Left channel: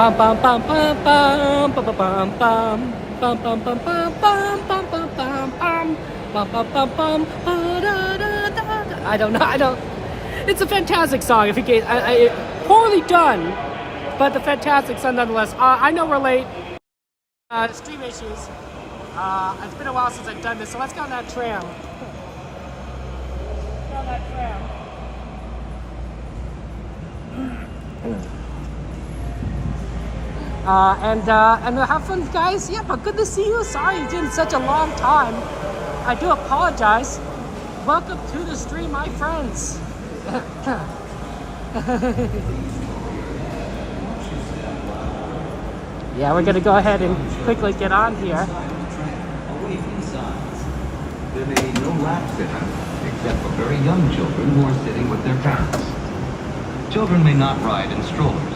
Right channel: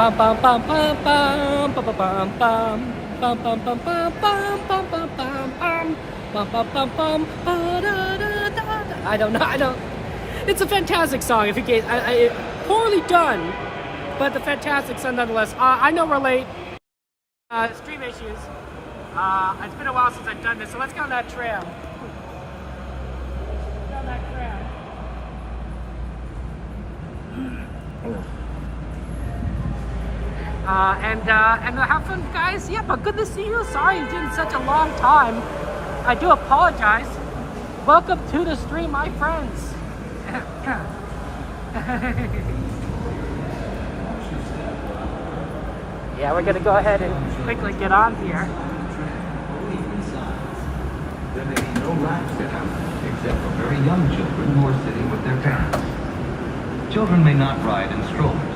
Bum bum bum bum bum bum bum bum bum bum bum bum bum bum bum bum bum bum bum bum. I don't know. I don't. It's a fantastic song. If you get, poorly done, but the fantastic song nonetheless. I know we're late. Stream issues. It's been a while since I've done this, so let's go on that tram. And have fun, guys. Yeah, but good to see you. Sorry it's been such a long time. I do apologize. Welcome to the stream, my friends. Yeah, we're gonna go ahead and quickly get on here. There may be no racks in them, except for very young children who are sitting with their parents. Children may not ride in strollers.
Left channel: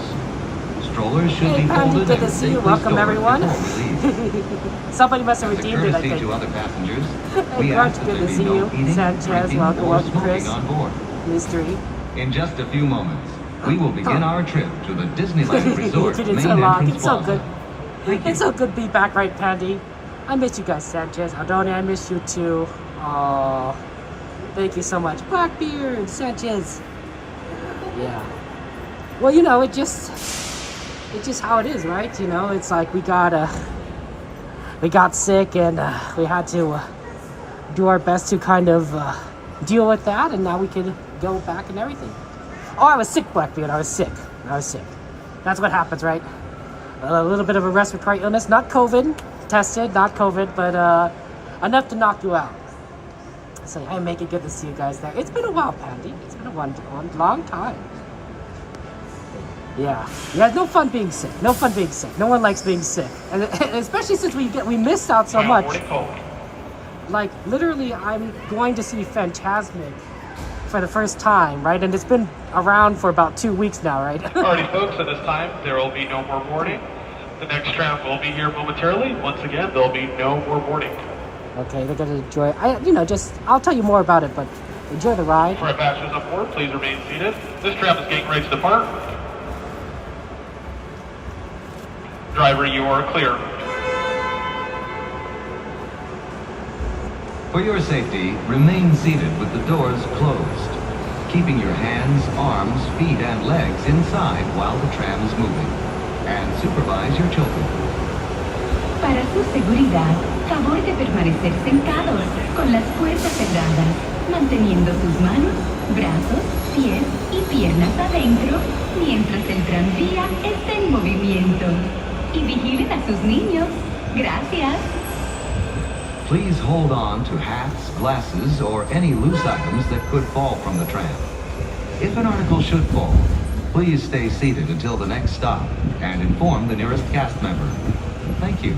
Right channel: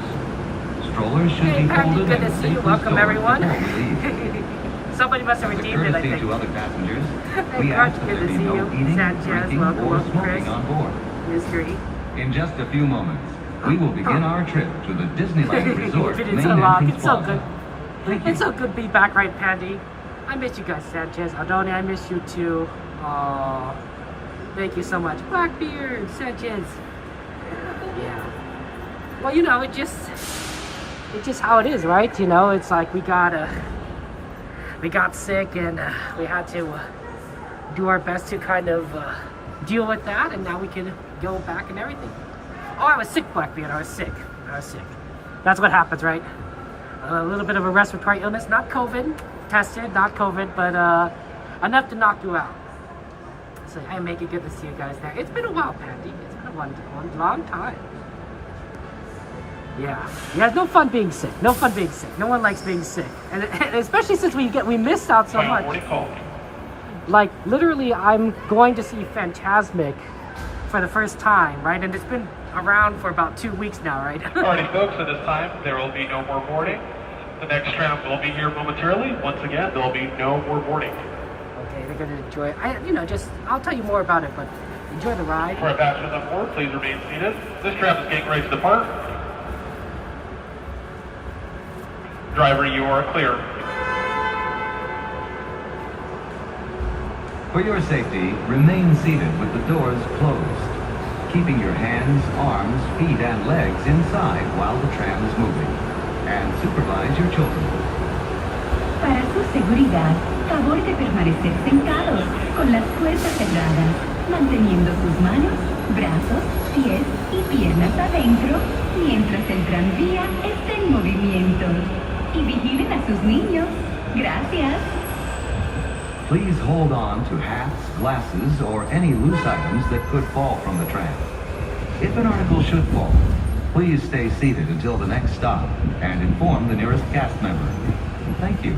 Strollers should be folded and safely Welcome, stored everyone. before we leave. Somebody must have As a redeemed it, I courtesy think. to other passengers, we ask that Good there to be see no you. eating, Sanchez, drinking, welcome, or welcome, smoking Chris. on board. Mystery. In just a few moments, we will begin our trip to the Disneyland Resort It's main so long. entrance It's so plaza. good. Thank you. It's so good to be back, right, Pandy? I miss you guys, Sanchez. Adoni, I miss you too. Oh, thank you so much. Blackbeard, Sanchez. Yeah. Well, you know, it's just how it is, right? You know, it's like we got sick and we had to do our best to kind of deal with that, and now we can go back and everything. Oh, I was sick, Blackbeard. I was sick. That's what happens, right? A little bit of a respiratory illness, not COVID, tested, not COVID, but enough to knock you out. So, hey, make it good to see you guys there. It's been a while, Pandy. It's been a one long time. Yeah, it's no fun being sick. No fun being sick. No one likes being sick, and especially since we missed out so much. Like literally, I'm going to see Fantasmic for the first time, right? And it's been around for about 2 weeks now, right? Alrighty, folks. At this time, there will be no more boarding. The next tram will be here momentarily. Once again, there will be no more boarding. Okay, they're gonna enjoy. I'll tell you more about it, but enjoy the ride. For our passengers on board, please remain seated. This tram is getting ready to depart. Driver, you are clear. For your safety, remain seated with the doors closed, keeping your hands, arms, feet, and legs inside while the tram is moving, and supervise your children. Para su seguridad, favor de permanecer sentados con las puertas cerradas, manteniendo sus manos, brazos, pies y piernas adentro mientras el tranvía está en movimiento. Y vigilen a sus niños. Gracias. Please hold on to hats, glasses, or any loose items that could fall from the tram. If an article should fall, please stay seated until the next stop and inform the nearest cast member. Thank you.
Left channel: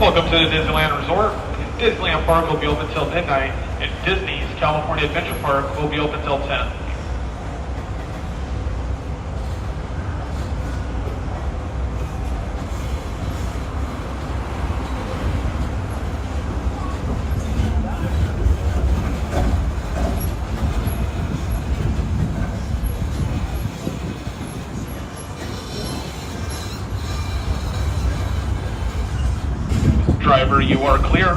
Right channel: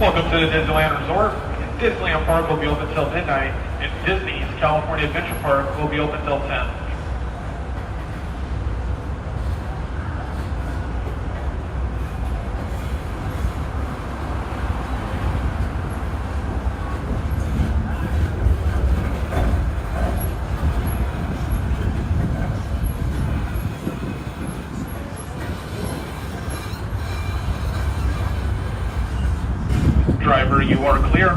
Welcome to the Disneyland Resort. Disneyland Park will be open until midnight, and Disney's California Adventure Park will be open until 10. Driver, you are clear.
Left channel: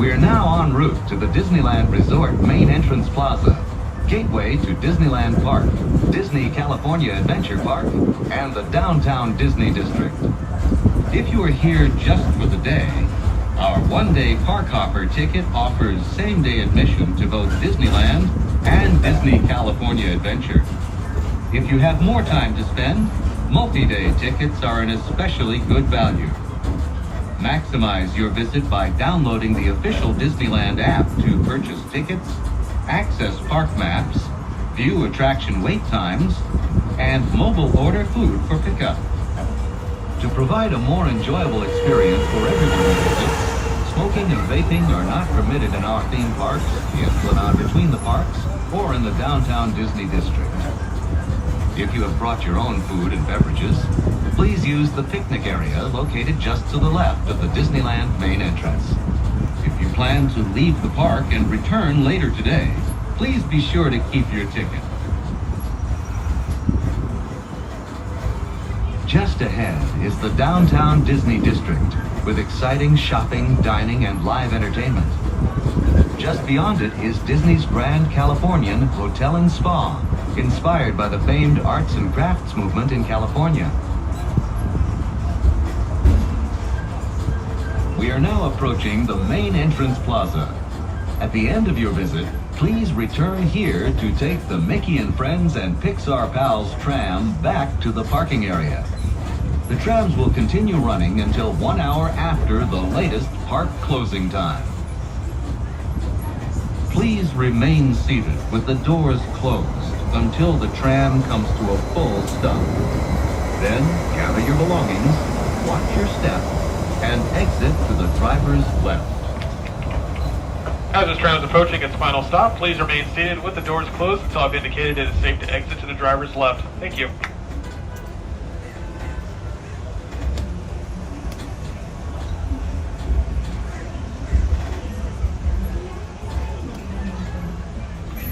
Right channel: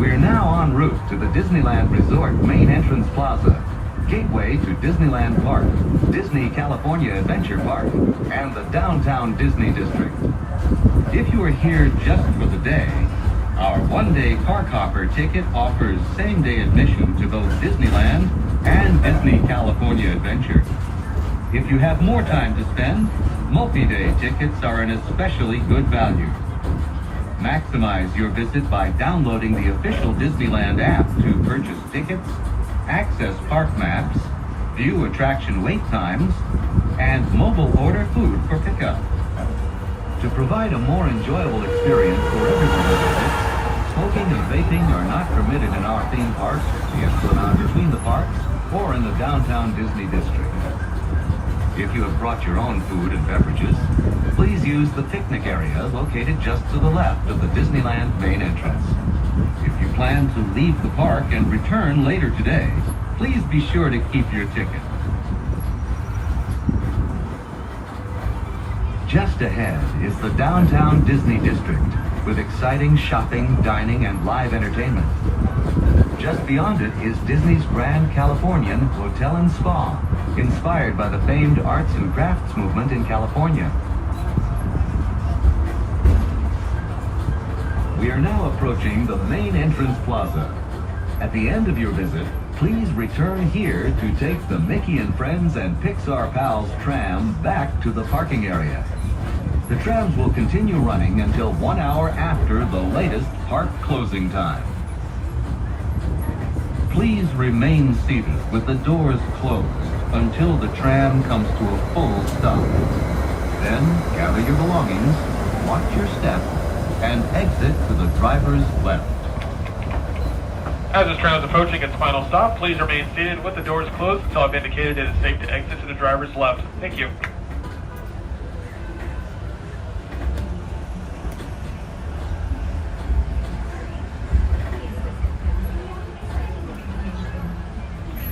We're now en route to the Disneyland Resort main entrance plaza, gateway to Disneyland Park, Disney California Adventure Park, and the downtown Disney District. If you are here just for the day, our one-day park hopper ticket offers same-day admission to both Disneyland and Disney California Adventure. If you have more time to spend, multi-day tickets are an especially good value. Maximize your visit by downloading the official Disneyland app to purchase tickets, access park maps, view attraction wait times, and mobile order food for pickup. To provide a more enjoyable experience for everyone who visits, smoke Smoking and vaping are not permitted in our theme parks, the Esplanade between the parks, or in the downtown Disney district. If you have brought your own food and beverages, please use the picnic area located just to the left of the Disneyland main entrance. If you plan to leave the park and return later today, please be sure to keep your ticket. Just ahead is the downtown Disney district with exciting shopping, dining, and live entertainment. Just beyond it is Disney's Grand Californian Hotel and Spa, inspired by the famed arts and crafts movement in California. We are now approaching the main entrance plaza. At the end of your visit, please return here to take the Mickey and Friends and Pixar Pals tram back to the parking area. The trams will continue running until 1 hour after the latest park closing time. Please remain seated with the doors closed until the tram comes to a full stop. Then gather your belongings, watch your step, and exit to the driver's left. As this tram is approaching its final stop, please remain seated with the doors closed until I've indicated it is safe to exit to the driver's left. Thank you.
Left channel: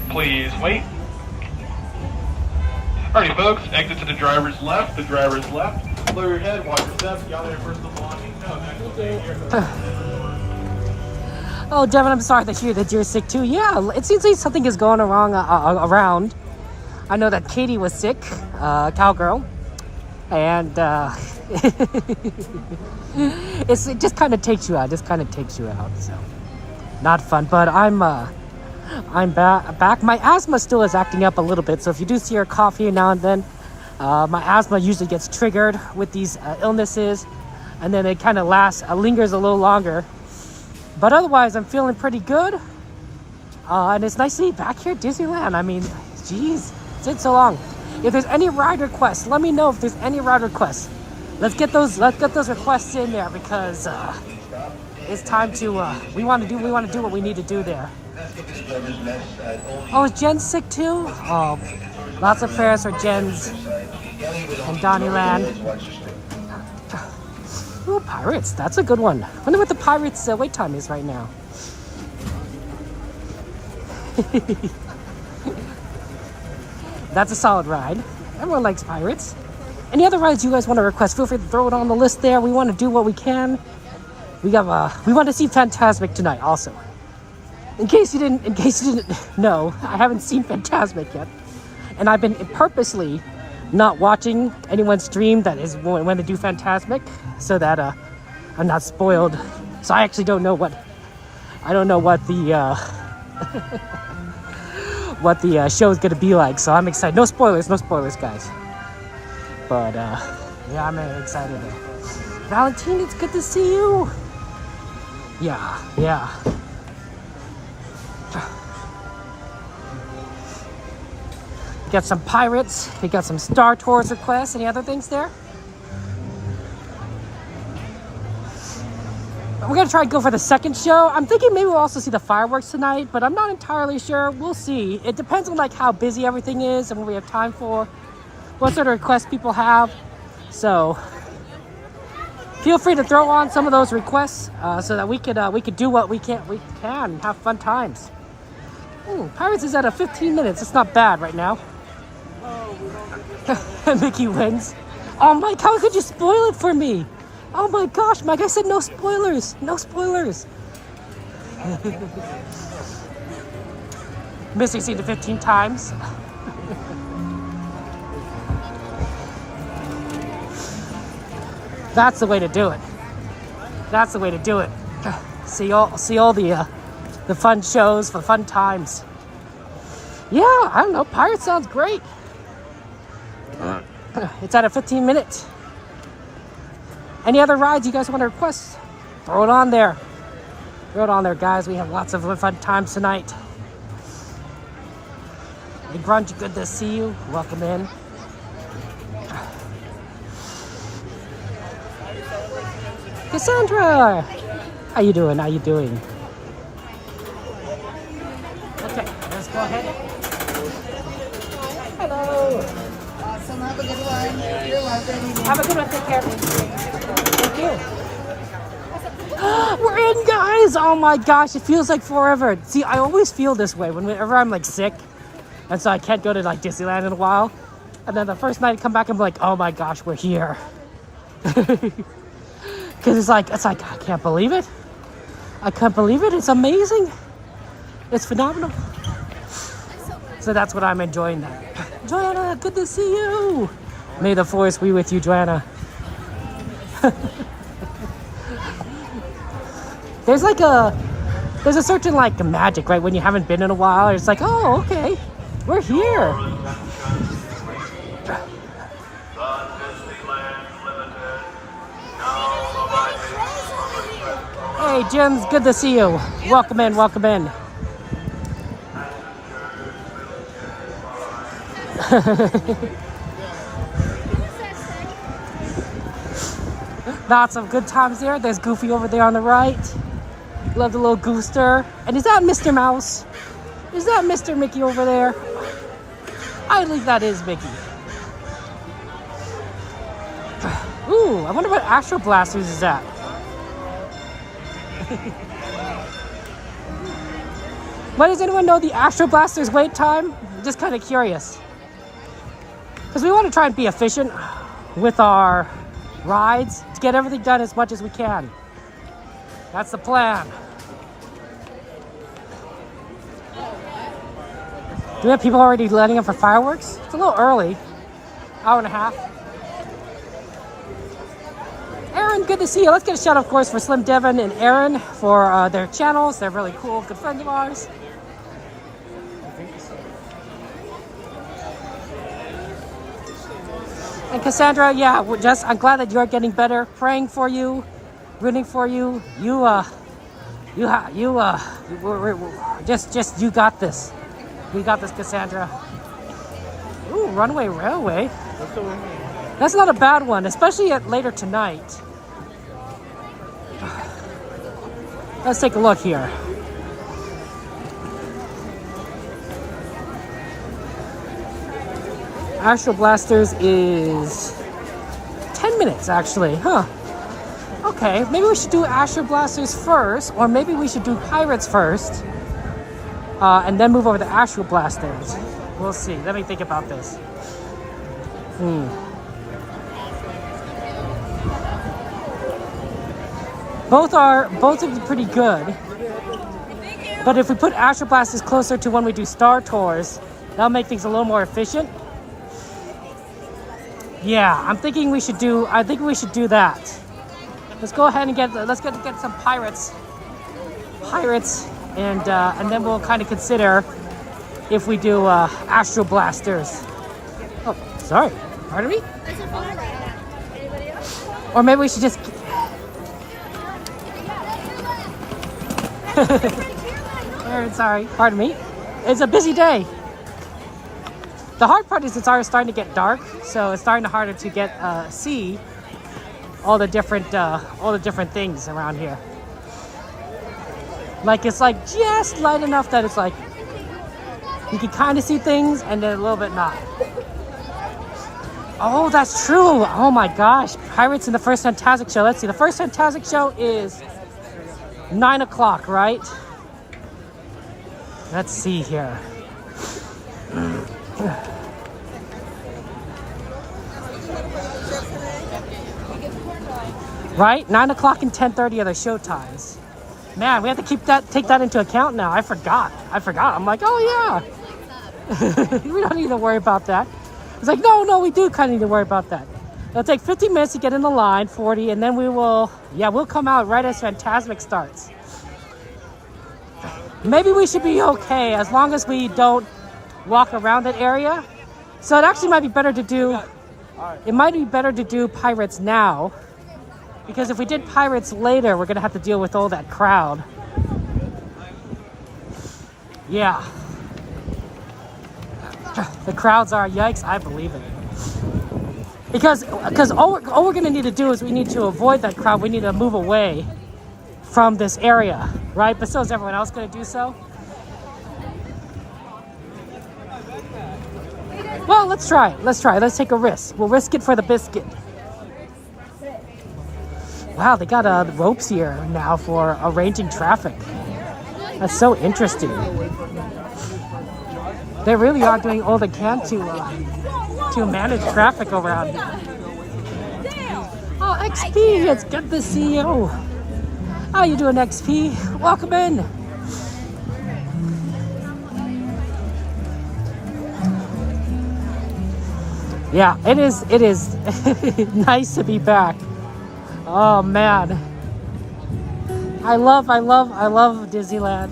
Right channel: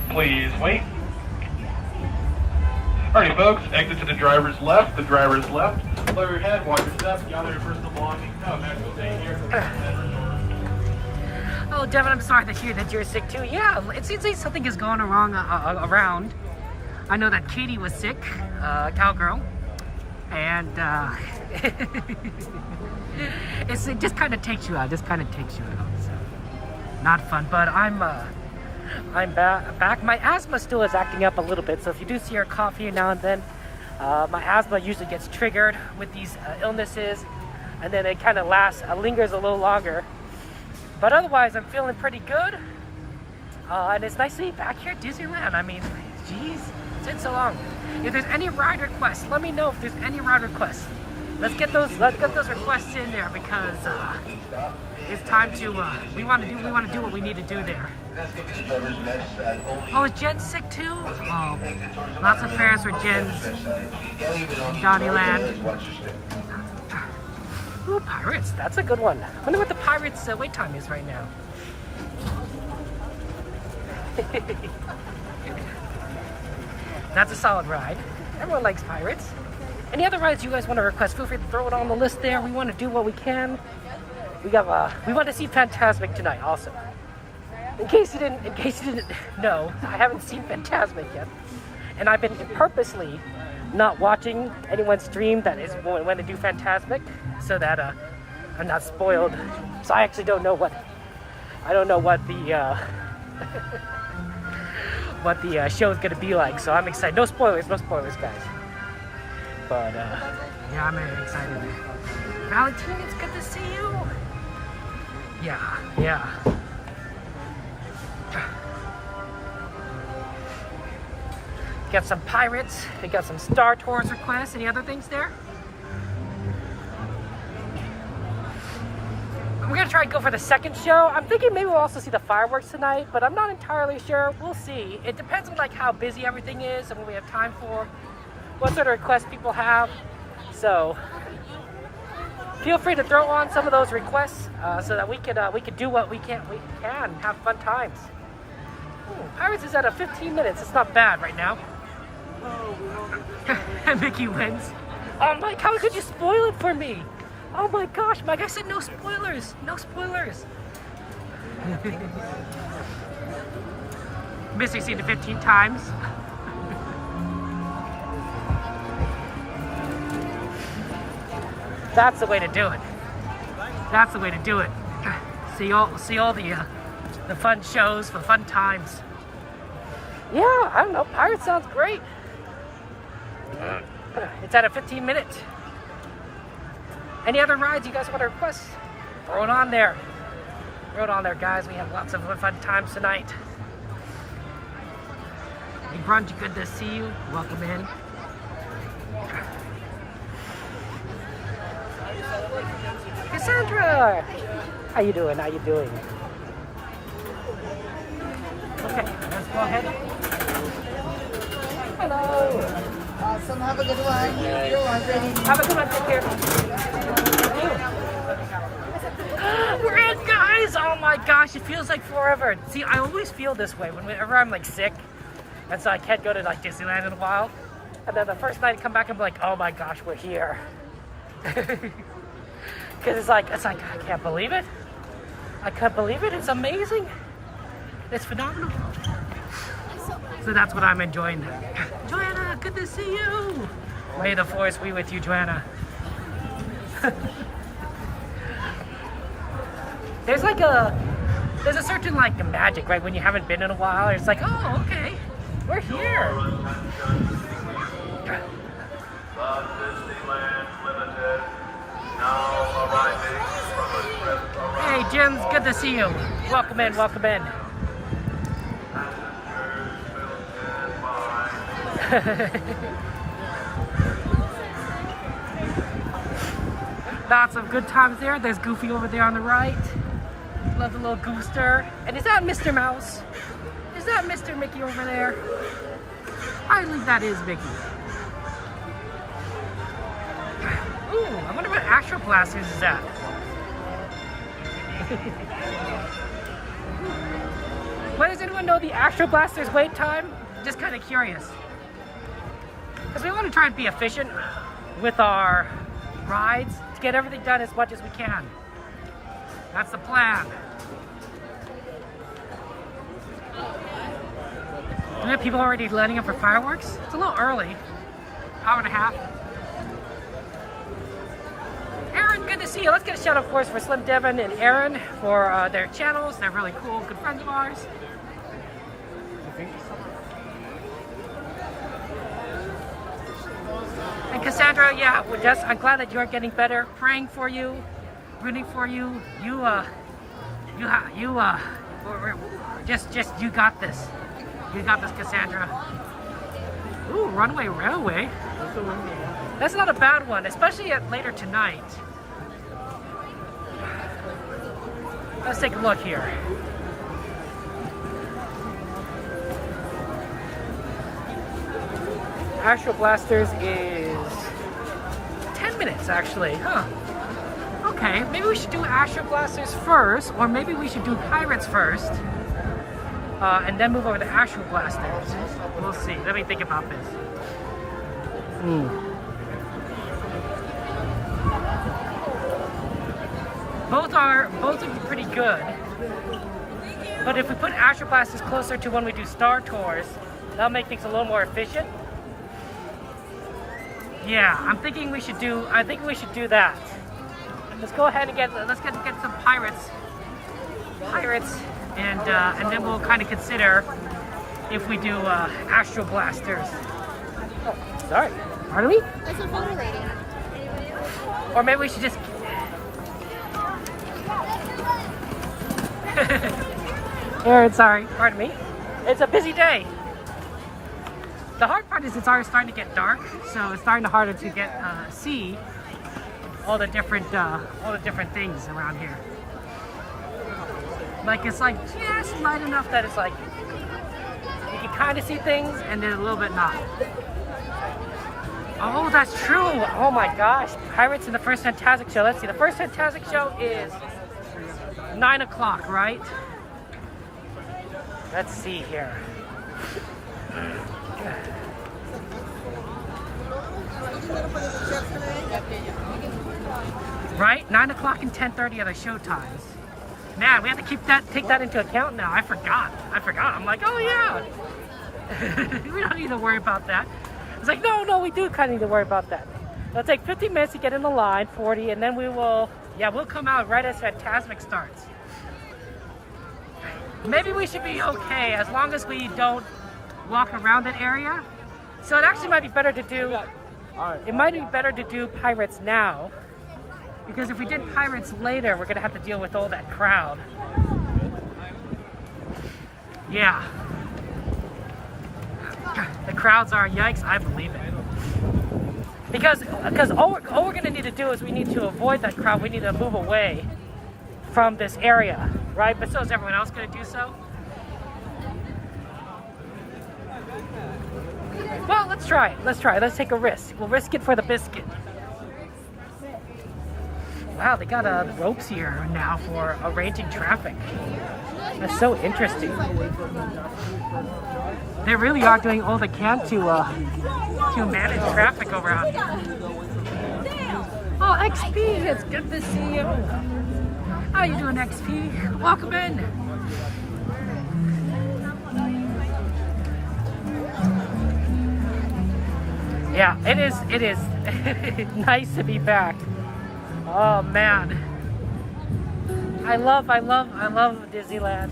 Please wait. Alrighty, folks, exit to the driver's left. The driver's left. Lower your head, watch your step, gather your personal belongings. No, natural day here. Oh, Devin, I'm sorry to hear that you're sick too. Yeah, it seems like something is going wrong around. I know that Katie was sick, cowgirl, and it just kind of takes you out. So not fun. But I'm back. My asthma still is acting up a little bit. So if you do see her coughing now and then, my asthma usually gets triggered with these illnesses, and then it kind of lingers a little longer. But otherwise, I'm feeling pretty good. And it's nice to be back here at Disneyland. I mean, geez, it's been so long. If there's any ride requests, let me know if there's any ride requests. Let's get those requests in there because it's time to we want to do what we need to do there. Oh, is Jen sick too? Oh, lots of prayers for Jen's and Donnyland. Ooh, Pirates, that's a good one. I wonder what the Pirates wait time is right now. That's a solid ride. Everyone likes Pirates. Any other rides you guys want to request, feel free to throw it on the list there. We want to do what we can. We want to see Fantasmic tonight also. In case you didn't know, I haven't seen Fantasmic yet. And I've been purposely not watching anyone stream that is when to do Fantasmic so that I'm not spoiled. So I actually don't know what the what the show is gonna be like. So I'm excited. No spoilers, guys. But yeah, I'm excited. Valentine, it's good to see you. Yeah. We got some Pirates. We got some Star Tours requests. Any other things there? We're gonna try to go for the second show. I'm thinking maybe we'll also see the fireworks tonight, but I'm not entirely sure. We'll see. It depends on like how busy everything is and what we have time for, what sort of requests people have. So feel free to throw on some of those requests so that we could do what we can have fun times. Ooh, Pirates is at a 15 minutes. It's not bad right now. And Mickey wins. Oh, Mike, how could you spoil it for me? Oh my gosh, Mike, I said no spoilers. No spoilers. Missing scene to 15 times. That's the way to do it. That's the way to do it. See all the fun shows for fun times. Yeah, I don't know. Pirates sounds great. It's at a 15 minutes. Any other rides you guys want to request? Throw it on there. Throw it on there, guys. We have lots of fun times tonight. Hey, Grunge, good to see you. Welcome in. Cassandra! How you doing? How you doing? Okay, let's go ahead. Hello. Awesome. Have a good one. You're welcome. Have a good one. Take care. Thank you. We're in, guys. Oh my gosh, it feels like forever. See, I always feel this way whenever I'm like sick, and so I can't go to like Disneyland in a while. And then the first night I come back, I'm like, oh my gosh, we're here. Because it's like I can't believe it. I can't believe it. It's amazing. It's phenomenal. So that's what I'm enjoying. Joanna, good to see you. May the force be with you, Joanna. There's a certain like magic, right? When you haven't been in a while, it's like, oh, okay, we're here. Hey, Jim's good to see you. Welcome in, welcome in. Lots of good times there. There's Goofy over there on the right. Love the little Gooster. And is that Mr. Mouse? Is that Mr. Mickey over there? I believe that is Mickey. Ooh, I wonder where Astro Blasters is at. What does anyone know the Astro Blasters wait time? Just kind of curious. Because we want to try and be efficient with our rides to get everything done as much as we can. That's the plan. Do we have people already lining up for fireworks? It's a little early. Hour and a half. Aaron, good to see you. Let's get a shout out, of course, for Slim Devin and Aaron for their channels. They're really cool, good friends of ours. And Cassandra, yeah, I'm glad that you're getting better. Praying for you, rooting for you. You got this. You got this, Cassandra. Ooh, Runaway Railway. That's not a bad one, especially later tonight. Let's take a look here. Astro Blasters is 10 minutes, actually, huh? Okay, maybe we should do Astro Blasters first, or maybe we should do Pirates first, and then move over to Astro Blasters. We'll see. Let me think about this. Both would be pretty good. But if we put Astro Blasters closer to when we do Star Tours, that'll make things a little more efficient. Yeah, I think we should do that. Let's go ahead and get some pirates, and then we'll kind of consider if we do Astro Blasters. Oh, sorry, pardon me? Or maybe we should just. Sorry, pardon me. It's a busy day. The hard part is it's already starting to get dark, so it's starting harder to get see all the different things around here. Like it's like just light enough that it's like you can kind of see things, and then a little bit not. Oh, that's true. Oh my gosh, Pirates in the first Fantasmic Show. Let's see. The first Fantasmic Show is 9 o'clock, right? Let's see here. Right? 9 o'clock and 10:30 are the show times. Man, we have to take that into account now. I forgot. I'm like, oh yeah. We don't need to worry about that. It's like, no, we do kind of need to worry about that. It'll take 15 minutes to get in the line, 40, and then we'll come out right as Fantasmic starts. Maybe we should be okay as long as we don't walk around that area. So it actually might be better to do, Pirates now, because if we did Pirates later, we're gonna have to deal with all that crowd. Yeah. The crowds are, yikes, I believe it. Because all we're gonna need to do is we need to avoid that crowd. We need to move away from this area, right? But so is everyone else going to do so? Well, let's try. Let's take a risk. We'll risk it for the biscuit. Wow, they got ropes here now for arranging traffic. That's so interesting. They really are doing all they can to manage traffic around. Oh, XP, it's good to see you. How you doing, XP? Welcome in. Yeah, it is nice to be back. Oh man. I love Disneyland.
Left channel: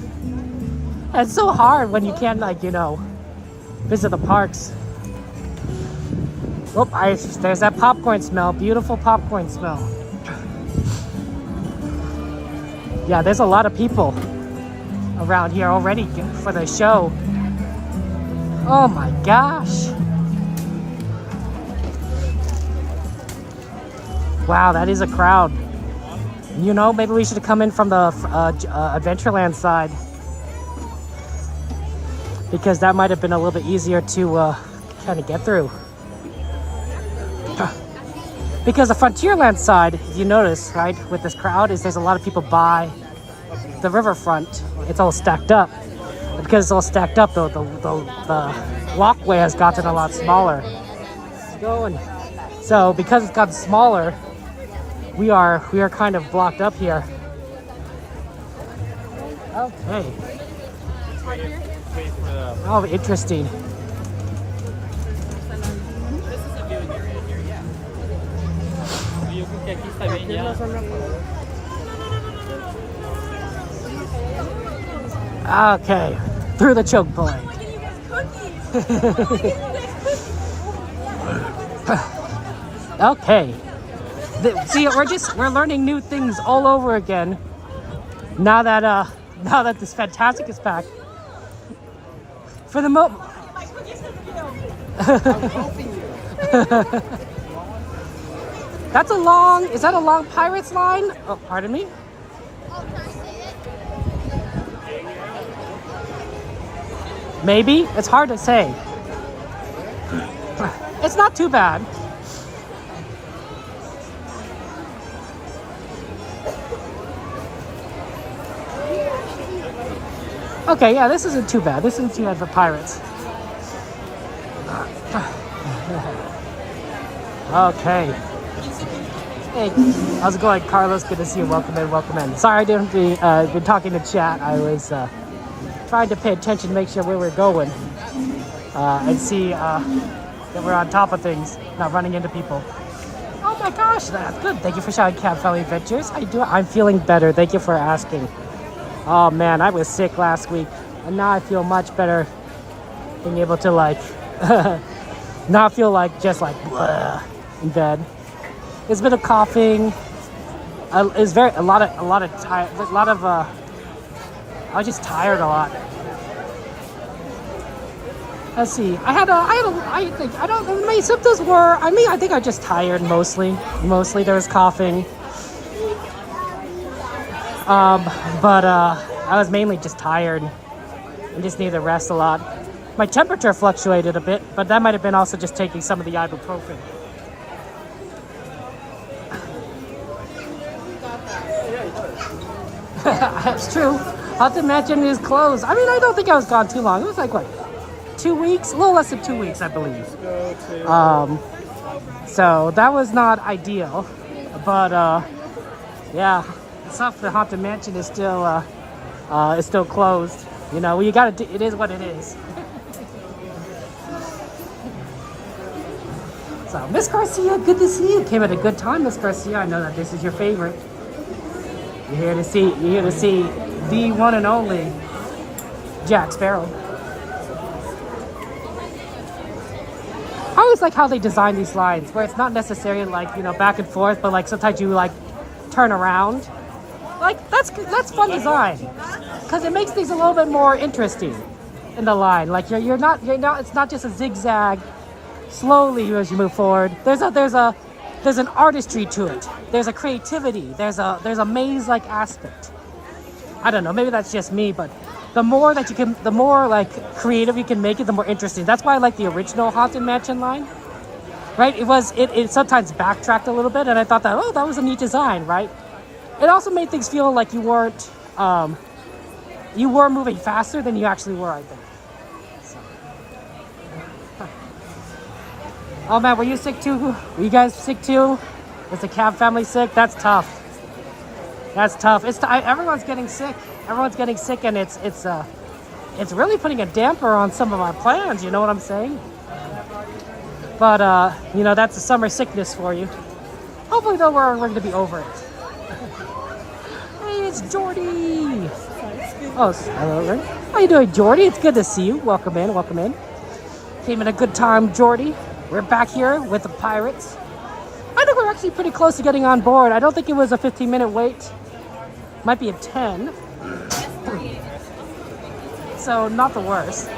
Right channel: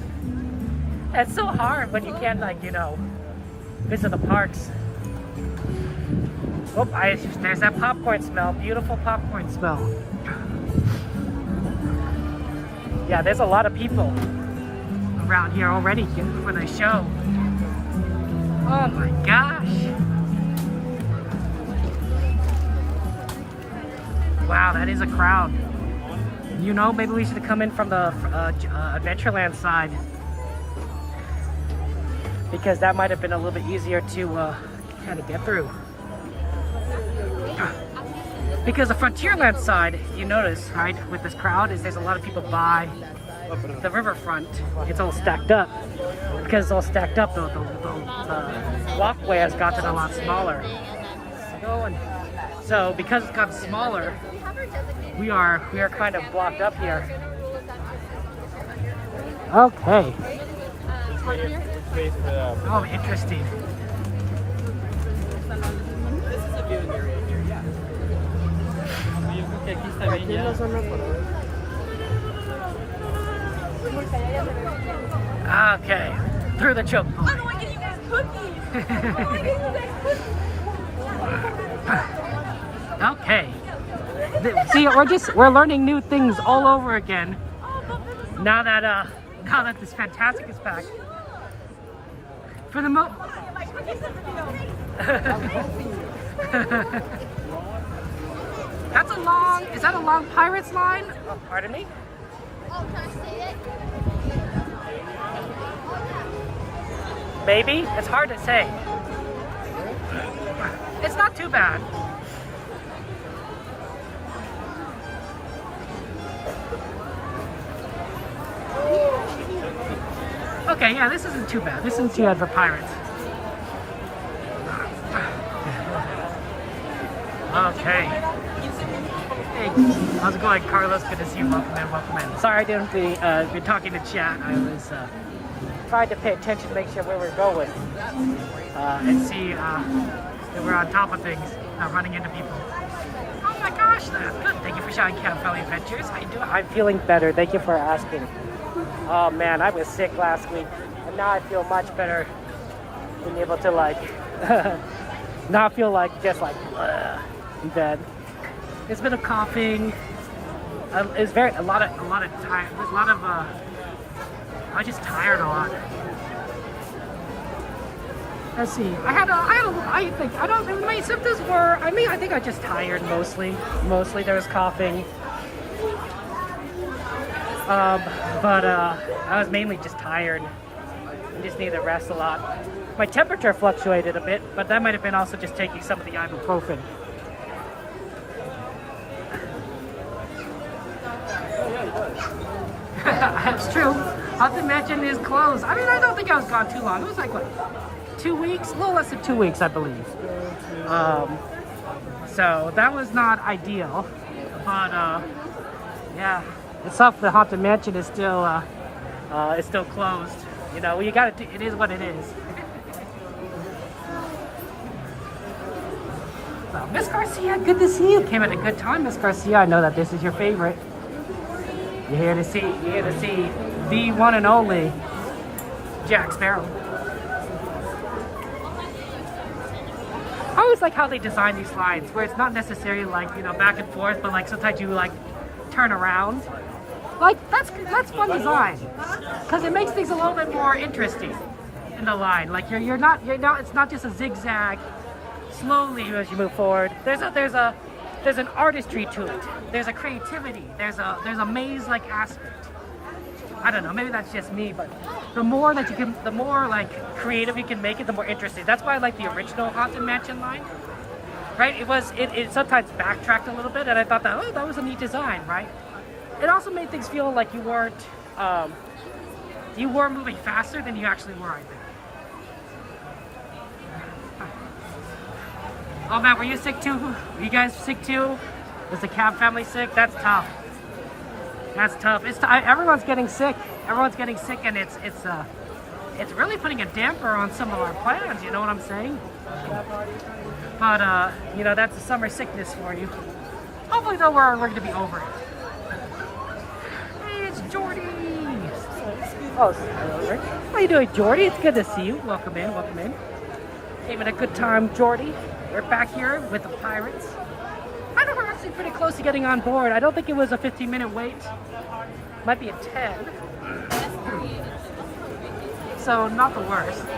It's so hard when you can't, like, you know, visit the parks. Oh, there's that popcorn smell. Beautiful popcorn smell. Yeah, there's a lot of people around here already for the show. Oh my gosh. Wow, that is a crowd. You know, maybe we should come in from the Adventureland side, because that might have been a little bit easier to kind of get through. Because the Frontierland side, you notice, right, with this crowd, is there's a lot of people by the riverfront. It's all stacked up. Because it's all stacked up, the walkway has gotten a lot smaller. So because it's gotten smaller, we are kind of blocked up here. Okay. Oh, interesting. This is a viewing area here, yeah. Yo creo que aquí está bien ya. Okay, through the choke point. Okay. See, we're learning new things all over again. Now that this Fantastic is back. For the moment. That's a long. Is that a long Pirates line? Oh, pardon me. Maybe. It's hard to say. It's not too bad. Okay, yeah, this isn't too bad. This isn't too bad for Pirates. Okay. Hey, how's it going, Carlos? Good to see you. Welcome in, welcome in. Sorry I didn't been talking to chat. I was trying to pay attention to make sure we were going and see that we're on top of things, not running into people. Oh my gosh, that's good. Thank you for shouting Cat Friendly Adventures. I'm feeling better. Thank you for asking. Oh man, I was sick last week, and now I feel much better. Being able to like not feel like just like bleh in bed. There's a bit of coughing. I was just tired a lot. Let's see. I think my symptoms were. I think I just tired mostly. Mostly there was coughing. But I was mainly just tired and just needed to rest a lot. My temperature fluctuated a bit, but that might have been also just taking some of the ibuprofen. That's true. Haunted Mansion is closed. I mean, I don't think I was gone too long. It was like, what, 2 weeks? A little less than 2 weeks, I believe. So that was not ideal. But, yeah. It's tough. The Haunted Mansion is still closed. You know, you gotta do, it is what it is. So, Miss Garcia, good to see you. Came at a good time, Miss Garcia. I know that this is your favorite. You're here to see the one and only Jack Sparrow. I always like how they design these slides, where it's not necessarily like, you know, back and forth, but like sometimes you like turn around. Like that's fun design, because it makes things a little bit more interesting in the line. Like you're not it's not just a zigzag slowly as you move forward. There's a there's an artistry to it. There's a creativity. There's a maze-like aspect. I don't know. Maybe that's just me, but the more that you can, the more like creative you can make it, the more interesting. That's why I like the original Haunted Mansion line. Right? It sometimes backtracked a little bit, and I thought that, oh, that was a neat design, right? It also made things feel like you were moving faster than you actually were, I think. So. Oh man, were you sick too? Were you guys sick too? Is the Cab family sick? That's tough. That's tough. Everyone's getting sick. Everyone's getting sick, and it's really putting a damper on some of our plans. You know what I'm saying? But you know, that's a summer sickness for you. Hopefully, though, we're going to be over it. Hey, it's Jordy. Oh, hello, right? How you doing, Jordy? It's good to see you. Welcome in. Welcome in. Having a good time, Jordy. We're back here with the Pirates. I think we're actually pretty close to getting on board. I don't think it was a 15-minute wait. Might be a 10. So, not the worst.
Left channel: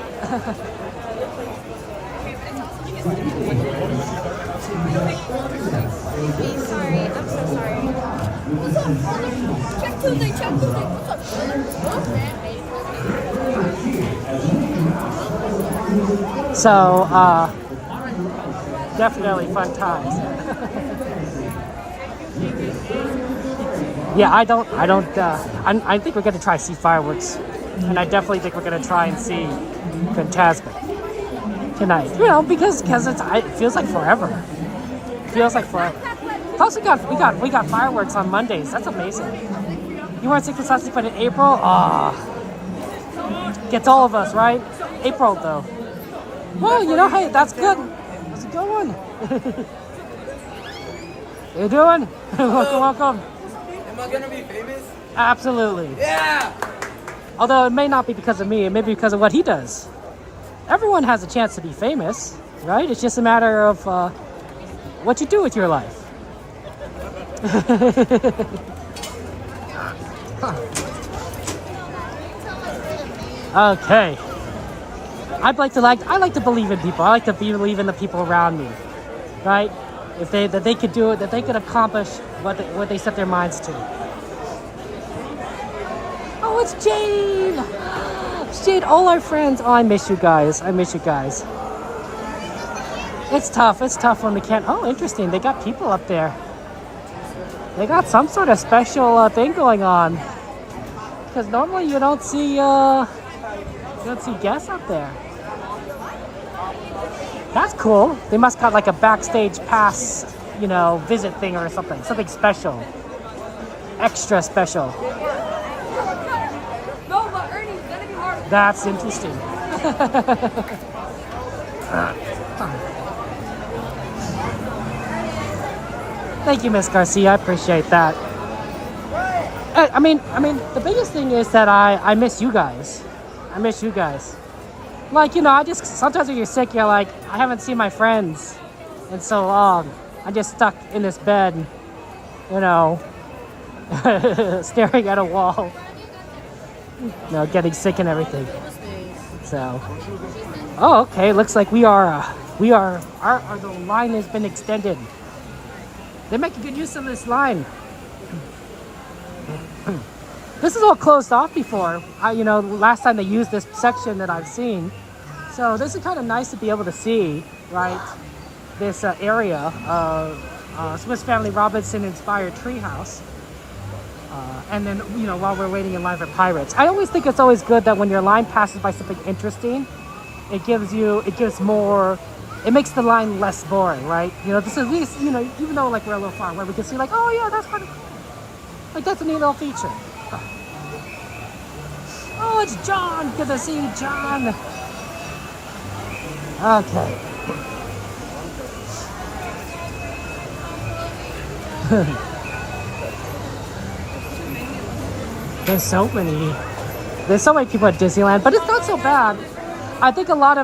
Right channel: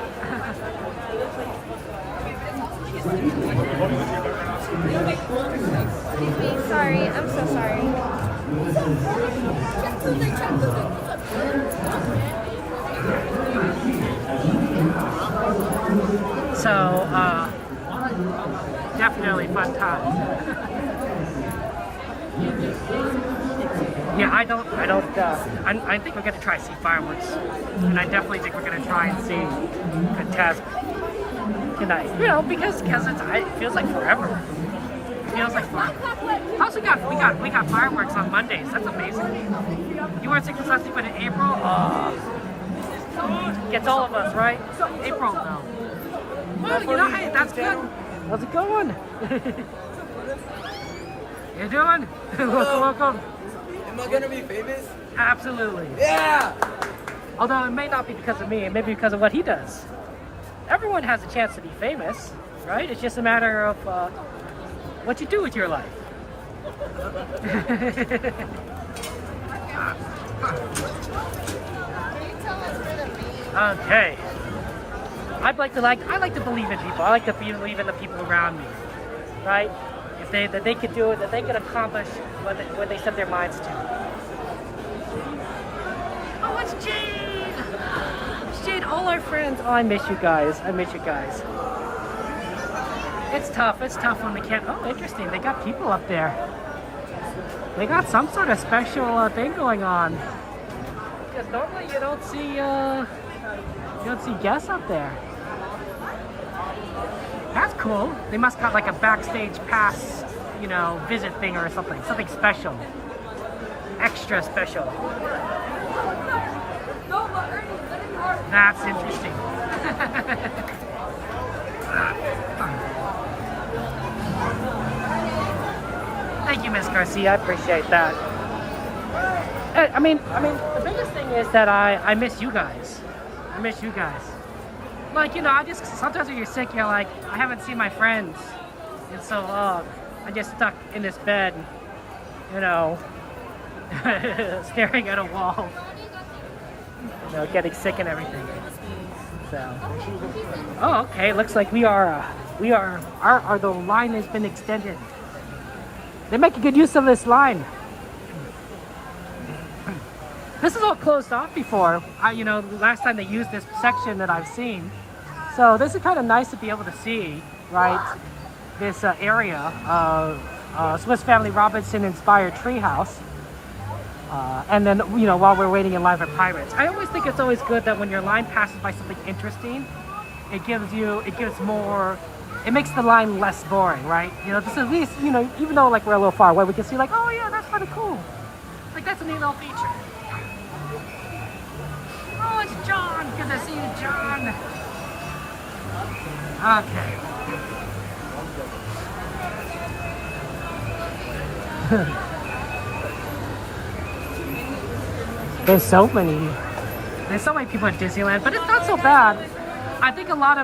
Sorry, I'm so sorry. So, definitely fun times. Yeah, I think we're gonna try to see fireworks, and I definitely think we're gonna try and see Fantasmic tonight. You know, because it feels like forever. It feels like forever. Plus, we got fireworks on Mondays. That's amazing. You weren't sick this but in April, gets all of us, right? April though. Well, you know, hey, that's good. How's it going? How you doing? Welcome. Am I gonna be famous? Absolutely. Yeah! Although it may not be because of me, it may be because of what he does. Everyone has a chance to be famous, right? It's just a matter of what you do with your life. Okay. I like to believe in people. I like to believe in the people around me, right? That they could do it, that they can accomplish what they set their minds to. Oh, it's Jade! It's Jade, all our friends. Oh, I miss you guys. It's tough when we can't. Oh, interesting. They got people up there. They got some sort of special thing going on. Because normally you don't see guests up there. That's cool. They must have like a backstage pass, you know, visit thing or something. Something special. Extra special. That's interesting. Thank you, Miss Garcia. I appreciate that. I mean, the biggest thing is that I miss you guys. Like, you know, sometimes when you're sick, you're like, I haven't seen my friends in so long. I'm just stuck in this bed, you know, staring at a wall, you know, getting sick and everything. So, oh, okay. Looks like the line has been extended. They make a good use of this line. This is all closed off before. You know, last time they used this section that I've seen. So this is kind of nice to be able to see, right? This area of Swiss Family Robinson inspired treehouse. And then, you know, while we're waiting in line for Pirates. I always think it's always good that when your line passes by something interesting, it makes the line less boring, right? You know, just at least, you know, even though like we're a little far away, we can see like, oh yeah, that's kind of cool. Like that's a neat little feature. Oh, it's John. Good to see you, John. Okay. There's so many people at Disneyland, but it's not so bad. I think a lot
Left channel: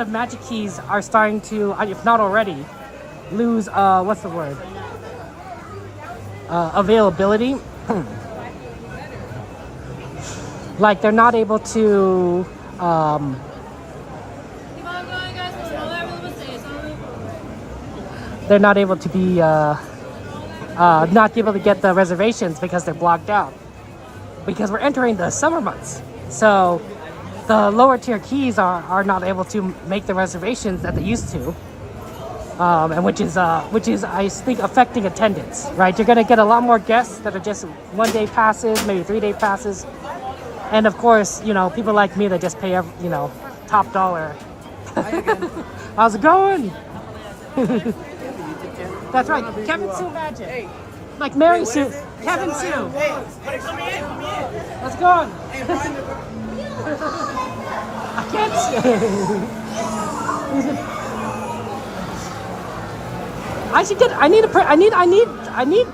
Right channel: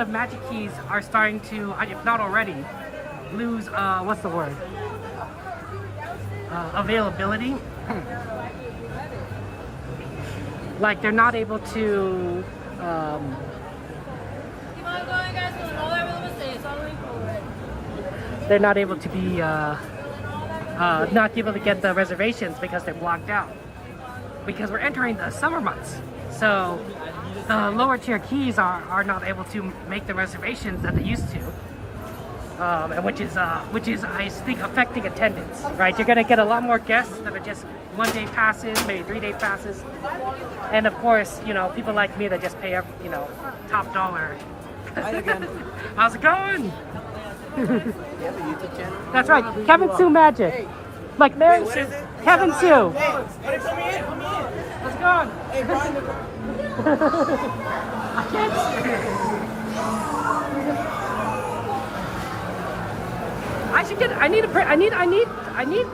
of Magic Keys are starting to, if not already, lose what's the word? Availability. Like they're not able to they're not able to be not able to get the reservations because they're blocked out. Because we're entering the summer months, so the lower tier keys are not able to make the reservations that they used to, and which is I think affecting attendance. Right, you're gonna get a lot more guests that are just 1 day passes, maybe 3 day passes, and of course, you know, people like me that just pay you know, top dollar. Hi again. How's it going? That's right, Kevin Sue Magic. Like Mary Sue, Kevin Sue. Hey, buddy, put me in. How's it going? Hey, Brian. I can't see. I should get. I need a. I need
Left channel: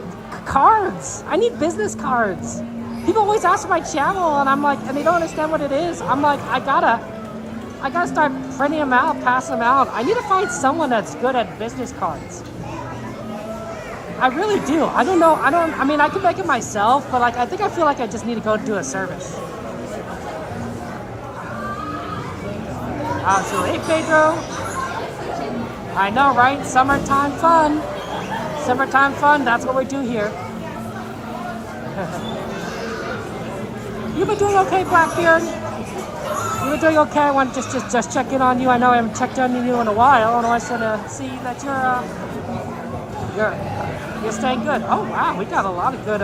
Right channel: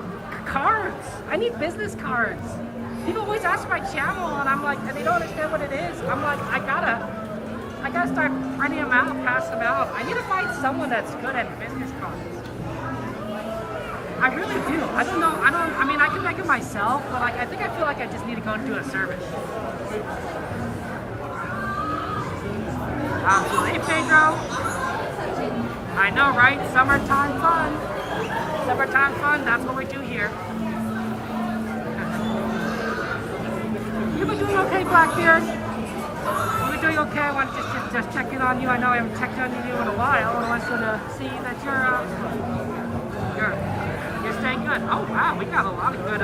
cards. I need business cards. People always ask for my channel, and I'm like, and they don't understand what it is. I'm like, I gotta start printing them out, pass them out. I need to find someone that's good at business cards. I really do. I don't know. I mean, I could make it myself, but like, I think I feel like I just need to go do a service. Absolutely. Hey, Pedro. I know, right? Summertime fun. Summertime fun. That's what we do here. You've been doing okay, Blackbeard. You've been doing okay. I want to just check in on you. I know I haven't checked on you in a while, and I wanted to see that you're staying good. Oh wow, we got a lot of good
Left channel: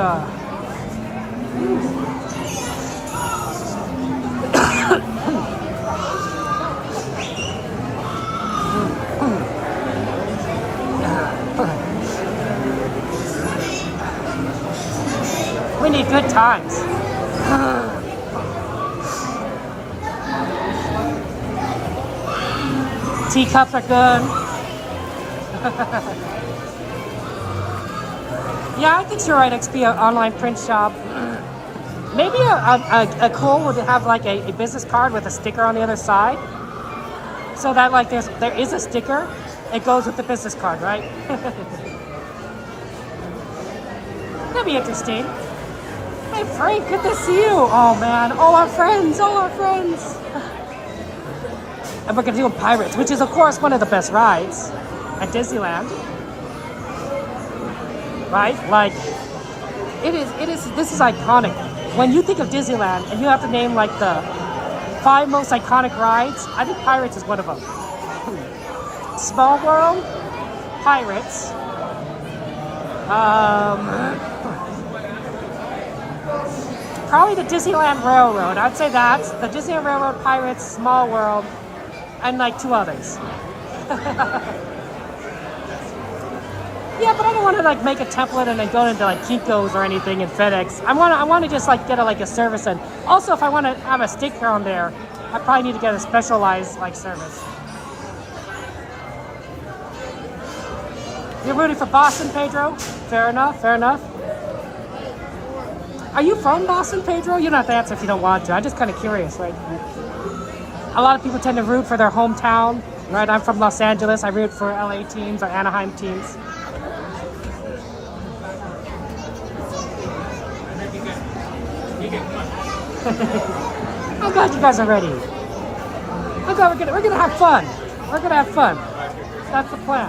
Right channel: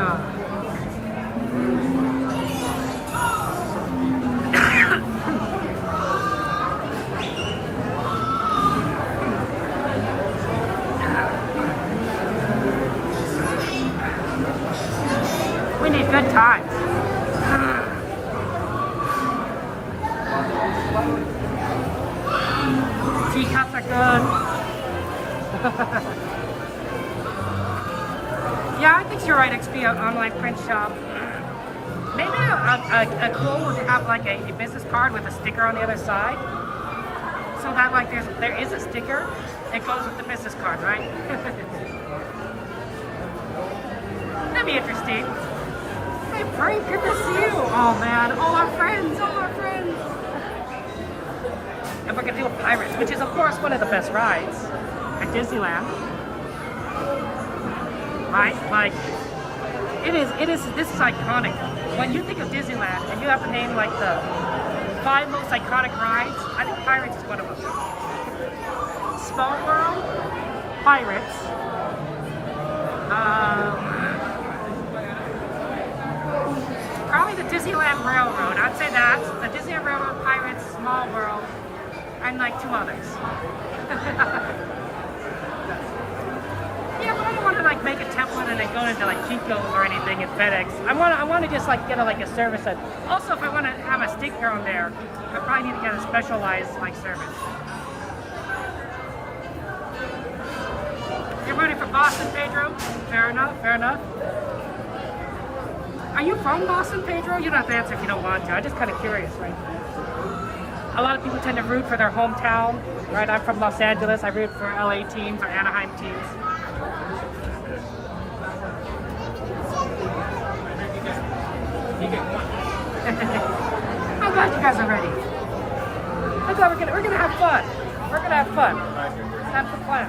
we need good times. Teacups are good. Yeah, I think you're right, XP, an online print shop. Maybe a Cole would have like a business card with a sticker on the other side. So that like there is a sticker, it goes with the business card, right? That'd be interesting. Hey Frank, good to see you. Oh man, all our friends. And we're gonna do Pirates, which is of course one of the best rides at Disneyland. Right? Like, this is iconic. When you think of Disneyland and you have to name like the 5 most iconic rides, I think Pirates is one of them. Small World, Pirates, probably the Disneyland Railroad. I'd say that. The Disneyland Railroad, Pirates, Small World, and like 2 others. Yeah, but I don't want to like make a template and then go into like Kiko's or anything in FedEx. I want to just like get a service. And also, if I want to have a sticker on there, I probably need to get a specialized like service. You're rooting for Boston, Pedro? Fair enough. Are you from Boston, Pedro? You don't have to answer if you don't want to. I'm just kind of curious, right? A lot of people tend to root for their hometown, right? I'm from Los Angeles. I root for LA teams or Anaheim teams. I'm glad you guys are ready. We're gonna have fun. That's the plan.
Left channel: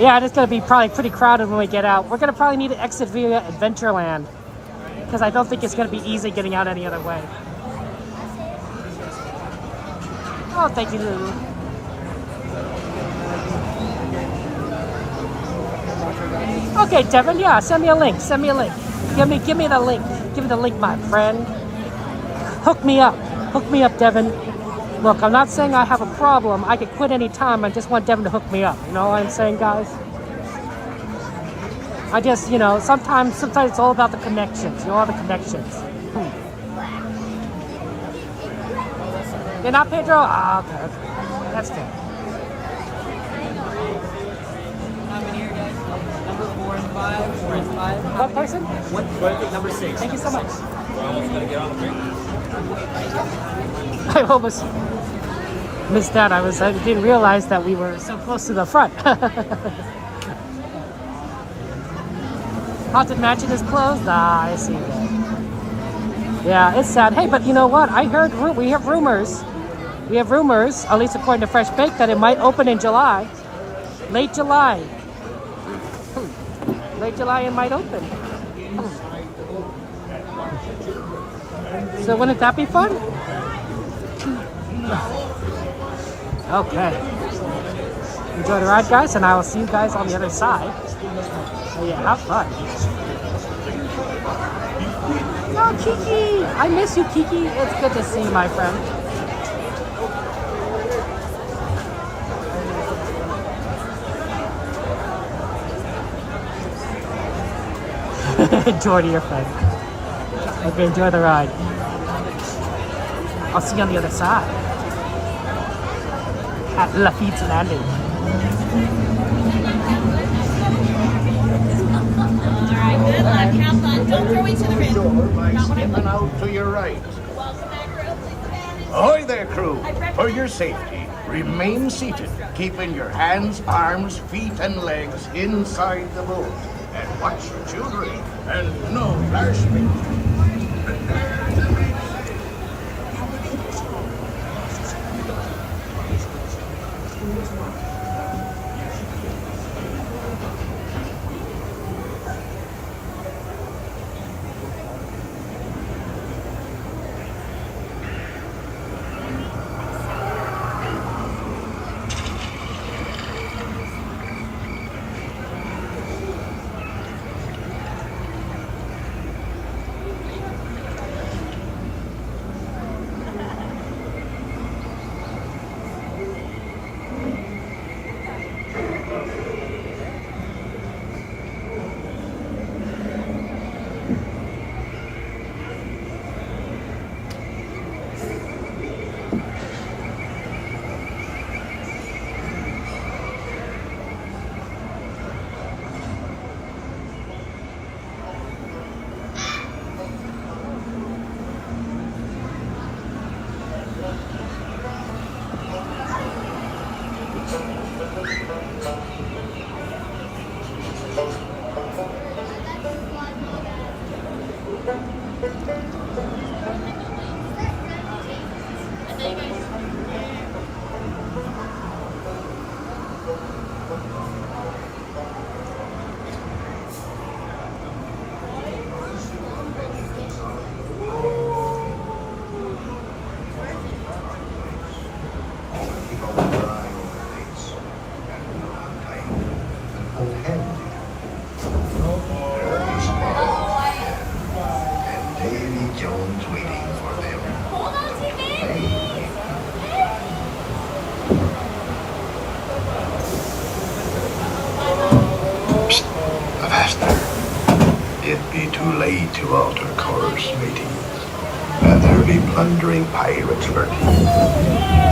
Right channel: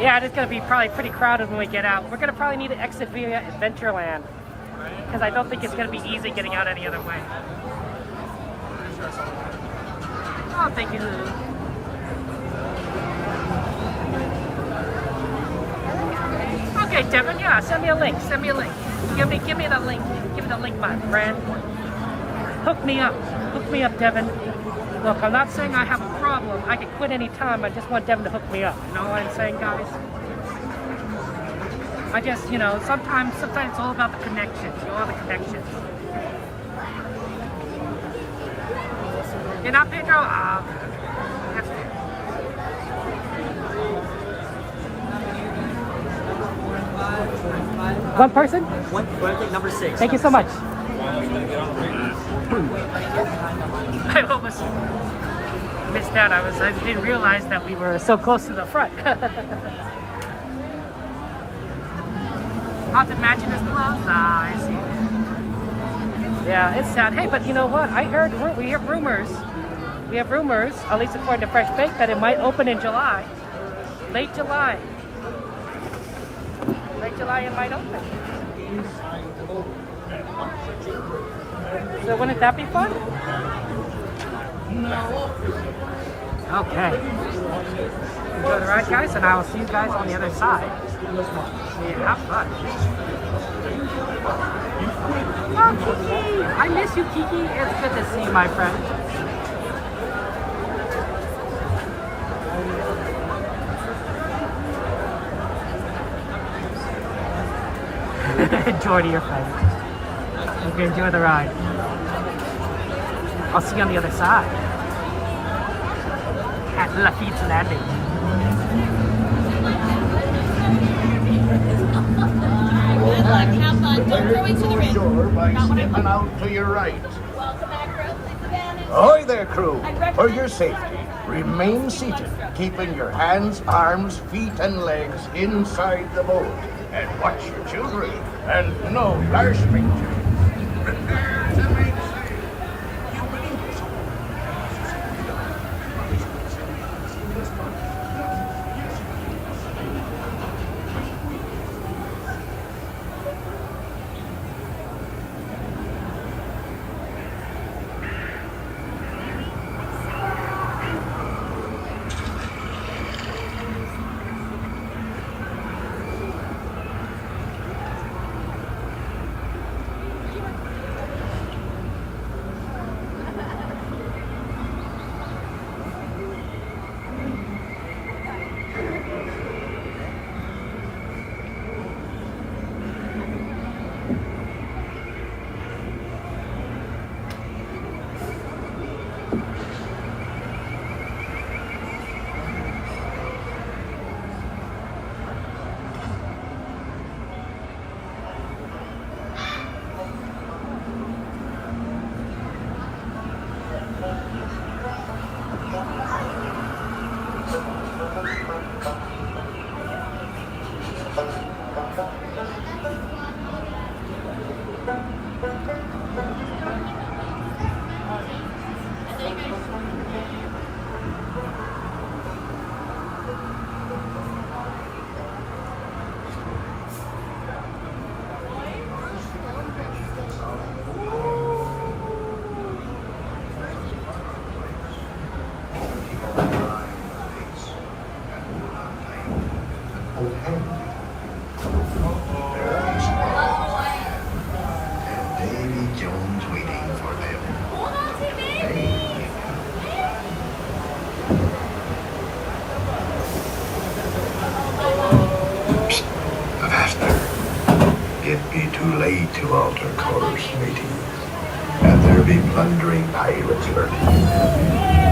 Yeah, it's gonna be probably pretty crowded when we get out. We're gonna probably need to exit via Adventureland because I don't think it's gonna be easy getting out any other way. Oh, thank you, Lulu. Okay, Devin, yeah, send me a link. Give me the link. Give me the link, my friend. Hook me up, Devin. Look, I'm not saying I have a problem. I could quit any time. I just want Devin to hook me up. You know what I'm saying, guys? I just, you know, sometimes it's all about the connections. You know, all the connections. You're not Pedro? Ah, okay. That's fair. Number 4 and 5, 4 and 5. One person? Number 6. Thank you so much. I almost missed out. I didn't realize that we were so close to the front. Haunted Mansion is closed? Ah, I see. Yeah, it's sad. Hey, but you know what? We have rumors We have rumors, at least according to Fresh Baked, that it might open in July. Late July. Late July it might open. So wouldn't that be fun? Okay. Enjoy the ride, guys, and I will see you guys on the other side. So yeah, have fun. Oh, Kiki! I miss you, Kiki. It's good to see you, my friend. Jordy, your friend. Okay, enjoy the ride. I'll see you on the other side. At Lafitte's Landing. Alright, good luck. Have fun. Don't throw into the ring. Sure, by stepping out to your right. Ahoy there, crew. For your safety, remain seated, keeping your hands, arms, feet, and legs inside the boat. And watch your children, and no larceny. Prepare to make sail. It'd be too late to alter course, mateys, and there'll be plundering pirates lurking.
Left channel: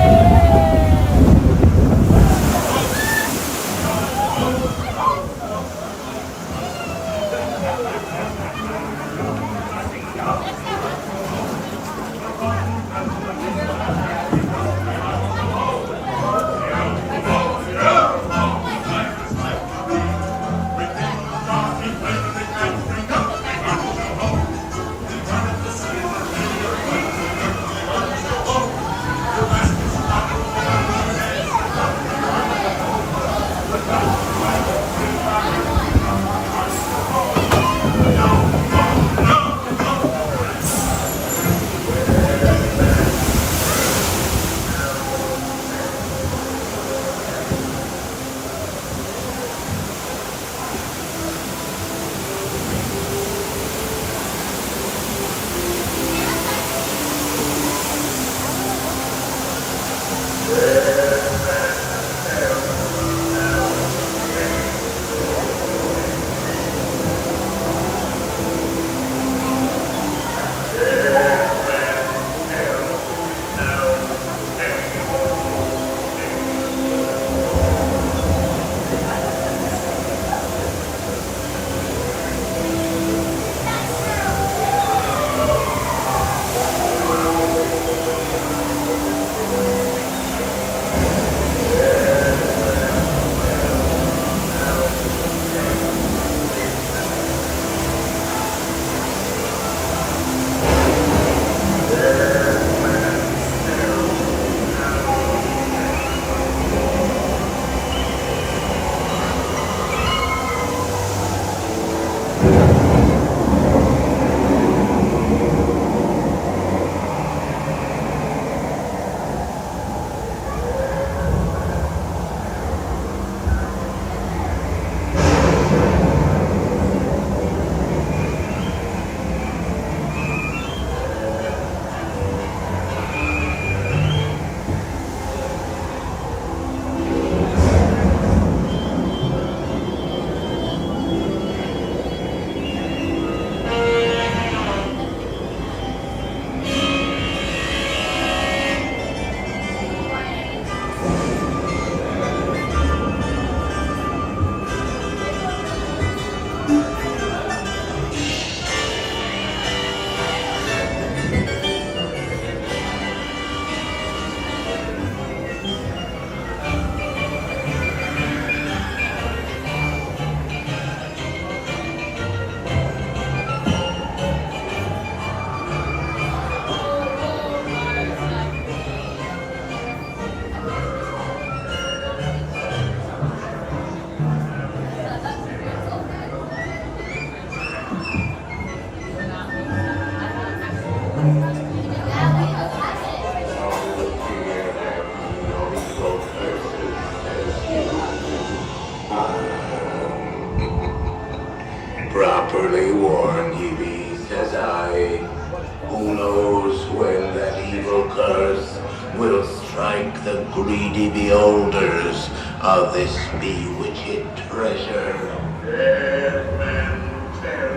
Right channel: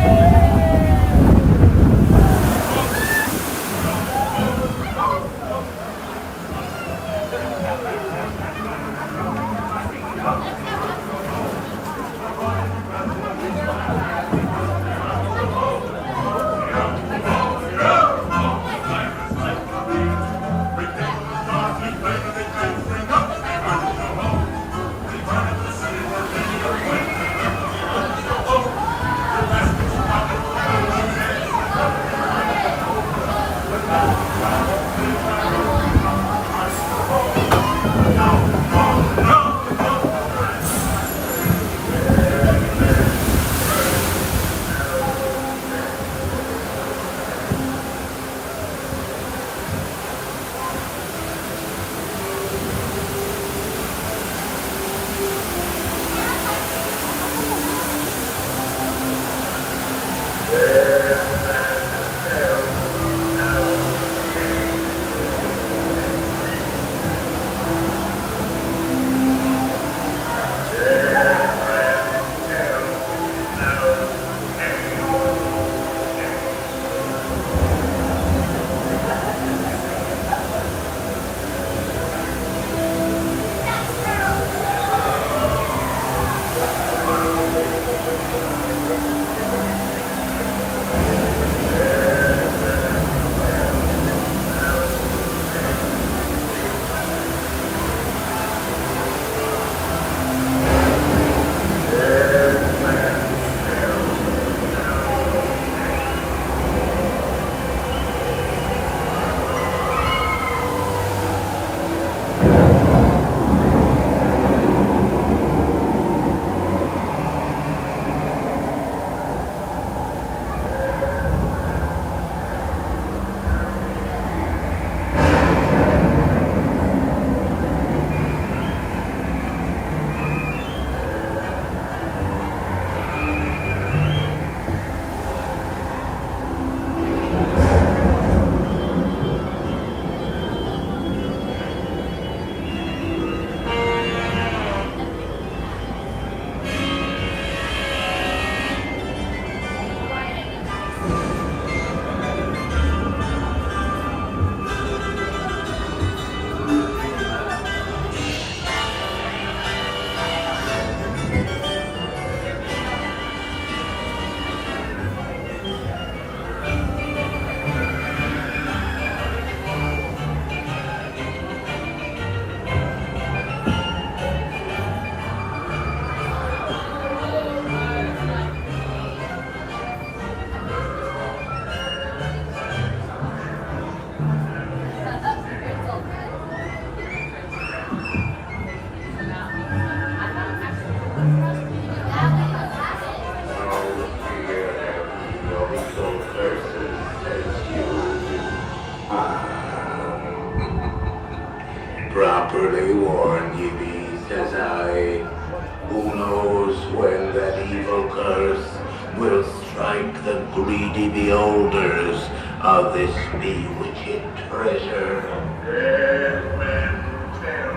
Who knows when that evil curse will strike the greedy beholders of this bewitched treasure? Dead men tell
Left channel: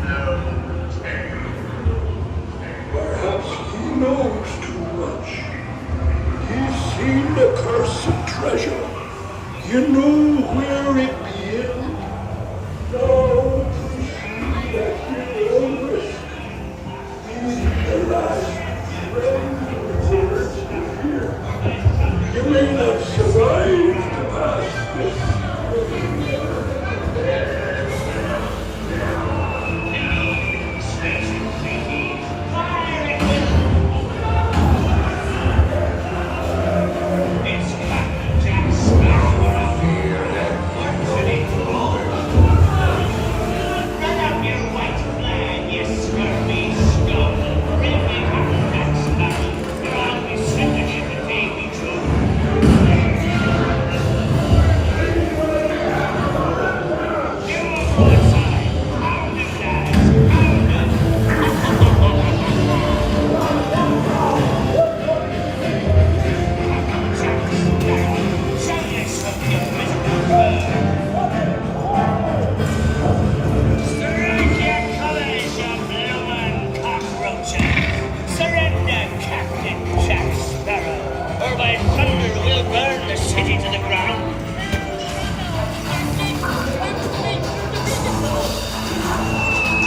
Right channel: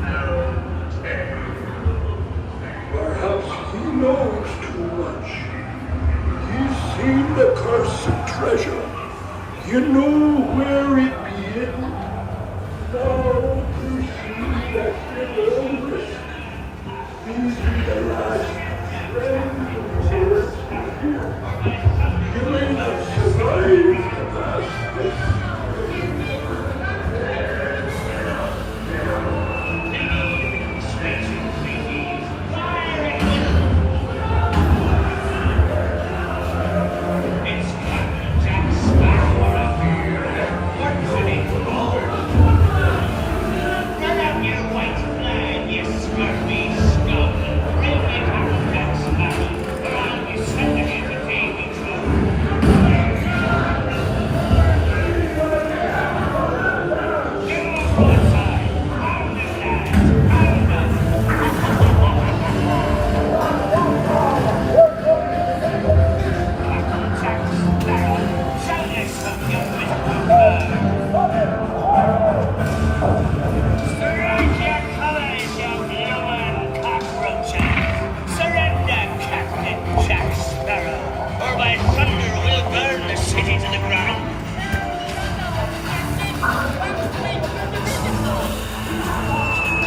no tale. Perhaps he knows too much. He's seen the cursed treasure. You know where it is? Now to see that beholders. He's the last friend to us here. You may not survive past this.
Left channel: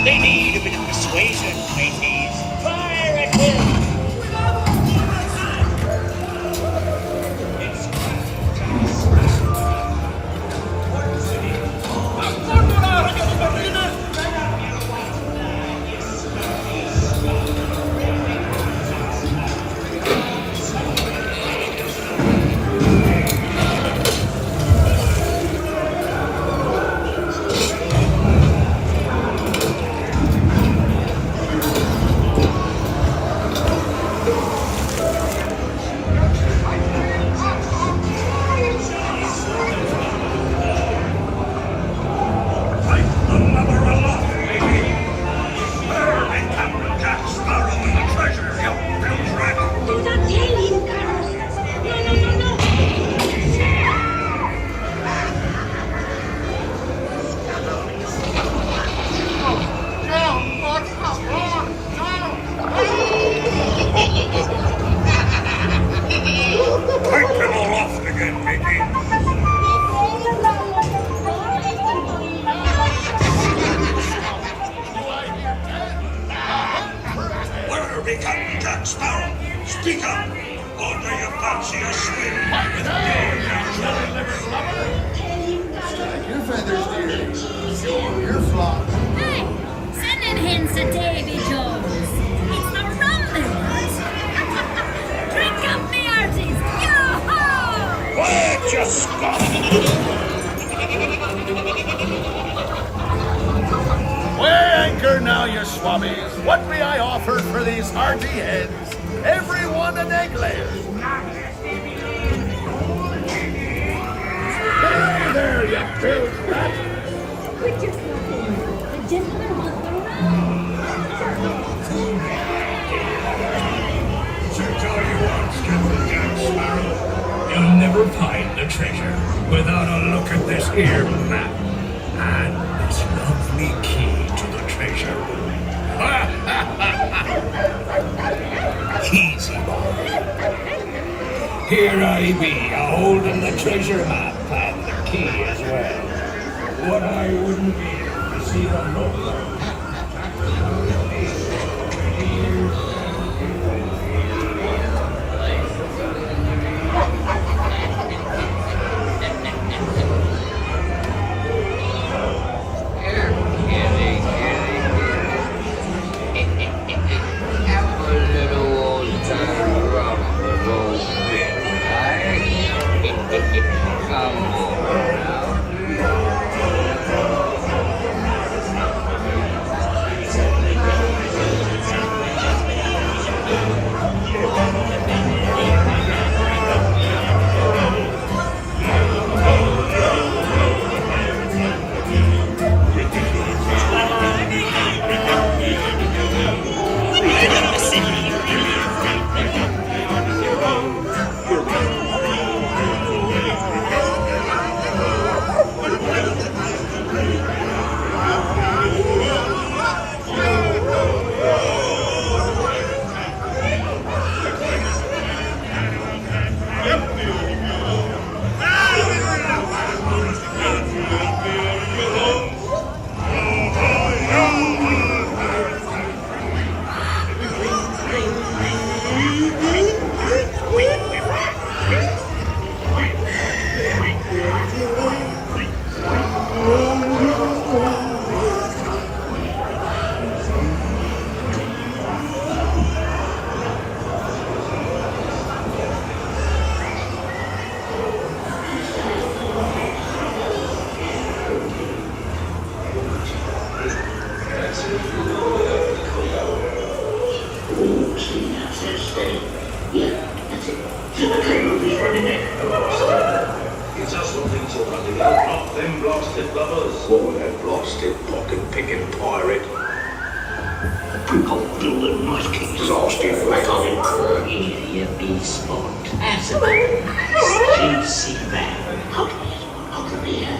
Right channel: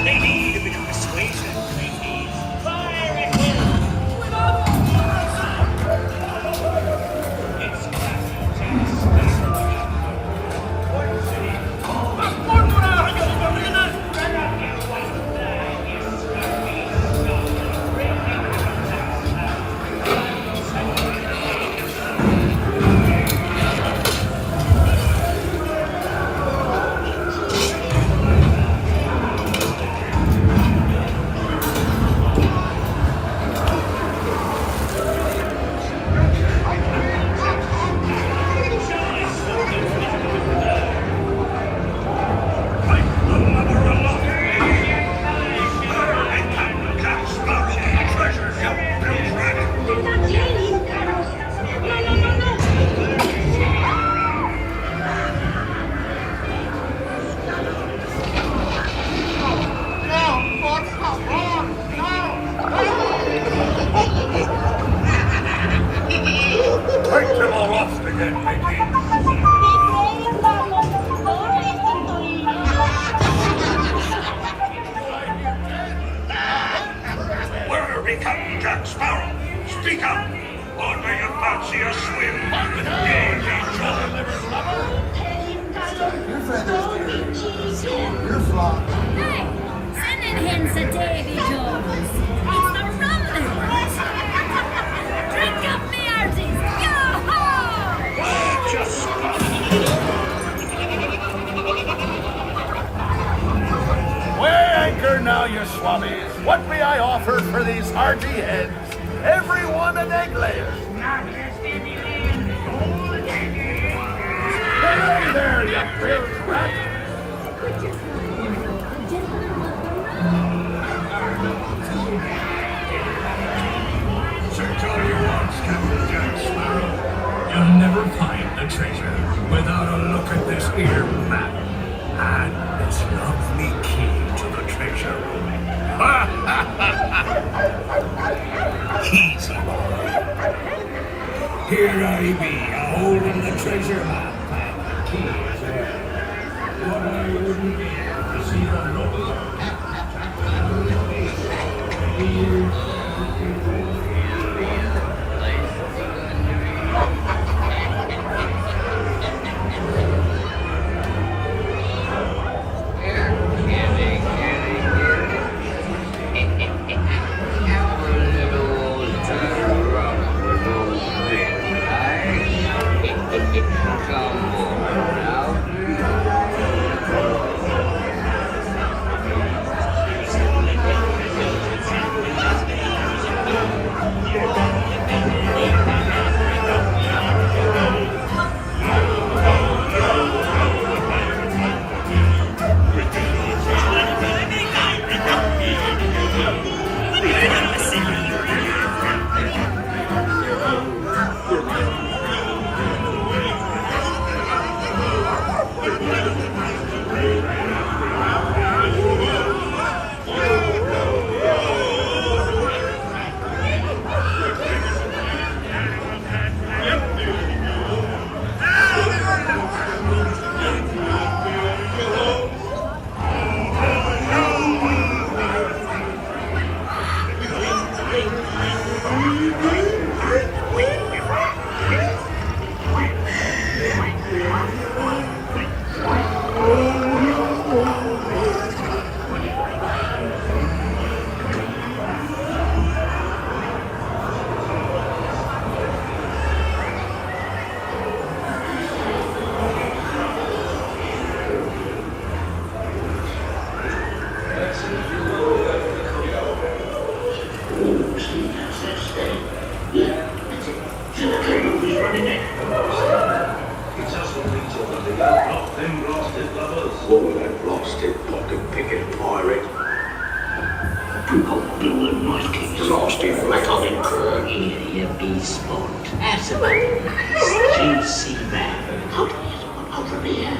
They need a bit of persuasion, mateys. Fire at him! Now, you swabbies, what may I offer for these hearty heads? Everyone an egg layer. Hey there, you bilge rat. We're just walking. The gentlemen want the ride. Search all you want, Skipper Jack Sparrow. You'll never find the treasure without a look at this here map and this lovely key to the treasure room. Easy, boy. Here I be, a-holding the treasure map and the key as well. What I wouldn't be to see the whole. Come on, now. Oh, that blasted pocket-picking pirate. Building knife keys. Blasted fat. Here you be, Spot. That's about a nice juicy man. Hold from here.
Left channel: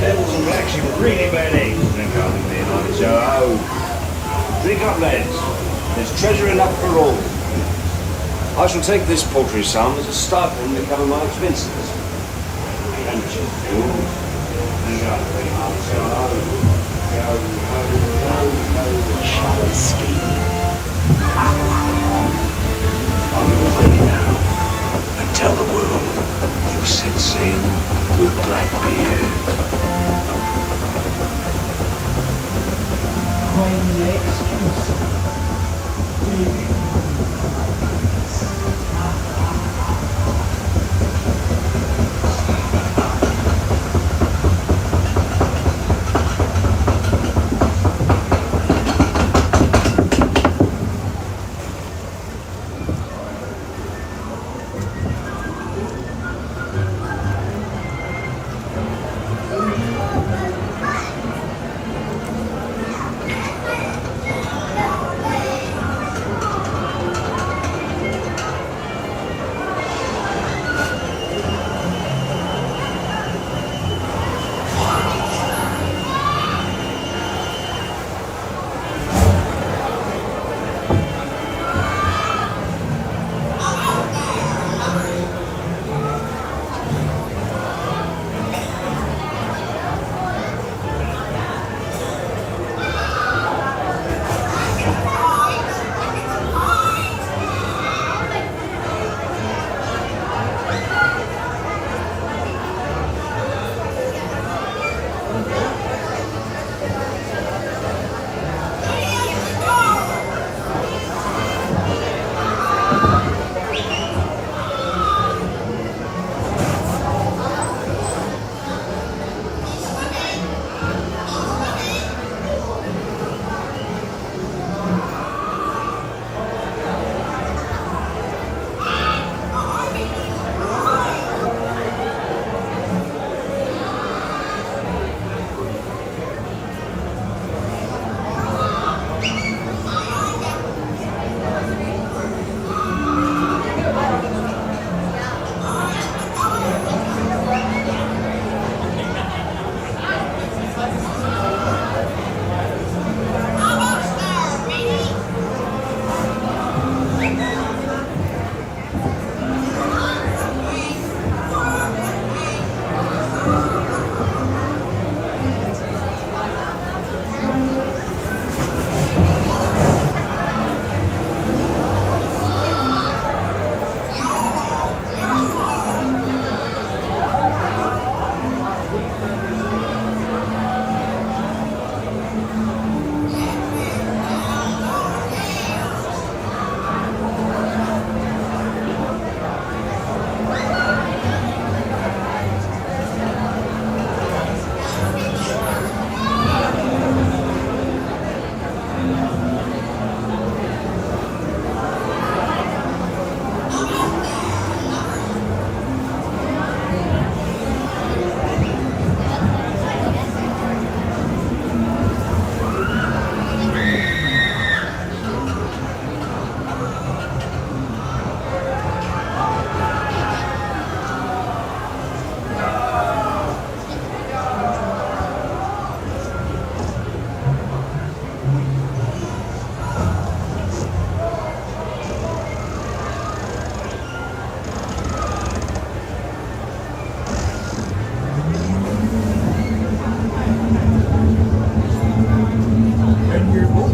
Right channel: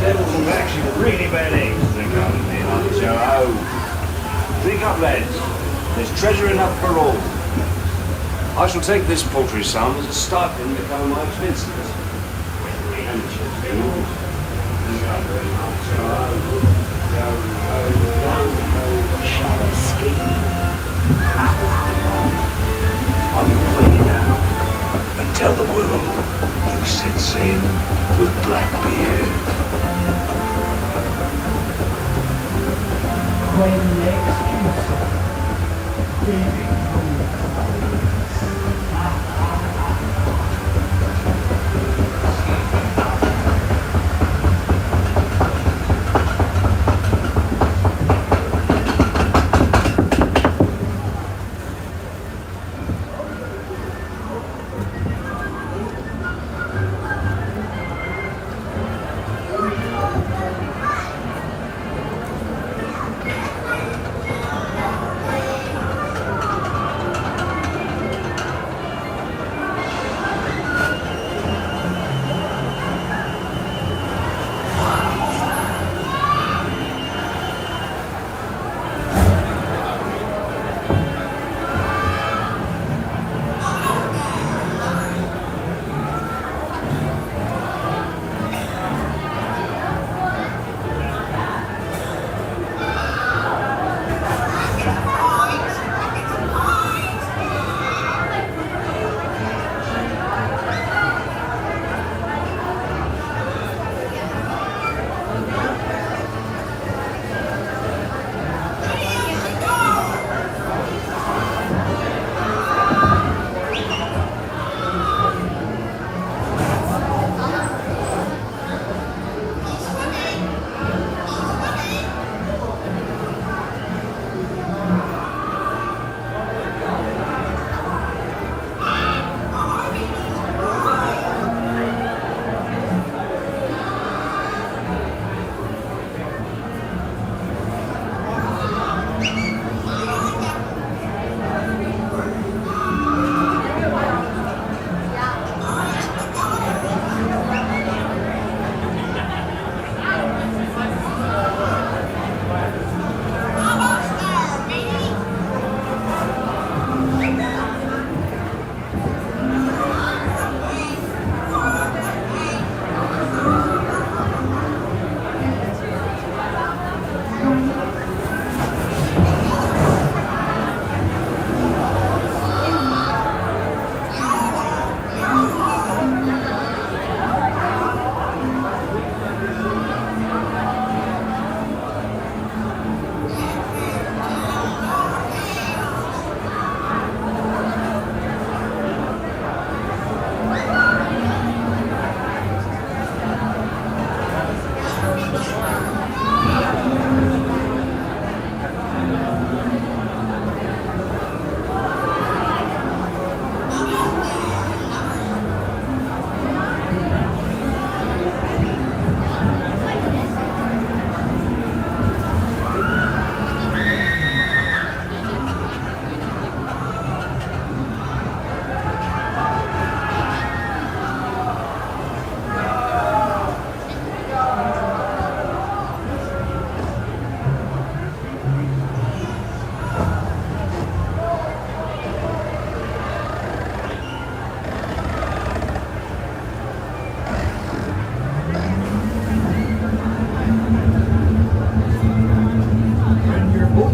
Devils and blacks, you've got really bad eggs. Think up with me, Hardy Joe. Think up, lads. There's treasure enough for all. I shall take this paltry sum as a stipend to cover my expenses. And Shall we scheme? I'm free now. And tell the world you set sail with Blackbeard.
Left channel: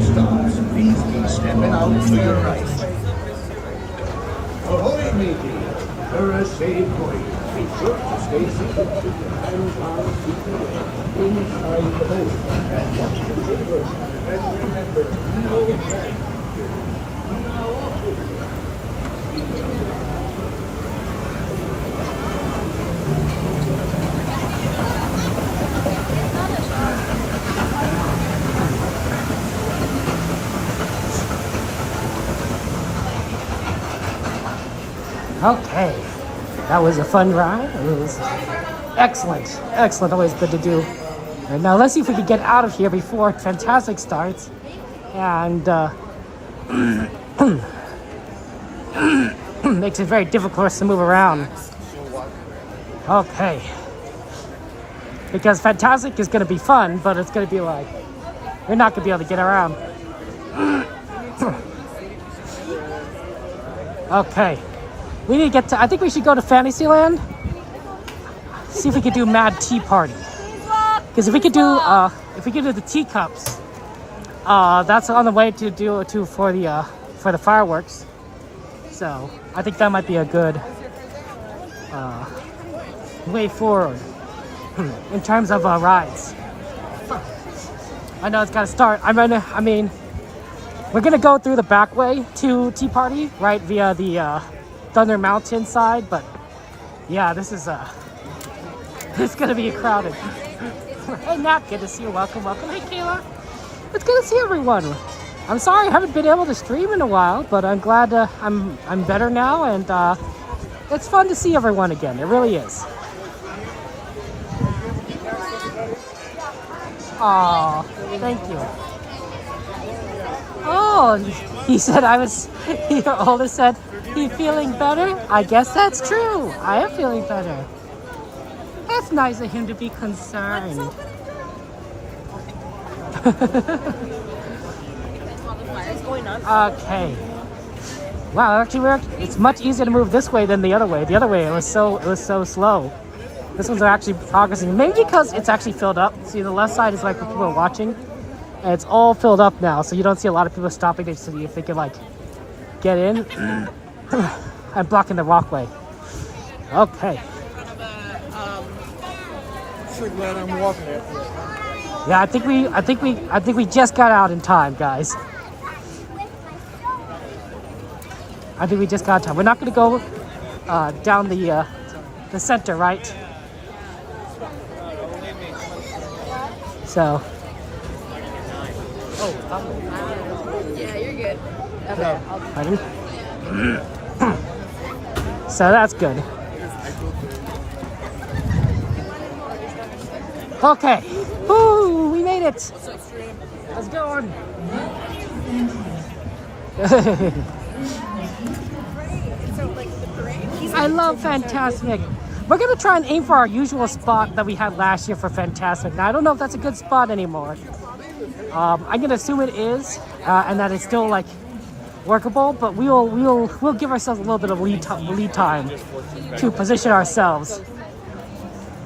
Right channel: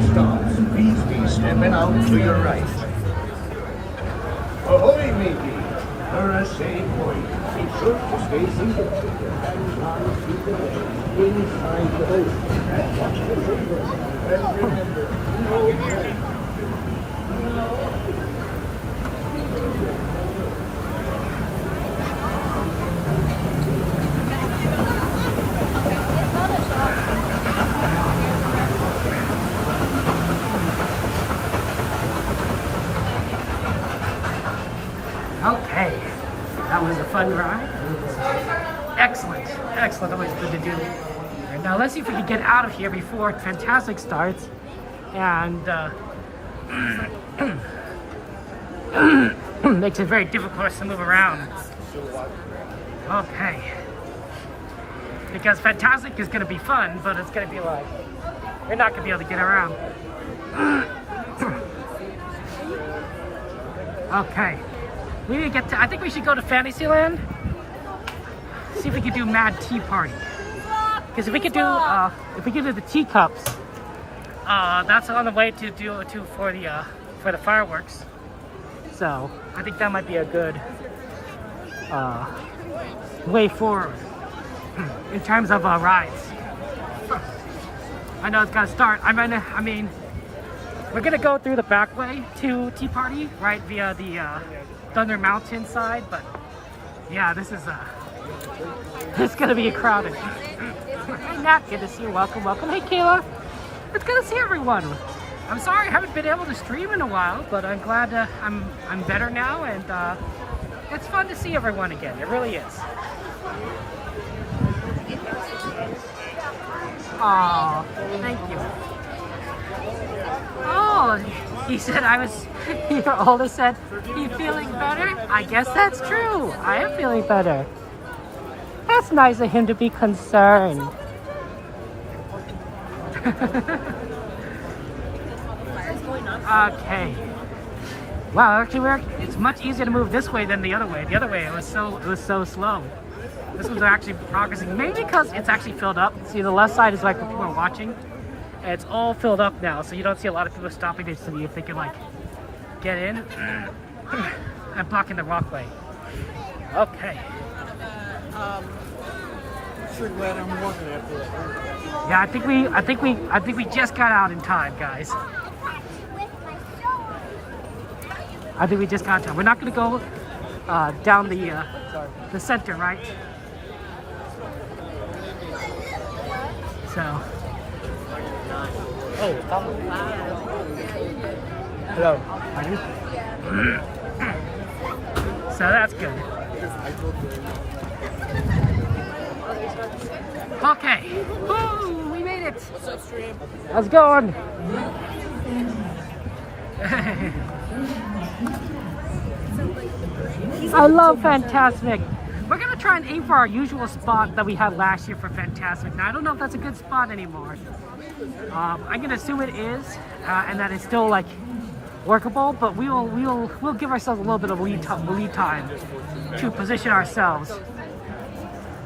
stops, please be stepping out to your right. Ahoy, matey! For a safe voyage. Be sure to stay seated with your hands on feet and legs inside the boat. And watch the children. And remember, Okay, that was a fun ride. It was excellent, excellent. Always good to do. And now let's see if we can get out of here before Fantasmic starts. And makes it very difficult for us to move around. Okay, because Fantasmic is going to be fun, but it's going to be like you're not going to be able to get around. Okay. We need to get to, I think we should go to Fantasyland. See if we could do Mad Tea Party. Because if we could do the teacups, that's on the way to do for the fireworks. So I think that might be a good way forward in terms of rides. I know it's got to start. I mean, we're gonna go through the back way to Tea Party, right, via the Thunder Mountain side, but yeah, this is it's gonna be crowded. Hey Nat, good to see you. Welcome, welcome. Hey Kayla, it's good to see everyone. I'm sorry I haven't been able to stream in a while, but I'm glad I'm better now, and it's fun to see everyone again. It really is. Oh, thank you. Oh, he said your oldest said, he feeling better? I guess that's true. I am feeling better. That's nice of him to be concerned. Okay. Wow, actually it's much easier to move this way than the other way. The other way it was so slow. This one's actually progressing. Maybe because it's actually filled up. See, the left side is like where people are watching. And it's all filled up now, so you don't see a lot of people stopping there to see if they can like get in. I'm blocking the walkway. Okay. Yeah, I think we just got out in time, guys. I think we just got time. We're not gonna go down the center, right? So. Yeah, you're good. Pardon? So that's good. Okay. Woo, we made it. What's up, stream? How's it going? I love Fantasmic. We're gonna try and aim for our usual spot that we had last year for Fantasmic. Now I don't know if that's a good spot anymore. I'm gonna assume it is, and that it's still like workable, but we'll give ourselves a little bit of lead time to position ourselves,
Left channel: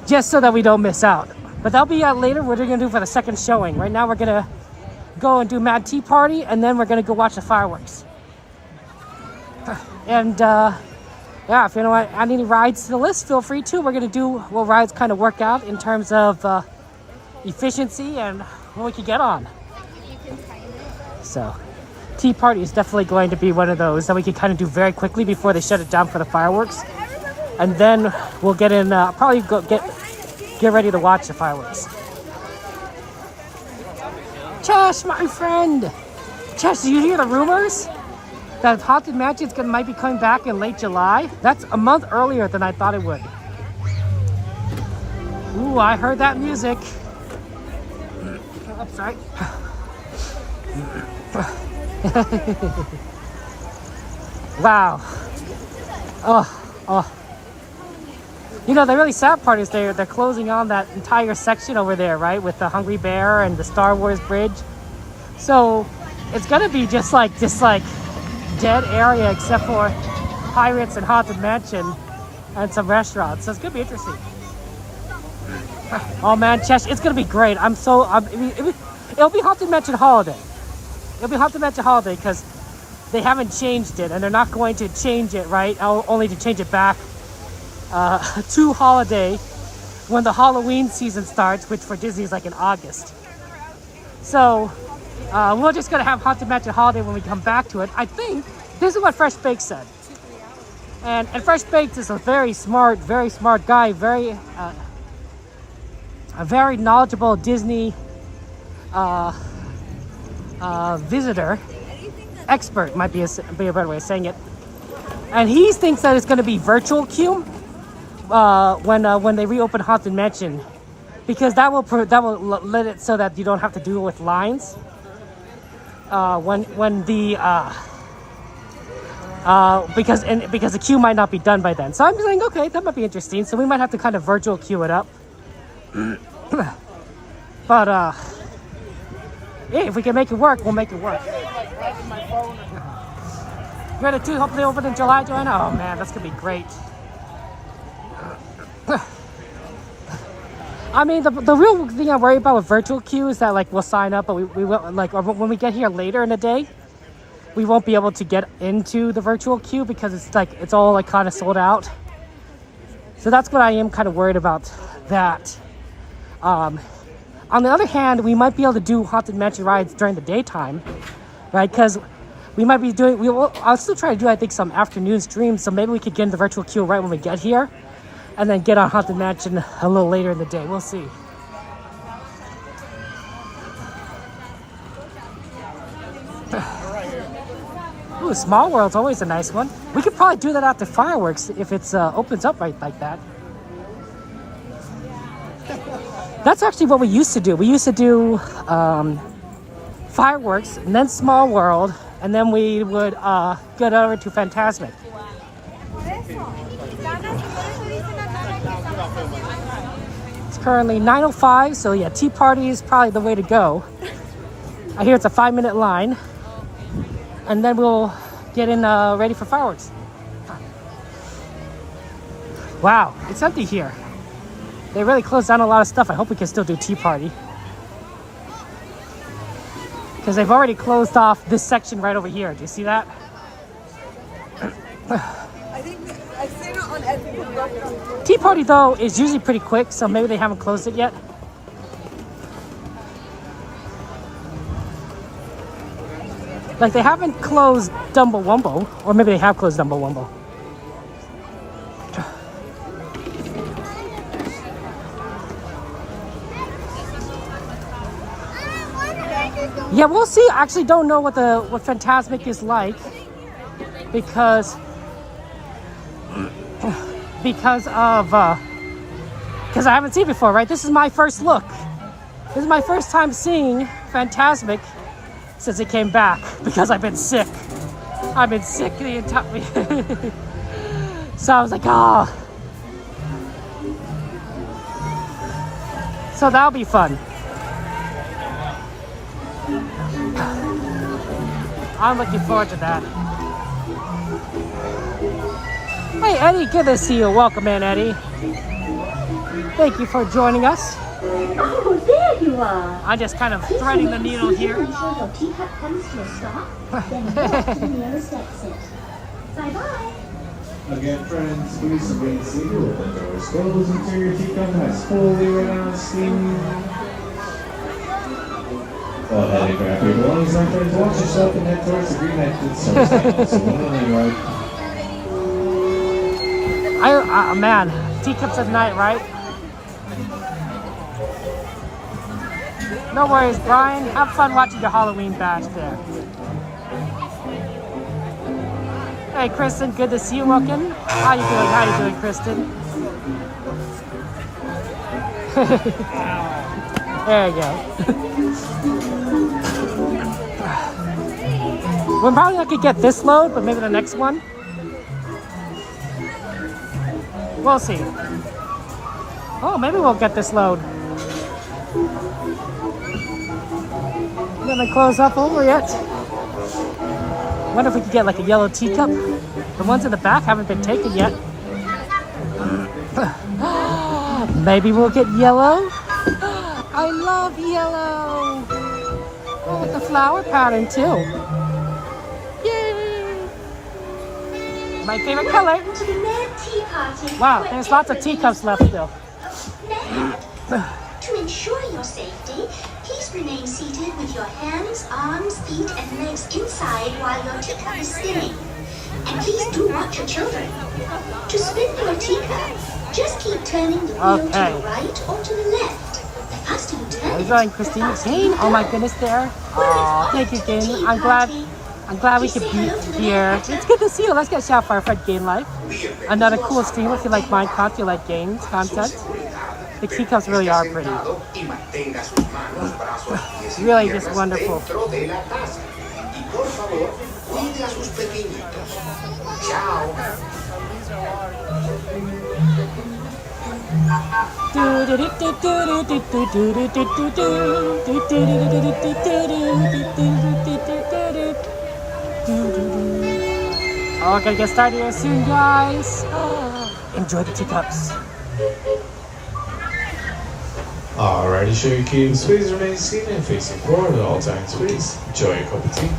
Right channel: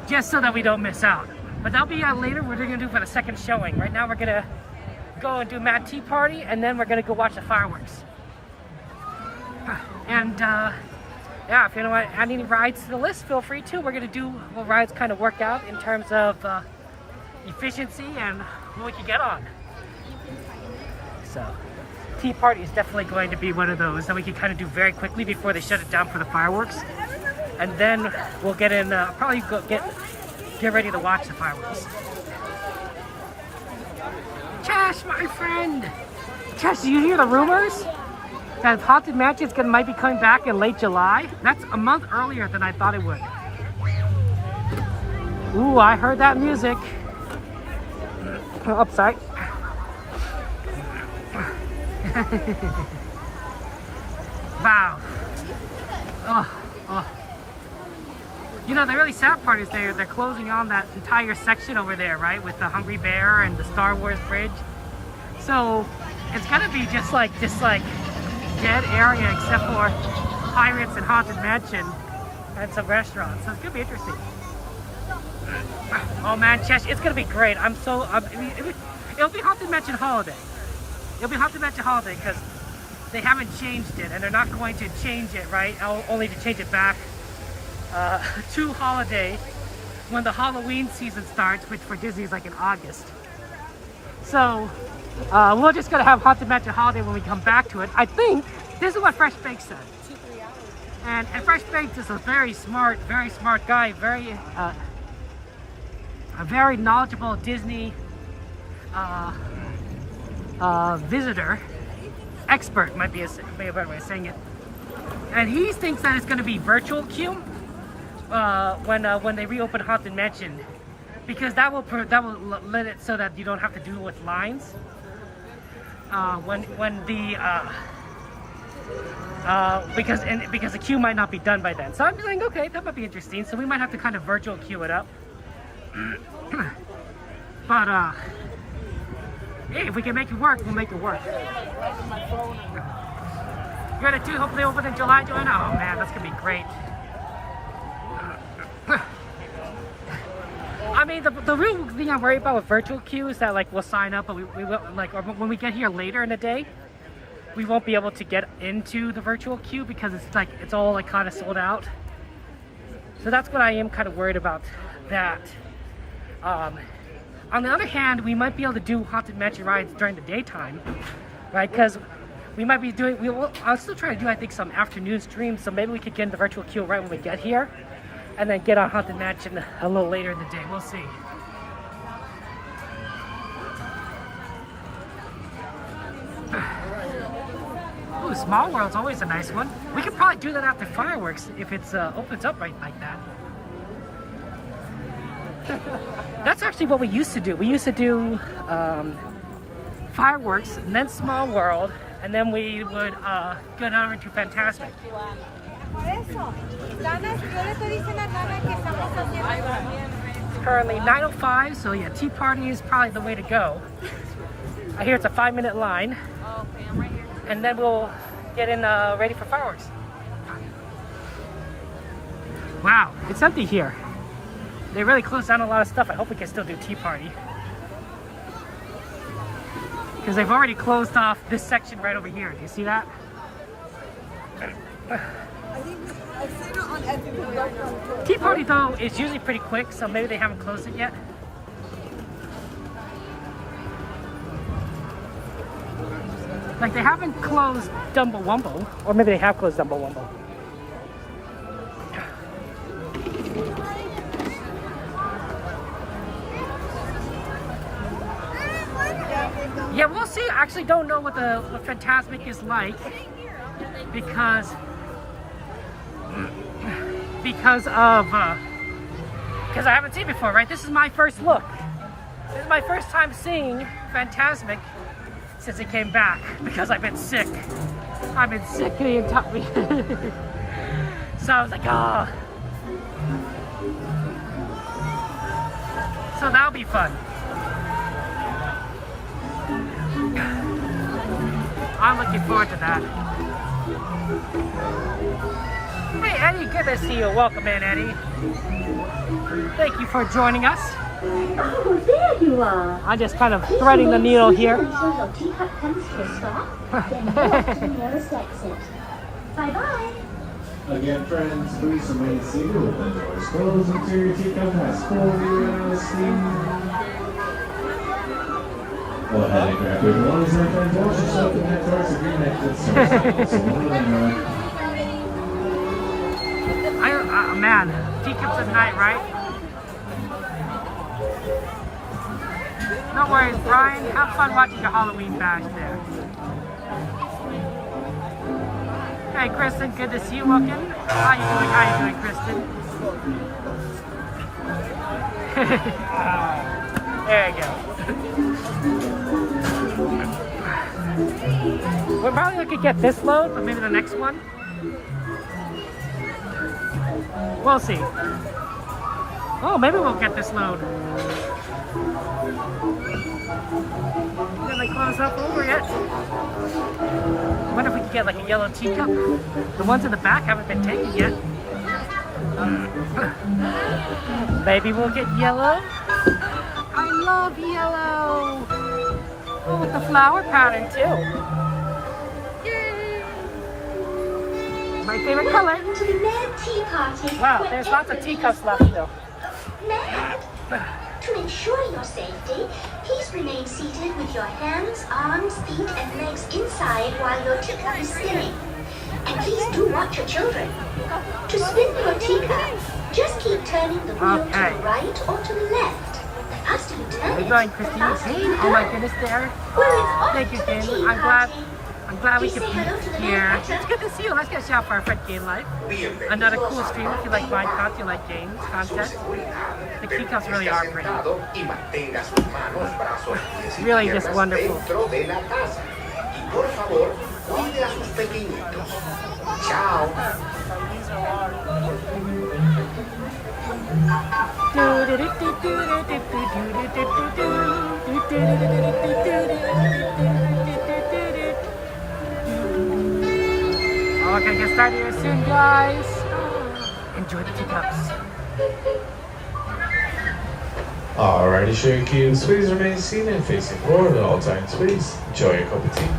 just so that we don't miss out. But that'll be later. What we're gonna do for the second showing. Right now we're gonna go and do Mad Tea Party, and then we're gonna go watch the fireworks. And yeah, if you want to add any rides to the list, feel free to. We're gonna do what rides kind of work out in terms of efficiency and what we can get on. So, Tea Party is definitely going to be one of those that we can kind of do very quickly before they shut it down for the fireworks, and then we'll get in. Probably go get ready to watch the fireworks. Chess, my friend. Chess, did you hear the rumors that Haunted Mansion might be coming back in late July? That's a month earlier than I thought it would. Ooh, I heard that music. Oh, sorry. Wow. Oh. You know, the really sad part is they're closing on that entire section over there, right? With the Hungry Bear and the Star Wars bridge. So it's gonna be just like dead area except for Pirates and Haunted Mansion and some restaurants. So it's gonna be interesting. Oh man, Chesh, it's gonna be great. It'll be Haunted Mansion holiday. It'll be Haunted Mansion Holiday because they haven't changed it, and they're not going to change it, right? Only to change it back to holiday when the Halloween season starts, which for Disney is like in August. So we're just gonna have Haunted Mansion Holiday when we come back to it. I think this is what Fresh Baked said. And Fresh Baked is a very smart guy, a very knowledgeable Disney visitor, expert might be a better way of saying it. And he thinks that it's going to be virtual queue when they reopen Haunted Mansion, because that will let it so that you don't have to deal with lines because the queue might not be done by then. So I'm saying, okay, that might be interesting. So we might have to kind of virtual queue it up. But yeah, if we can make it work, we'll make it work. You're gonna do hopefully open in July, Joanna? Oh man, that's gonna be great. I mean, the real thing I worry about with virtual queue is that like we'll sign up, but we will, like, or when we get here later in the day, we won't be able to get into the virtual queue because it's all like kind of sold out. So that's what I am kind of worried about. That. On the other hand, we might be able to do Haunted Mansion rides during the daytime, right? Because we might be doing, I'll still try to do, I think, some afternoon streams, so maybe we could get in the virtual queue right when we get here, and then get on Haunted Mansion a little later in the day. We'll see. Ooh, Small World's always a nice one. We could probably do that after fireworks if it opens up right like that. That's actually what we used to do. We used to do fireworks and then Small World, and then we would go over to Fantasmic. It's currently 9:05, so yeah, Tea Party is probably the way to go. I hear it's a 5-minute line, and then we'll get in ready for fireworks. Wow, it's empty here. They really closed down a lot of stuff. I hope we can still do Tea Party. Because they've already closed off this section right over here. Do you see that? I think I've seen it on everything I know. Tea Party, though, is usually pretty quick, so maybe they haven't closed it yet. Like, they haven't closed Dumbo Wumbo, or maybe they have closed Dumbo Wumbo. Yeah, we'll see. I actually don't know what Fantasmic is like because I haven't seen it before, right? This is my first look. This is my first time seeing Fantasmic since it came back because I've been sick. I've been sick the entire. So I was like, oh. So that'll be fun. I'm looking forward to that. Hey Eddie, good to see you. Welcome in, Eddie. Thank you for joining us. Oh, there you are. I'm just kind of threading the needle here. Bye-bye. Again, friends, please remain seated with the doors closed until your teacup has fully run out of steam. Go ahead and grab your belongings, my friends. Watch yourself and head towards the green exit. So one of them man, teacups at night, right? No worries, Brian. Have fun watching your Halloween badge there. Hey, Kristen, good to see you. Welcome. How you doing? How you doing, Kristen? There you go. We're probably not gonna get this load, but maybe the next one. We'll see. Oh, maybe we'll get this load. Haven't closed up over yet. Wonder if we could get like a yellow teacup. The ones in the back haven't been taken yet. Maybe we'll get yellow. I love yellow. Oh, with the flower pattern too. Yay! My favorite color. To the Ned Tea Party. Wow, there's lots of teacups left still. Ned, to ensure your safety, please remain seated with your hands, arms, feet, and legs inside while your teacup is spinning. And please do watch your children. To spin your teacup, just keep turning the wheel to the right or to the left. The faster you turn How you going, Christine? Jane? Oh my goodness, there. Oh, thank you, Jane. I'm glad we could be here. It's good to see you. Let's get a shout for our friend Game Life. Another cool streamer if you like Minecraft, you like games, content. The teacups really are pretty. It's really just wonderful. Oh, we're gonna get started here soon, guys. Enjoy the teacups. Alrighty, show your cubes. Please remain seated and facing forward at all times, please. Enjoy your cup of tea.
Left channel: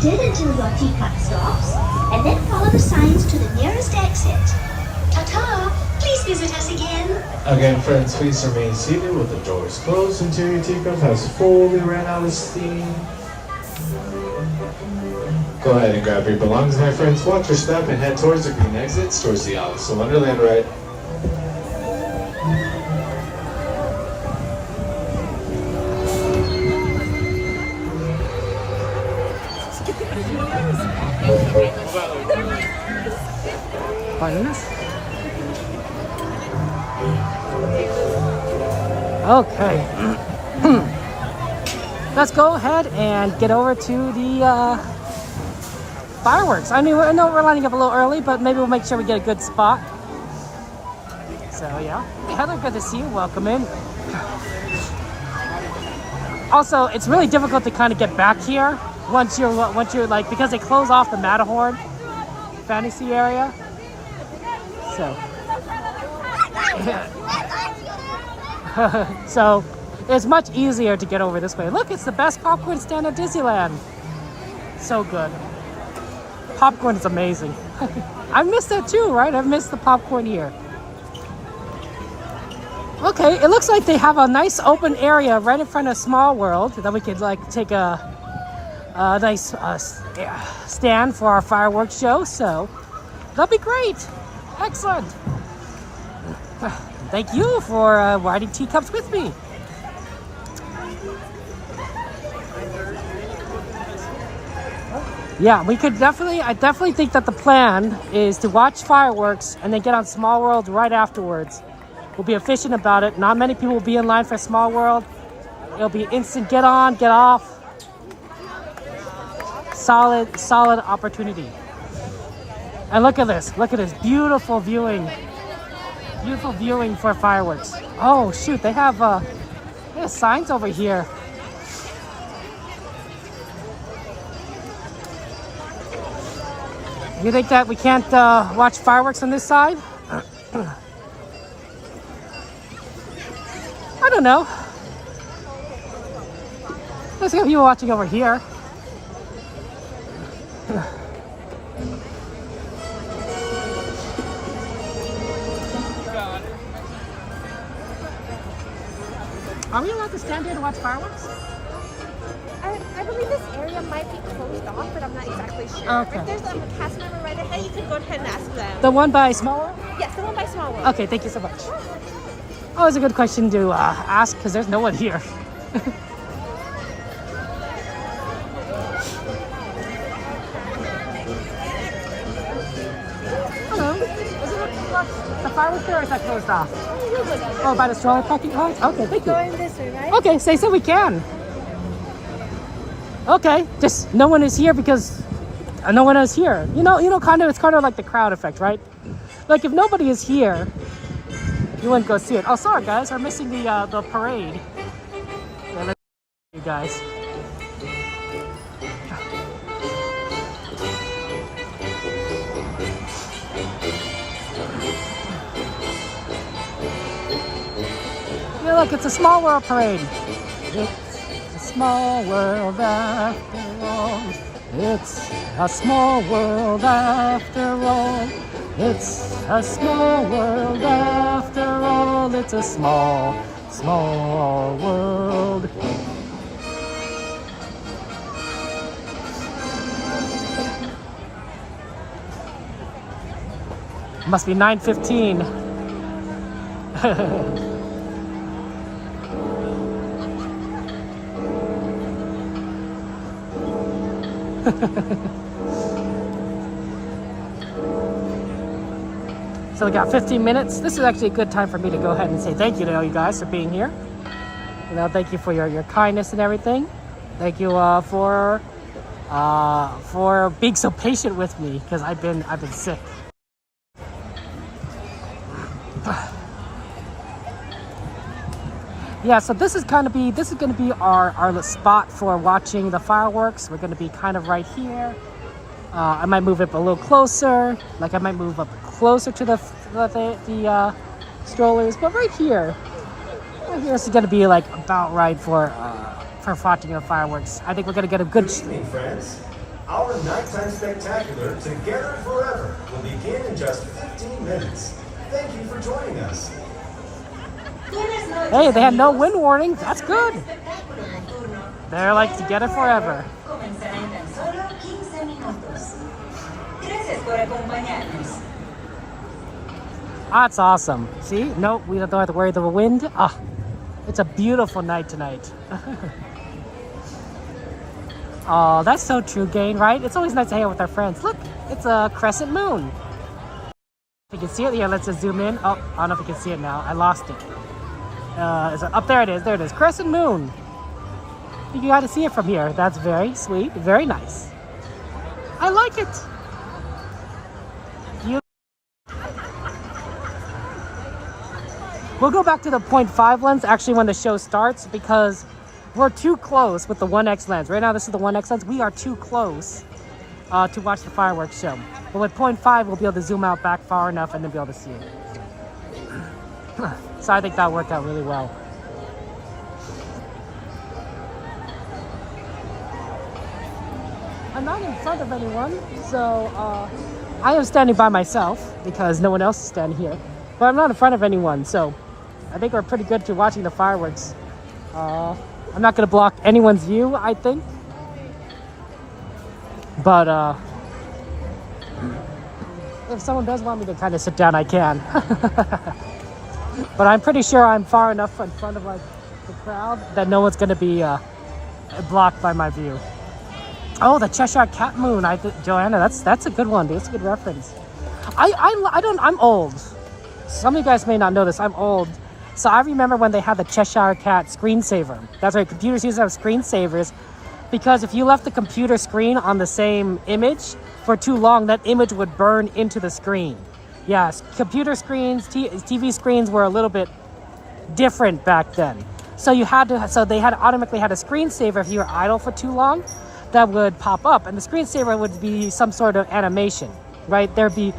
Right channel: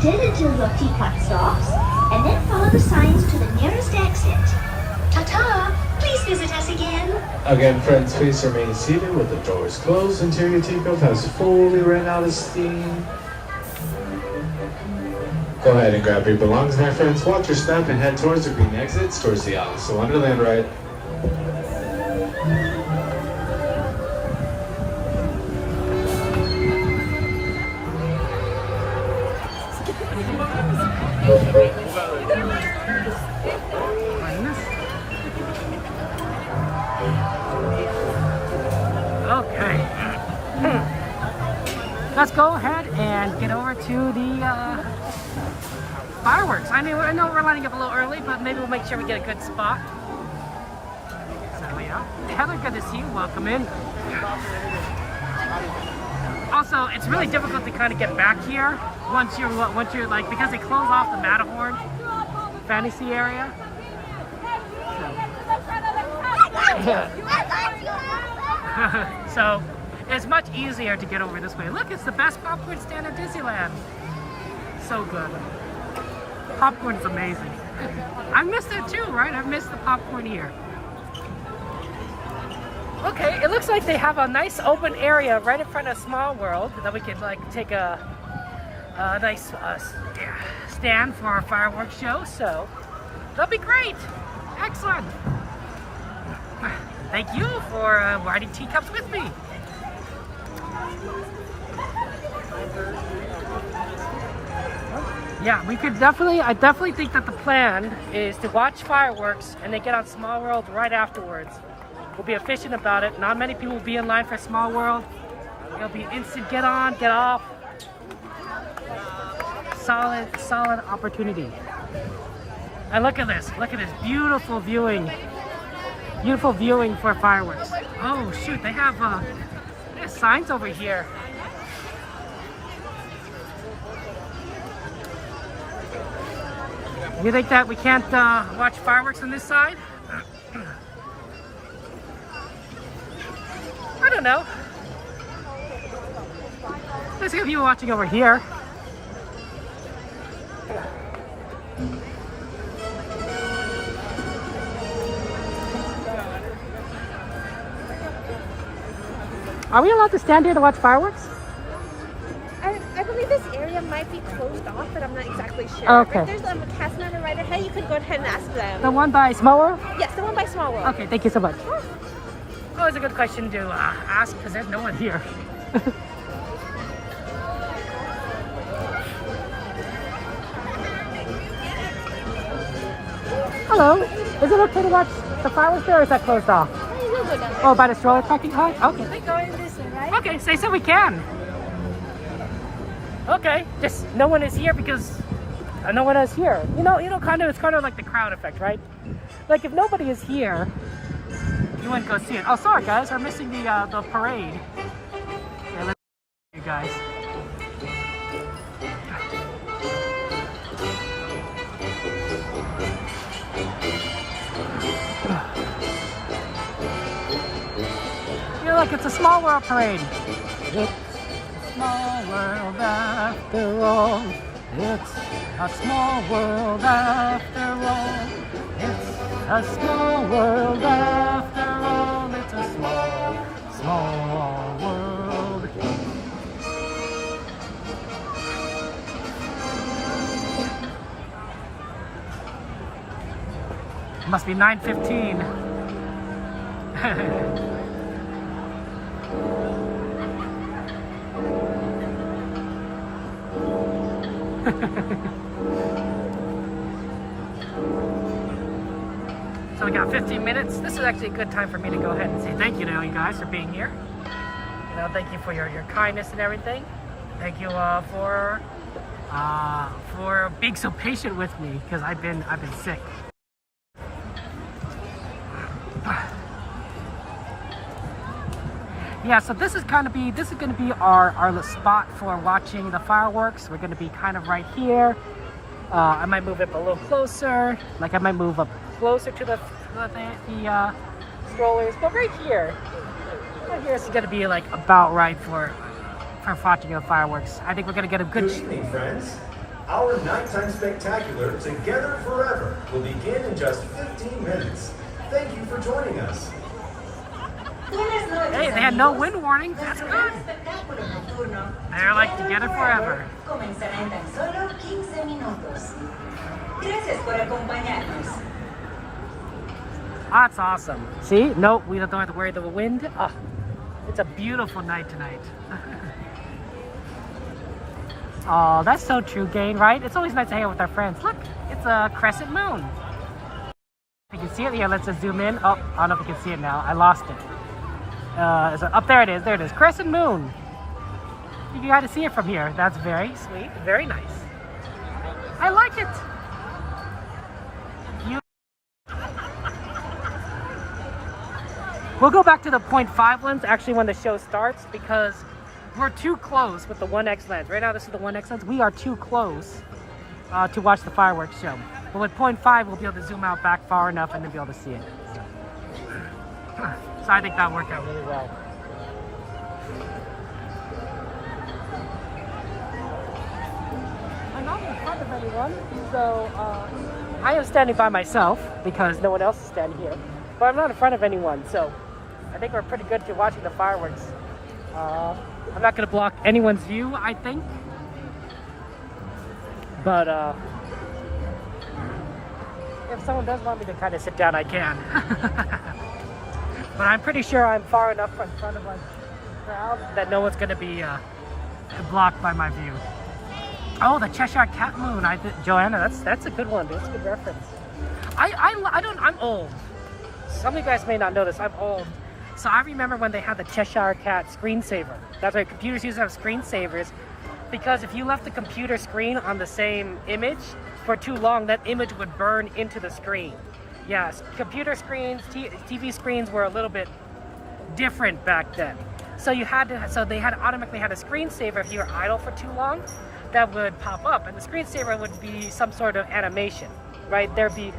Until your teapot stops, and then follow the signs to the nearest exit. Ta-ta! Please visit us again. Again, friends, please remain seated with the doors closed until your teacup has fully ran out of steam. Go ahead and grab your belongings, my friends. Watch your step and head towards the green exits, towards the Alice in Wonderland ride. Pardon us. Okay. Let's go ahead and get over to the fireworks. I mean, I know we're lining up a little early, but maybe we'll make sure we get a good spot. So yeah. Hey, Heather, good to see you. Welcome in. Also, it's really difficult to kind of get back here once you're like, because they close off the Matterhorn fantasy area. So, so it's much easier to get over this way. Look, it's the best popcorn stand at Disneyland. So good. Popcorn is amazing. I missed that too, right? I've missed the popcorn here. Okay, it looks like they have a nice open area right in front of Small World that we could like take a nice stand for our fireworks show. So that'll be great. Excellent. Thank you for riding teacups with me. Yeah, we could definitely, I definitely think that the plan is to watch fireworks and then get on Small World right afterwards. We'll be efficient about it. Not many people will be in line for Small World. It'll be instant get on, get off. Solid opportunity. And look at this, beautiful viewing. Beautiful viewing for fireworks. Oh shoot, they have signs over here. You think that we can't watch fireworks on this side? I don't know. can see people watching over here. Are we allowed to stand here to watch fireworks? I believe this area might be closed off, but I'm not exactly sure. Okay. But there's a cast member right ahead. You could go ahead and ask them. The one by Small World? Yes, the one by Small World. Okay, thank you so much. Always a good question to ask because there's no one here. Hello. Is it okay to watch the fireworks there, or is that closed off? Oh, by the stroller parking lot? Okay, thank you. Going this way, right? Okay, so they said we can. Okay, just no one is here because no one is here. You know, it's kind of like the crowd effect, right? Like if nobody is here, you wouldn't go see it. Oh, sorry guys, we're missing the parade. Yeah, let's you guys. Yeah, look, it's a Small World parade. It's a small world after all. It's a small world after all. It's a small world after all. It's a small, small world. Must be 9:15. So we got 15 minutes. This is actually a good time for me to go ahead and say thank you to all you guys for being here. You know, thank you for your kindness and everything. Thank you for being so patient with me because I've been sick. Yeah, so this is gonna be our spot for watching the fireworks. We're gonna be kind of right here. I might move it a little closer. Like I might move up closer to the strollers, but right here this is gonna be like about right for watching the fireworks. I think we're gonna get a good. Good evening, friends. Our nighttime spectacular, Together Forever, will begin in just 15 minutes. Thank you for joining us. Hey, they had no wind warning. That's good. They're like Together Forever. That's awesome. See? Nope, we don't have to worry about the wind. Oh, it's a beautiful night tonight. Oh, that's so true, Gain, right? It's always nice to hang out with our friends. Look, it's a crescent moon. You can see it? Yeah, let's just zoom in. Oh, I don't know if you can see it now. I lost it. Up there it is. There it is. Crescent moon. You got to see it from here. That's very sweet. Very nice. I like it. We'll go back to the 0.5 lens actually when the show starts because we're too close with the 1x lens. Right now this is the 1x lens. We are too close to watch the fireworks show. But with 0.5 we'll be able to zoom out back far enough and then be able to see it. So I think that worked out really well. I'm not in front of anyone, so I am standing by myself because no one else is standing here. But I'm not in front of anyone, so I think we're pretty good to watching the fireworks. I'm not going to block anyone's view, I think. But if someone does want me to kind of sit down, I can. But I'm pretty sure I'm far enough from front of the crowd that no one's going to be blocked by my view. Oh, the Cheshire Cat Moon. Joanna, that's a good one. That's a good reference. I'm old. Some of you guys may not know this. I'm old. So I remember when they had the Cheshire Cat screensaver. That's why computers used to have screensavers. Because if you left the computer screen on the same image for too long, that image would burn into the screen. Yes, computer screens, TV screens were a little bit different back then. So they had automatically had a screensaver if you were idle for too long that would pop up, and the screensaver would be some sort of animation, right? There'd be,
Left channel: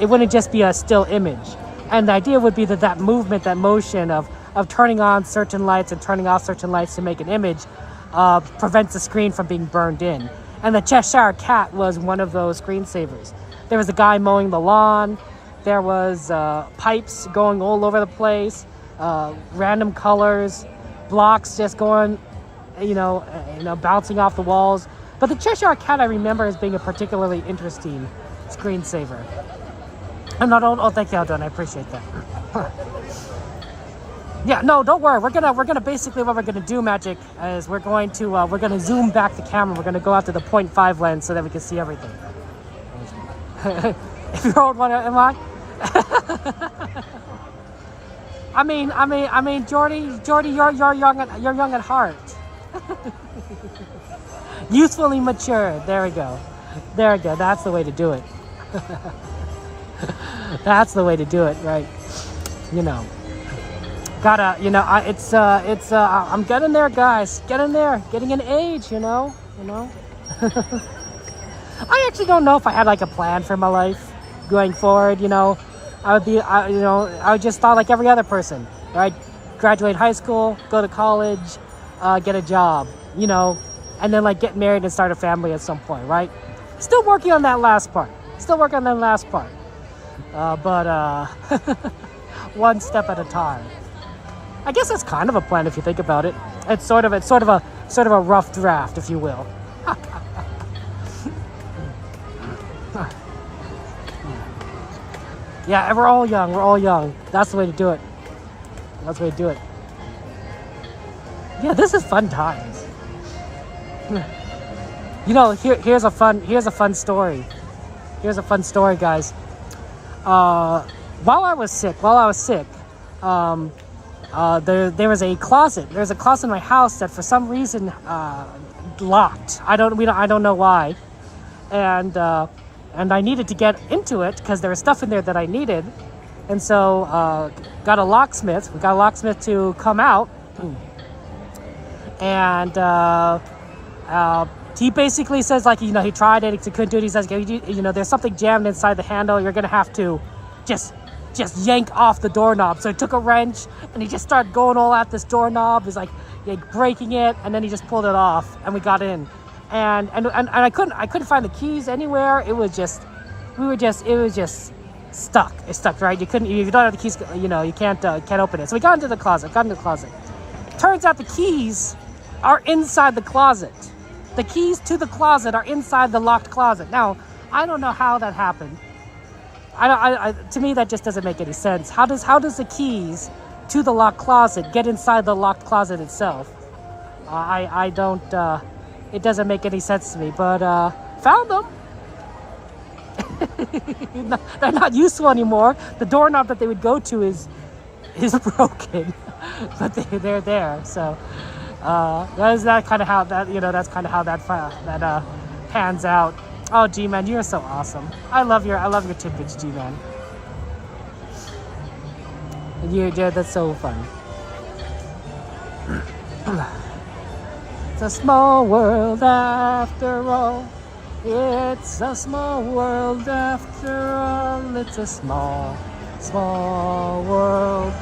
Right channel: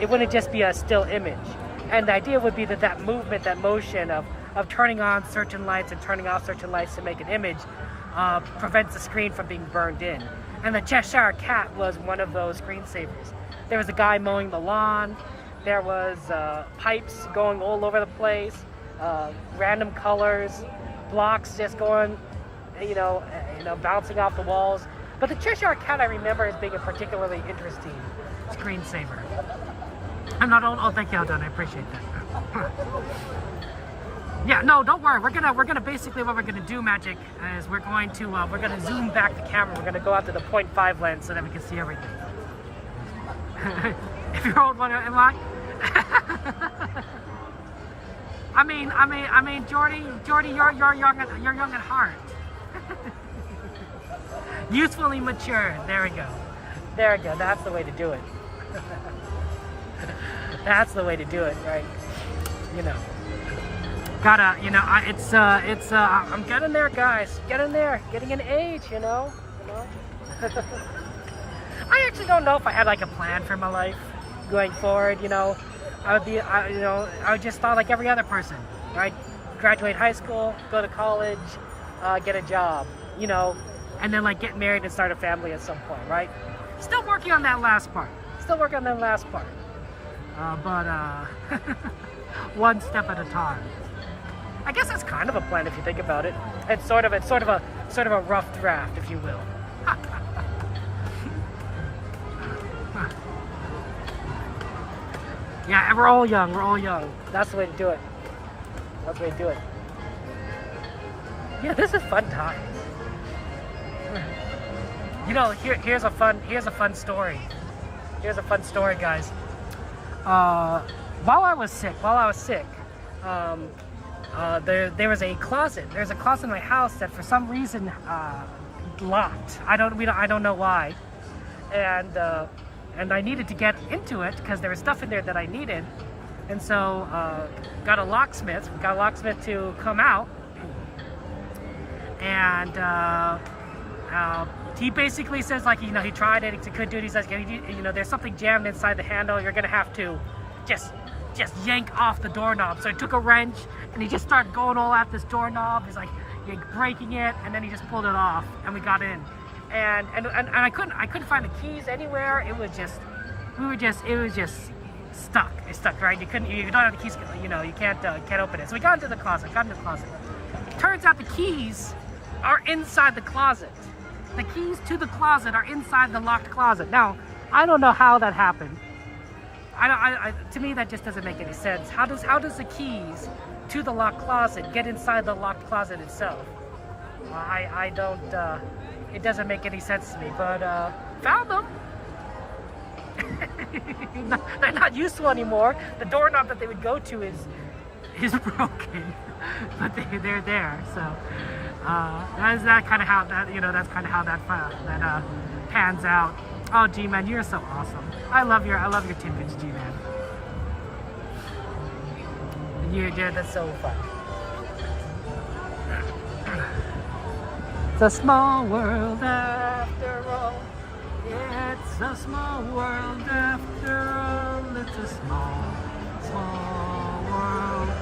it wouldn't just be a still image. And the idea would be that movement, that motion of turning on certain lights and turning off certain lights to make an image prevents the screen from being burned in. And the Cheshire Cat was one of those screensavers. There was a guy mowing the lawn. There was pipes going all over the place, random colors, blocks just going, bouncing off the walls. But the Cheshire Cat I remember as being a particularly interesting screensaver. And not oh, thank you, Aldon. I appreciate that. Yeah, no, don't worry. We're gonna basically what we're gonna do, Magic, is we're gonna zoom back the camera. We're gonna go after the 0.5 lens so that we can see everything. If you're old, what am I? I mean, Jordy, you're young at heart. Youthfully mature. There we go. That's the way to do it. That's the way to do it, right? Gotta, I'm getting there, guys. Getting there. Getting an age, I actually don't know if I had like a plan for my life going forward, I would just thought like every other person, right? Graduate high school, go to college, get a job, and then like get married and start a family at some point, right? Still working on that last part. But one step at a time. I guess that's kind of a plan if you think about it. It's sort of a rough draft, if you will. Yeah, we're all young. That's the way to do it. Yeah, this is fun times. Here's a fun story. Guys. While I was sick, there was a closet. There's a closet in my house that for some reason locked. I don't know why. And I needed to get into it because there was stuff in there that I needed. And so got a locksmith. We got a locksmith to come out. And he basically says, like, he tried it, he couldn't do it. He says, there's something jammed inside the handle. You're going to have to just yank off the doorknob. So he took a wrench and he just started going all at this doorknob. He's like breaking it, and then he just pulled it off, and we got in. And I couldn't find the keys anywhere. It was just stuck. It's stuck, right? You don't have the keys. You can't open it. So we got into the closet. Turns out the keys are inside the closet. The keys to the closet are inside the locked closet. Now, I don't know how that happened. To me, that just doesn't make any sense. How does the keys to the locked closet get inside the locked closet itself? I don't. It doesn't make any sense to me. But found them. They're not useful anymore. The doorknob that they would go to is broken, but they're there. So that's kind of how that pans out. Oh, G-Man, you're so awesome. I love your tidbits, G-Man. Yeah, that's so fun. It's a small world after all. It's a small world after all. It's a small world.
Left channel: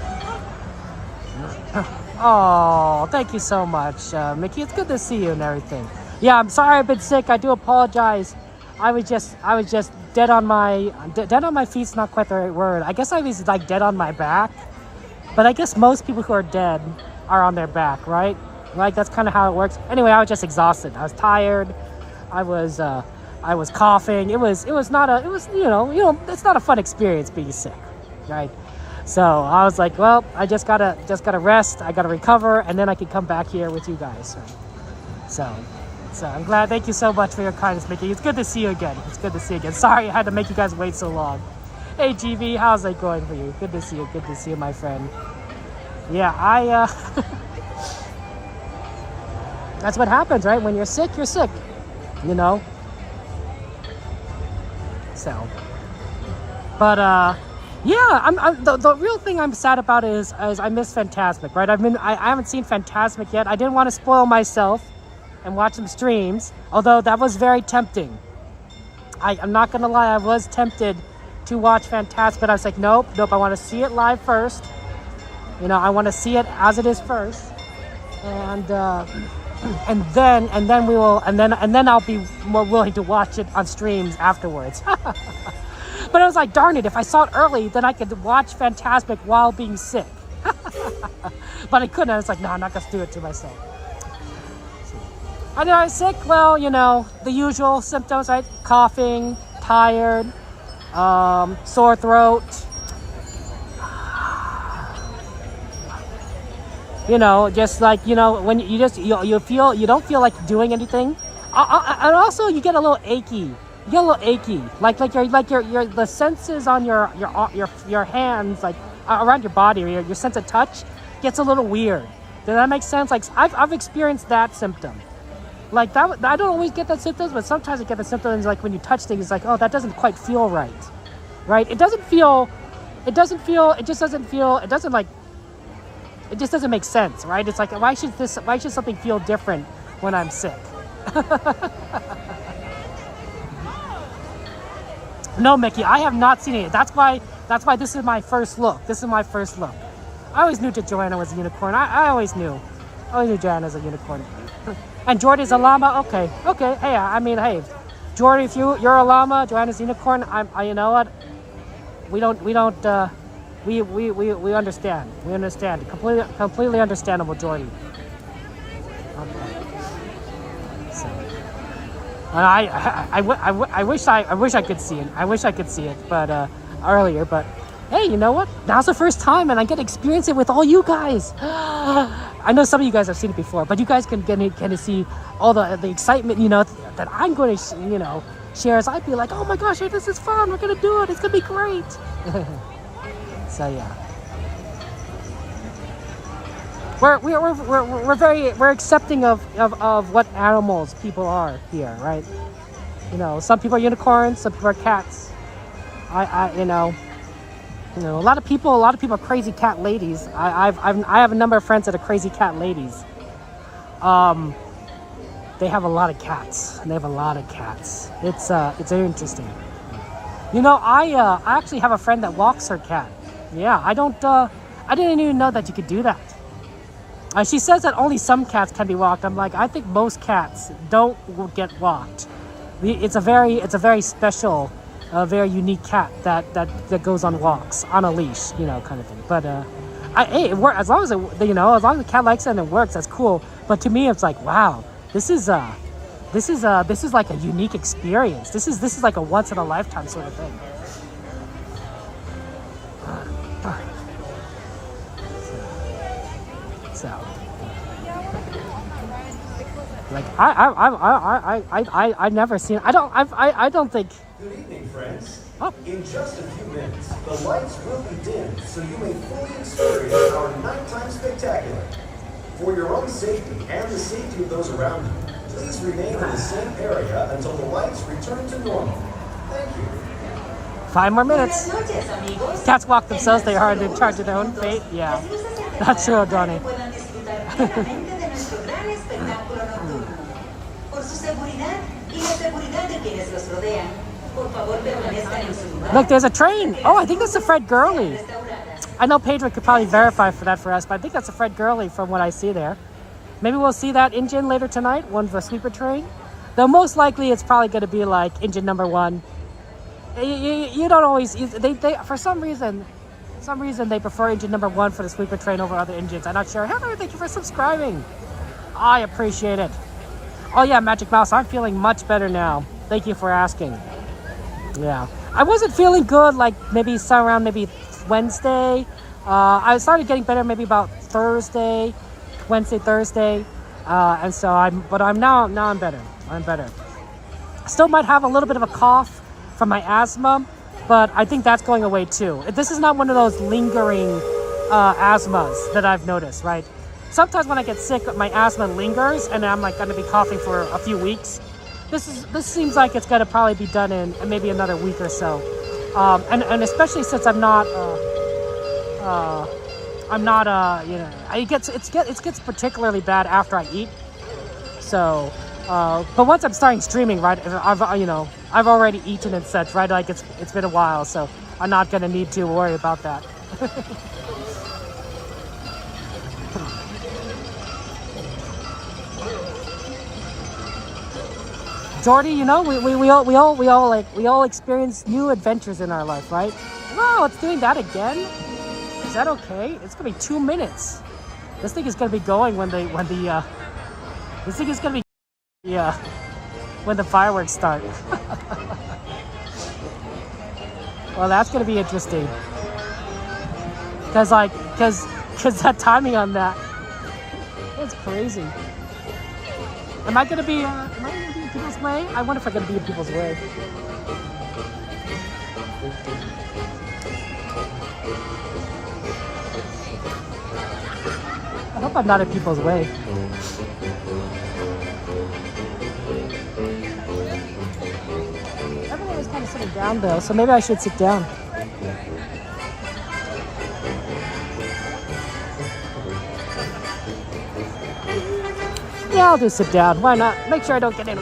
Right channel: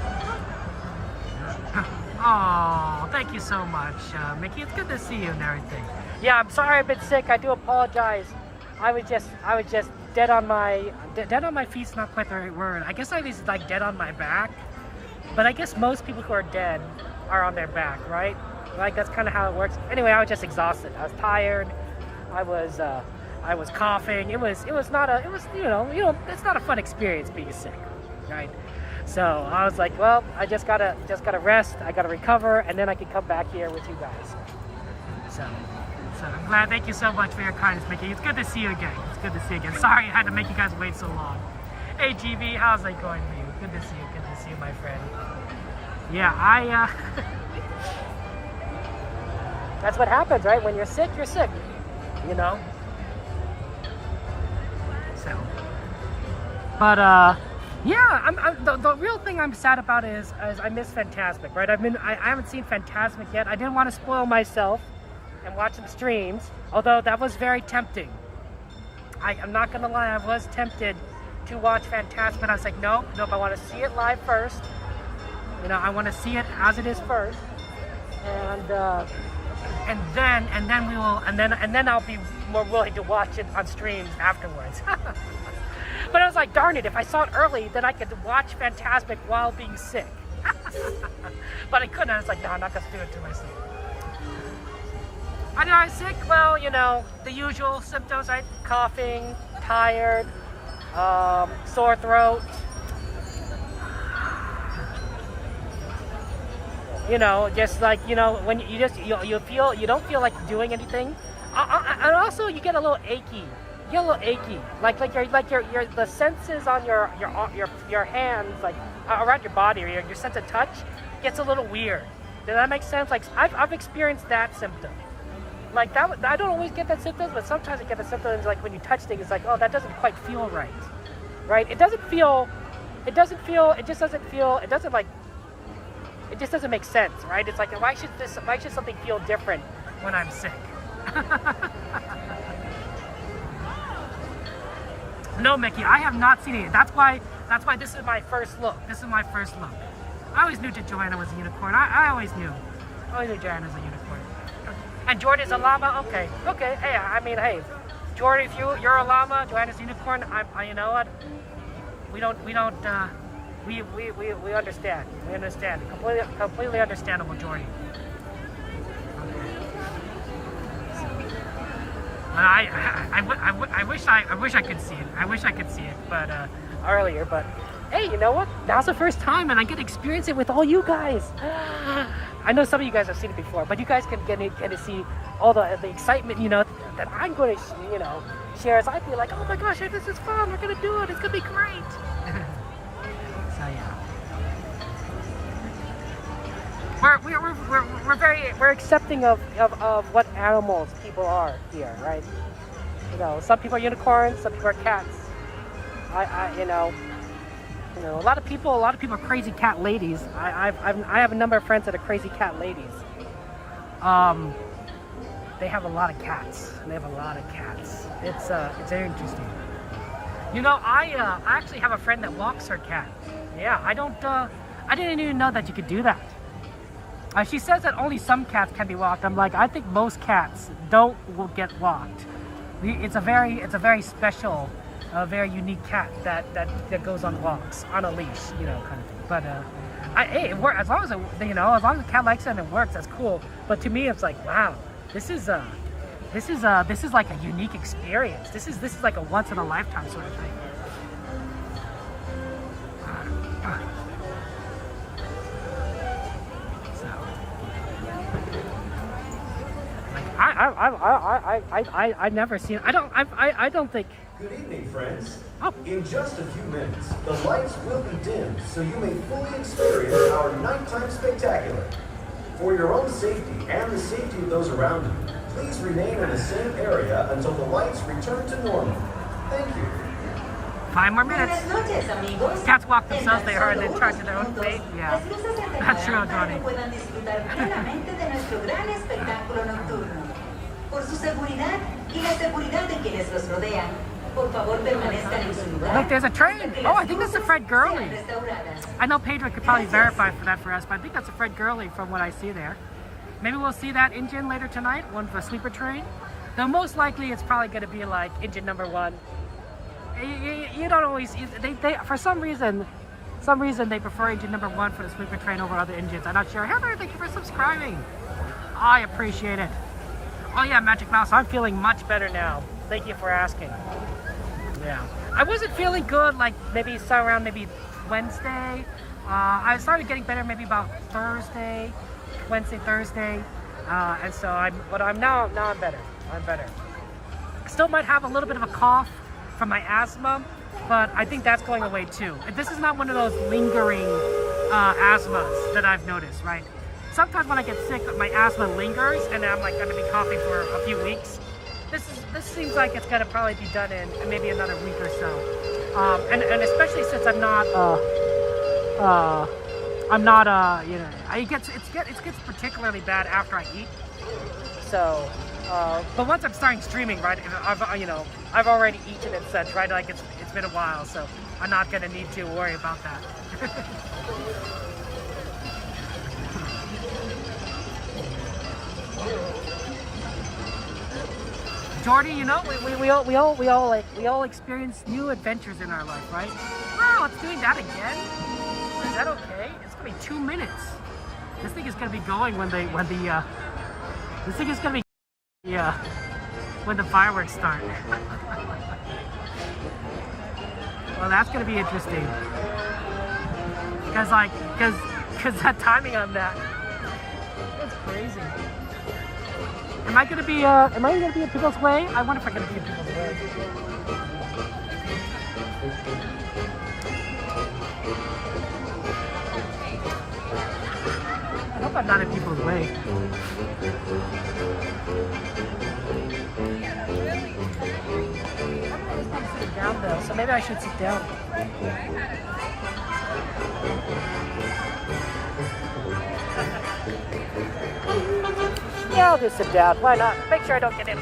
Oh, thank you so much, Mickey. It's good to see you and everything. Yeah, I'm sorry I've been sick. I do apologize. I was just dead on my feet's not quite the right word. I guess I was like dead on my back. But I guess most people who are dead are on their back, right? Like that's kind of how it works. Anyway, I was just exhausted. I was tired. I was coughing. It's not a fun experience being sick, right? So I was like, well, I just gotta rest. I gotta recover, and then I can come back here with you guys. So I'm glad. Thank you so much for your kindness, Mickey. It's good to see you again. Sorry I had to make you guys wait so long. Hey, GB, how's it going for you? Good to see you, my friend. Yeah, that's what happens, right? When you're sick, So, but yeah, the real thing I'm sad about is I miss Fantasmic, right? I haven't seen Fantasmic yet. I didn't want to spoil myself and watch some streams, although that was very tempting. I'm not gonna lie, I was tempted to watch Fantasmic, but I was like, nope, I want to see it live first. I want to see it as it is first. And and then I'll be more willing to watch it on streams afterwards. But I was like, darn it, if I saw it early, then I could watch Fantasmic while being sick. But I couldn't. I was like, no, I'm not gonna do it to myself. I know I was sick. Well, you know, the usual symptoms, right? Coughing, tired, sore throat. You know, just like, you know, when you don't feel like doing anything. And also you get a little achy. You get a little achy. Like your the senses on your hands, like around your body, or your sense of touch gets a little weird. Does that make sense? Like I've experienced that symptom. Like that, I don't always get that symptoms, but sometimes I get the symptoms like when you touch things, it's like, oh, that doesn't quite feel right. Right? It just doesn't make sense, right? It's like, why should something feel different when I'm sick? No, Mickey, I have not seen it. That's why this is my first look. I always knew that Joanna was a unicorn. I always knew Joanna was a unicorn. And Jordy's a llama. Okay. Hey, I mean, hey, Jordy, if you're a llama, Joanna's a unicorn. You know what? We understand. We understand. Completely understandable, Jordy. Okay. So, I wish I could see it. But earlier. But hey, you know what? Now's the first time, and I get to experience it with all you guys. I know some of you guys have seen it before, but you guys can get to see all the excitement, you know, that I'm going to, you know, share. As I'd be like, oh my gosh, this is fun. We're gonna do it. It's gonna be great. So yeah, we're accepting of what animals people are here, right? You know, some people are unicorns, some people are cats. You know, a lot of people are crazy cat ladies. I have a number of friends that are crazy cat ladies. They have a lot of cats. It's very interesting. You know, I actually have a friend that walks her cat. Yeah, I didn't even know that you could do that. She says that only some cats can be walked. I'm like, I think most cats will get walked. It's a very special, very unique cat that goes on walks on a leash, you know, kind of thing. But hey, it works as long as the cat likes it and it works. That's cool. But to me, it's like, wow, this is like a unique experience. This is like a once in a lifetime sort of thing. So, like, I've never seen. I don't think. Good evening, friends. Oh. In just a few minutes, the lights will be dimmed so you may fully experience our nighttime spectacular. For your own safety and the safety of those around you, please remain in the same area until the lights return to normal. Thank you. 5 more minutes. Cats walk themselves. They are in charge of their own fate. Yeah, that's true, Donnie. Look, there's a train. Oh, I think that's the Fred Gurley. I know Pedro could probably verify for that for us, but I think that's the Fred Gurley from what I see there. Maybe we'll see that engine later tonight, one of the sleeper train. Though most likely it's probably going to be like engine number 1. You don't always, they for some reason they prefer engine number 1 for the sleeper train over other engines. I'm not sure. Heather, thank you for subscribing. I appreciate it. Oh yeah, Magic Mouse, I'm feeling much better now. Thank you for asking. Yeah, I wasn't feeling good like maybe around Wednesday. I started getting better maybe about Wednesday, Thursday, and so I'm better. I'm better. Still might have a little bit of a cough from my asthma, but I think that's going away too. This is not one of those lingering asthmas that I've noticed, right? Sometimes when I get sick, my asthma lingers, and I'm like going to be coughing for a few weeks. This seems like it's going to probably be done in maybe another week or so, and especially since I'm not you know, it gets particularly bad after I eat. So, but once I'm starting streaming, right, I've already eaten and such, right? Like it's been a while, so I'm not gonna need to worry about that. Jordy, you know, we all experience new adventures in our life, right? Wow, it's doing that again. Is that okay? It's gonna be 2 minutes. This thing is gonna be going when the this thing is gonna be when the fireworks start. Well, that's gonna be interesting. Cause that timing on that, it's crazy. Am I gonna be in people's way? I wonder if I'm gonna be in people's way. I hope I'm not in people's way. Everyone is kind of sitting down though, so maybe I should sit down. Yeah, I'll just sit down. Why not? Make sure I don't get in.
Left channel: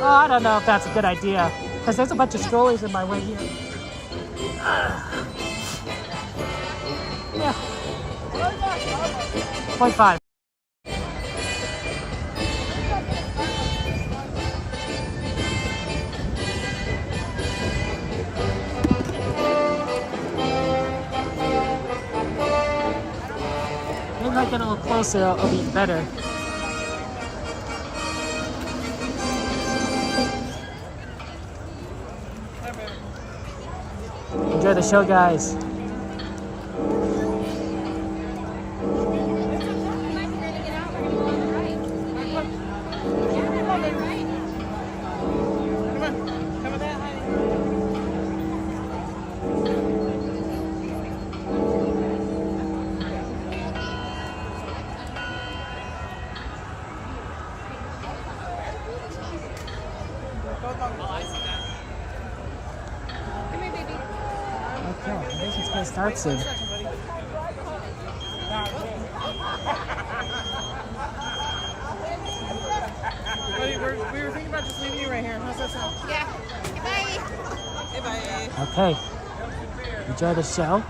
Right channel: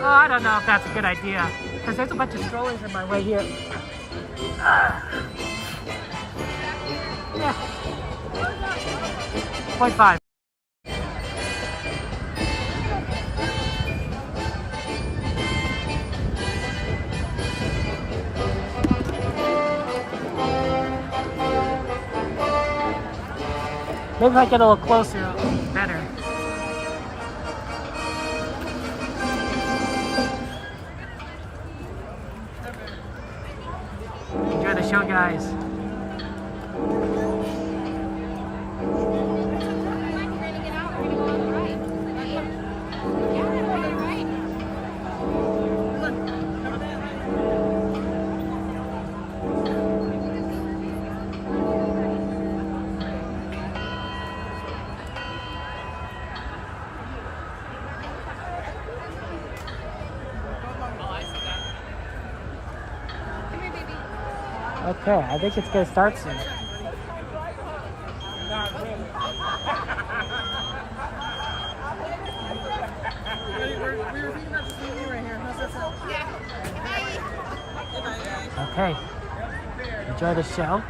Oh, I don't know if that's a good idea, because there's a bunch of strollers in my way here. Yeah. 0.5. Maybe if I get a little closer, it'll be better. Enjoy the show, guys. Okay, I think it's gonna start soon. We were thinking about just leaving you right here. How's that sound? Yeah. Bye. Bye. Okay. Enjoy the show.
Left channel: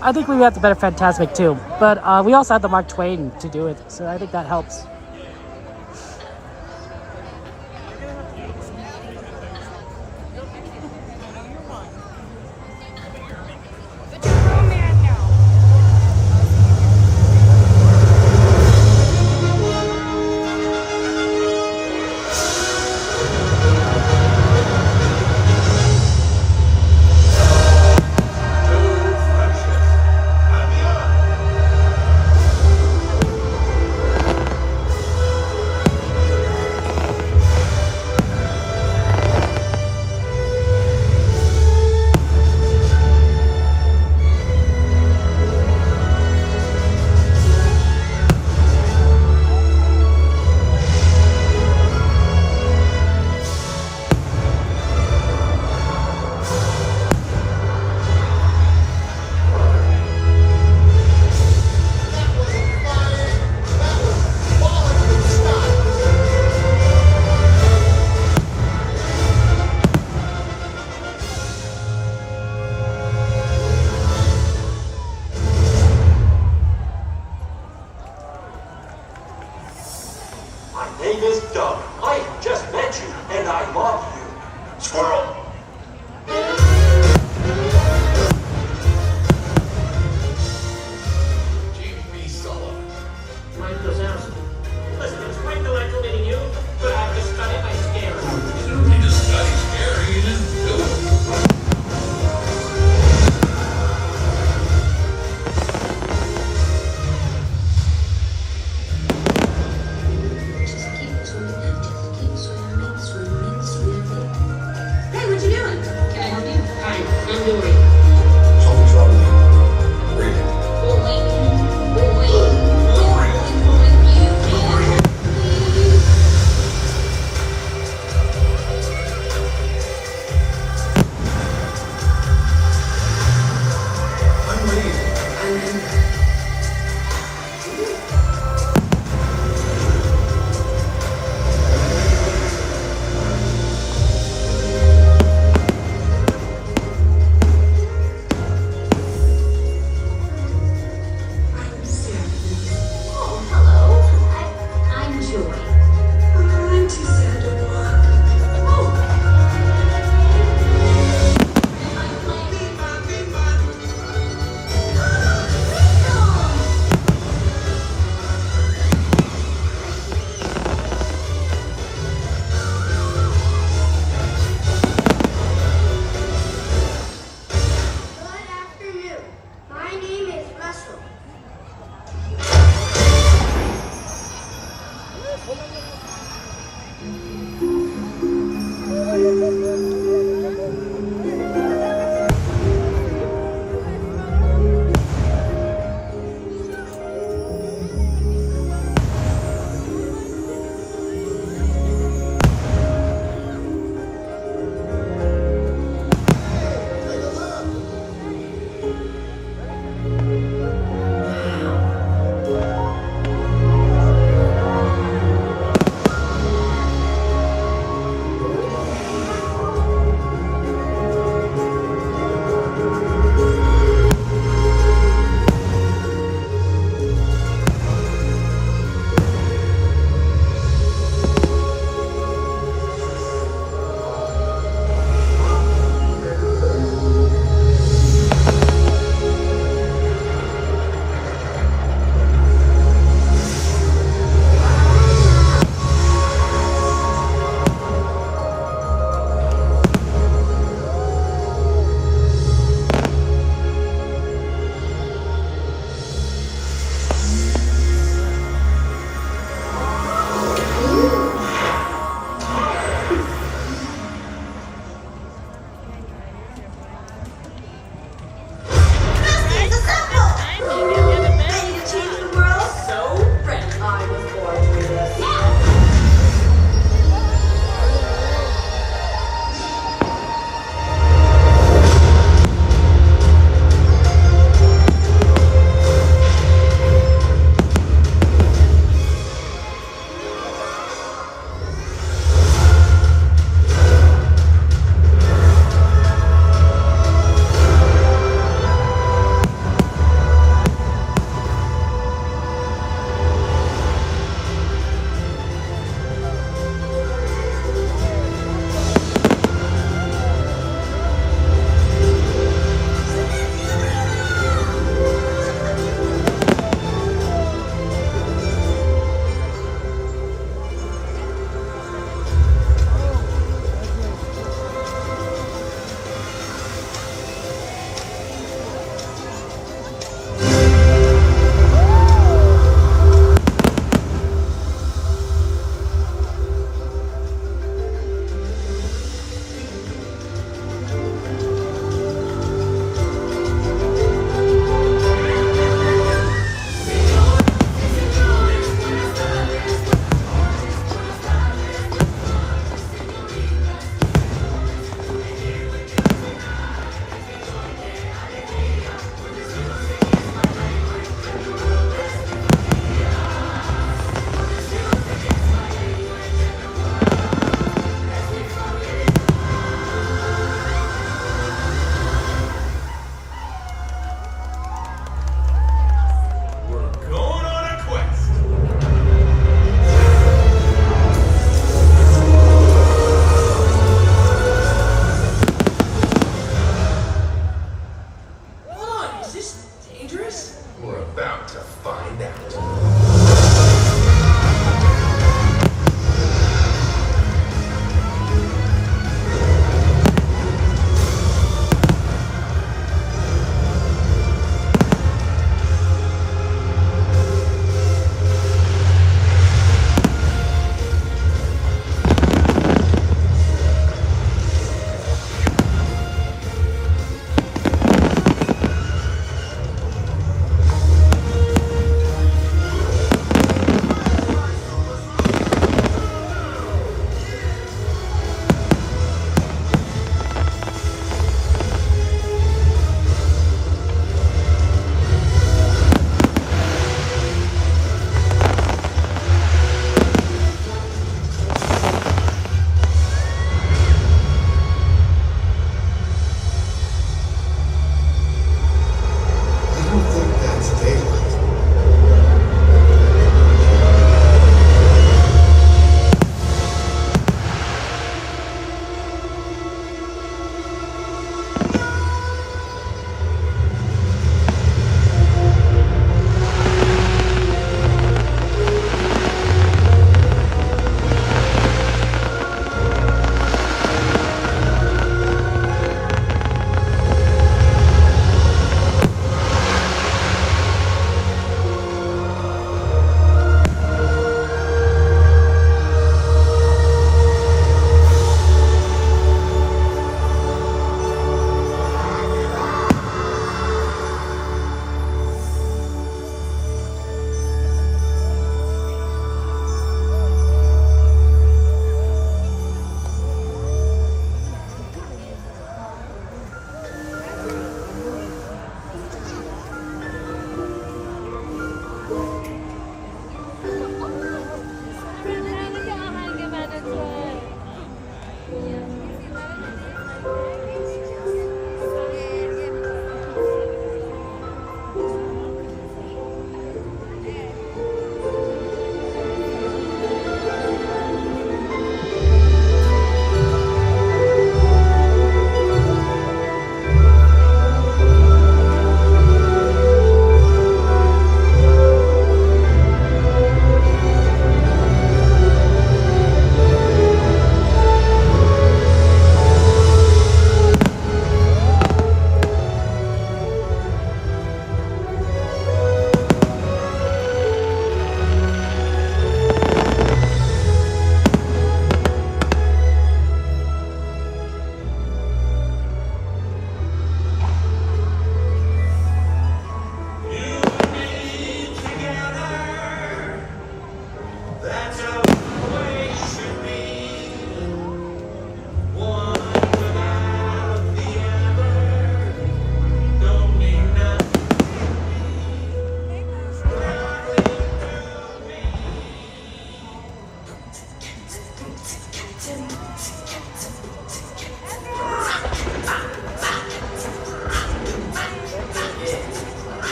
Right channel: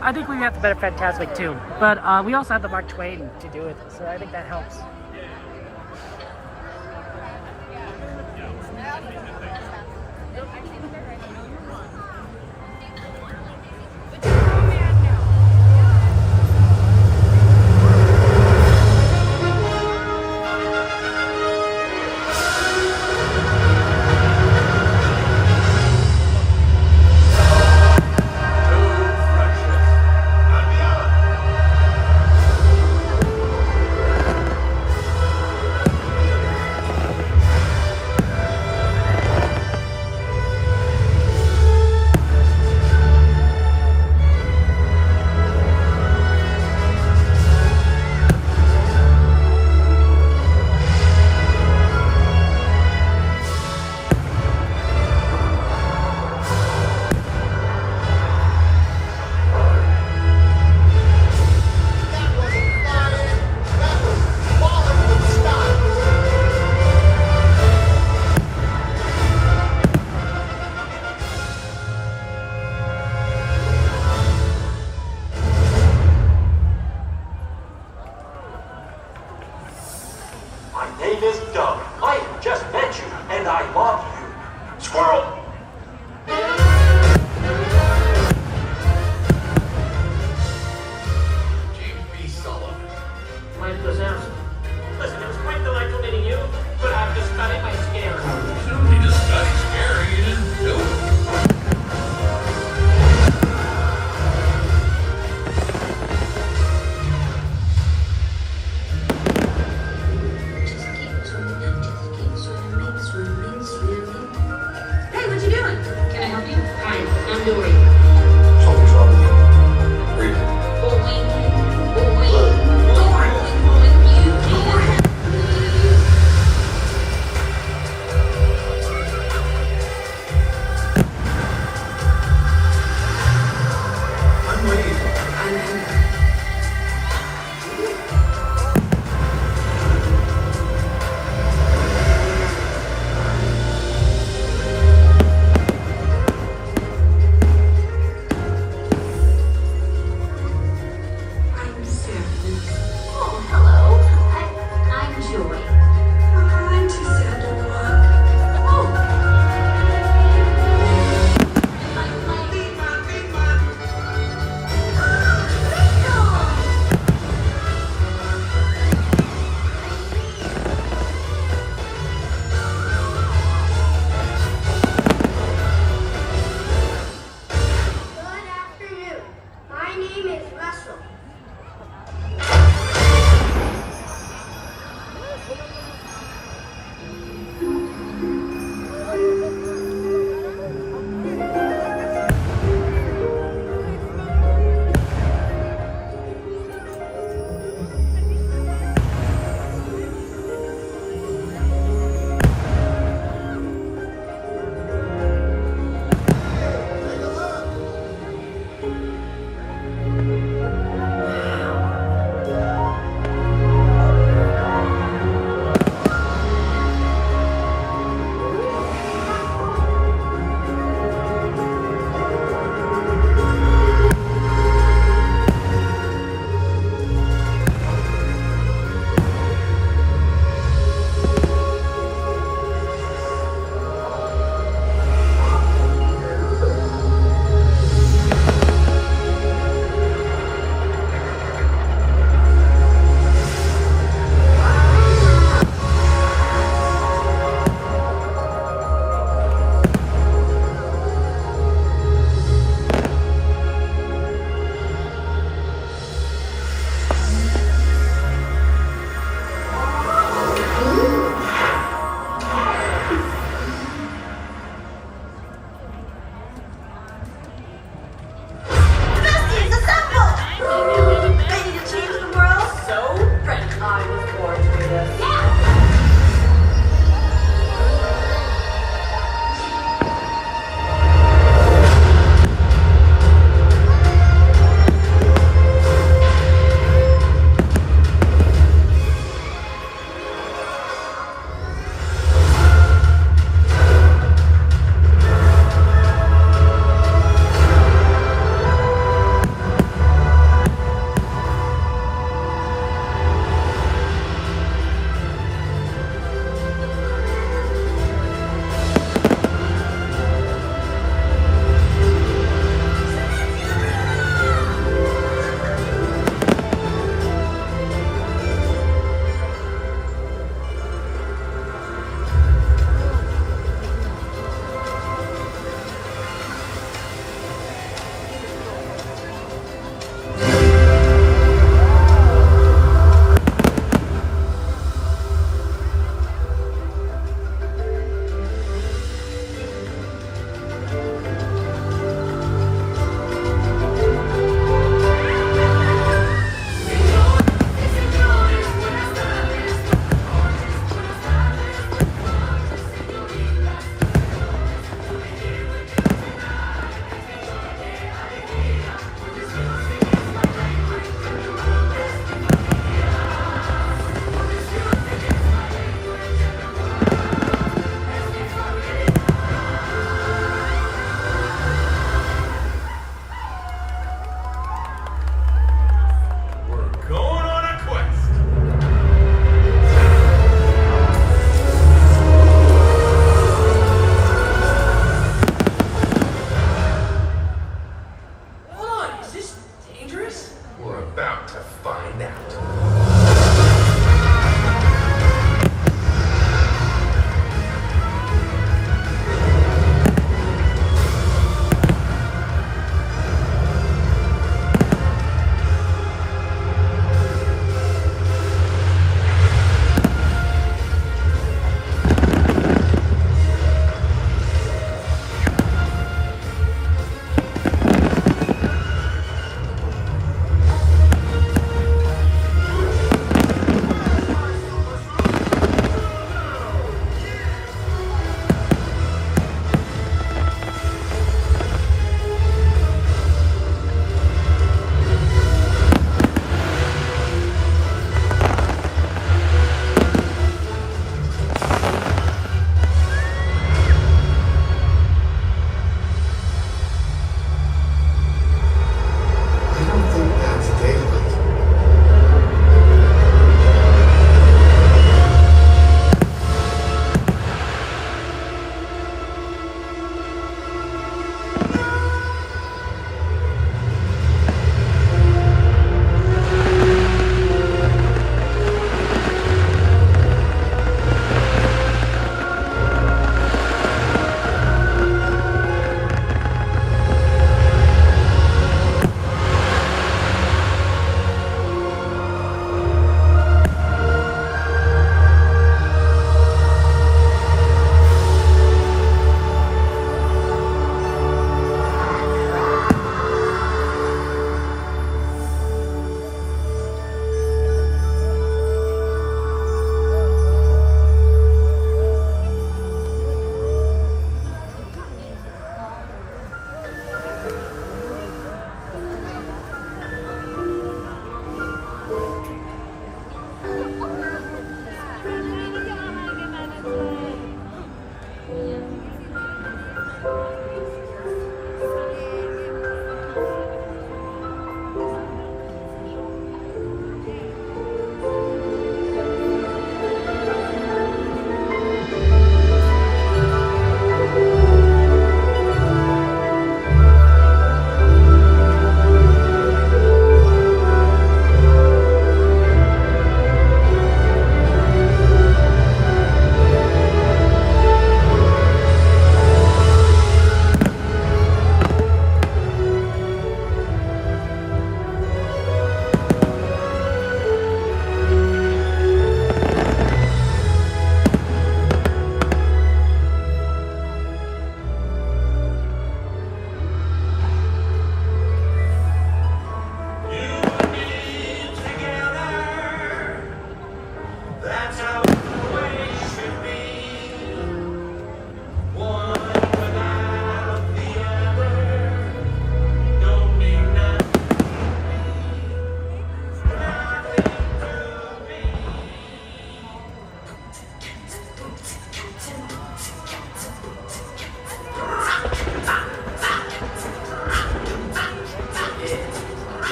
I think we have the better Fantasmic too, but we also have the Mark Twain to do it, so I think that helps.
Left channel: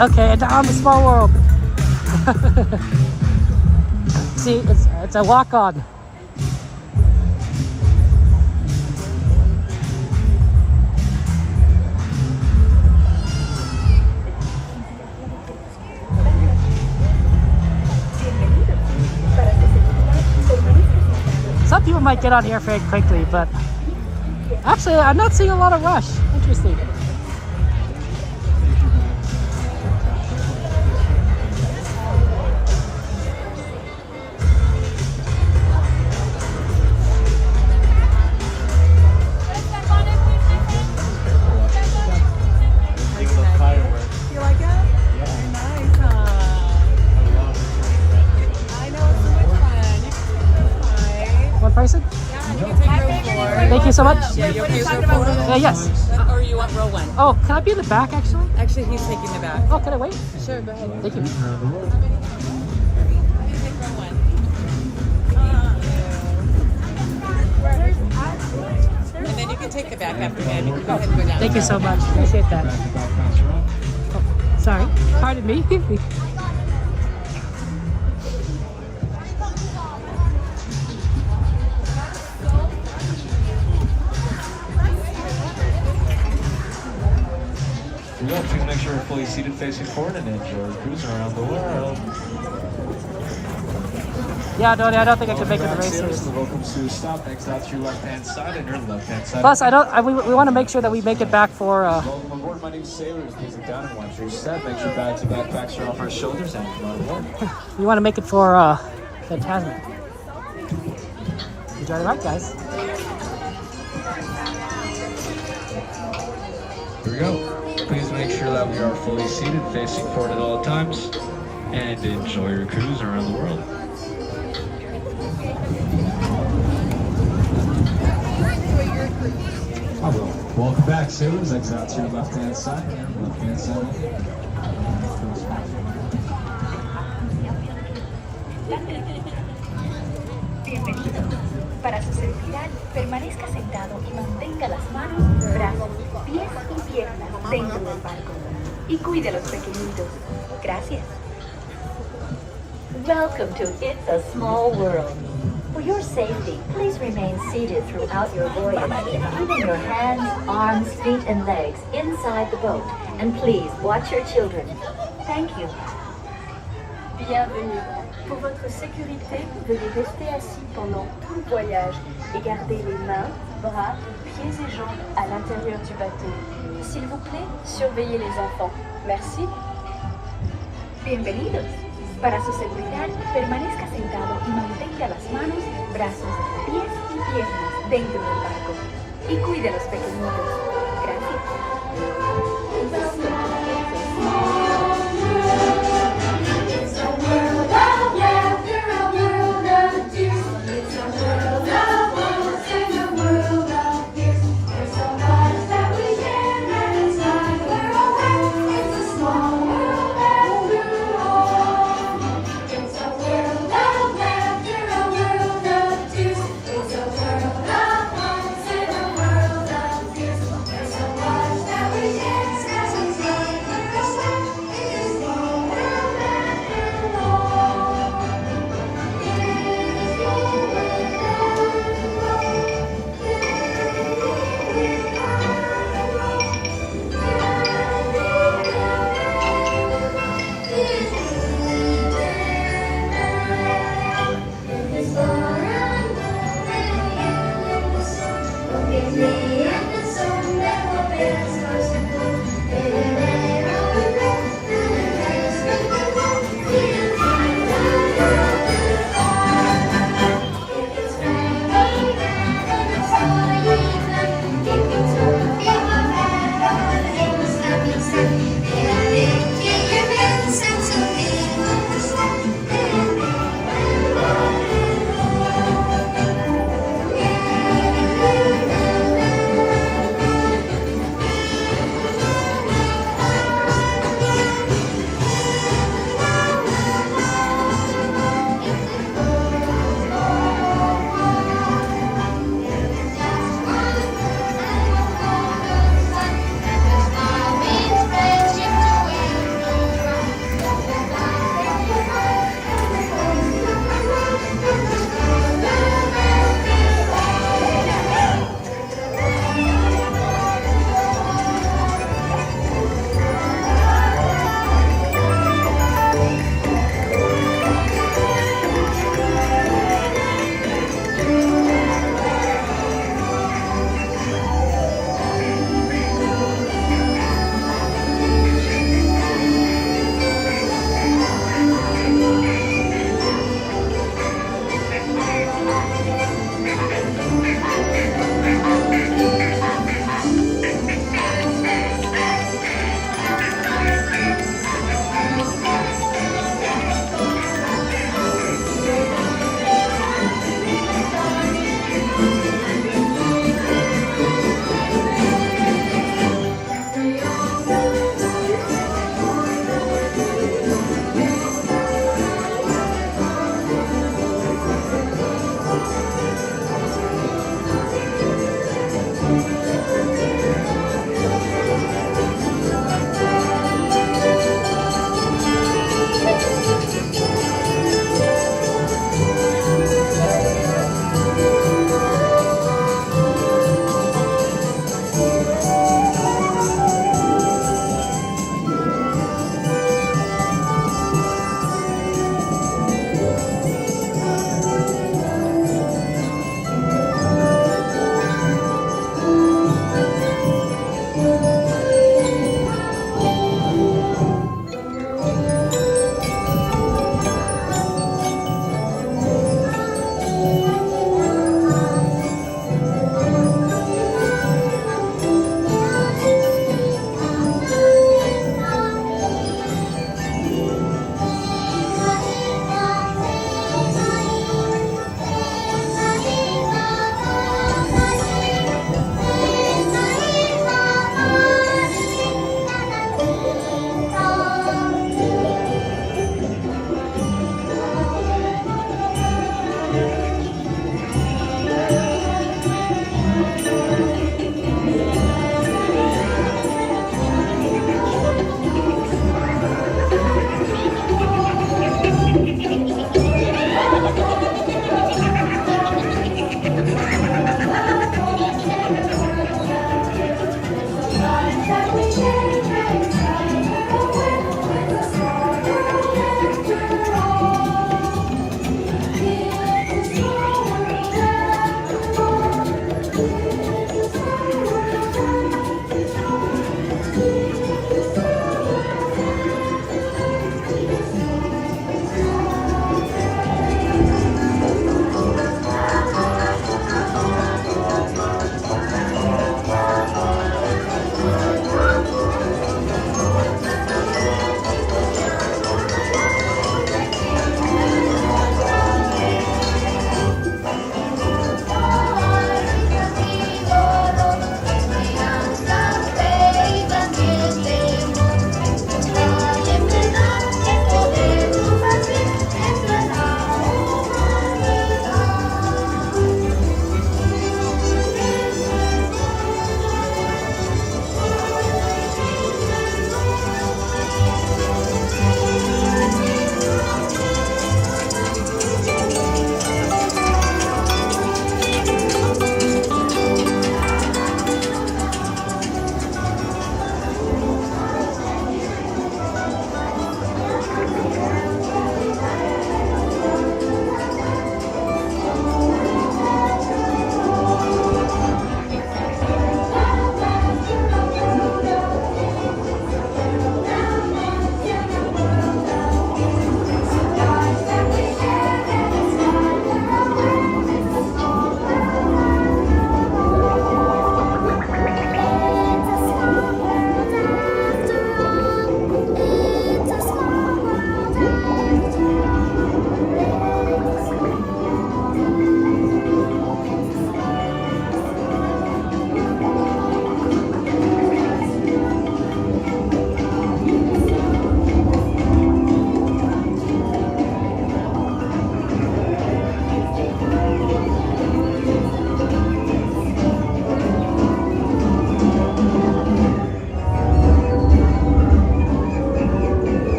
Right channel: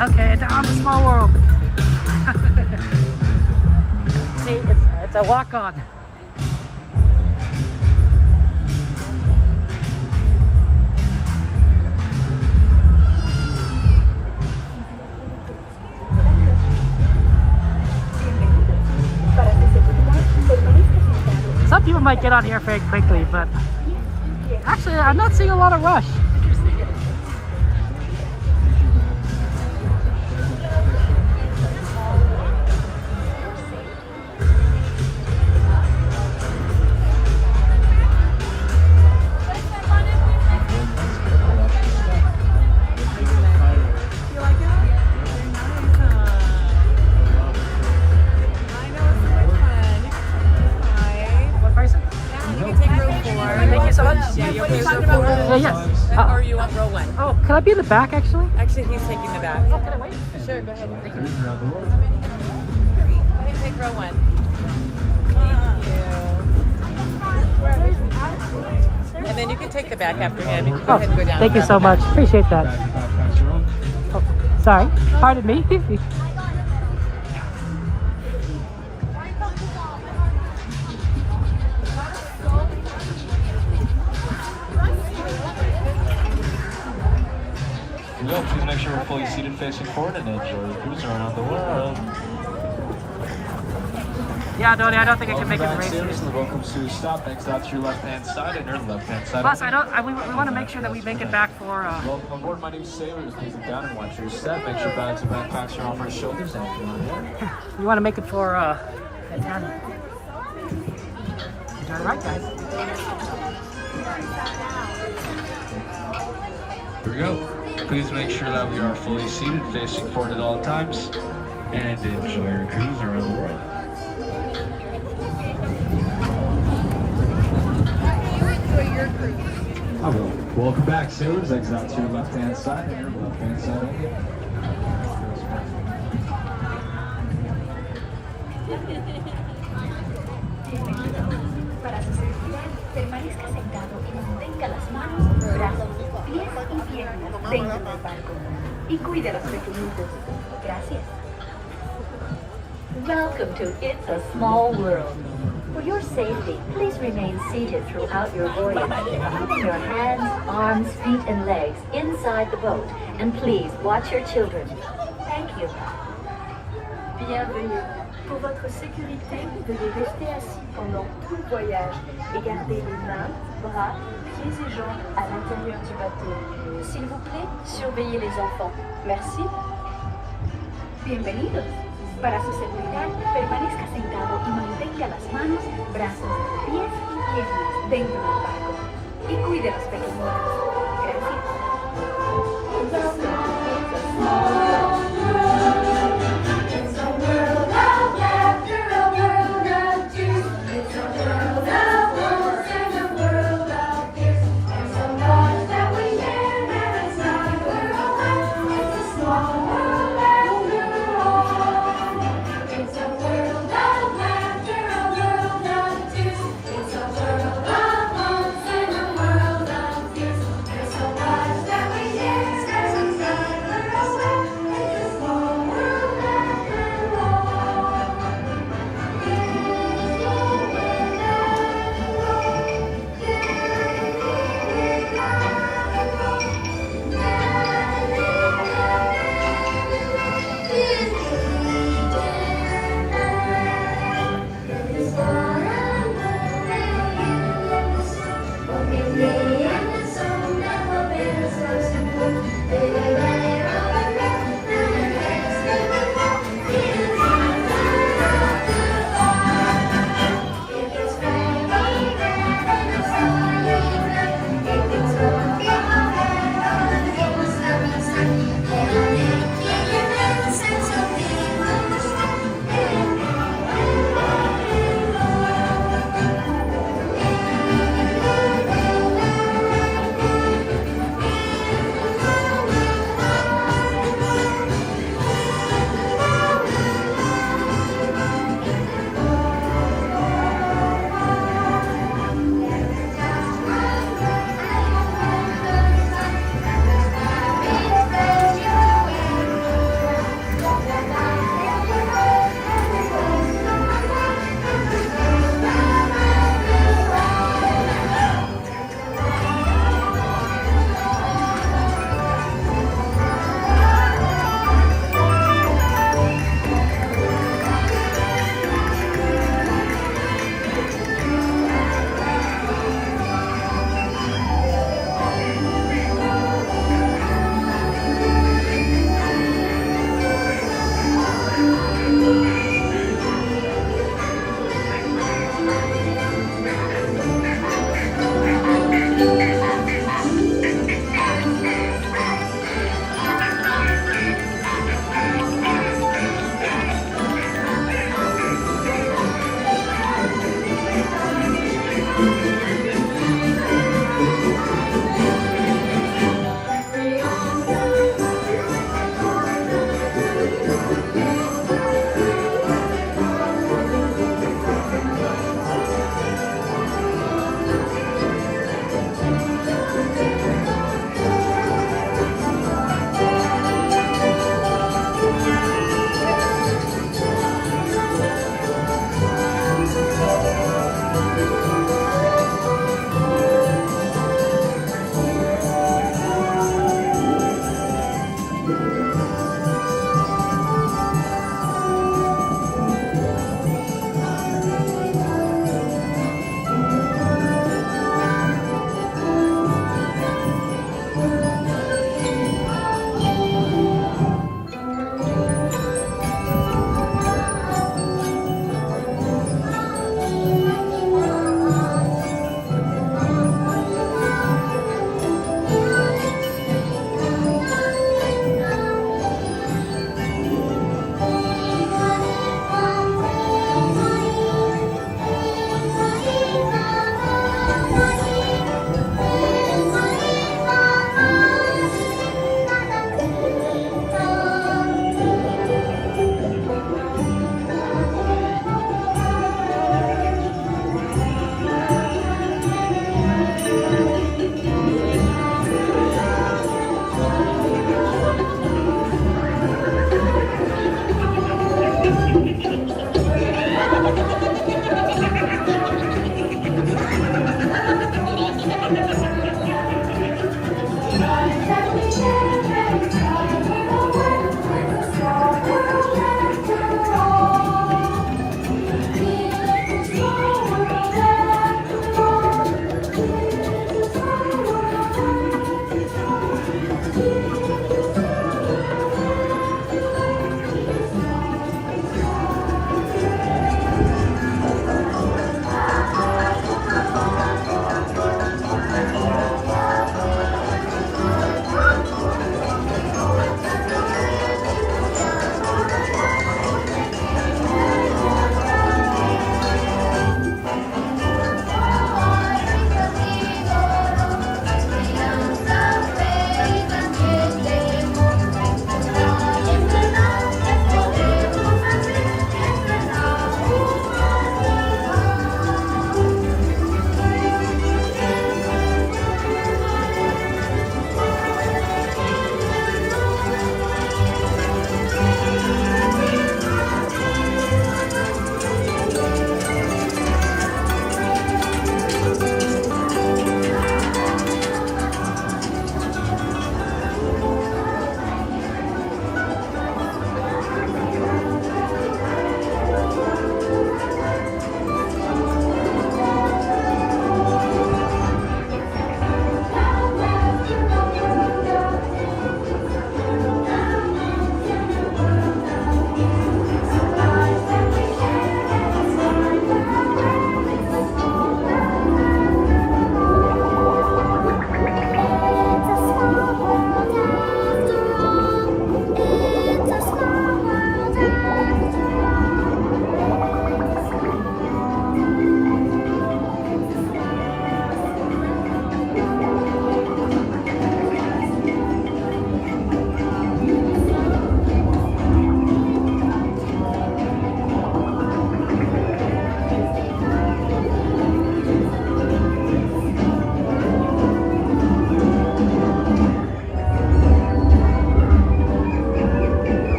Okay, now I'm a small world. See, it's a walk-on. Some people might get on here very quickly, but actually I'm not seeing a lot of rush. Interesting. Thank you so much. What are you talking about? Yes. Or you want Rolling? Oh, can I be in the back actually? Actually, he's taking the back. Oh, can I wait? Sure, go ahead. Thank you. Take row one. And then you can take the back after that. You can go Oh, ahead and go down. thank you so much. Appreciate that. Oh, sorry. Pardon me. Yeah, please make sure we're fully seated facing forward and enjoy the cruise around the world. Yeah, Donnie, I don't think I can make it the race here. Welcome to stop. Exit out to your left-hand side and your left-hand side. Plus, we want to make sure that we make it back for. Welcome aboard, my name is Sailors. Please look down and watch your step. Make sure bags and backpacks are off our shoulders and come on board. We want to make it for Fantasmic. Enjoy the ride, guys. Here we go. Please make sure that we are fully seated, facing forward at all times, and enjoy your cruise around the world. Welcome back, sailors. Exit out to your left-hand side. Left-hand side. Bienvenido. Para su seguridad, permanezca sentado y mantenga las manos, brazos, pies y piernas dentro del barco. Y cuide a los pequeñitos. Gracias. Welcome to It's a Small World. For your safety, please remain seated throughout your voyage, keeping your hands, arms, feet, and legs inside the boat. And please watch your children. Thank you. Bienvenue. Pour votre sécurité, veuillez rester assis pendant tout le voyage et garder les mains, bras, pieds et jambes à l'intérieur du bateau. S'il vous plaît, surveillez les enfants. Merci. Bienvenidos. Para su seguridad, permanezca sentado y mantenga las manos, brazos, pies y piernas dentro del barco. Y cuide a los pequeñitos. Gracias.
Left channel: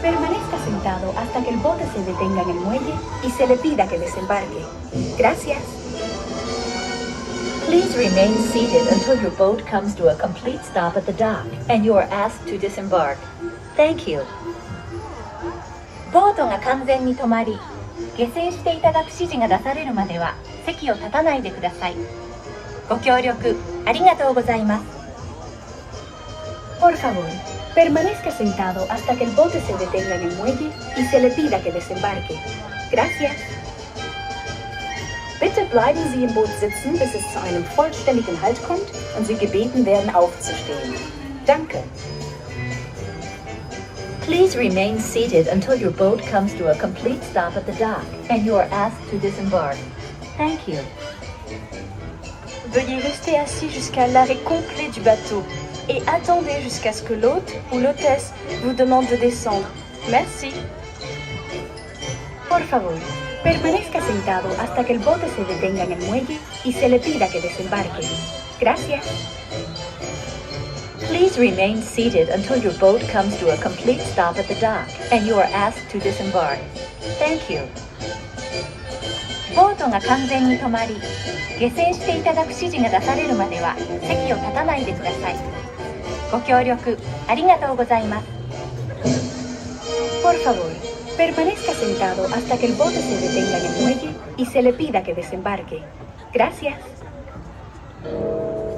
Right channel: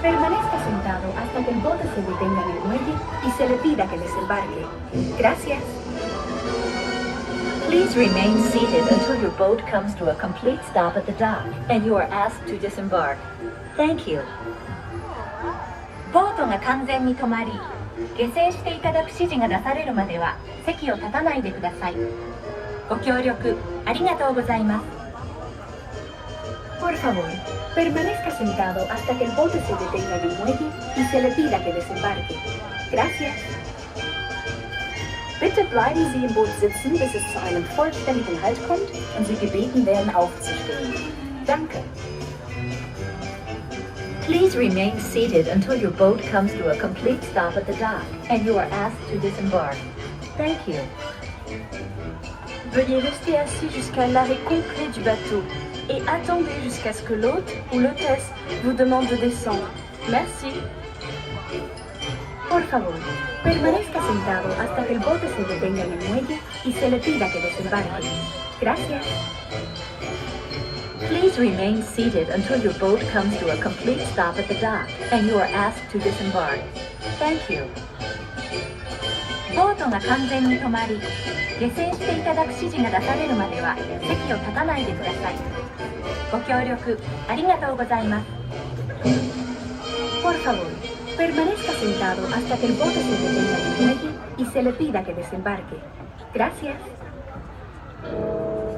Permanezca sentado hasta que el bote se detenga en el muelle y se le pida que desembarque. Gracias. Please remain seated until your boat comes to a complete stop at the dock and you are asked to disembark. Thank you. ボートが完全に止まり、下船していただく指示が出されるまでは席を立たないでください。ご協力ありがとうございます。Por favor, permanezca sentado hasta que el bote se detenga en el muelle y se le pida que desembarque. Gracias. Bitte bleiben Sie im Boot sitzen, bis es zu einem vollständigen Halt kommt und Sie gebeten werden, aufzustehen. Danke. Please remain seated until your boat comes to a complete stop at the dock and you are asked to disembark. Thank you. Veuillez rester assis jusqu'à l'arrêt complet du bateau et attendez jusqu'à ce que l'hôte ou l'hôtesse vous demande de descendre. Merci. Por favor, permanezca sentado hasta que el bote se detenga en el muelle y se le pida que desembarque. Gracias. Please remain seated until your boat comes to a complete stop at the dock and you are asked to disembark. Thank you. ボートが完全に止まり、下船していただく指示が出されるまでは席を立たないでください。ご協力ありがとうございます。Por favor, permanezca sentado hasta que el bote se detenga en el muelle y se le pida que desembarque. Gracias.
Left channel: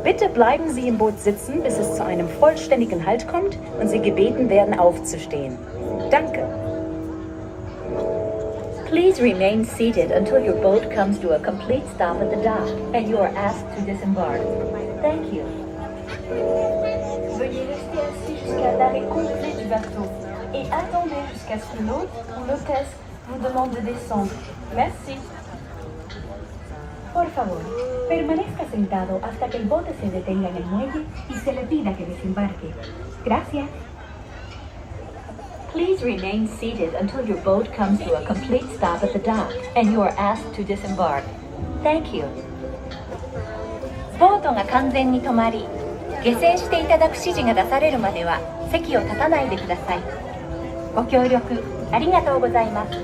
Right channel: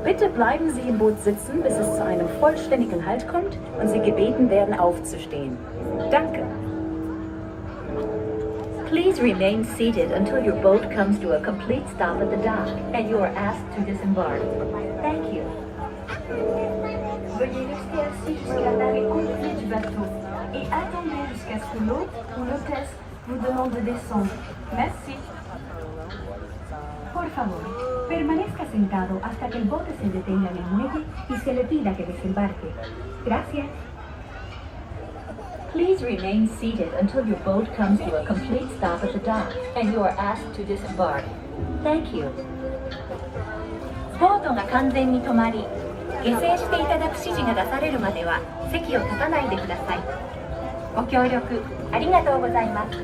Bitte bleiben Sie im Boot sitzen, bis es zu einem vollständigen Halt kommt und Sie gebeten werden, aufzustehen. Danke. Please remain seated until your boat comes to a complete stop at the dock and you are asked to disembark. Thank you. Veuillez rester assis jusqu'à l'arrêt complet du bateau et attendez jusqu'à ce que l'hôte ou l'hôtesse vous demande de descendre. Merci. Por favor, permanezca sentado hasta que el bote se detenga en el muelle y se le pida que desembarque. Gracias. Please remain seated until your boat comes to a complete stop at the dock and you are asked to disembark. Thank you. ボートが完全に止まり、下船していただく指示が出されるまでは席を立たないでください。ご協力ありがとうございます。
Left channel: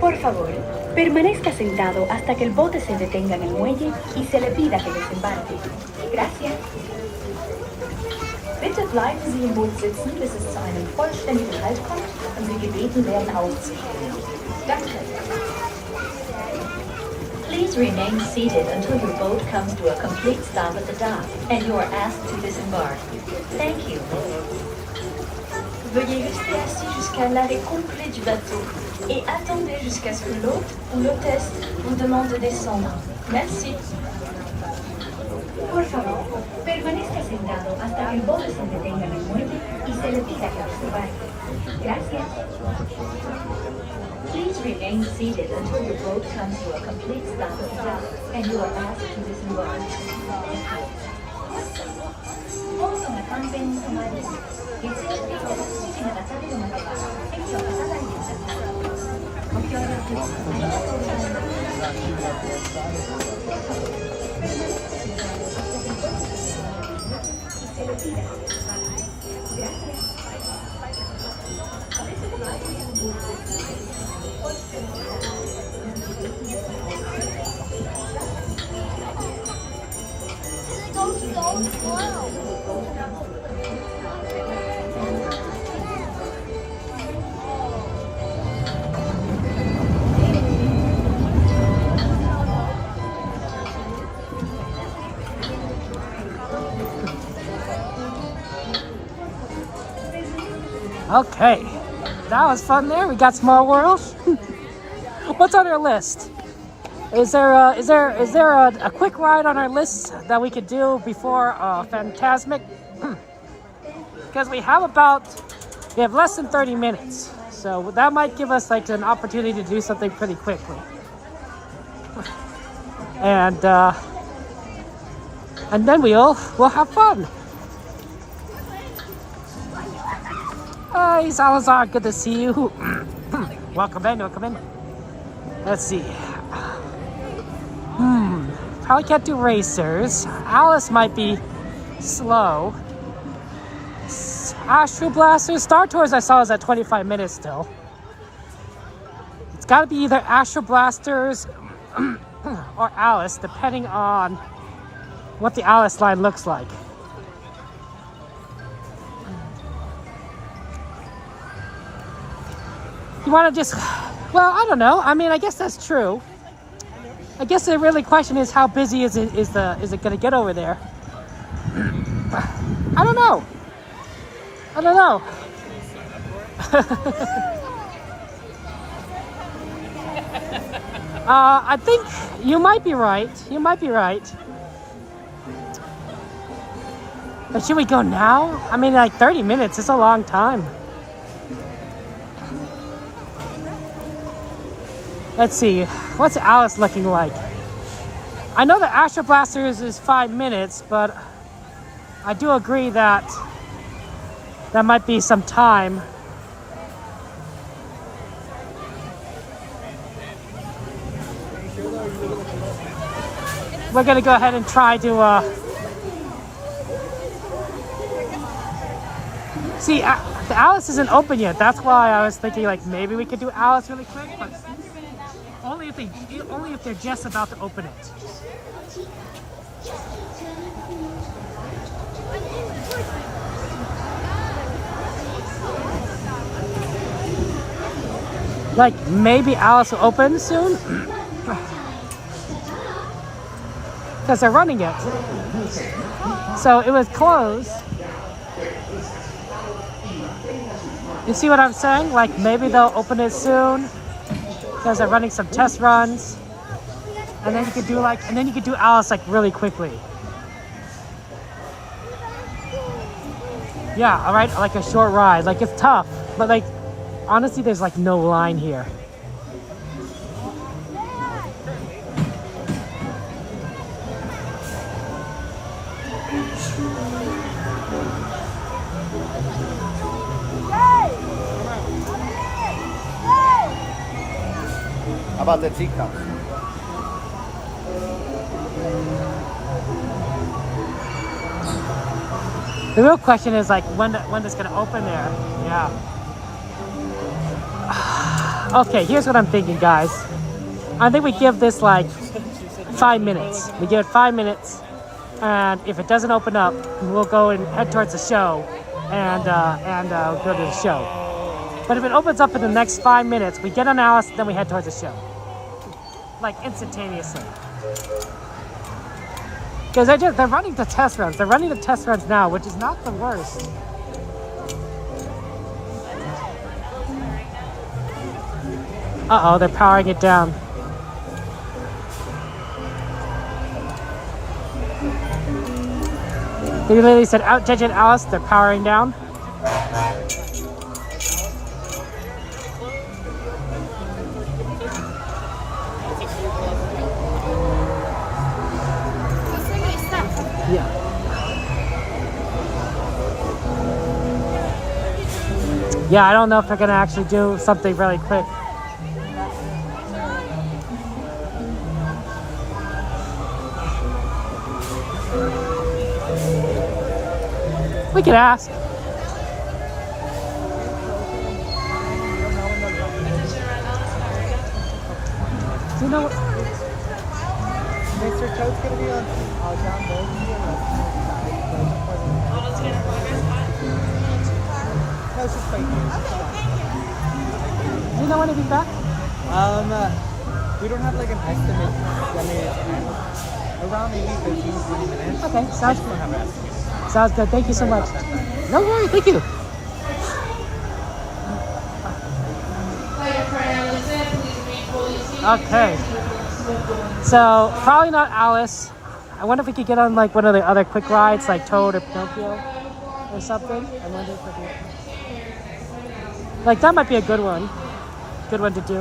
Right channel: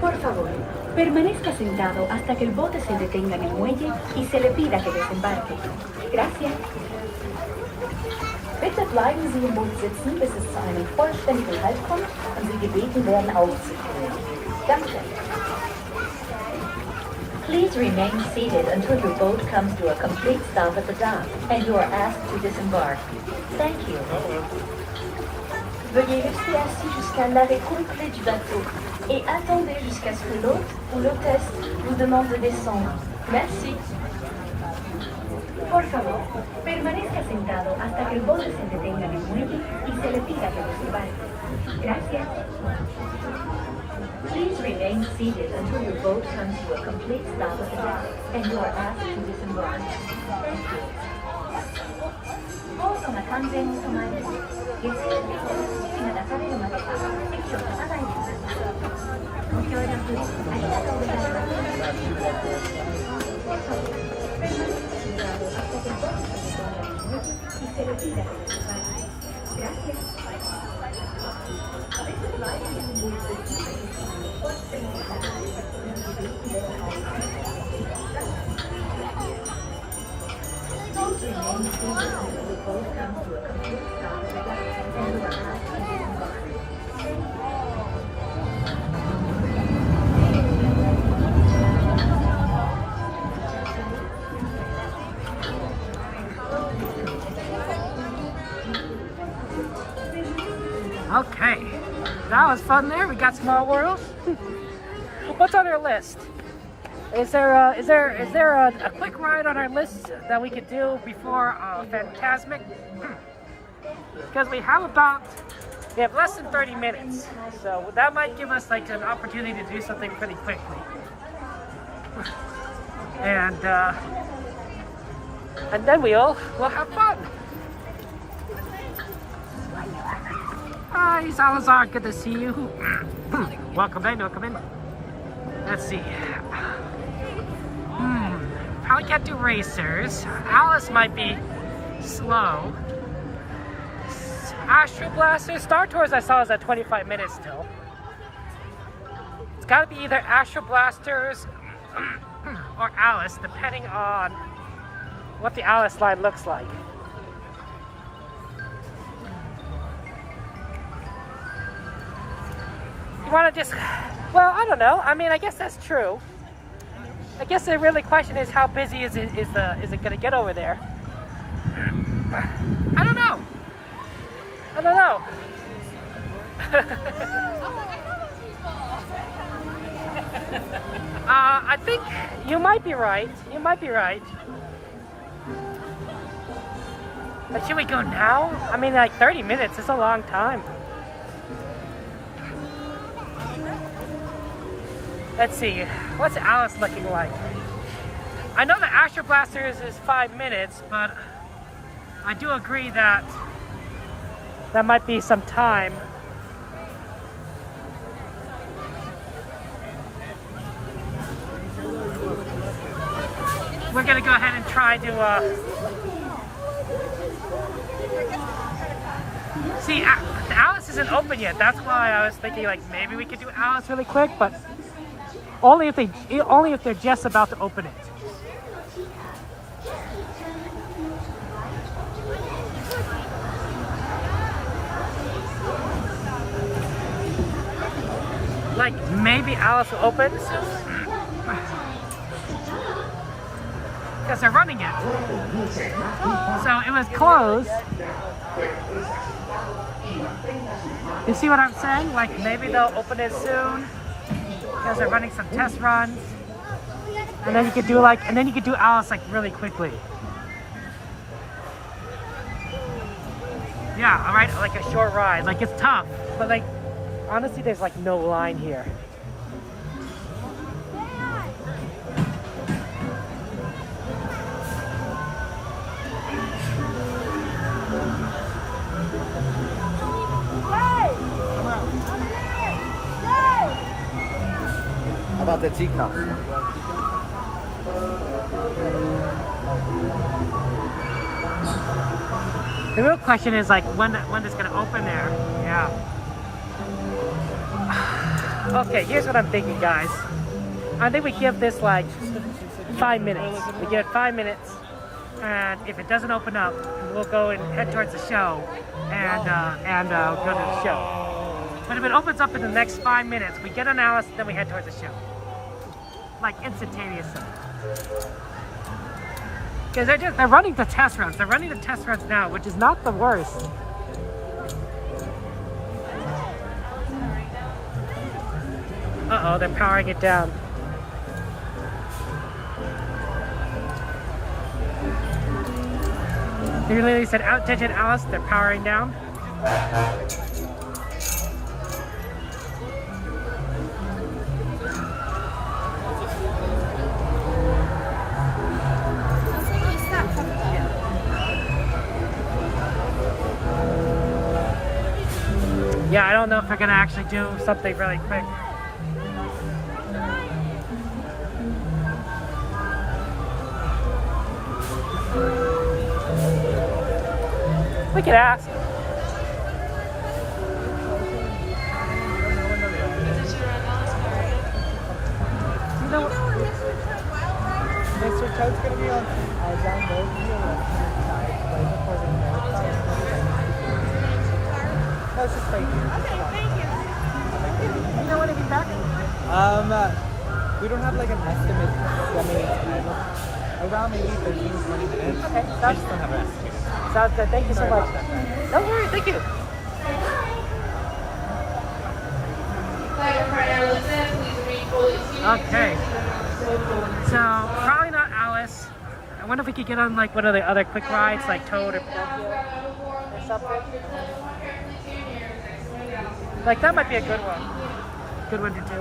Por favor, permanezca sentado hasta que el bote se detenga en el muelle y se le pida que desembarque. Gracias. Bitte bleiben Sie im Boot sitzen, bis es zu einem vollständigen Halt kommt und Sie gebeten werden, aufzustehen. Danke. Please remain seated until your boat comes to a complete stop at the dock and you are asked to disembark. Thank you. Veuillez rester assis jusqu'à l'arrêt complet du bateau et attendez jusqu'à ce que l'hôte ou l'hôtesse vous demande de descendre. Merci. Por favor, permanezca sentado hasta que el bote se detenga en el muelle y se le pida que desembarque. Gracias. Please remain seated until your boat comes to a complete stop at the dock and you are asked to disembark. Thank you. ボートが完全に止まり、下船していただく指示が出されるまでは席を立たないでください。ご協力ありがとうございますOkay, that was fun there. We got Small World. What's on our list? Is there a quick ride on our list that we could do before Fantasmic? Because we have less than 30 minutes, so that might give us like an opportunity to do something pretty quickly. And then we'll have fun. Hi, Salazar, good to see you. Welcome in. Let's see. Probably can't do racers. Alice might be slow. Astro Blasters. Star Tours I saw is at 25 minutes still. It's got to be either Astro Blasters or Alice, depending on what the Alice line looks like. You want to just, well, I don't know. I mean, I guess that's true. I guess the really question is how busy is it going to get over there? I don't know. I don't know. I think you might be right. You might be right. But should we go now? I mean, like 30 minutes is a long time. Let's see. What's Alice looking like? I know the Astro Blasters is 5 minutes, but I do agree that that might be some time. We're gonna go ahead and try to see. The Alice isn't open yet. That's why I was thinking like maybe we could do Alice really quick, but only if they're just about to open it. Like maybe Alice will open soon. Because they're running it. So it was closed. You see what I'm saying? Like maybe they'll open it soon. Because they're running some test runs. And then you could do Alice like really quickly. Yeah, alright, like a short ride. Like it's tough. But like honestly there's like no line here. How about the teacups? The real question is like when it's gonna open there. Yeah. Okay, here's what I'm thinking, guys. I think we give this like 5 minutes. We give it 5 minutes, and if it doesn't open up, we'll go and head towards the show, and go to the show. But if it opens up in the next 5 minutes, we get on Alice, then we head towards the show. Like instantaneously. Because they're running the test runs. They're running the test runs now, which is not the worst. Uh-oh, they're powering it down. They literally said, "Attention, Alice," they're powering down. Yeah, I don't know if they're gonna actually do something really quick. We can ask. Mr. Toad's gonna be on. Do you know anything back? We don't have like an estimate. I mean, around maybe 15, 20 minutes. Okay, I just don't have an estimate. Sounds good. Thank you so much. No worries. Thank you. Okay. So probably not Alice. I wonder if we could get on like one of the other quick rides, like Toad or Pinocchio or something. Like that might be a good one. Good one to do.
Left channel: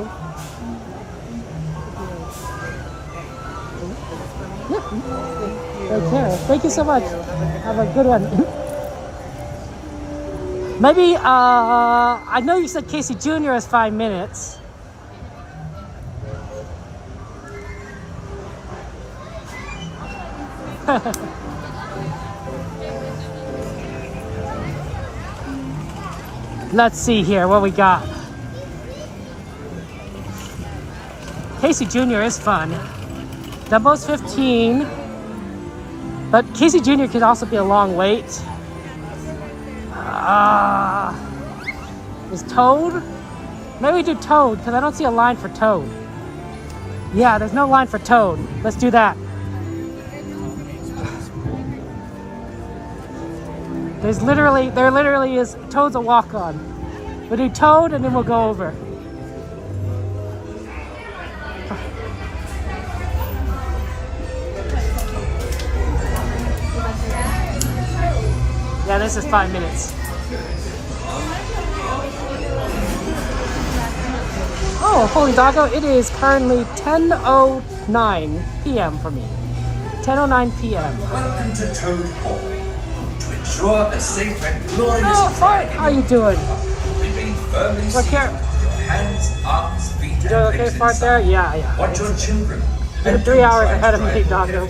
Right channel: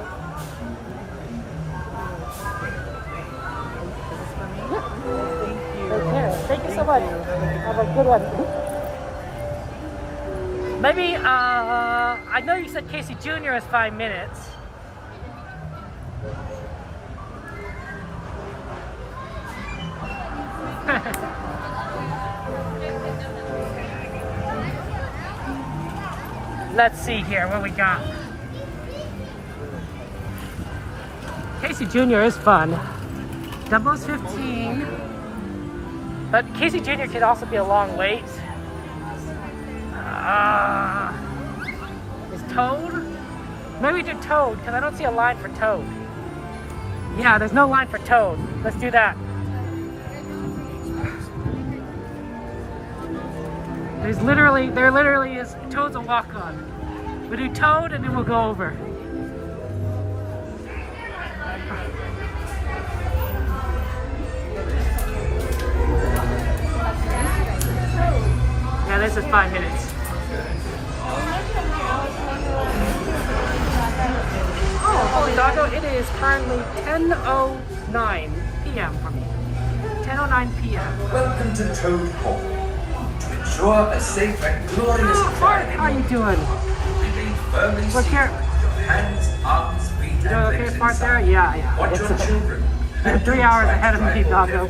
Okay. Thank you so much. Have a good one. Maybe I know you said Casey Jr. is 5 minutes. Let's see here what we got. Casey Jr. is fun. Dumbo's 15. But Casey Jr. can also be a long wait. Is Toad? Maybe we do Toad, because I don't see a line for Toad. Yeah, there's no line for Toad. Let's do that. There literally is, Toad's a walk-on. We'll do Toad and then we'll go over. Yeah, this is 5 minutes. Oh, holy doggo, it is currently 10:09 p.m. for me. 10:09 p.m. Welcome to Toad Hall. To ensure a safe and glorious Oh, Fart, how you doing? remain firmly Look here. seated with your hands, arms, feet, You doing and okay, legs Fart, inside. there? Yeah. Watch your children. You're 3 hours ahead of me, doggo.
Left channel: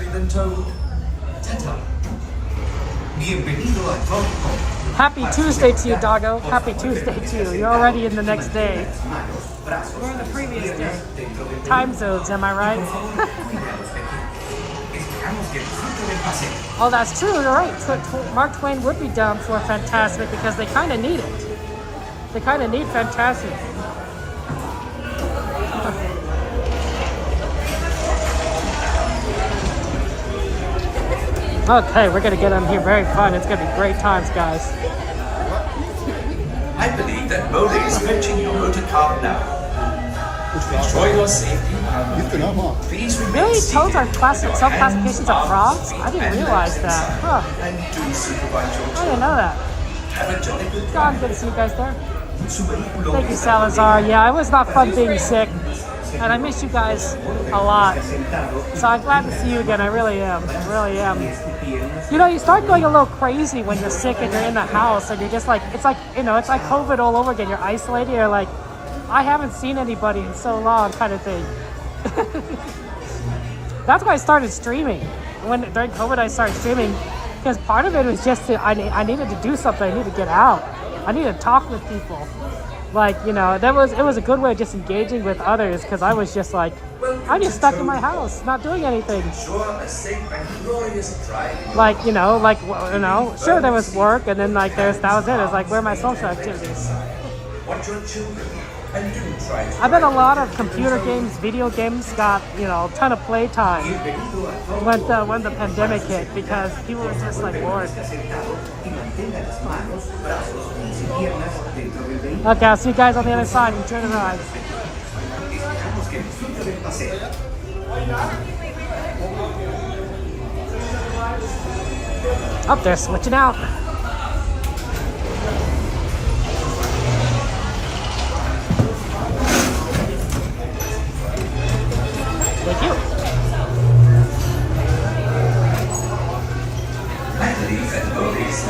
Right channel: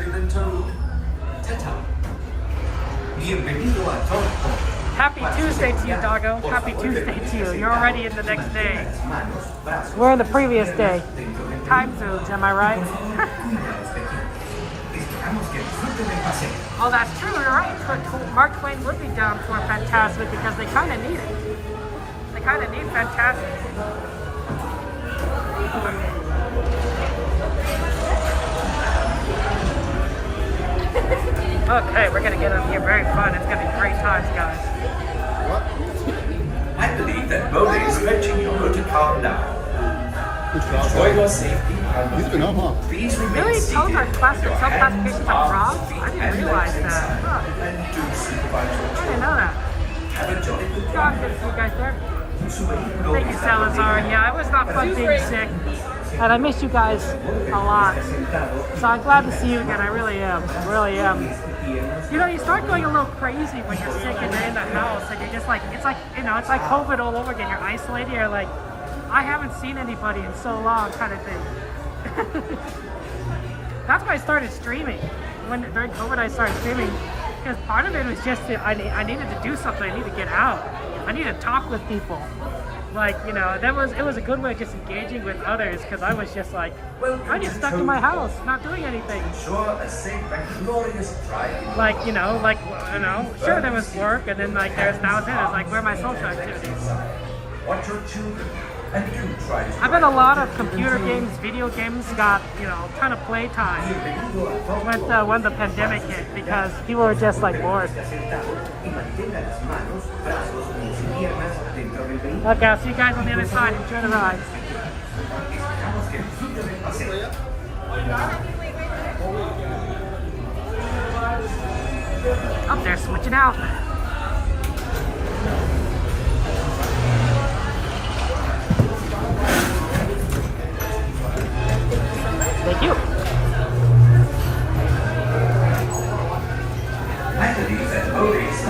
Bienvenido a Toad Hall. Happy Tuesday to you, doggo. Happy Tuesday to you. You're already in the next day. We're in the previous day. Time zones, am I right? Oh, that's true. You're right. So Mark Twain would be down for Fantasmic because they kind of need it. They kind of need Fantasmic. Okay, we're gonna get on here very fun. It's gonna be great times, guys. I believe that Mole is fetching your motor car now. To ensure your safety, please remain Really? seated Toads are with classic, your some hands, classifications of frogs? arms, I feet, didn't and realize legs that. inside. Huh. And do supervise your I didn't children. know that. Have a jolly good Oh, I'm time. good to see you guys there. Thank you, Salazar. Yeah, it was not fun being sick. And I miss you guys a lot. So I'm glad to see you again. I really am. Really am. You know, you start going a little crazy when you're sick and you're in the house and you're just like, it's like, you know, it's like COVID all over again. You're isolated. You're like, I haven't seen anybody in so long kind of thing. That's why I started streaming. During COVID, I started streaming because part of it was just I needed to do something. I needed to get out. I needed to talk with people. Like, you know, it was a good way of just engaging with others because I was just like, I'm just stuck in my house, not doing anything. Like, sure there was work and then like that was it. It was like, where are my social activities? Watch your children and do try to I bet a lot of computer games, video games got, you know, a ton of playtime when the pandemic hit because people were just like bored. Okay, I'll see you guys on the other side. Enjoy the ride. Up there, switching out. Thank you. I believe that Mole is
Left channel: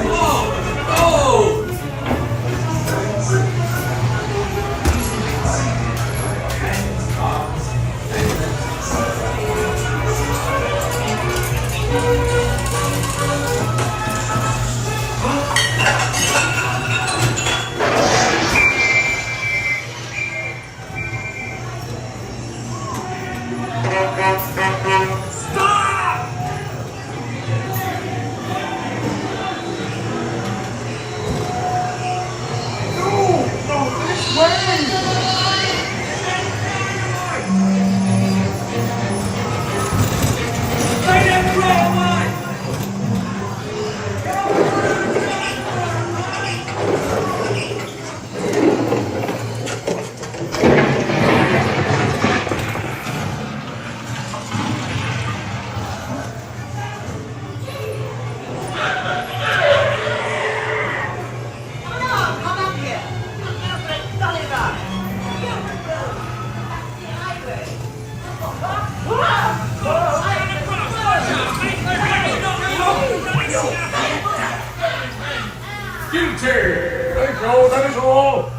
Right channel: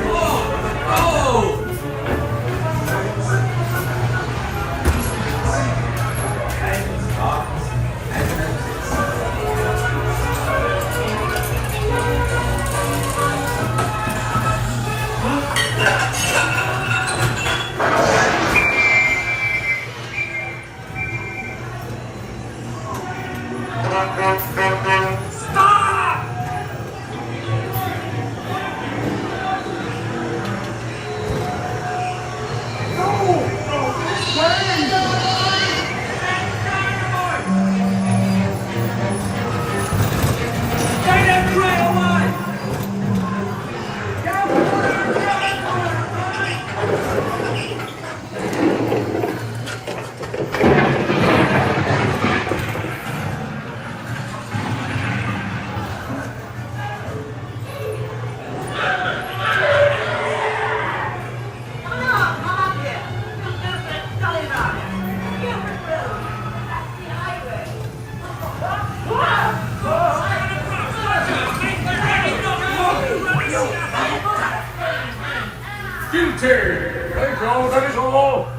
Thank you, that is all.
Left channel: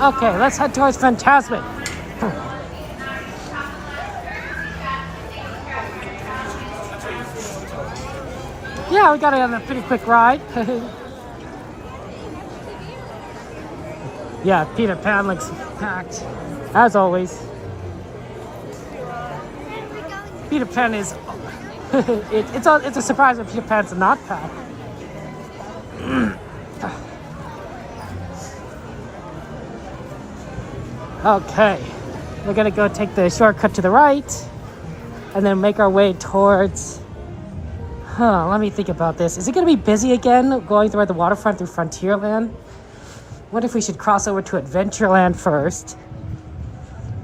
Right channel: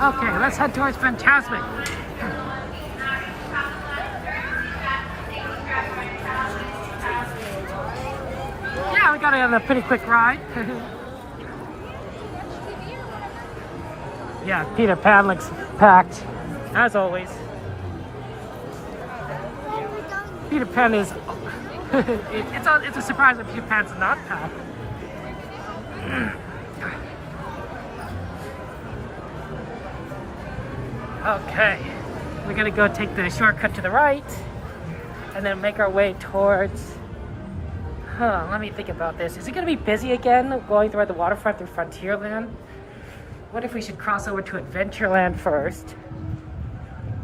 Okay, let's head towards Fantasmic. Yeah, we got it on a pretty quick ride. Yeah, Peter Pan looks packed, as always. Peter Pan is... it's a surprise that Peter Pan's not packed. Okay, we're gonna go take the shortcut to the right and then make our way towards... let me think about this. Is it gonna be busy again going through the waterfront through Frontierland? What if we should cross over to Adventureland first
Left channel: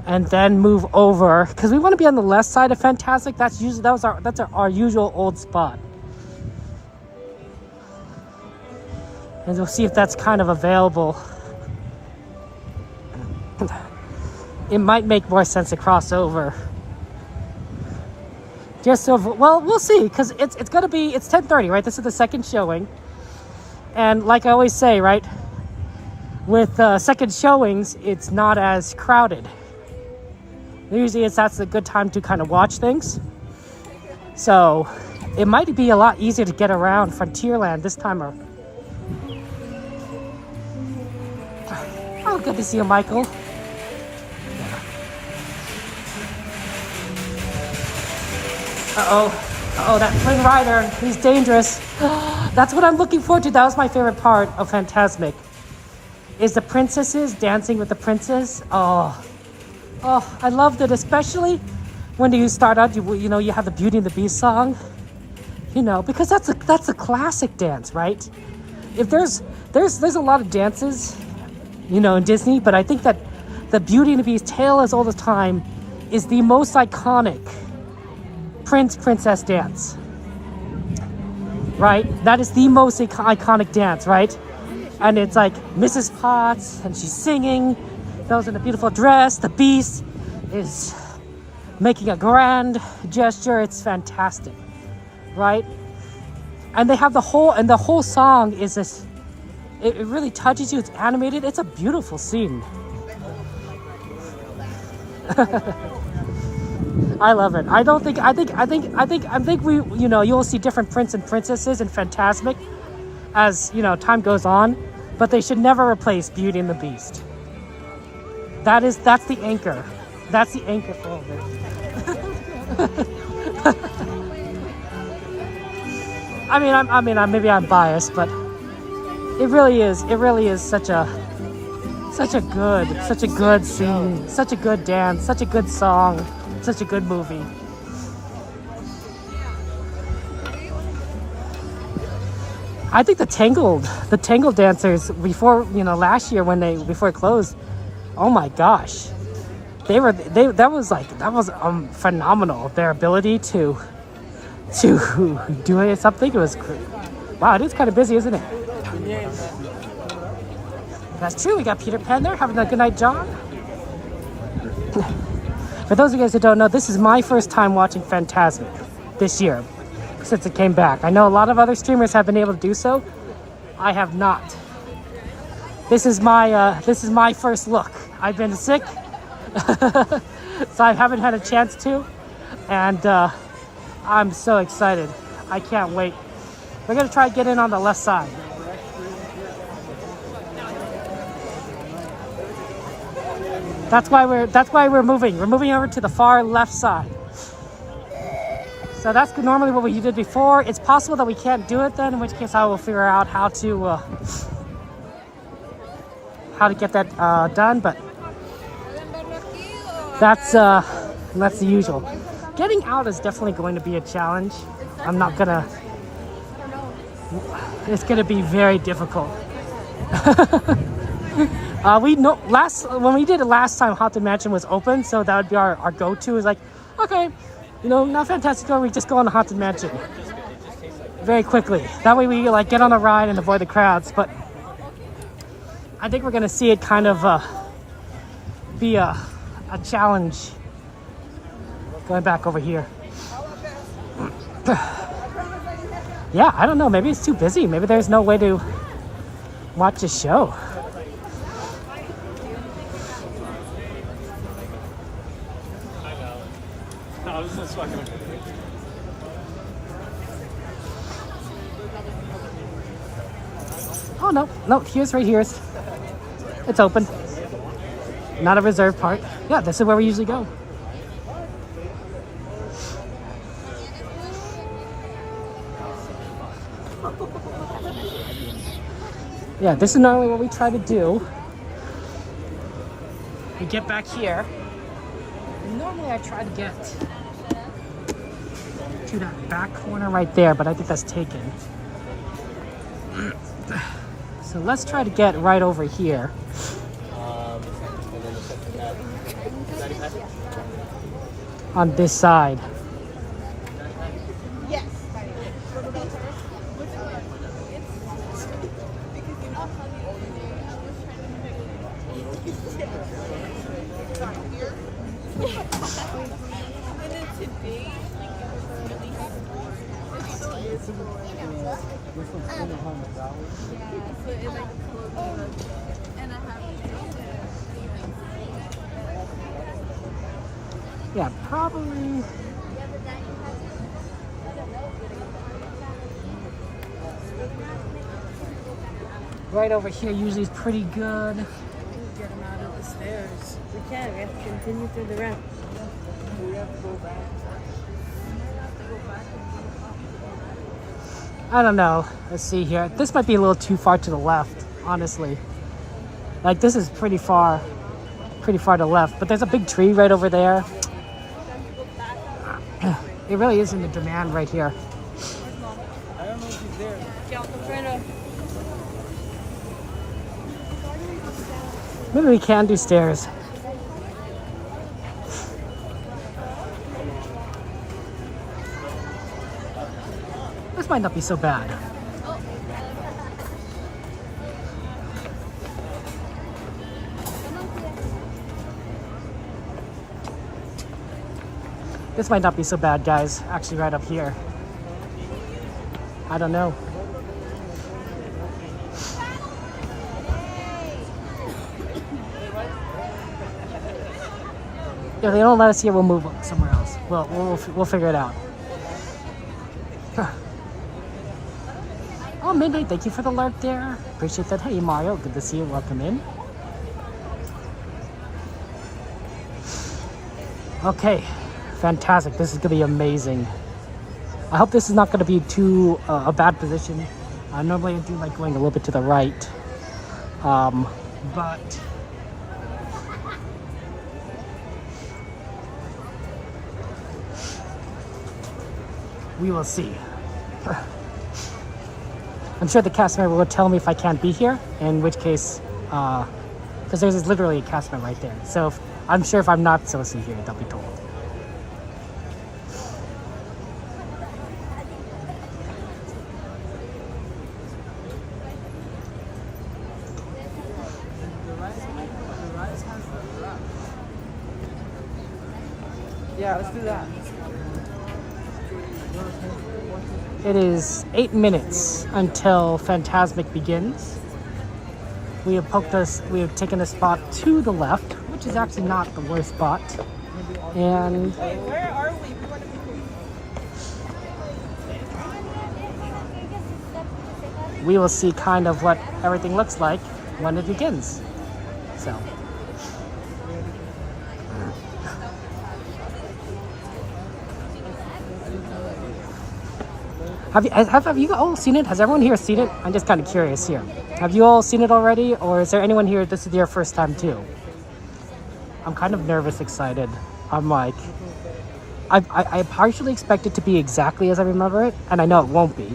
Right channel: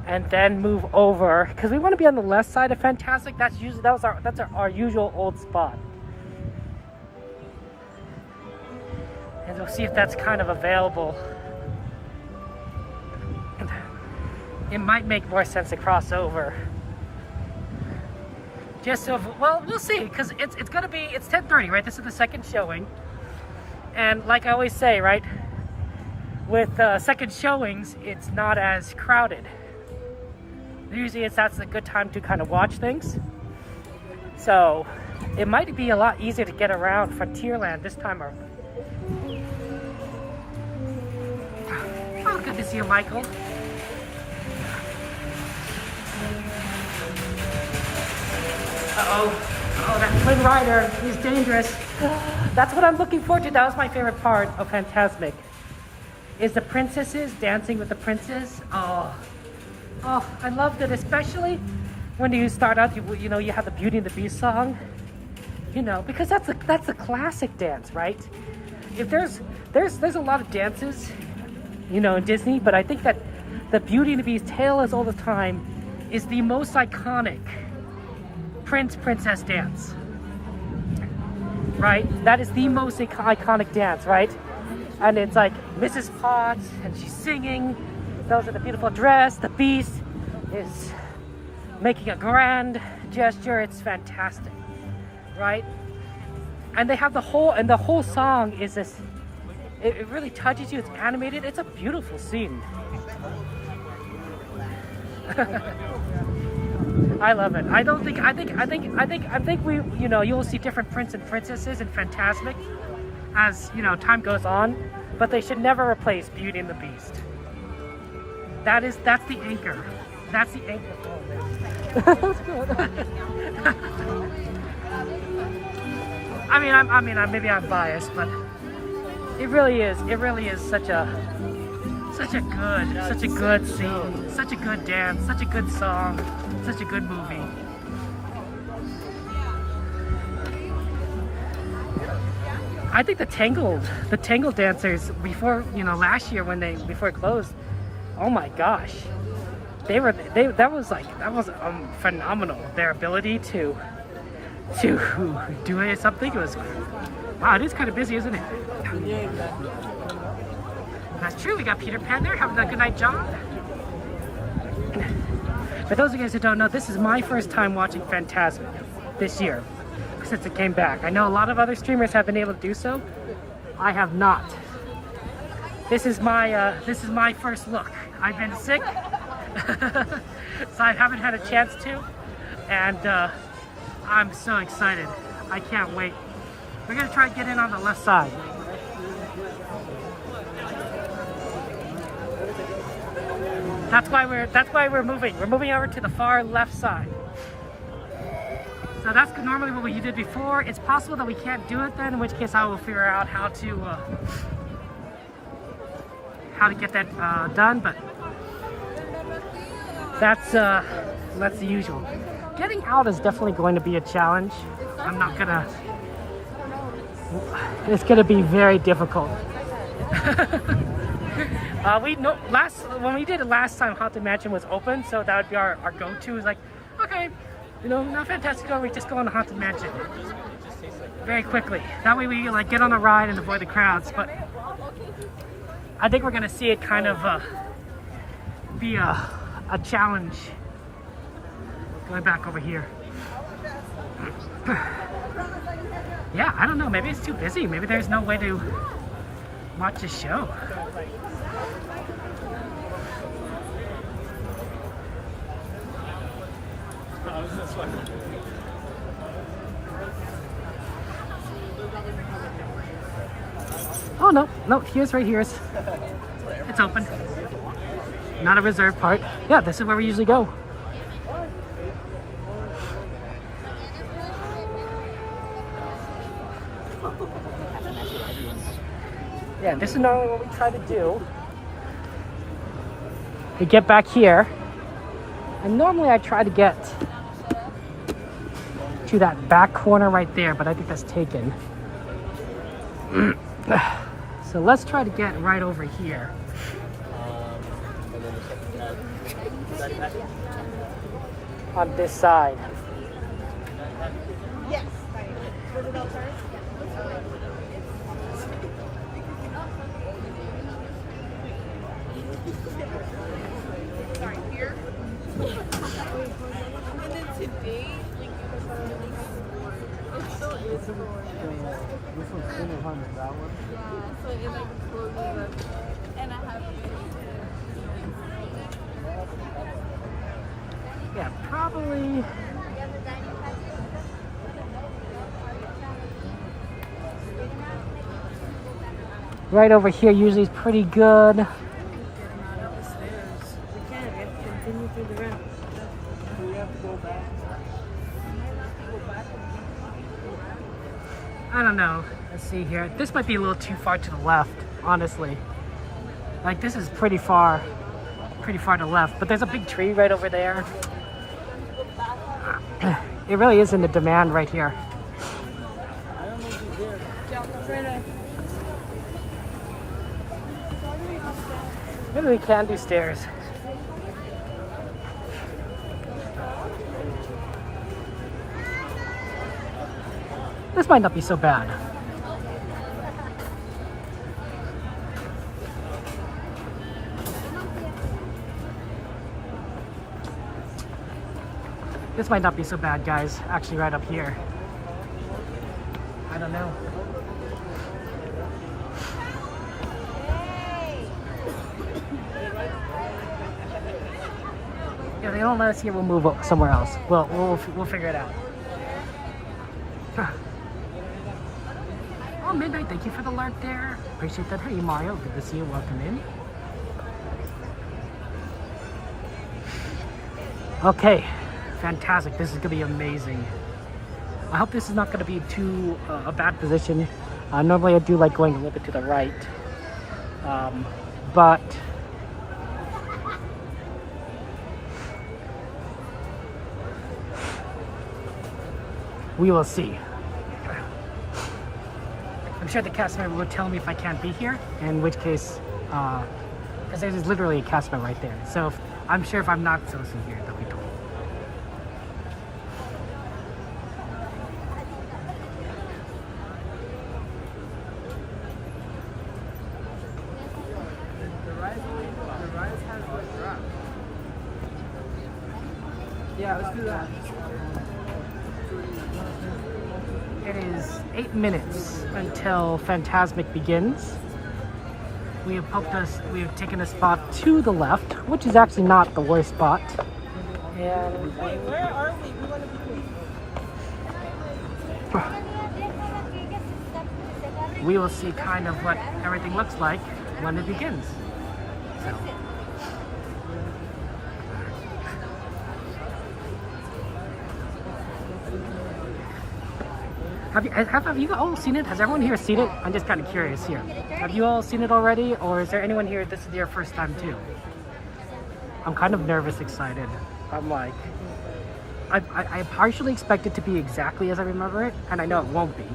and then move over? Because we want to be on the left side of Fantasmic. That's our usual old spot. And we'll see if that's kind of available. It might make more sense to cross over. Just so, well, we'll see, because it's 10:30, right? This is the second showing. And like I always say, right? With second showings, it's not as crowded. Usually that's a good time to kind of watch things. So it might be a lot easier to get around Frontierland this time around. Oh, good to see you, Michael. Oh, that twin rider, he's dangerous. That's what I'm looking forward to. That was my favorite part of Fantasmic. Is the princesses dancing with the princes. Oh, I loved it, especially when you start out, you know, you have the Beauty and the Beast song, you know, because that's a classic dance, right? If there's a lot of dances, you know, in Disney, but I think that the Beauty and the Beast Tale as Old as Time is the most iconic princess dance, right? That is the most iconic dance, right? And it's like Mrs. Potts, and she's singing. That was in a beautiful dress. The Beast is making a grand gesture. It's fantastic, right? And they have the whole song is this. It really touches you. It's animated. It's a beautiful scene. I love it. I think we, you know, you'll see different prince and princesses in Fantasmic as, you know, time goes on, but they should never replace Beauty and the Beast. That's the anchor. That's the anchor. I mean, maybe I'm biased, but it really is such a good scene, such a good dance, such a good song, such a good movie. I think the Tangled dancers before, you know, last year before it closed, oh my gosh, that was phenomenal. Their ability to do something, it was great. Wow, it is kind of busy, isn't it? That's true. We got Peter Pan there having a good night, John. For those of you guys who don't know, this is my first time watching Fantasmic this year since it came back. I know a lot of other streamers have been able to do so. I have not. This is my first look. I've been sick, so I haven't had a chance to, and I'm so excited. I can't wait. We're gonna try to get in on the left side. That's why we're moving. We're moving over to the far left side. So that's normally what we did before. It's possible that we can't do it then, in which case I will figure out how to get that done. But that's the usual. Getting out is definitely going to be a challenge. I'm not gonna. It's gonna be very difficult. When we did it last time, Haunted Mansion was open, so that would be our go-to. Is like, okay, you know, not Fantastic, we just go on the Haunted Mansion very quickly. That way we like get on a ride and avoid the crowds. But I think we're gonna see it kind of be a challenge. Going back over here. Yeah, I don't know. Maybe it's too busy. Maybe there's no way to watch the show. Oh no, no, here's right here. It's open. Not a reserved part. Yeah, this is where we usually go. Yeah, this is normally what we try to do. We get back here, and normally I try to get to that back corner right there, but I think that's taken. So let's try to get right over here. On this side. And then today, like, it was really cold. It's so miserable. Which one's spinning on that one? Yeah, so it like closes up. And I have Yeah, probably. Right over here usually is pretty good. We can. We have to continue through the ramp. I don't know. Let's see here. This might be a little too far to the left, honestly. Like this is pretty far to the left, but there's a big tree right over there. It really is in the demand right here. Maybe we can do stairs. This might not be so bad. This might not be so bad, guys. Actually, right up here. I don't know. If they don't let us here, we'll move somewhere else. We'll figure it out. Oh, Midnight, thank you for the lurk there. Appreciate that. Hey, Mario, good to see you. Welcome in. Okay, fantastic. This is going to be amazing. I hope this is not going to be too a bad position. Normally I do like going a little bit to the right. But we will see. I'm sure the cast member will tell me if I can't be here, in which case, because there's literally a cast member right there. So I'm sure if I'm not supposed to be here, they'll be told. Yeah, let's do that. It is 8 minutes until Fantasmic begins. We have taken a spot to the left, which is actually not the worst spot. And we will see kind of what everything looks like when it begins. So. Have you all seen it? Has everyone here seen it? I'm just kind of curious here. Have you all seen it already? Or is there anyone here, this is your first time too? I'm kind of nervous, excited. I'm like, I partially expect it to be exactly as I remember it, and I know it won't be.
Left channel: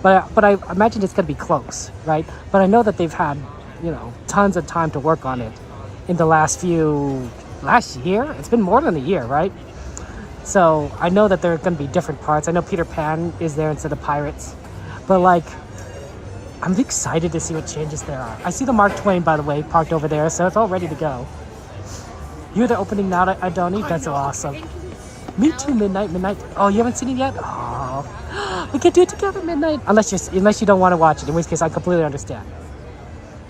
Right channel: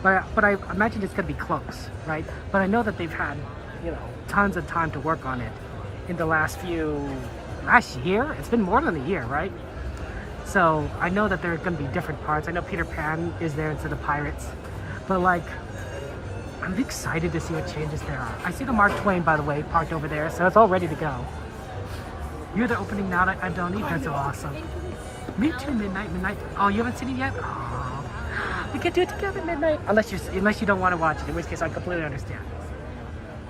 But I imagine it's gonna be close, right? But I know that they've had, tons of time to work on it in the last year? It's been more than a year, right? So I know that there are going to be different parts. I know Peter Pan is there instead of pirates. But like, I'm excited to see what changes there are. I see the Mark Twain, by the way, parked over there. So it's all ready to go. You're the opening now, Adoni? That's so awesome. Me too, Midnight. Oh, you haven't seen it yet? Oh, we can do it together, Midnight. Unless you don't want to watch it, in which case I completely understand.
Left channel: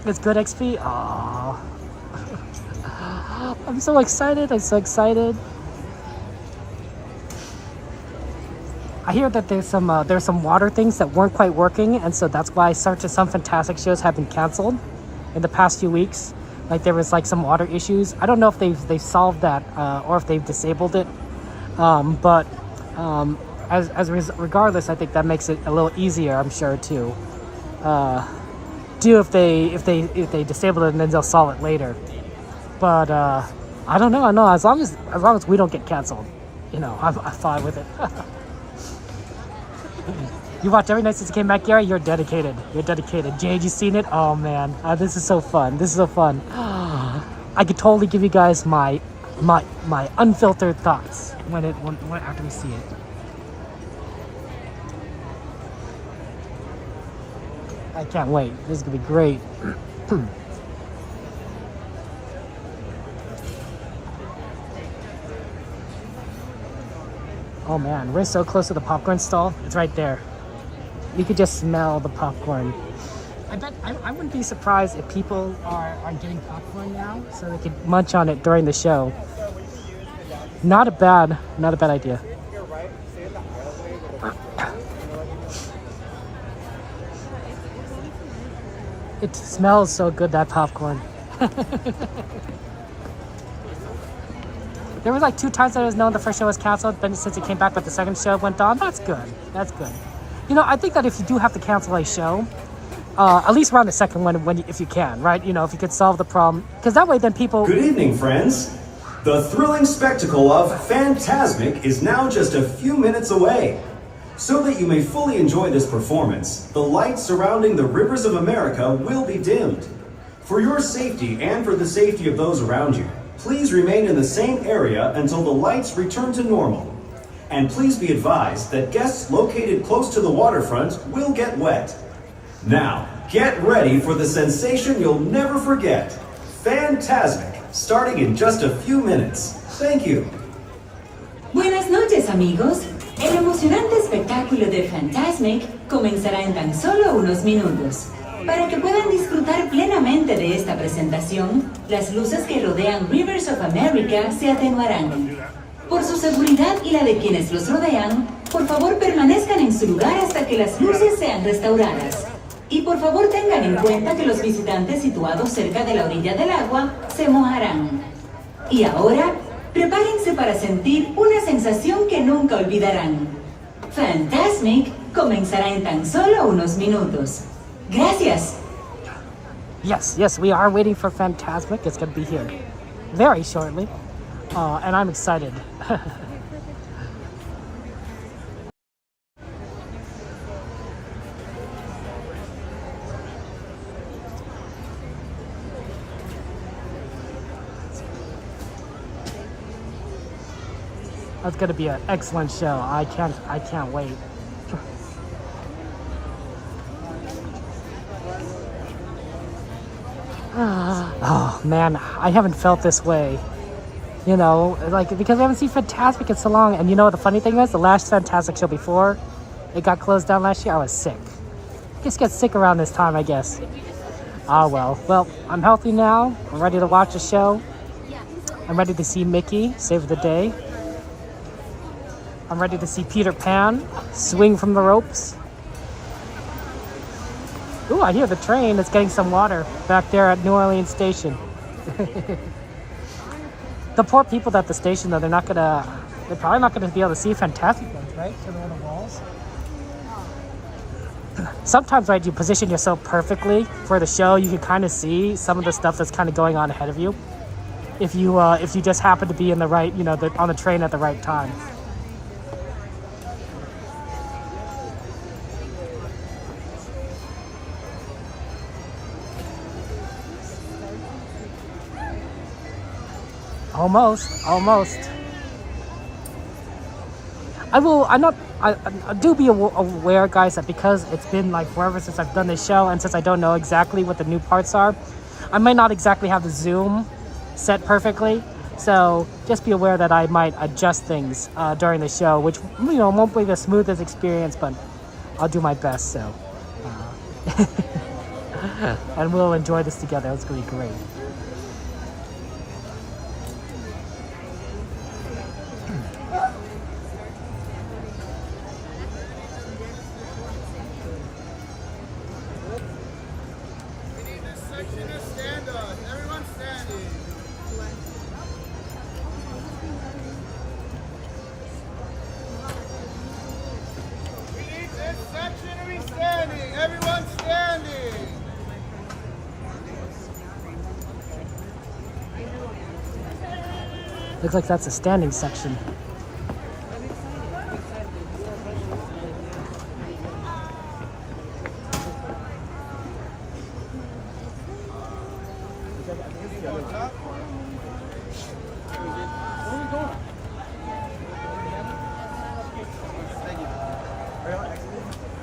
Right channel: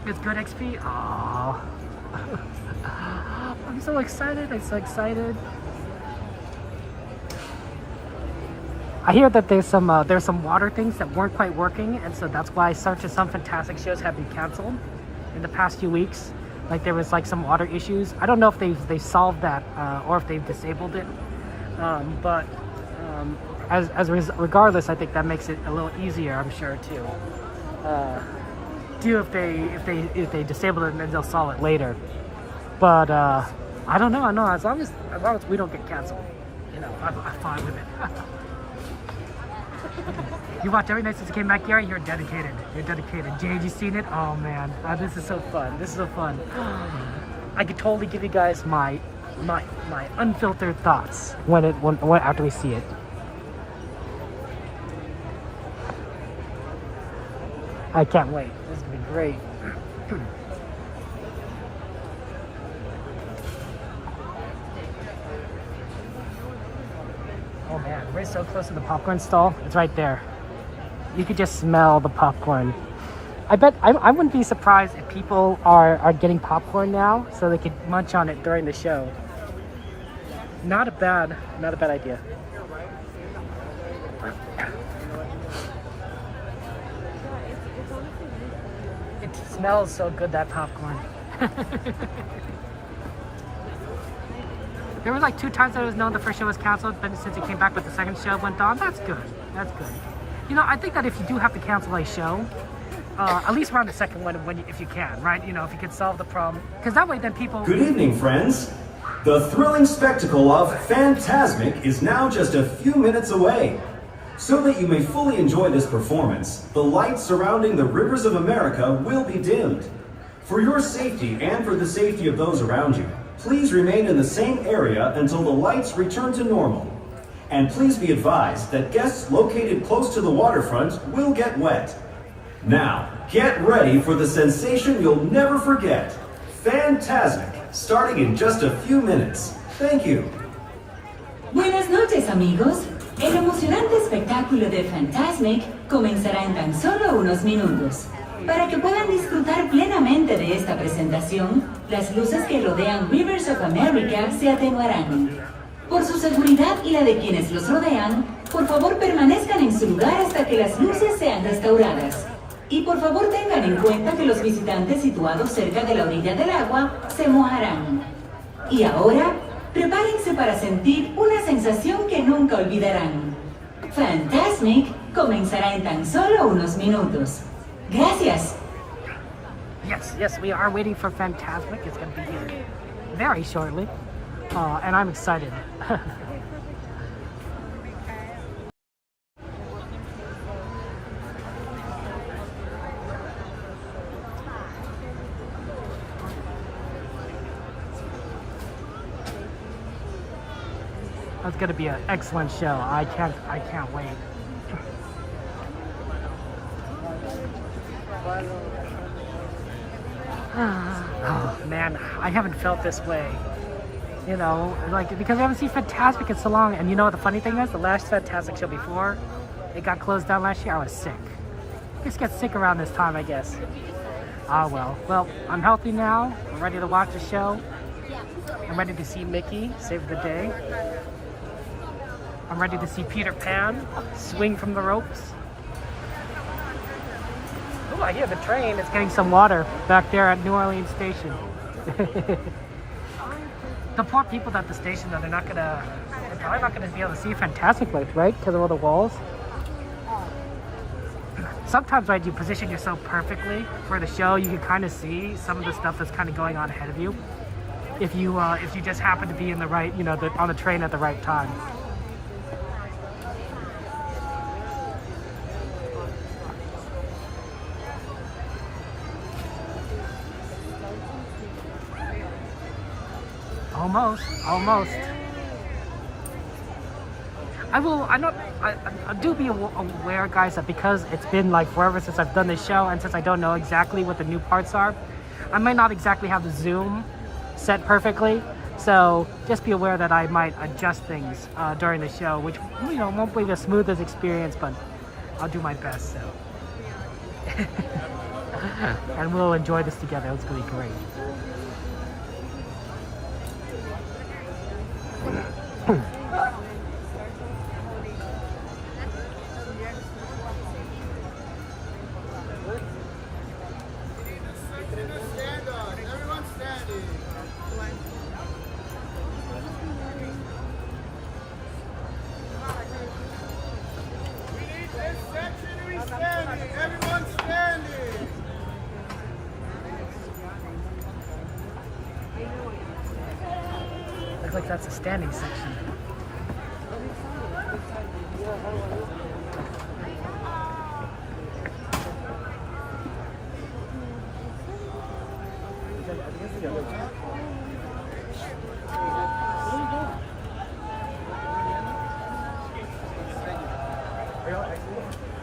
It's good XP? Oh. I'm so excited. I hear that there's some water things that weren't quite working, and so that's why some Fantasmic shows have been canceled in the past few weeks. Like there was like some water issues. I don't know if they've solved that or if they've disabled it. Regardless, I think that makes it a little easier, I'm sure, to do if they disable it and then they'll solve it later. But I don't know. I know as long as we don't get canceled, you know, I'm fine with it. You watched every night since it came back, Gary. You're dedicated. You're dedicated. Jade, you seen it? Oh man, this is so fun. This is so fun. I could totally give you guys my unfiltered thoughts when after we see it. I can't wait. This is gonna be great. Oh man, we're so close to the popcorn stall. It's right there. You could just smell the popcorn. I bet I wouldn't be surprised if people are getting popcorn now so they could munch on it during the show. Not a bad idea. It smells so good, that popcorn. There was like 2 times that it was known the first show was canceled, but since it came back but the second show went on, that's good. That's good. You know, I think that if you do have to cancel a show, at least around the second one if you can, right? You know, if you could solve the problem. Because that way then people... Good evening, friends. The thrilling spectacle of Fantasmic is now just a few minutes away. So that you may fully enjoy this performance, the lights surrounding the rivers of America will be dimmed. For your safety and for the safety of those around you, please remain in the same area until the lights return to normal. And please be advised that guests located close to the waterfront will get wet. Now, get ready for the sensation you'll never forget. Fantasmic, starting in just a few minutes. Thank you. Buenas noches, amigos. El emocionante espectáculo de Fantasmic comenzará en tan solo unos minutos. Para que puedan disfrutar plenamente de esta presentación, las luces que rodean Rivers of America se atenuarán. Por su seguridad y la de quienes los rodean, por favor permanezcan en su lugar hasta que las luces sean restauradas. Y por favor tengan en cuenta que los visitantes situados cerca de la orilla del agua se mojarán. Y ahora, prepárense para sentir una sensación que nunca olvidarán. Fantasmic comenzará en tan solo unos minutos. Gracias. Yes, we are waiting for Fantasmic. It's going to be here very shortly. And I'm excited. That's going to be an excellent show. I can't wait. Oh man, I haven't felt this way. You know, like, because I haven't seen Fantasmic in so long. And you know what the funny thing is? The last Fantasmic show before it got closed down last year, I was sick. Just get sick around this time, I guess. Oh well. Well, I'm healthy now. I'm ready to watch the show. I'm ready to see Mickey save the day. I'm ready to see Peter Pan swing from the ropes. Ooh, I hear the train. It's getting some water back there at New Orleans Station. The poor people at the station, though, they're probably not gonna be able to see Fantasmic lights, right? Because of all the walls. Sometimes, right, you position yourself perfectly for the show, you can kind of see some of the stuff that's kind of going on ahead of you. If you just happen to be in the right, you know, on the train at the right time. Almost. I do be aware, guys, that because it's been like forever since I've done this show, and since I don't know exactly what the new parts are, I might not exactly have the zoom set perfectly. So just be aware that I might adjust things during the show, which, you know, won't be the smoothest experience, but I'll do my best. So, and we'll enjoy this together. It's gonna be great. Looks like that's a standing section.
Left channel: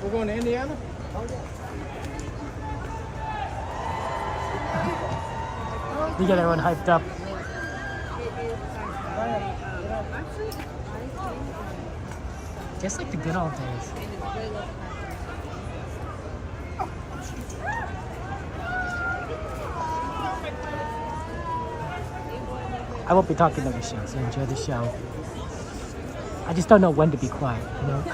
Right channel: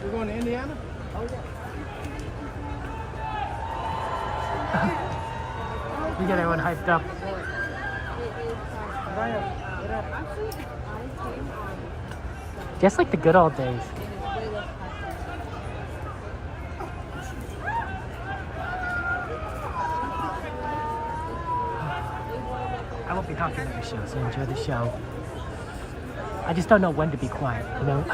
We're going to Indiana? You get everyone hyped up. Just like the good old days. I won't be talking about the show, so enjoy the show. I just don't know when to be quiet, you know?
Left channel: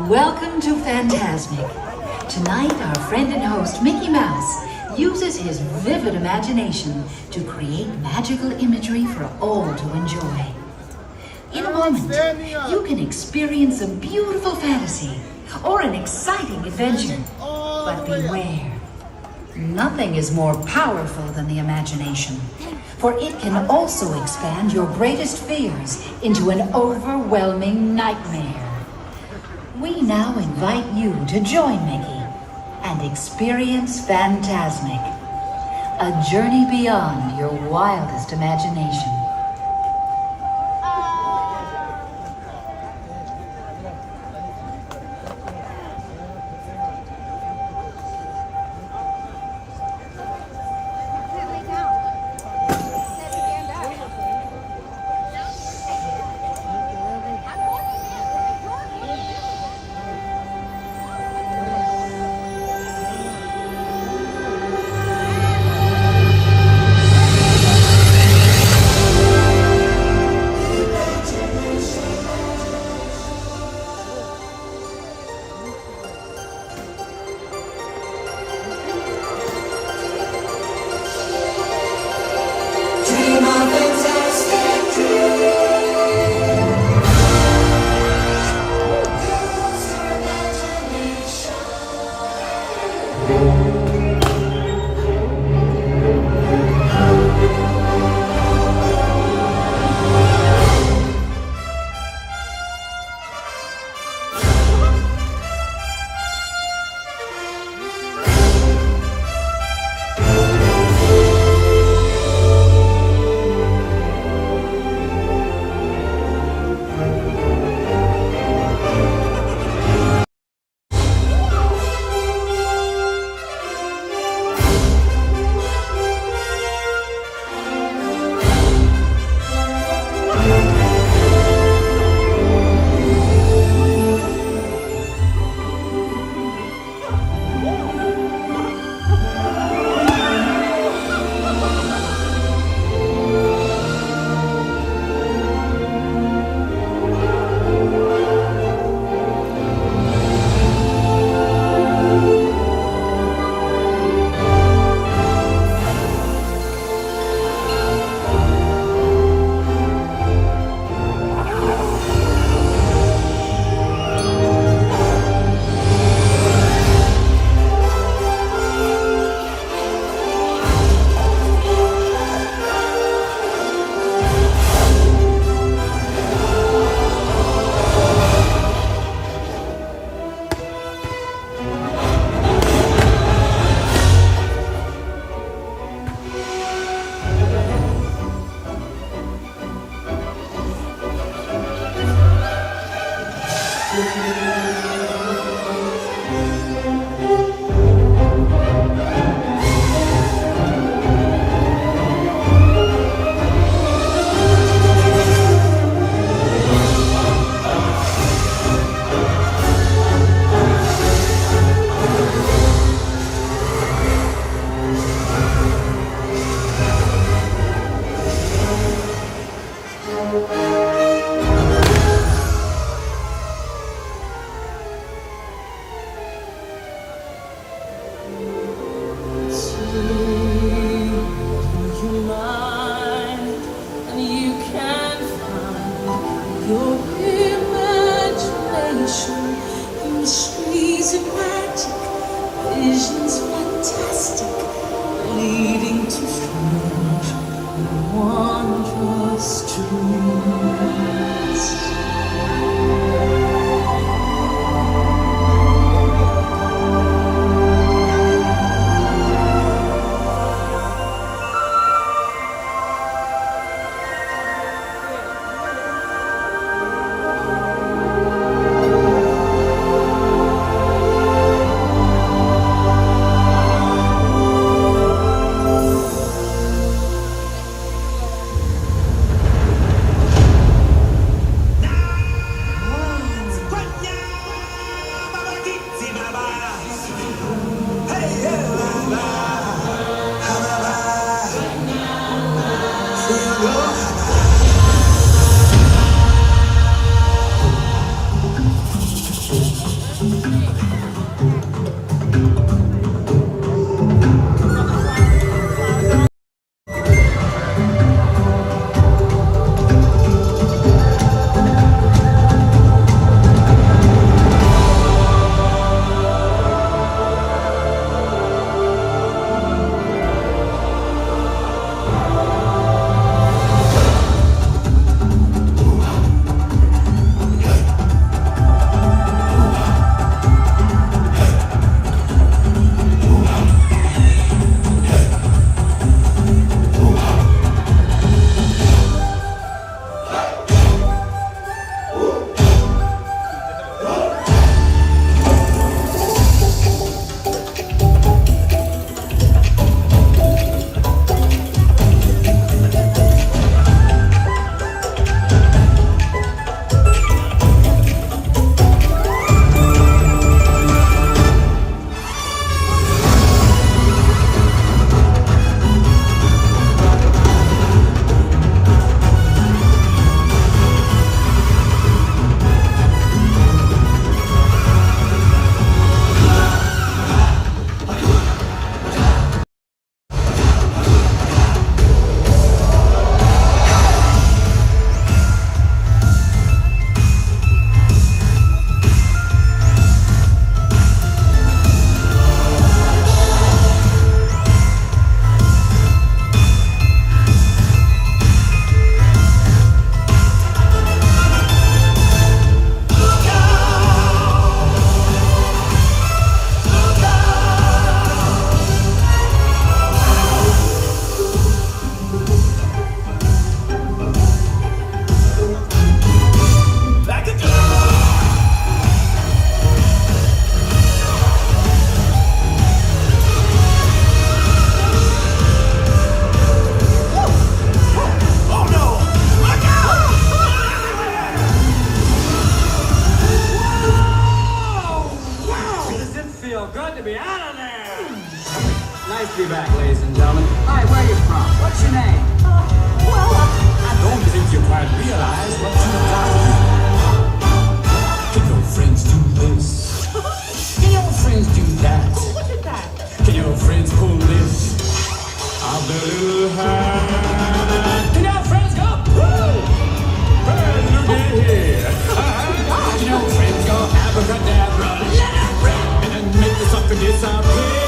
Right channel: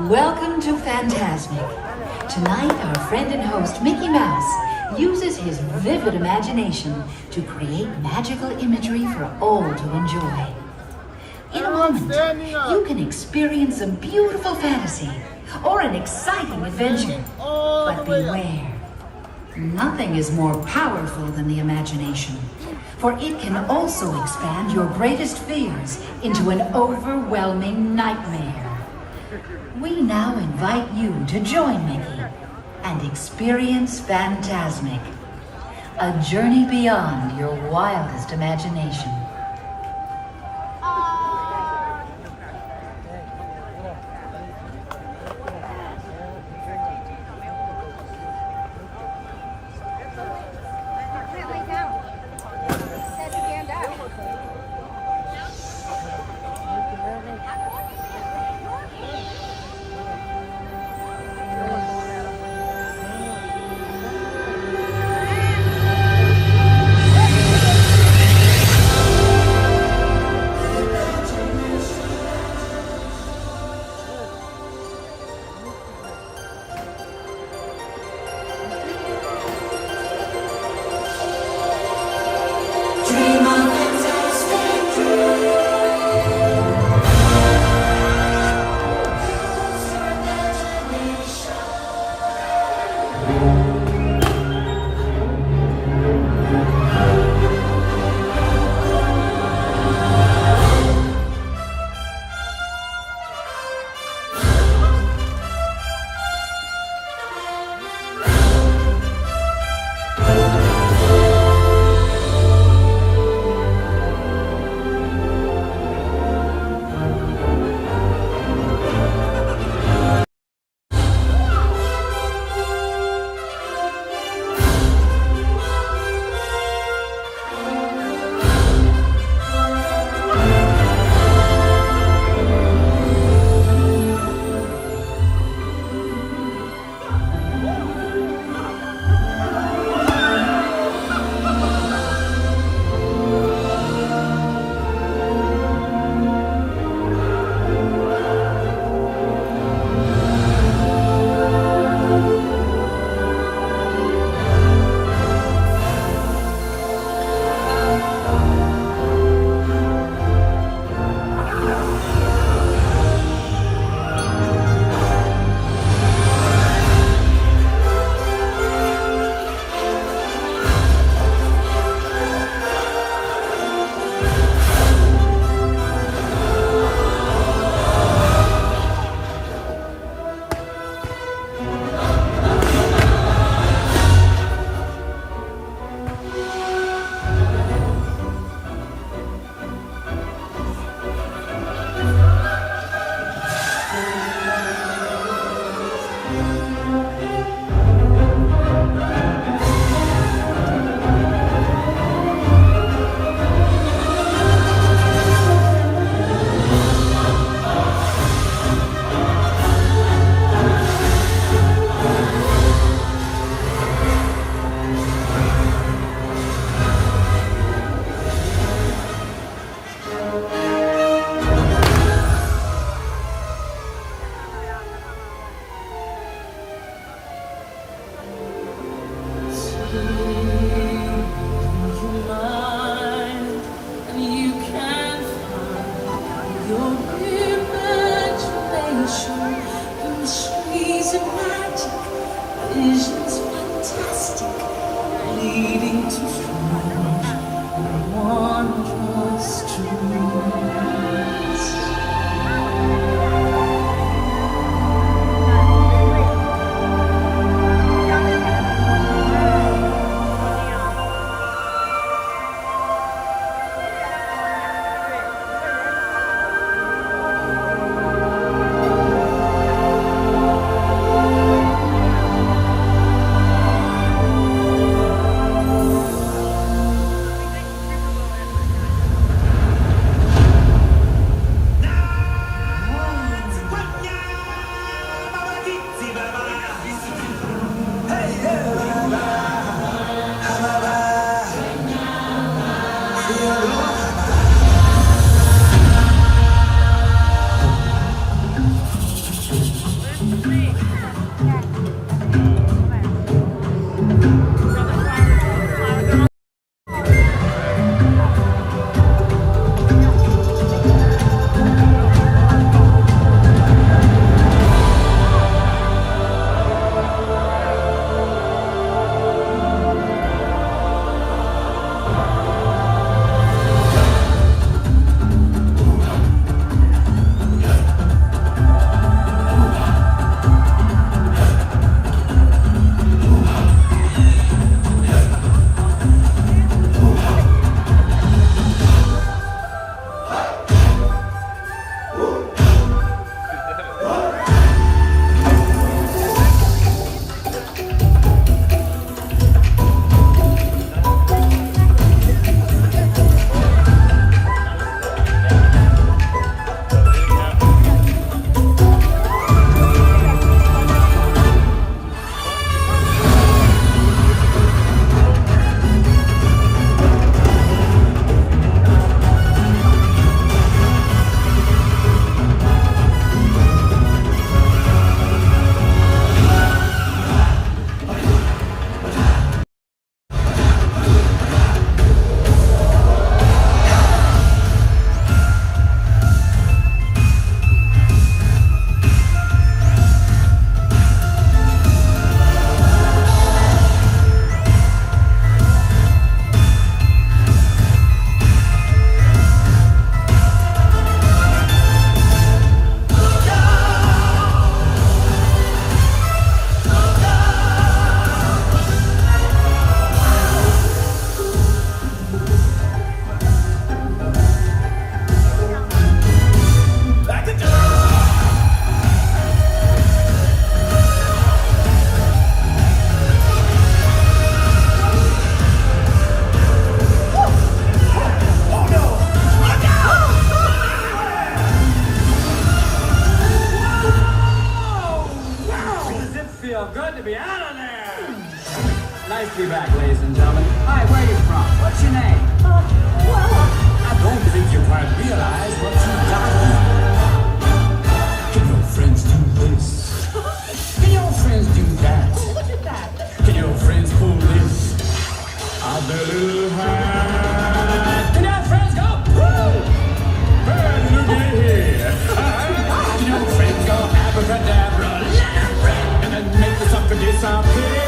Welcome to Fantasmic. Tonight, our friend and host, Mickey Mouse, uses his vivid imagination to create magical imagery for all to enjoy. In a moment, you can experience a beautiful fantasy or an exciting adventure. But beware, nothing is more powerful than the imagination, for it can also expand your greatest fears into an overwhelming nightmare. We now invite you to join Mickey and experience Fantasmic, a journey beyond your wildest imagination. Visions fantastic, leading to strange and wondrous dreams. Good to be out of there. Nice to be back, ladies and gentlemen. Hi, where are you from? What's your name? I don't think you quite realize what you got here. Can your friends do this? Can your friends do that? Oh, look at that. Can your friends pull this out their little hat? Can your friends go, woo? Hey, look at here. Can your friends go abracadabra? Let it rip. And make the sucker disappear.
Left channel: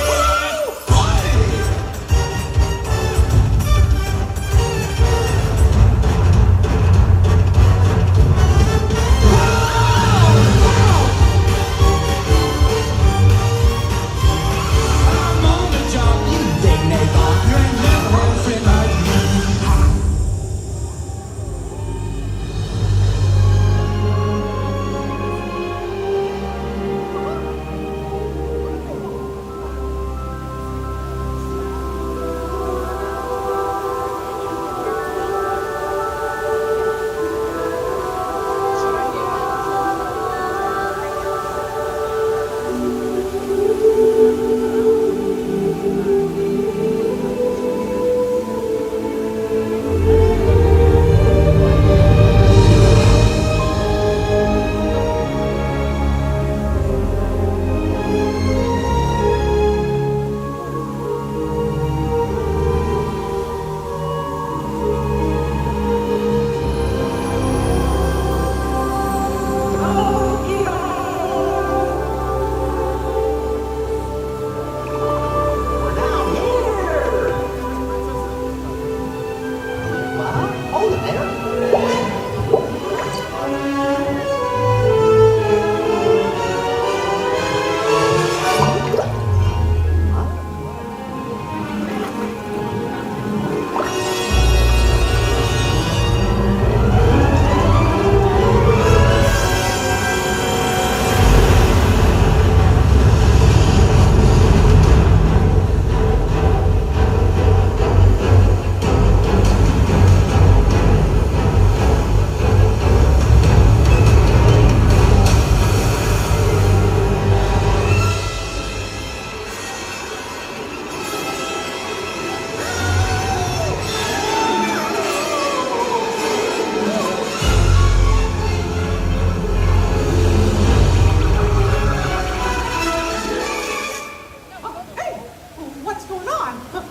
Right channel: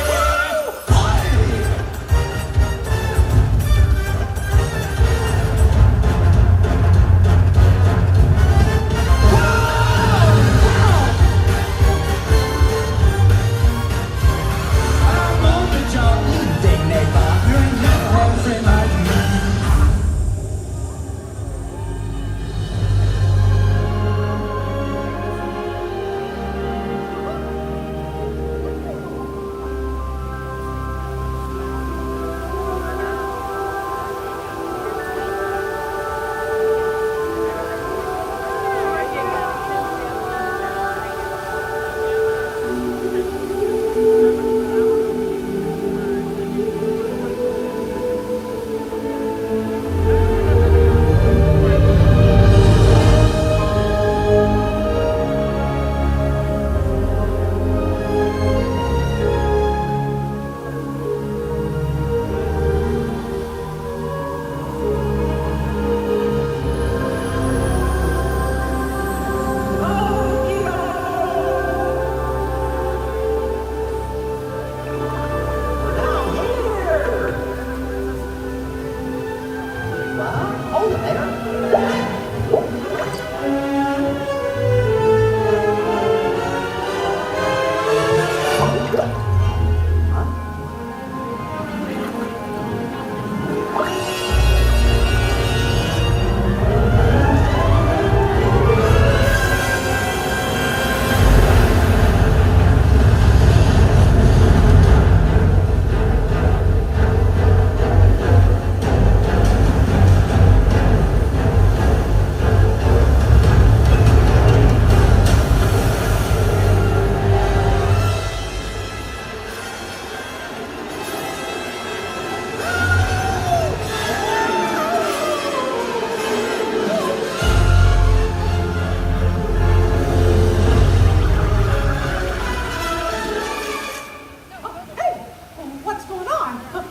on.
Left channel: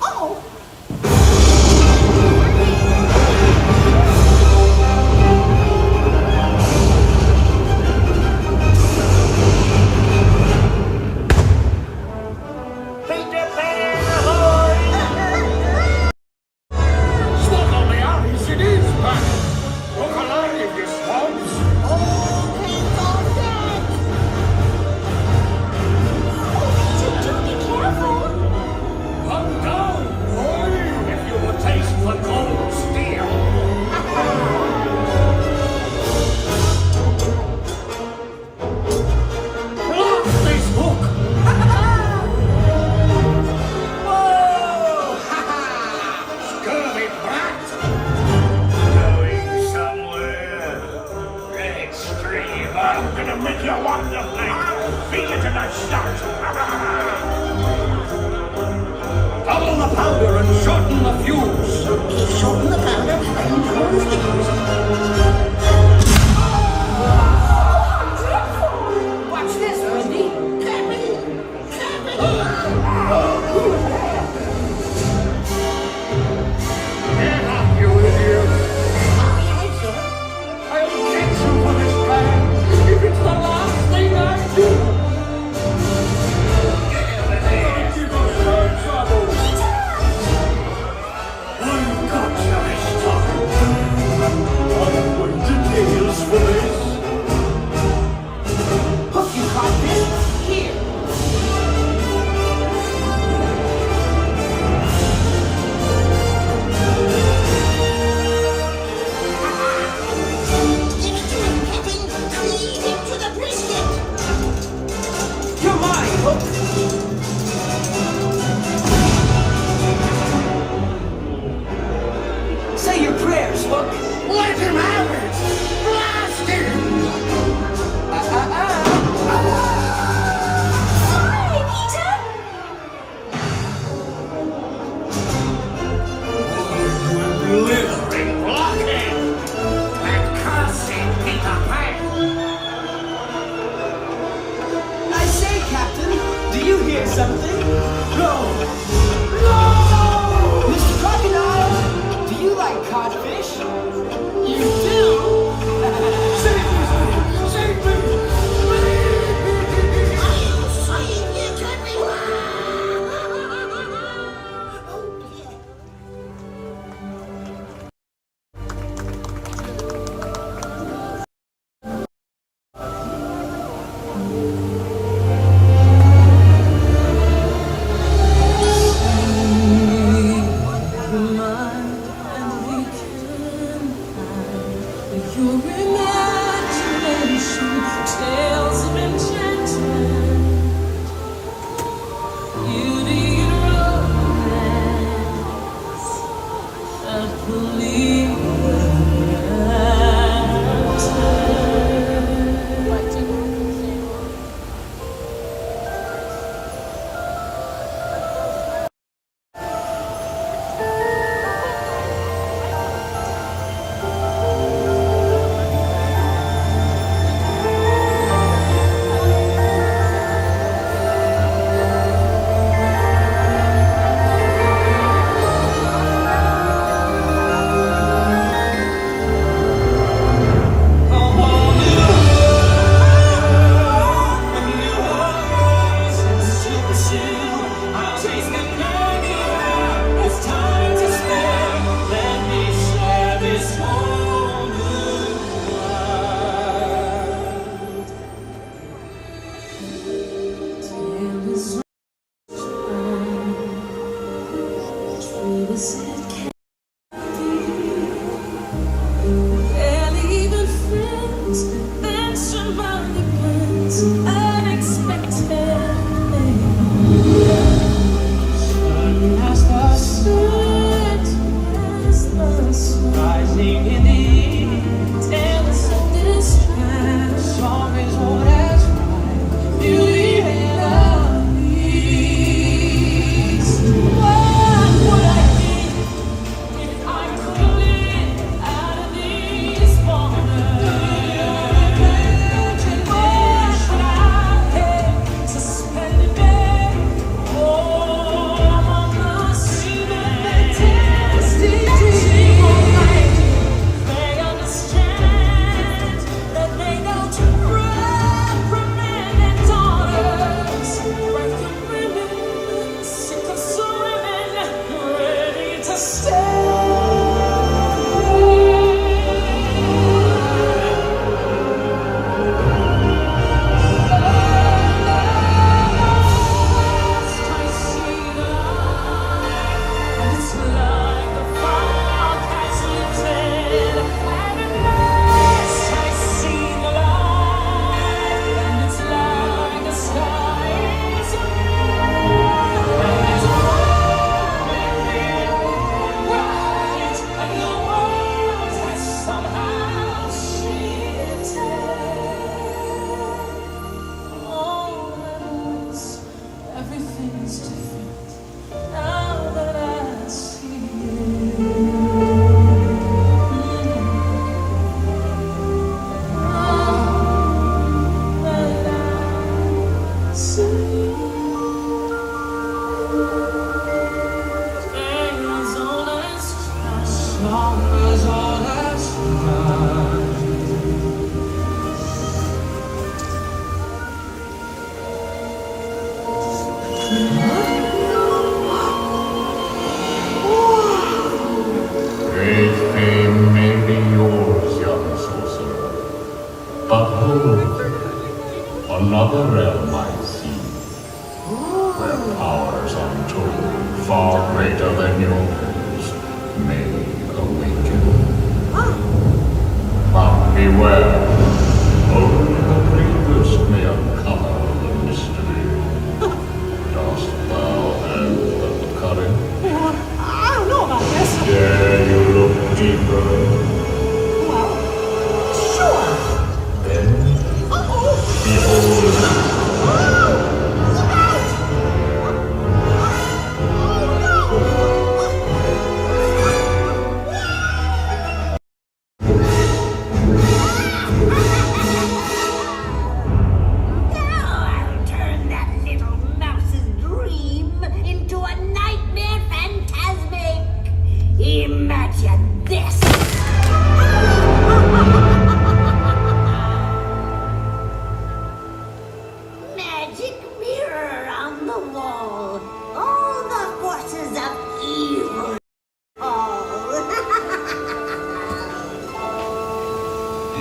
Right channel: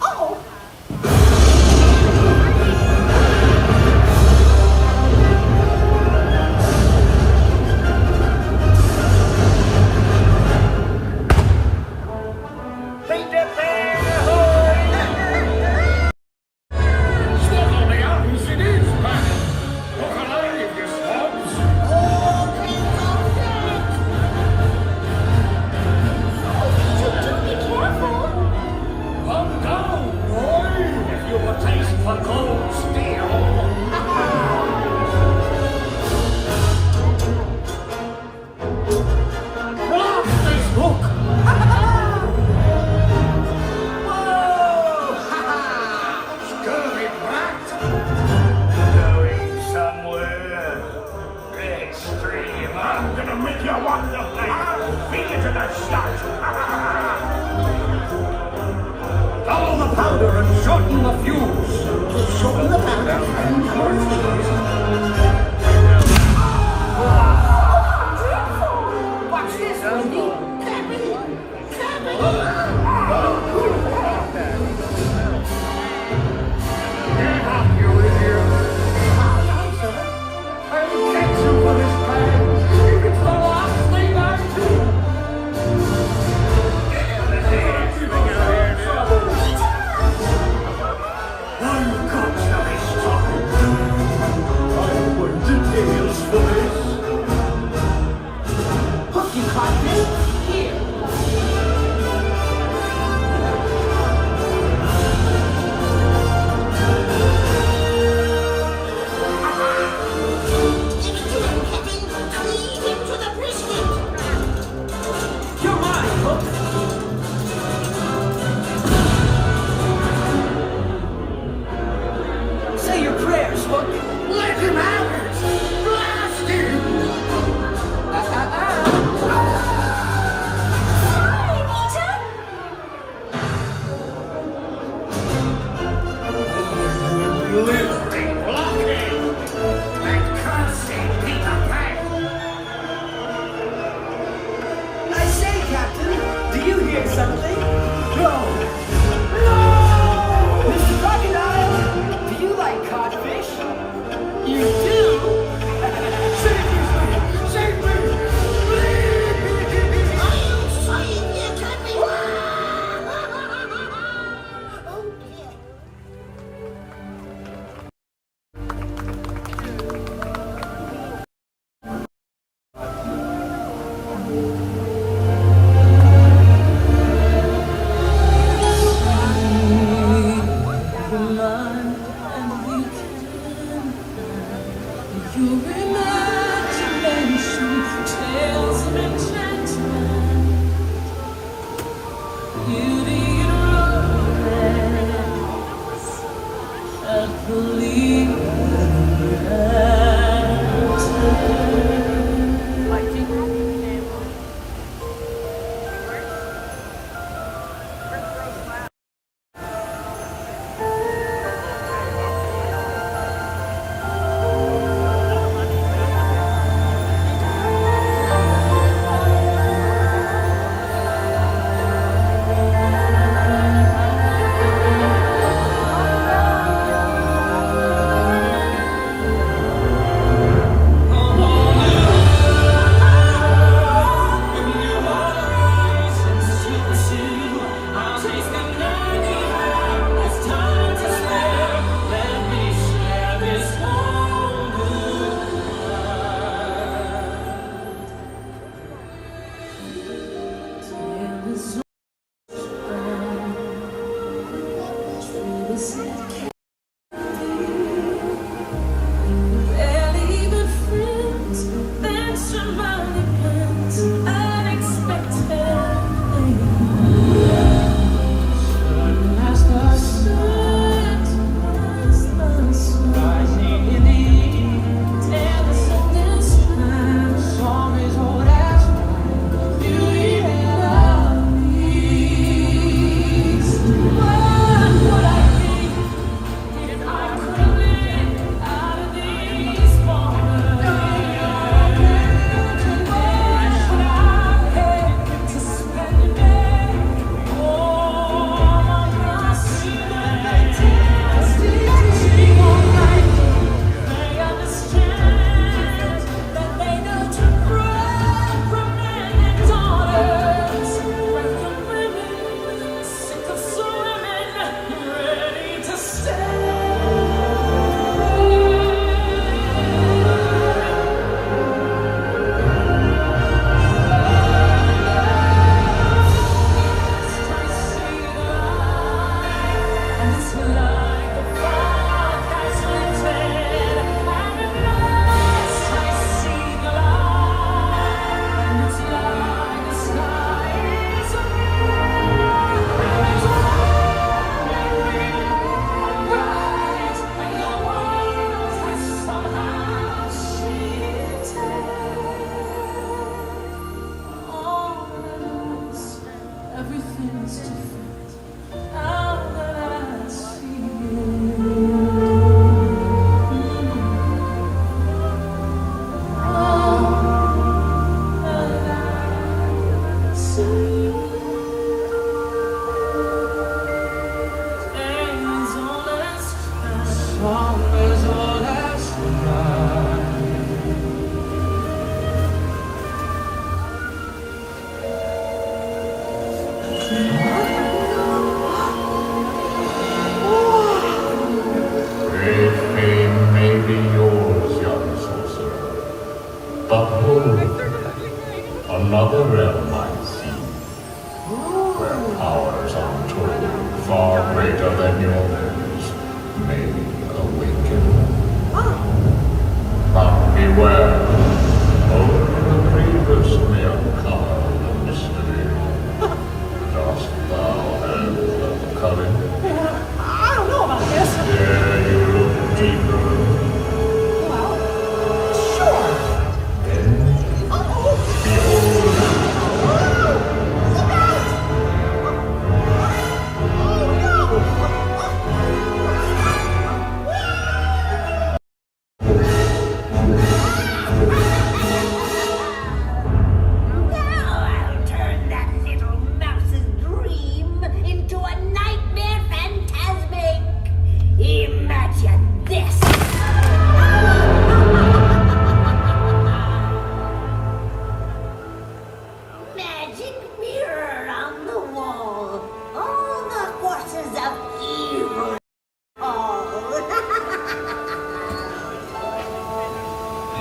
Oh. Peter Pan, ahoy! Swallow me eyes, it is panic. Look alive, you swabs. Calm down, boy, if you will taste for gold steel. Blast this hook! Whoa! Scurvy brat! Going somewhere extreme. I'm gonna make you wonderful. Feed you to the shot. Double the powder and shorten the fuse. Shorten the powder and close the fuse. Watch this, Wendy. Cabby. Get up, you idiot! I'll get you for this plan if it's the last thing I do. I've got you this time. I'm going to nails for this. Hook you, Codfish. Here. You're mine, Hook. Say your prayers, Hook. Let him have it! Blast him! Blithering blockhead! And cursing Peter Pan! I say, Captain, do you hear something? No! Mr. Crocodile, do you like codfish? You do? Save me! Save me! Please! I am trying to get me! Oh, yeah. Your imagination tales of enchantment, beauty and romance that believe Great fame may be yours, young sorcerer. But hold there. Another realm I see. Where powers untold, far greater than yours, may awaken. But beware. Only the bravest may uncover the mystery. Dost thou have the courage? I don't know about this. Dare you look deeper? Well, sure. Then behold. I'll turn that little mouse's dream into a nightmare Fantasmic. Imagine this. Magic mirror on the wall. All the forces of evil.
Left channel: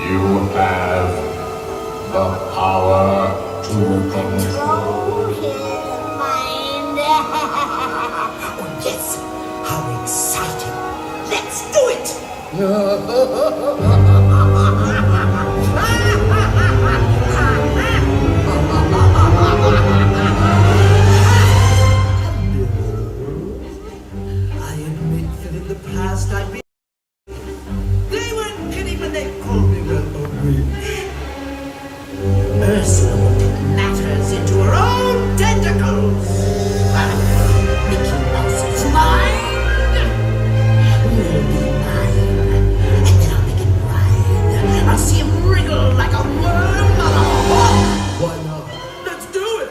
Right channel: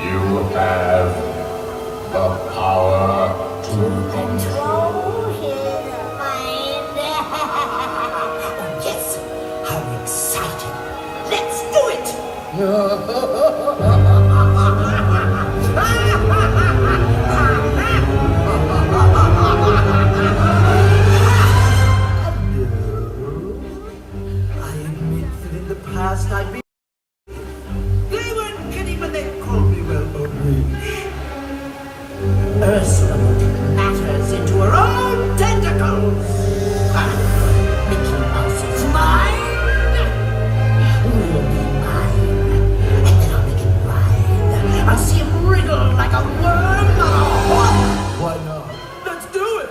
You have the power to control. His mind. Oh, yes! How exciting! Let's do it! I admit that in the past I've been... They weren't kidding when they called me, well, a witch. Ursula will take matters into her own tentacles. Mickey Mouse's mind will be mine. And then I'll make him writhe. I'll see him wriggle like a worm on a hook. Why not? Let's do it!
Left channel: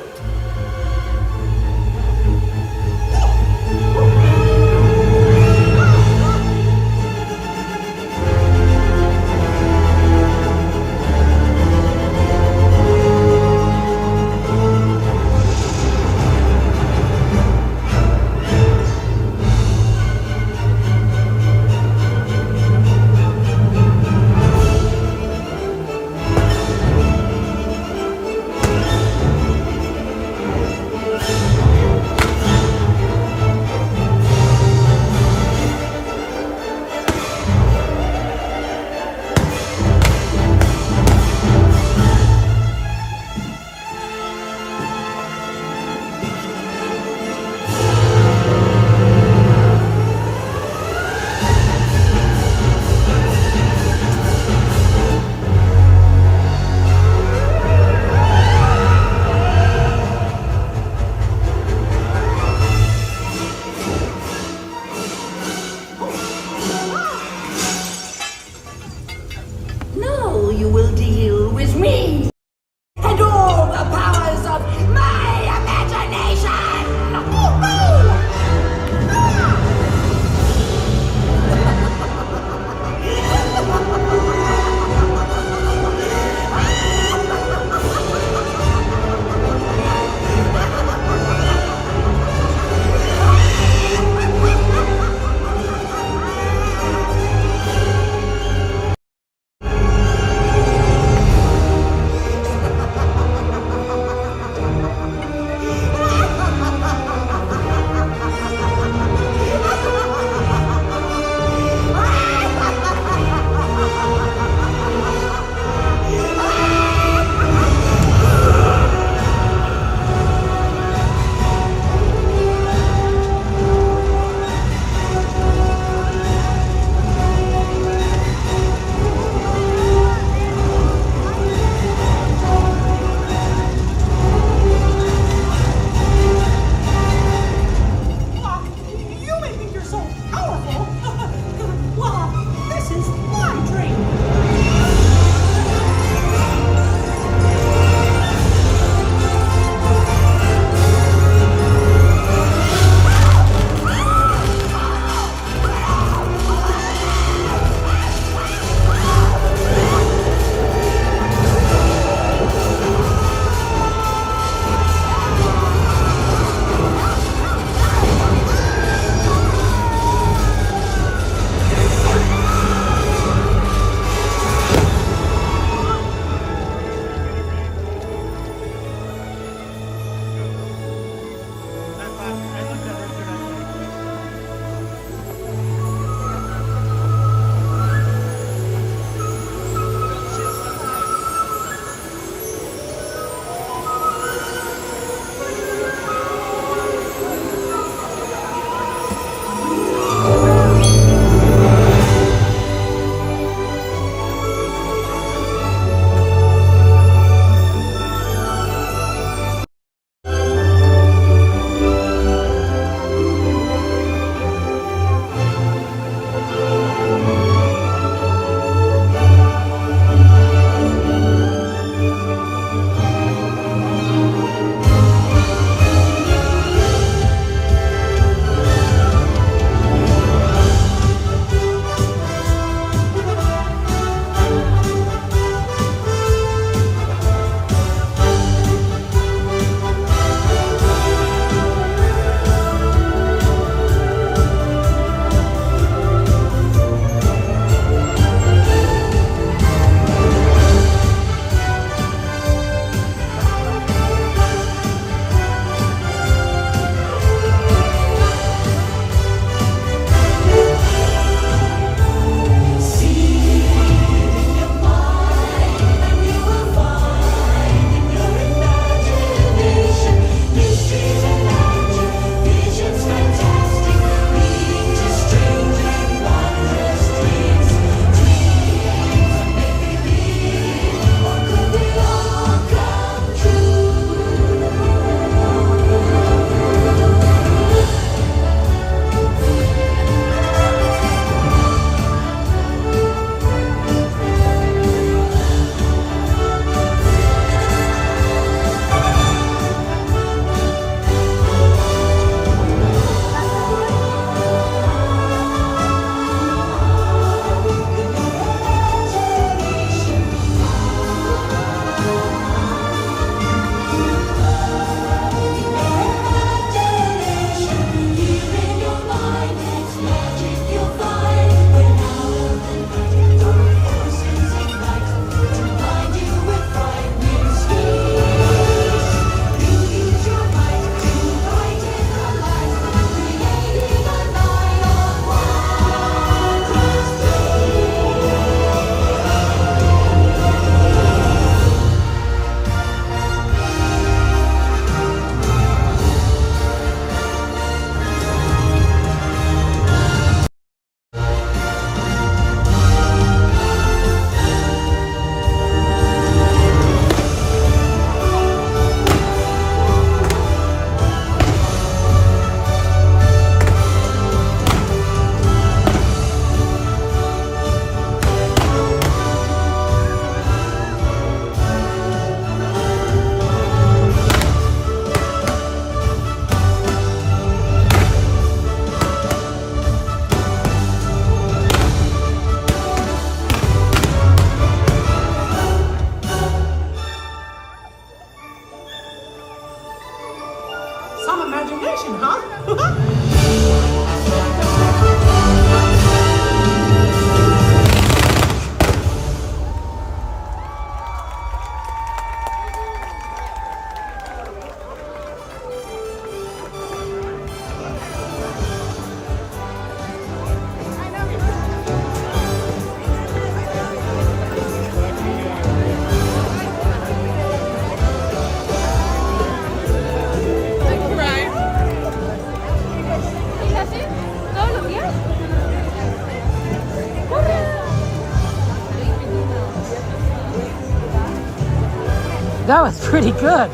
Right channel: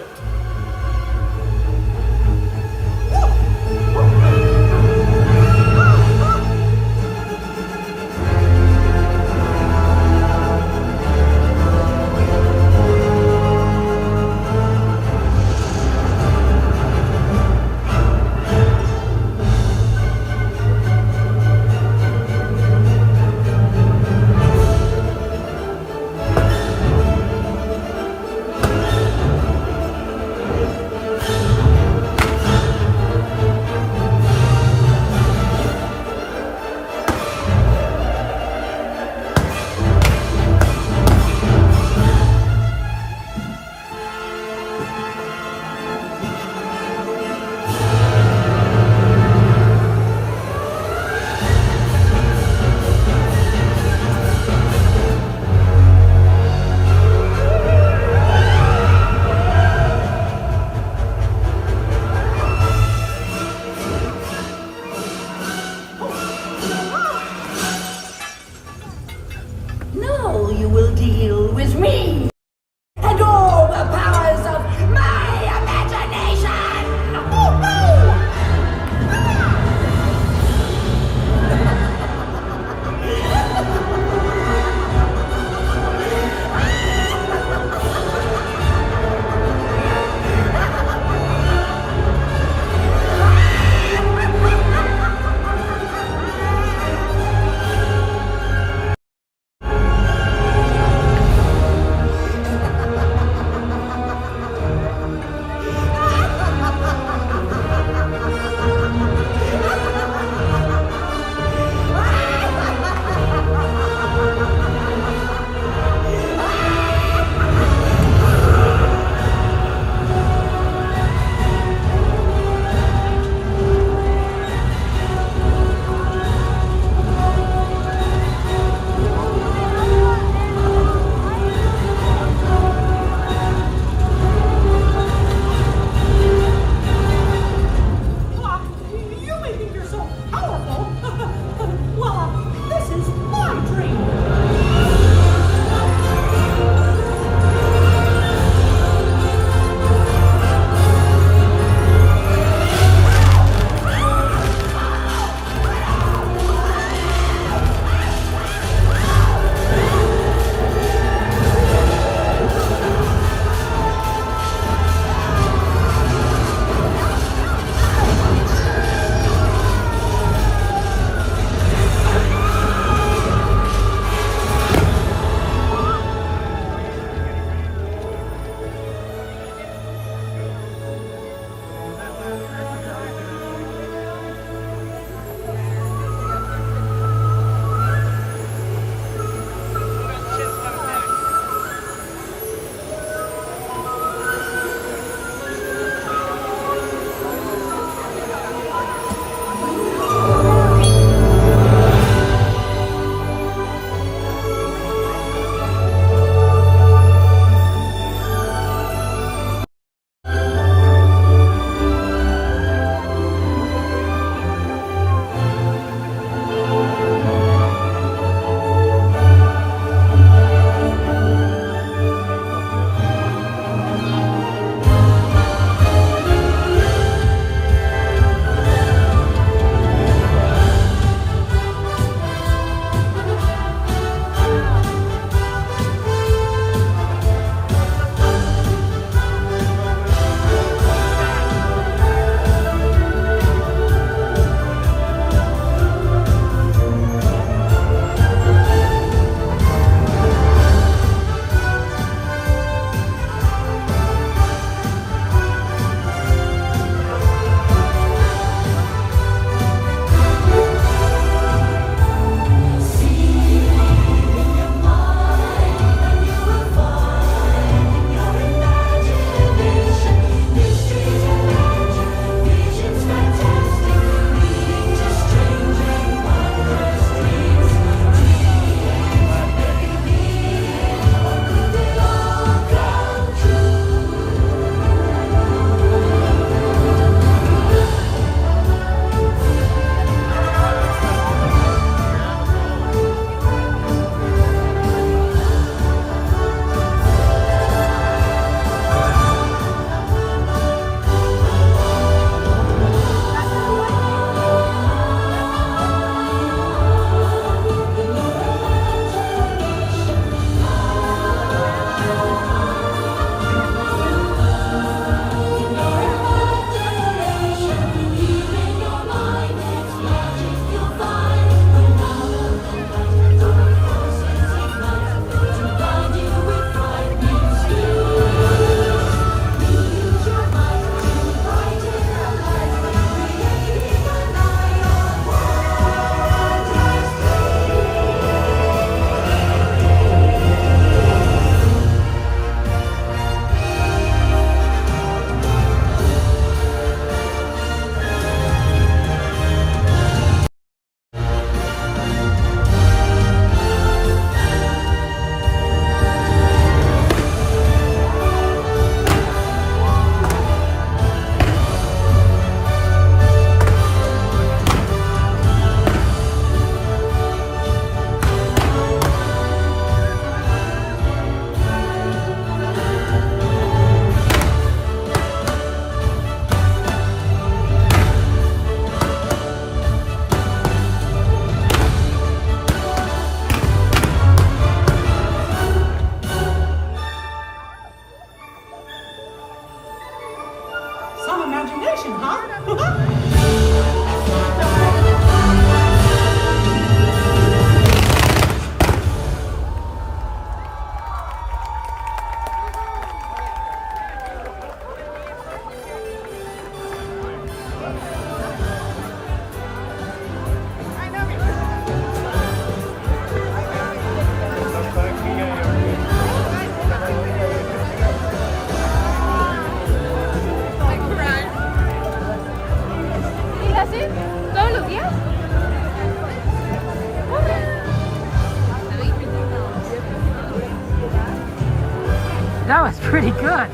That was pretty good.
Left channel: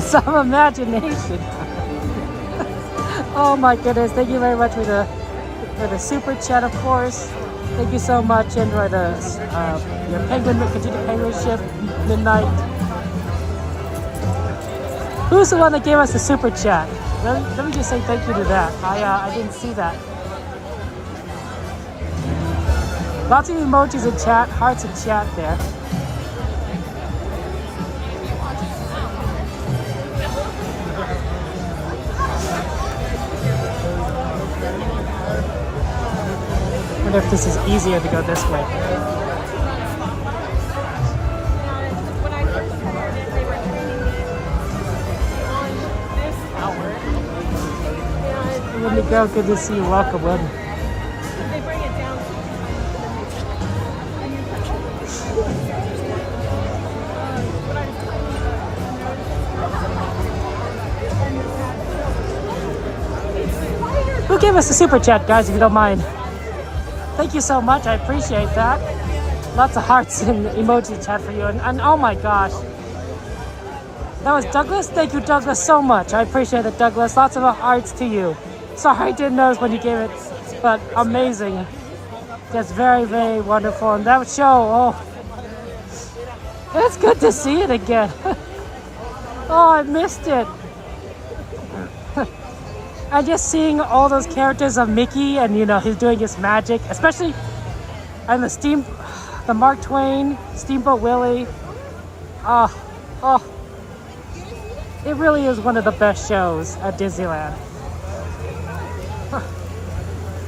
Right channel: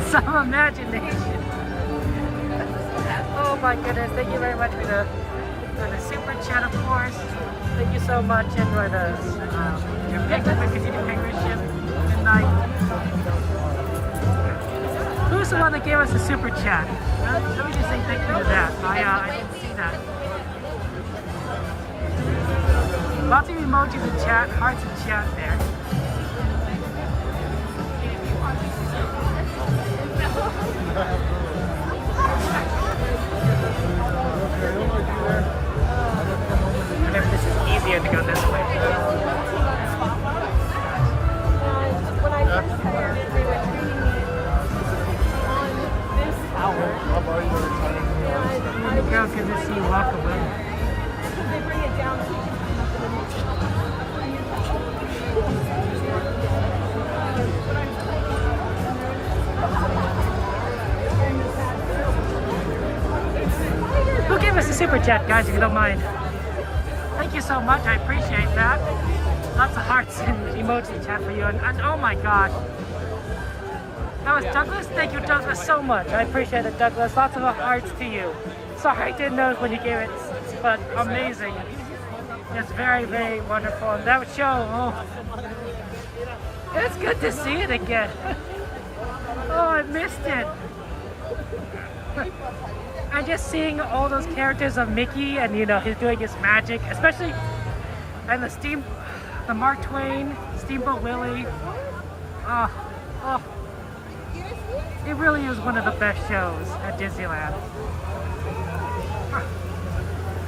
Some imagination. Oh my goodness! Thank you very much for the super chat, of course. Thank you so much, and for the your continued penguinship midnight. Who's the one that gave us the super chat? Let me just say thank you to that. I didn't see that. Lots of emojis in chat, hearts in chat there. I wonder if this is easier to go this way. When I first started, they were training me on this tower. And Let me go. Good to see you. Welcome in. They bring it down so you can climb up to the next a new tower. When I was climbing up, and this had spiders. Who gave us a super chat, guys, if you don't mind? Thank you so much. I appreciate that. Lots of hearts and emoji chat for you. And oh my gosh. That was Douglas. Thank you, Douglas, so much. I appreciate it, Douglas. Lots of hearts to you. Sorry, I didn't notice when you gave it, but amazing. Just very, very wonderful. And that show, oh, it's good to see it again. Oh, I missed it. And just seeing all those characters of Mickey, and you know, he's doing his magic, especially, and the Mark Twain, Steamboat Willie. It really is one of the best shows at Disneyland.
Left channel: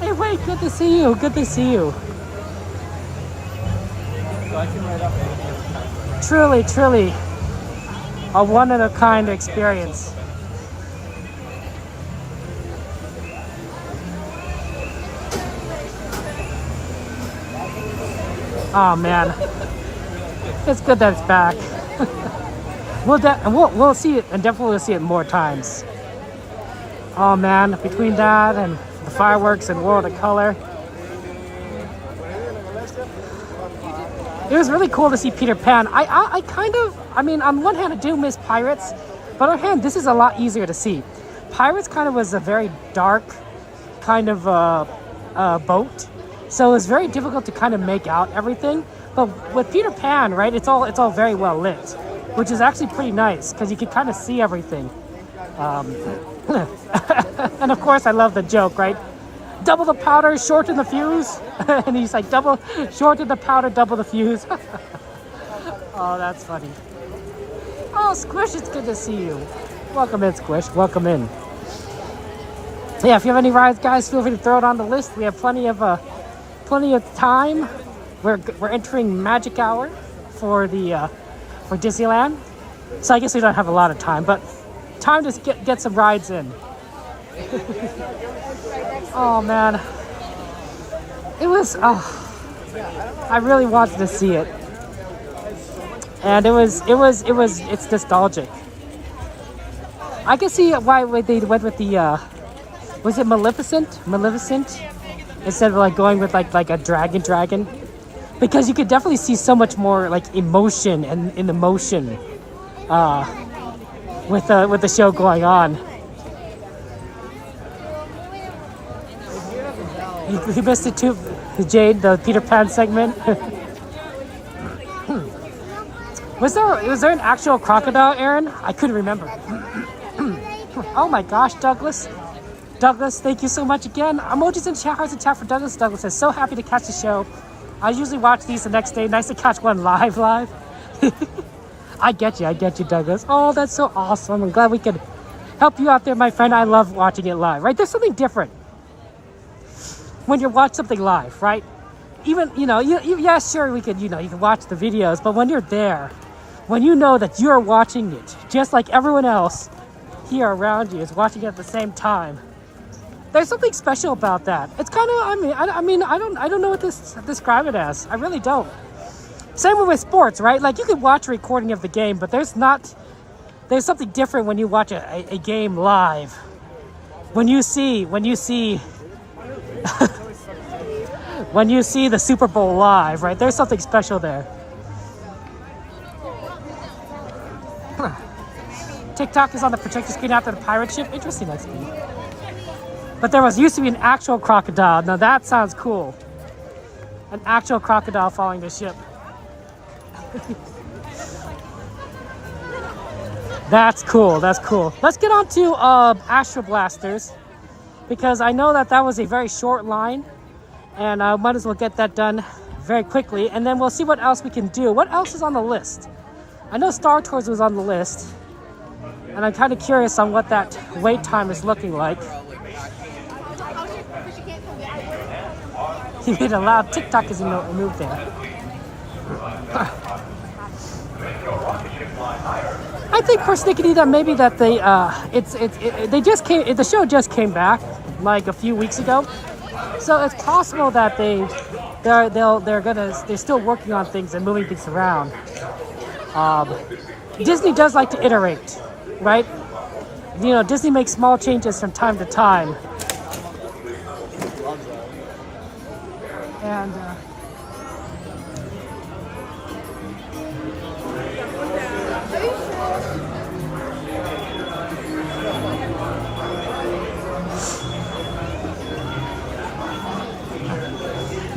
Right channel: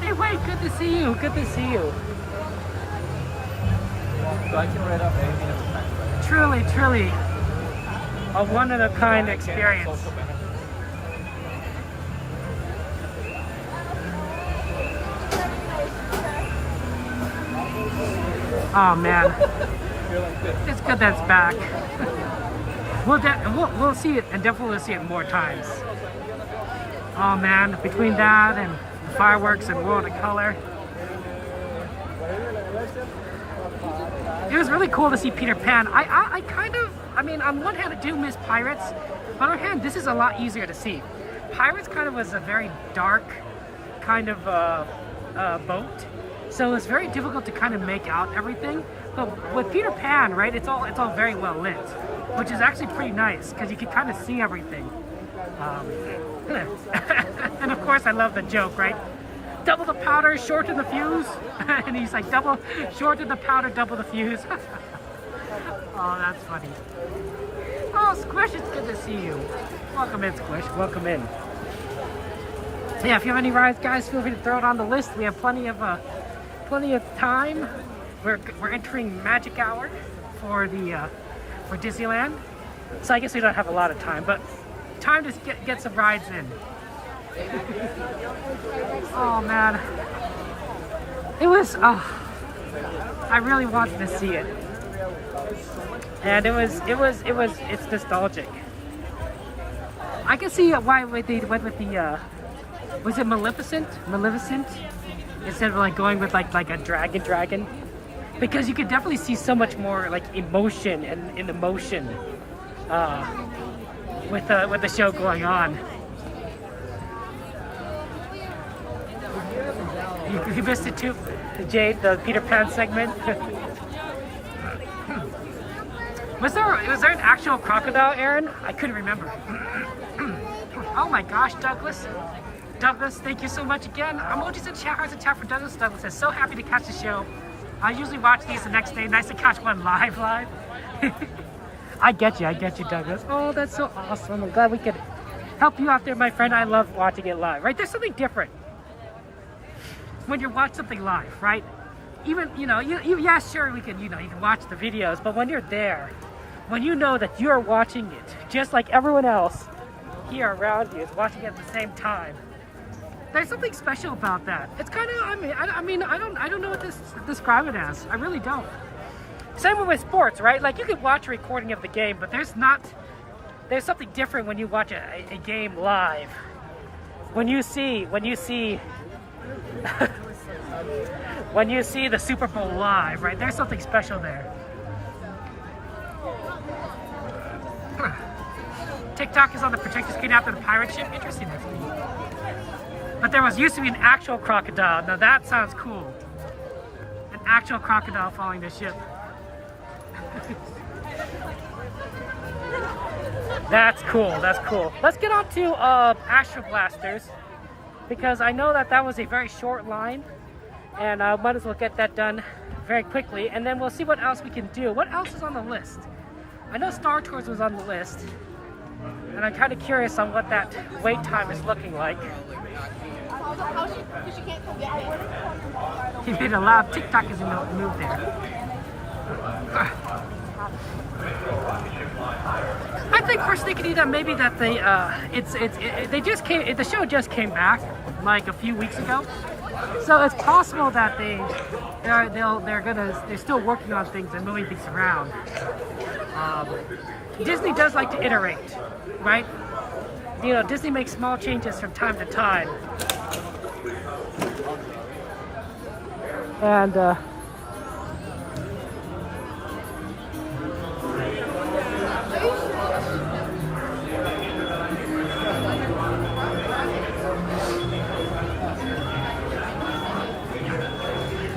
Hey, wait, good to see you. Good to see you. Truly, truly a one-of-a-kind experience. Oh man, it's good that it's back. We'll see it, and definitely we'll see it more times. Oh man, between that and the fireworks and World of Color, it was really cool to see Peter Pan. I mean, on one hand I do miss Pirates, but on the other hand, this is a lot easier to see. Pirates kind of was a very dark kind of boat, so it was very difficult to kind of make out everything. But with Peter Pan, right, it's all very well lit, which is actually pretty nice because you can kind of see everything. And of course, I love the joke, right? Double the powder, shorten the fuse. And he's like, shorten the powder, double the fuse. Oh, that's funny. Oh, Squish, it's good to see you. Welcome in, Squish. Welcome in. So yeah, if you have any rides, guys, feel free to throw it on the list. We have plenty of time. We're entering Magic Hour for Disneyland. So I guess we don't have a lot of time, but time to get some rides in. Oh man, it was. I really wanted to see it, and it's nostalgic. I can see why they went with the. Was it Maleficent? Instead of like going with like a dragon, because you could definitely see so much more like emotion and in the motion with the show going on. You missed it too, the Peter Pan segment. Was there an actual crocodile, Aaron? I couldn't remember. Oh my gosh, Douglas, thank you so much again. Emojis and chat, hearts and chat for Douglas. Douglas is so happy to catch the show. I usually watch these the next day. Nice to catch one live. I get you, Douglas. Oh, that's so awesome. I'm glad we could help you out there, my friend. I love watching it live, right? There's something different when you watch something live, right? Even, yeah, sure, we could, you can watch the videos, but when you're there, when you know that you're watching it, just like everyone else here around you is watching it at the same time, there's something special about that. It's kind of, I don't know what to describe it as. I really don't. Same with sports, right? Like, you can watch a recording of the game, but there's something different when you watch a game live. When you see when you see the Super Bowl live, right? There's something special there. TikTok is on the projector screen after the pirate ship. Interesting, that's cool. But there used to be an actual crocodile. Now that sounds cool. An actual crocodile following the ship. That's cool. Let's get on to Astro Blasters, because I know that was a very short line, and I might as well get that done very quickly, and then we'll see what else we can do. What else is on the list? I know Star Tours was on the list, and I'm kind of curious on what that wait time is looking like. He made a loud TikTok as he moved there. I think persnickety that maybe that the show just came back like a few weeks ago, so it's possible that they're still working on things and moving things around. Disney does like to iterate, right? Disney makes small changes from time to time, and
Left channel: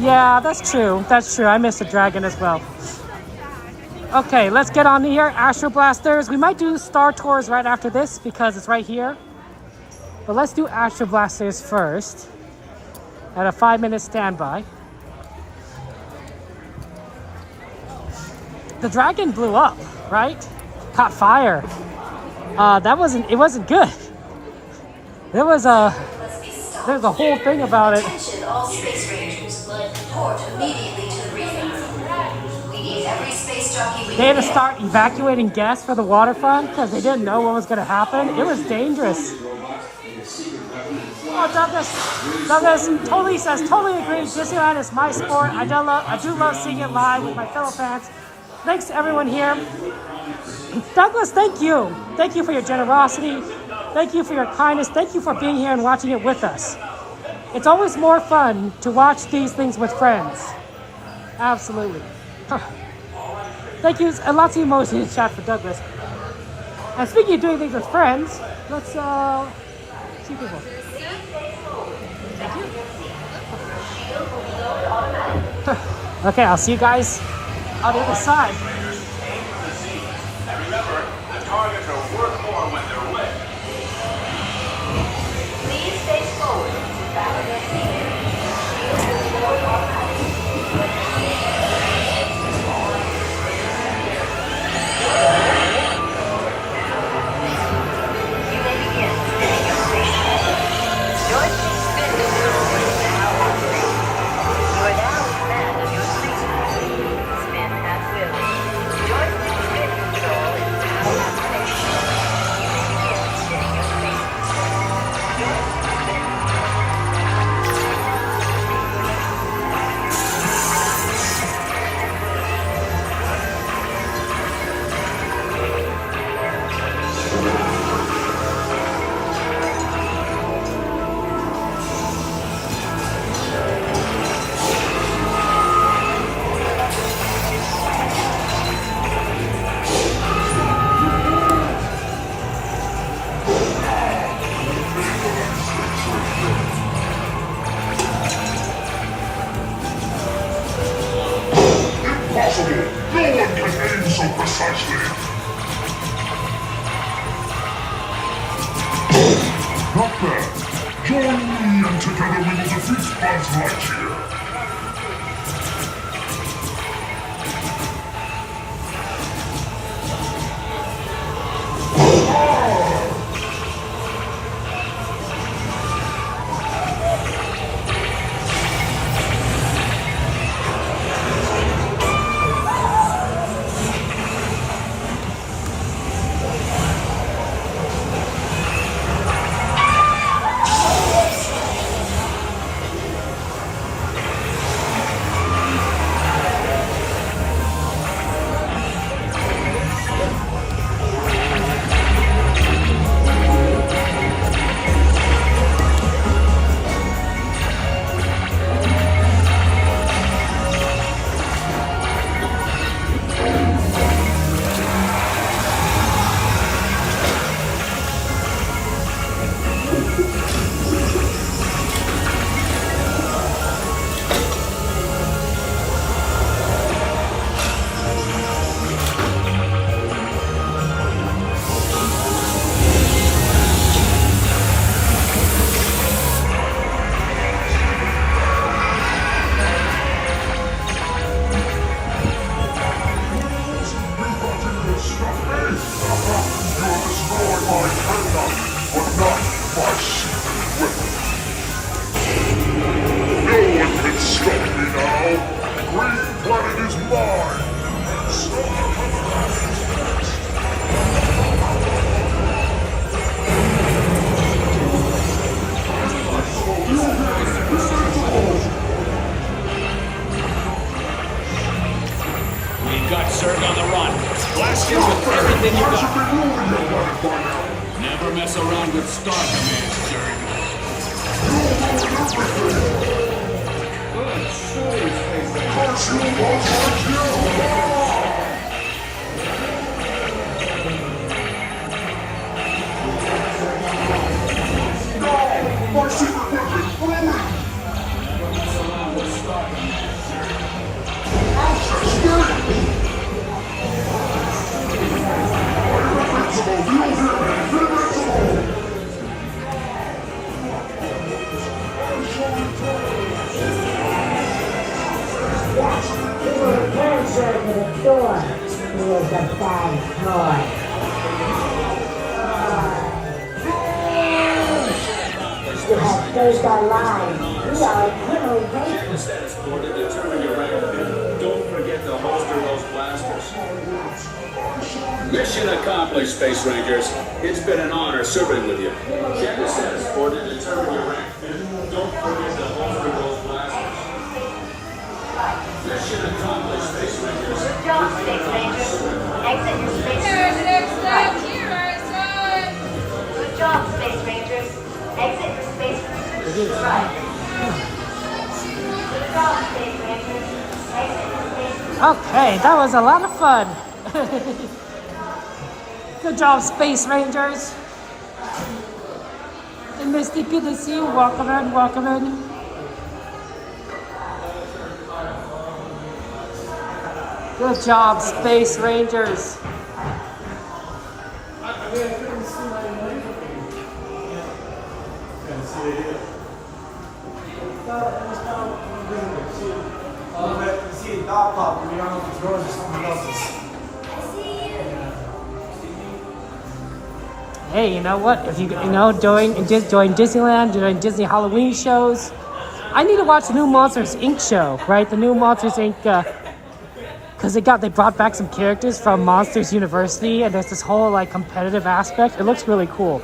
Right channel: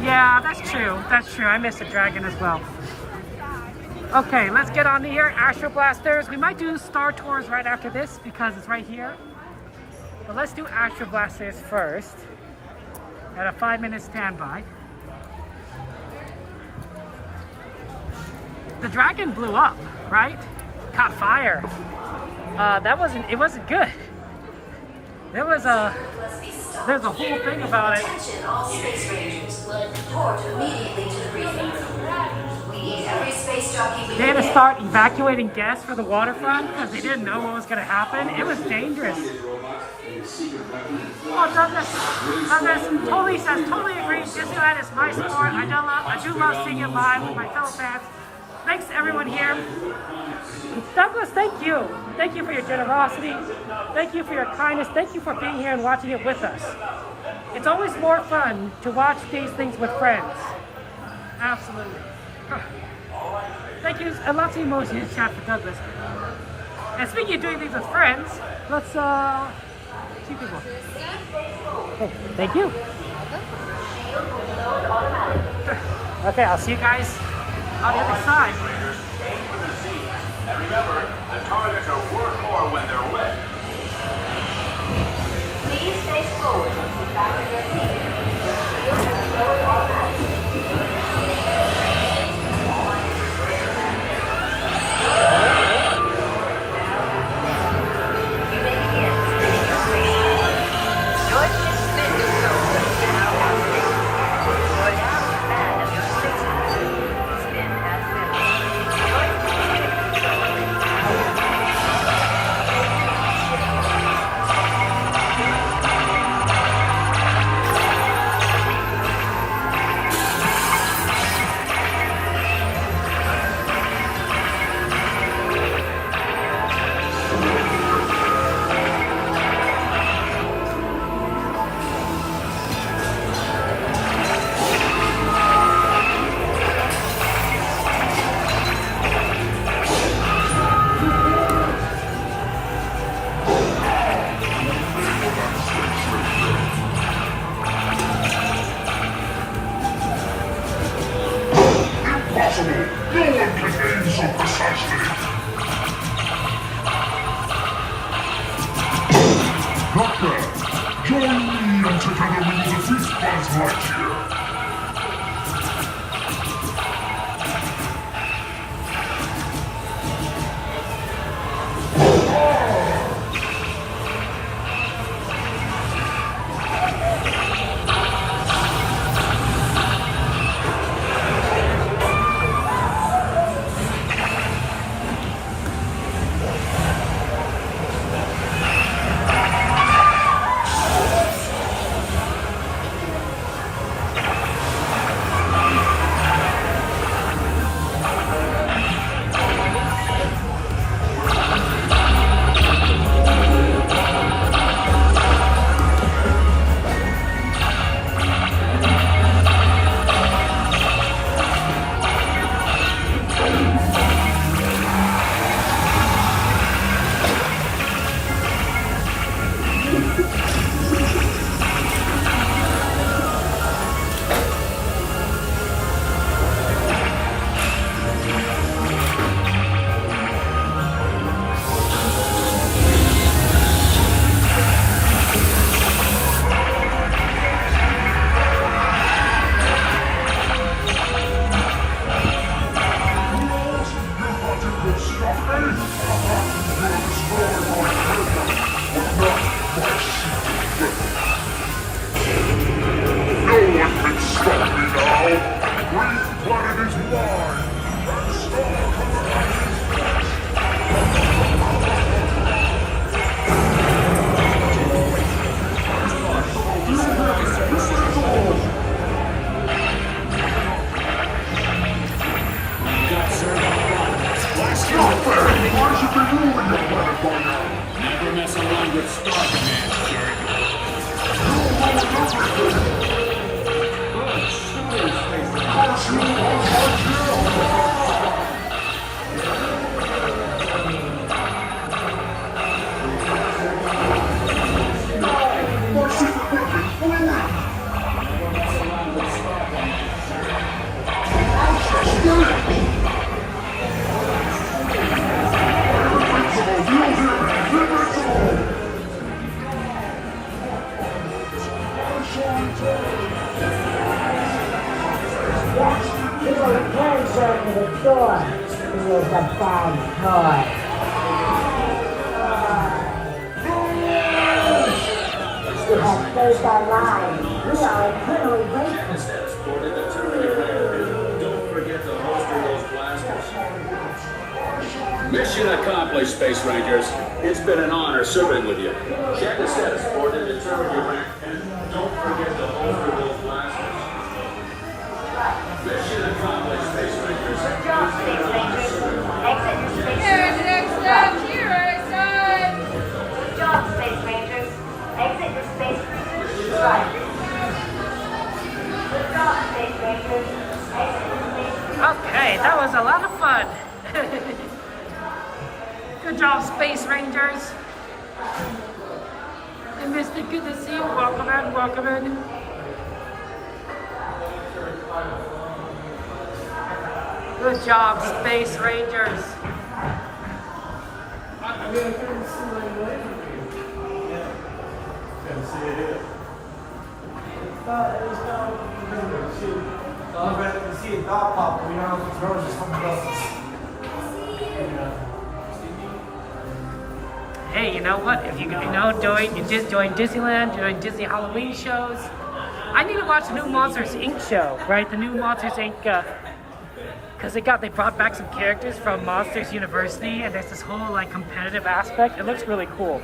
yeah, that's true. I missed a dragon as well. Okay, let's get on here. Astro Blasters. We might do Star Tours right after this because it's right here. But let's do Astro Blasters first at a 5-minute standby. The dragon blew up, right? Caught fire. It wasn't good. There's a whole thing about it. Attention all space rangers. Report immediately to the briefing. We need every space jockey we They had to can start evacuating guests for the waterfront because they didn't know what was going to happen. It was dangerous. Oh, Douglas totally says, totally agree. Disneyland is my sport. I do love seeing it live with my fellow fans. Thanks to everyone here. Douglas, thank you. Thank you for your generosity. Thank you for your kindness. Thank you for being here and watching it with us. It's always more fun to watch these things with friends. Absolutely. Thank you. And lots of emojis in the chat for Douglas. And speaking of doing things with friends, let's see people. Hey, thank you. Okay, I'll see you guys on the other side. And remember, the targets are worth more when they're wet. Please face forward and sit back in your seat. You may begin spinning your spaceship. Joystick spin control is now activated. You are now in command of your spacecraft. Spin has finished. Joystick spin control is now activated. Spinning your spacecraft. Impossible! No one can aim so precisely! Not bad. Join me and together we will defeat Buzz Lightyear. reserved on the run. Blast him with everything you got. Never mess around with Star Command, jerk. Good shooting, Space Mission accomplished, Space Rangers. It's been an honor serving with you. Check the status board and determine your rank. And don't forget to holster those blasters. Mission accomplished, Space Rangers. Good job, Space Rangers. Exit your space cruisers. Good job, Space Rangers. Exit your space cruisers. Right. Good job, Space Rangers. Exit your space cruisers. Okay, that was a lot of fun. Good job, Space Rangers. And Misty, good to see you. Welcome in, welcome in. Good job, Space Rangers. Hey, you know what? If you know, doing Disneyland, doing Disney Halloween shows, I need to watch the new Monsters Inc. show, right? The new Monsters Inc. Because they brought back some characters from Monsters University, and there's this whole like competitive aspect. It looks really cool.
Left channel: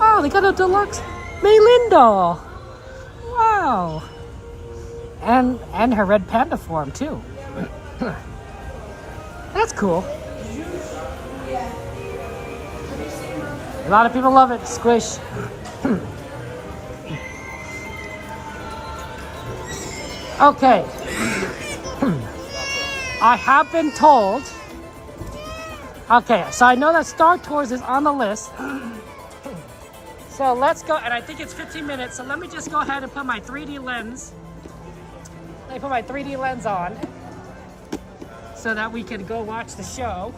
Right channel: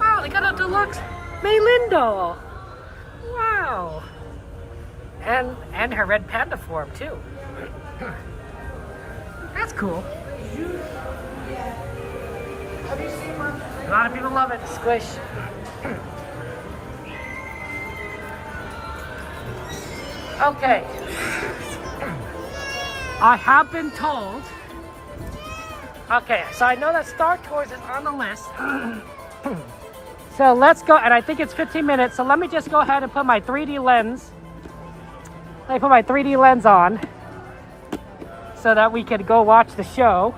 Oh, they got a deluxe Melinda. Wow. And her red panda form too. That's cool. A lot of people love it. Squish. Okay. I have been told. Okay, so I know that Star Tours is on the list. So let's go, and I think it's 15 minutes. So let me just go ahead and put my 3D lens. Let me put my 3D lens on so that we can go watch the show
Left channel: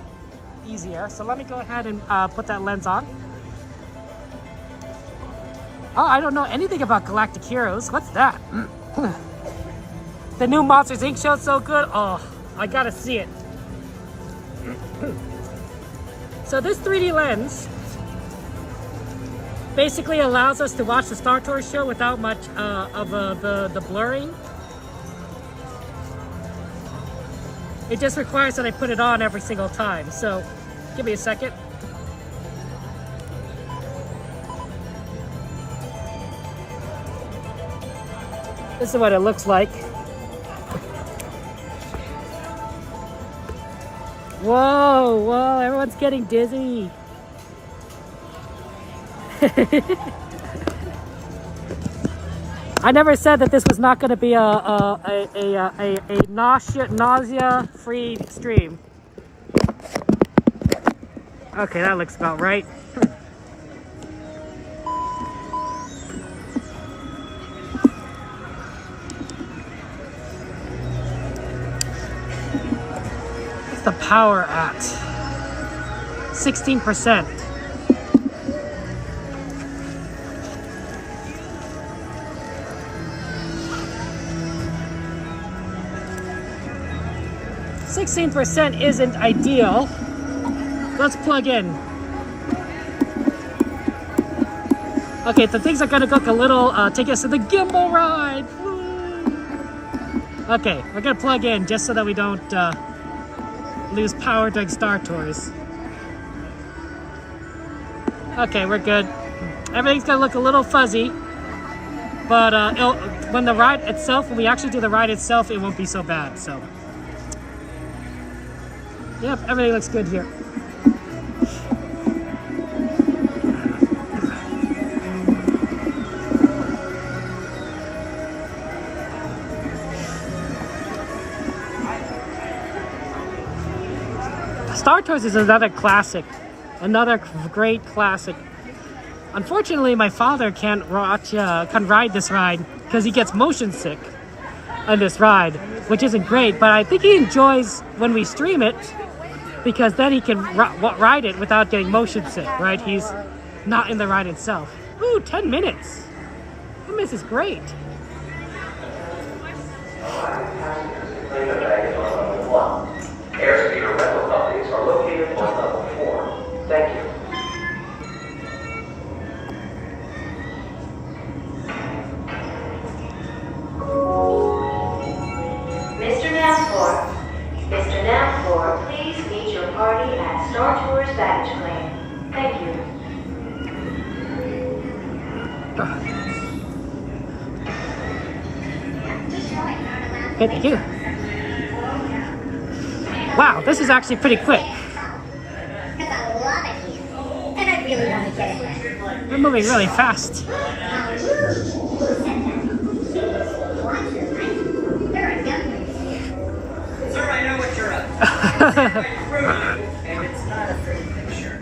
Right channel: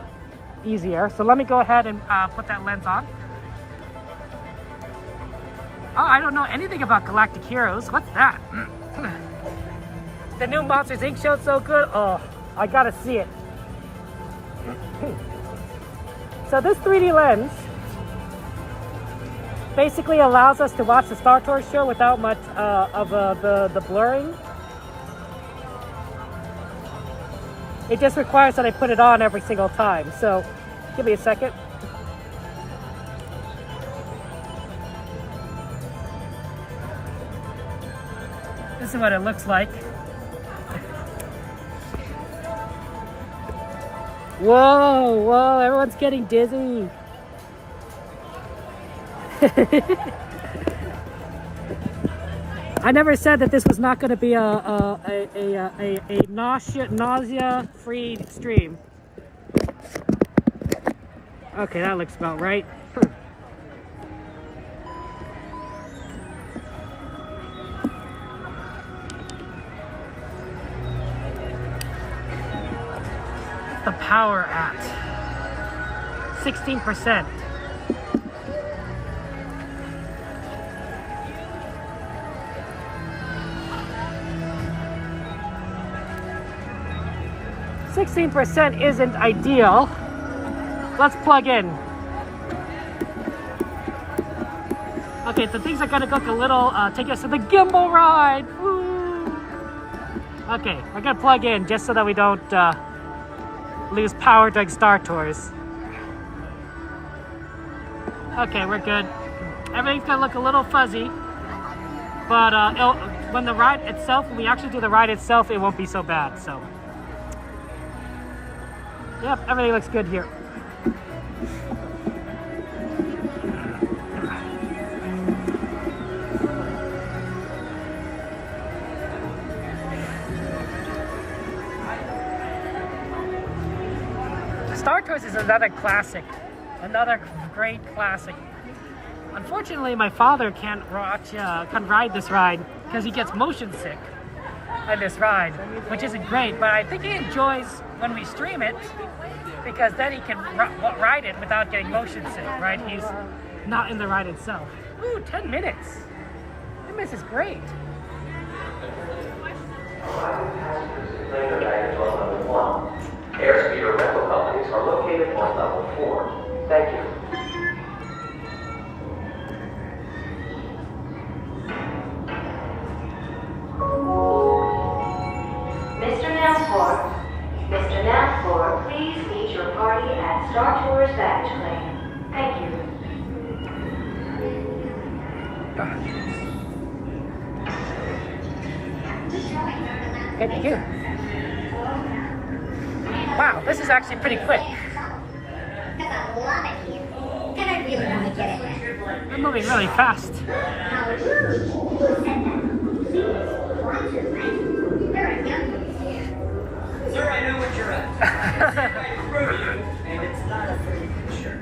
easier. So let me go ahead and put that lens on. Oh, I don't know anything about Galactic Heroes. What's that? The new Monsters Inc. show is so good. Oh, I gotta see it. So this 3D lens basically allows us to watch the Star Tours show without much of the blurring. It just requires that I put it on every single time. So give me a second. This is what it looks like. Whoa, whoa, everyone's getting dizzy. I never said that this was not going to be a nausea-free stream. Okay, that looks about right. What's the power at? 16%. %, isn't ideal. Let's plug in. Okay, the things are gonna look a little, take us to the gimbal ride. Woo. Okay, we're gonna plug in just so that we don't lose power during Star Tours. Okay, we're good. Everything's gonna look a little fuzzy. But when the ride itself, when we actually do the ride itself, it won't be so bad. So, yep, everything looks good here. Star Tours is another classic, another great classic. Unfortunately, my father can't ride this ride because he gets motion sick on this ride, which isn't great, but I think he enjoys when we stream it because then he can ride it without getting motion sick, right? He's not in the ride itself. Ooh, 10 minutes. 10 minutes is great. Airspeeder rental companies are located on level 4. Thank you. Mr. Nathor, please meet your party at Star Tours baggage claim. Thank you. Thank you. Wow, this is actually pretty quick. We're moving really fast. Sir, I know what you're up to. And it's not a pretty picture.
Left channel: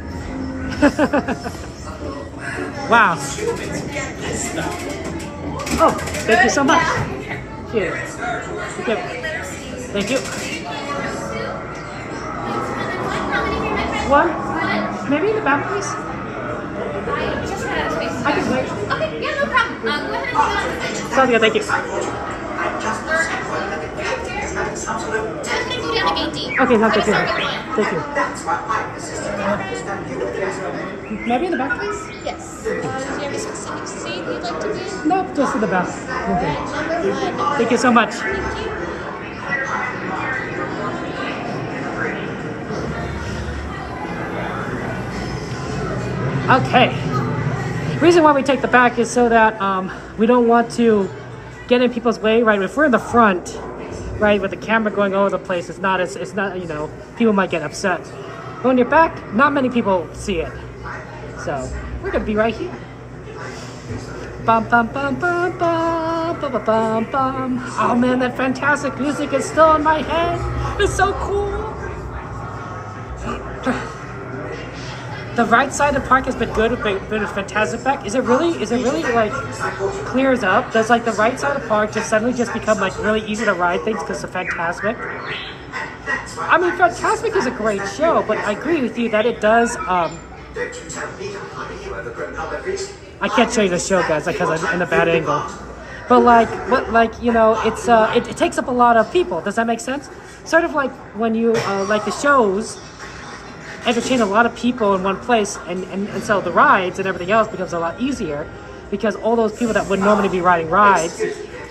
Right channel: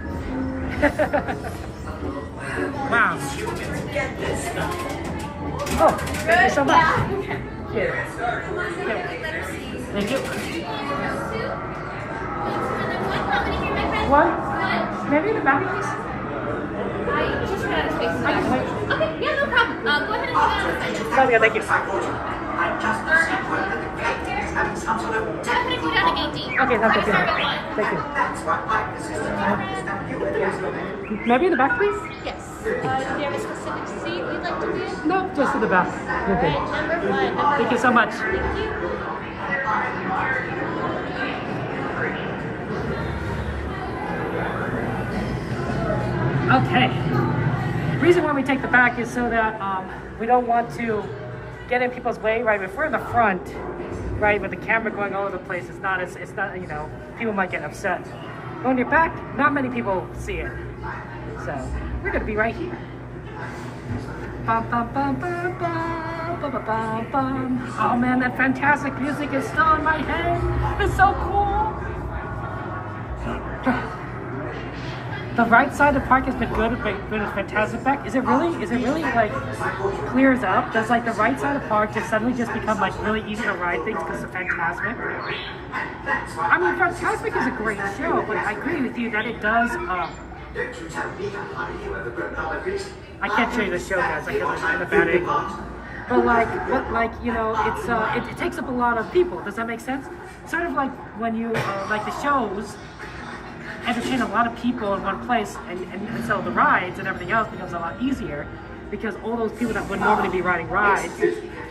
Wow. Humans get this stuff. Oh, thank you so much. Here. Yep. Thank you. What? Maybe in the back, please? I just ran out of space. I can wait. Okay, yeah, no problem. Go ahead and go. Sorry, thank you. I'm gonna go down to 18. Okay, no, thank you. Start with 1. Thank you. Maybe in the back, please? Yes. Do you have a specific seat you'd like to be? No, just in the back. Okay. Thank you so much. Okay. The reason why we take the back is so that we don't want to get in people's way, right? If we're in the front, right, with the camera going all over the place, it's not, you know, people might get upset. But when you're back, not many people see it. So, we're gonna be right here. Bum, bum, bum, bum, bum, bum, bum, bum. Oh man, that fantastic music is still in my head. It's so cool. The right side of the park has been good with Fantasmic. Is it really like clears up? Does like the right side of the park just suddenly just become like really easy to ride things because of Fantasmic? I mean, Fantasmic is a great show, but I agree with you that it does. I can't show you the show, guys, because I'm in a bad angle. But you know, it takes up a lot of people. Does that make sense? Sort of like when you like the shows entertain a lot of people in one place, and so the rides and everything else becomes a lot easier because all those people that would normally be riding rides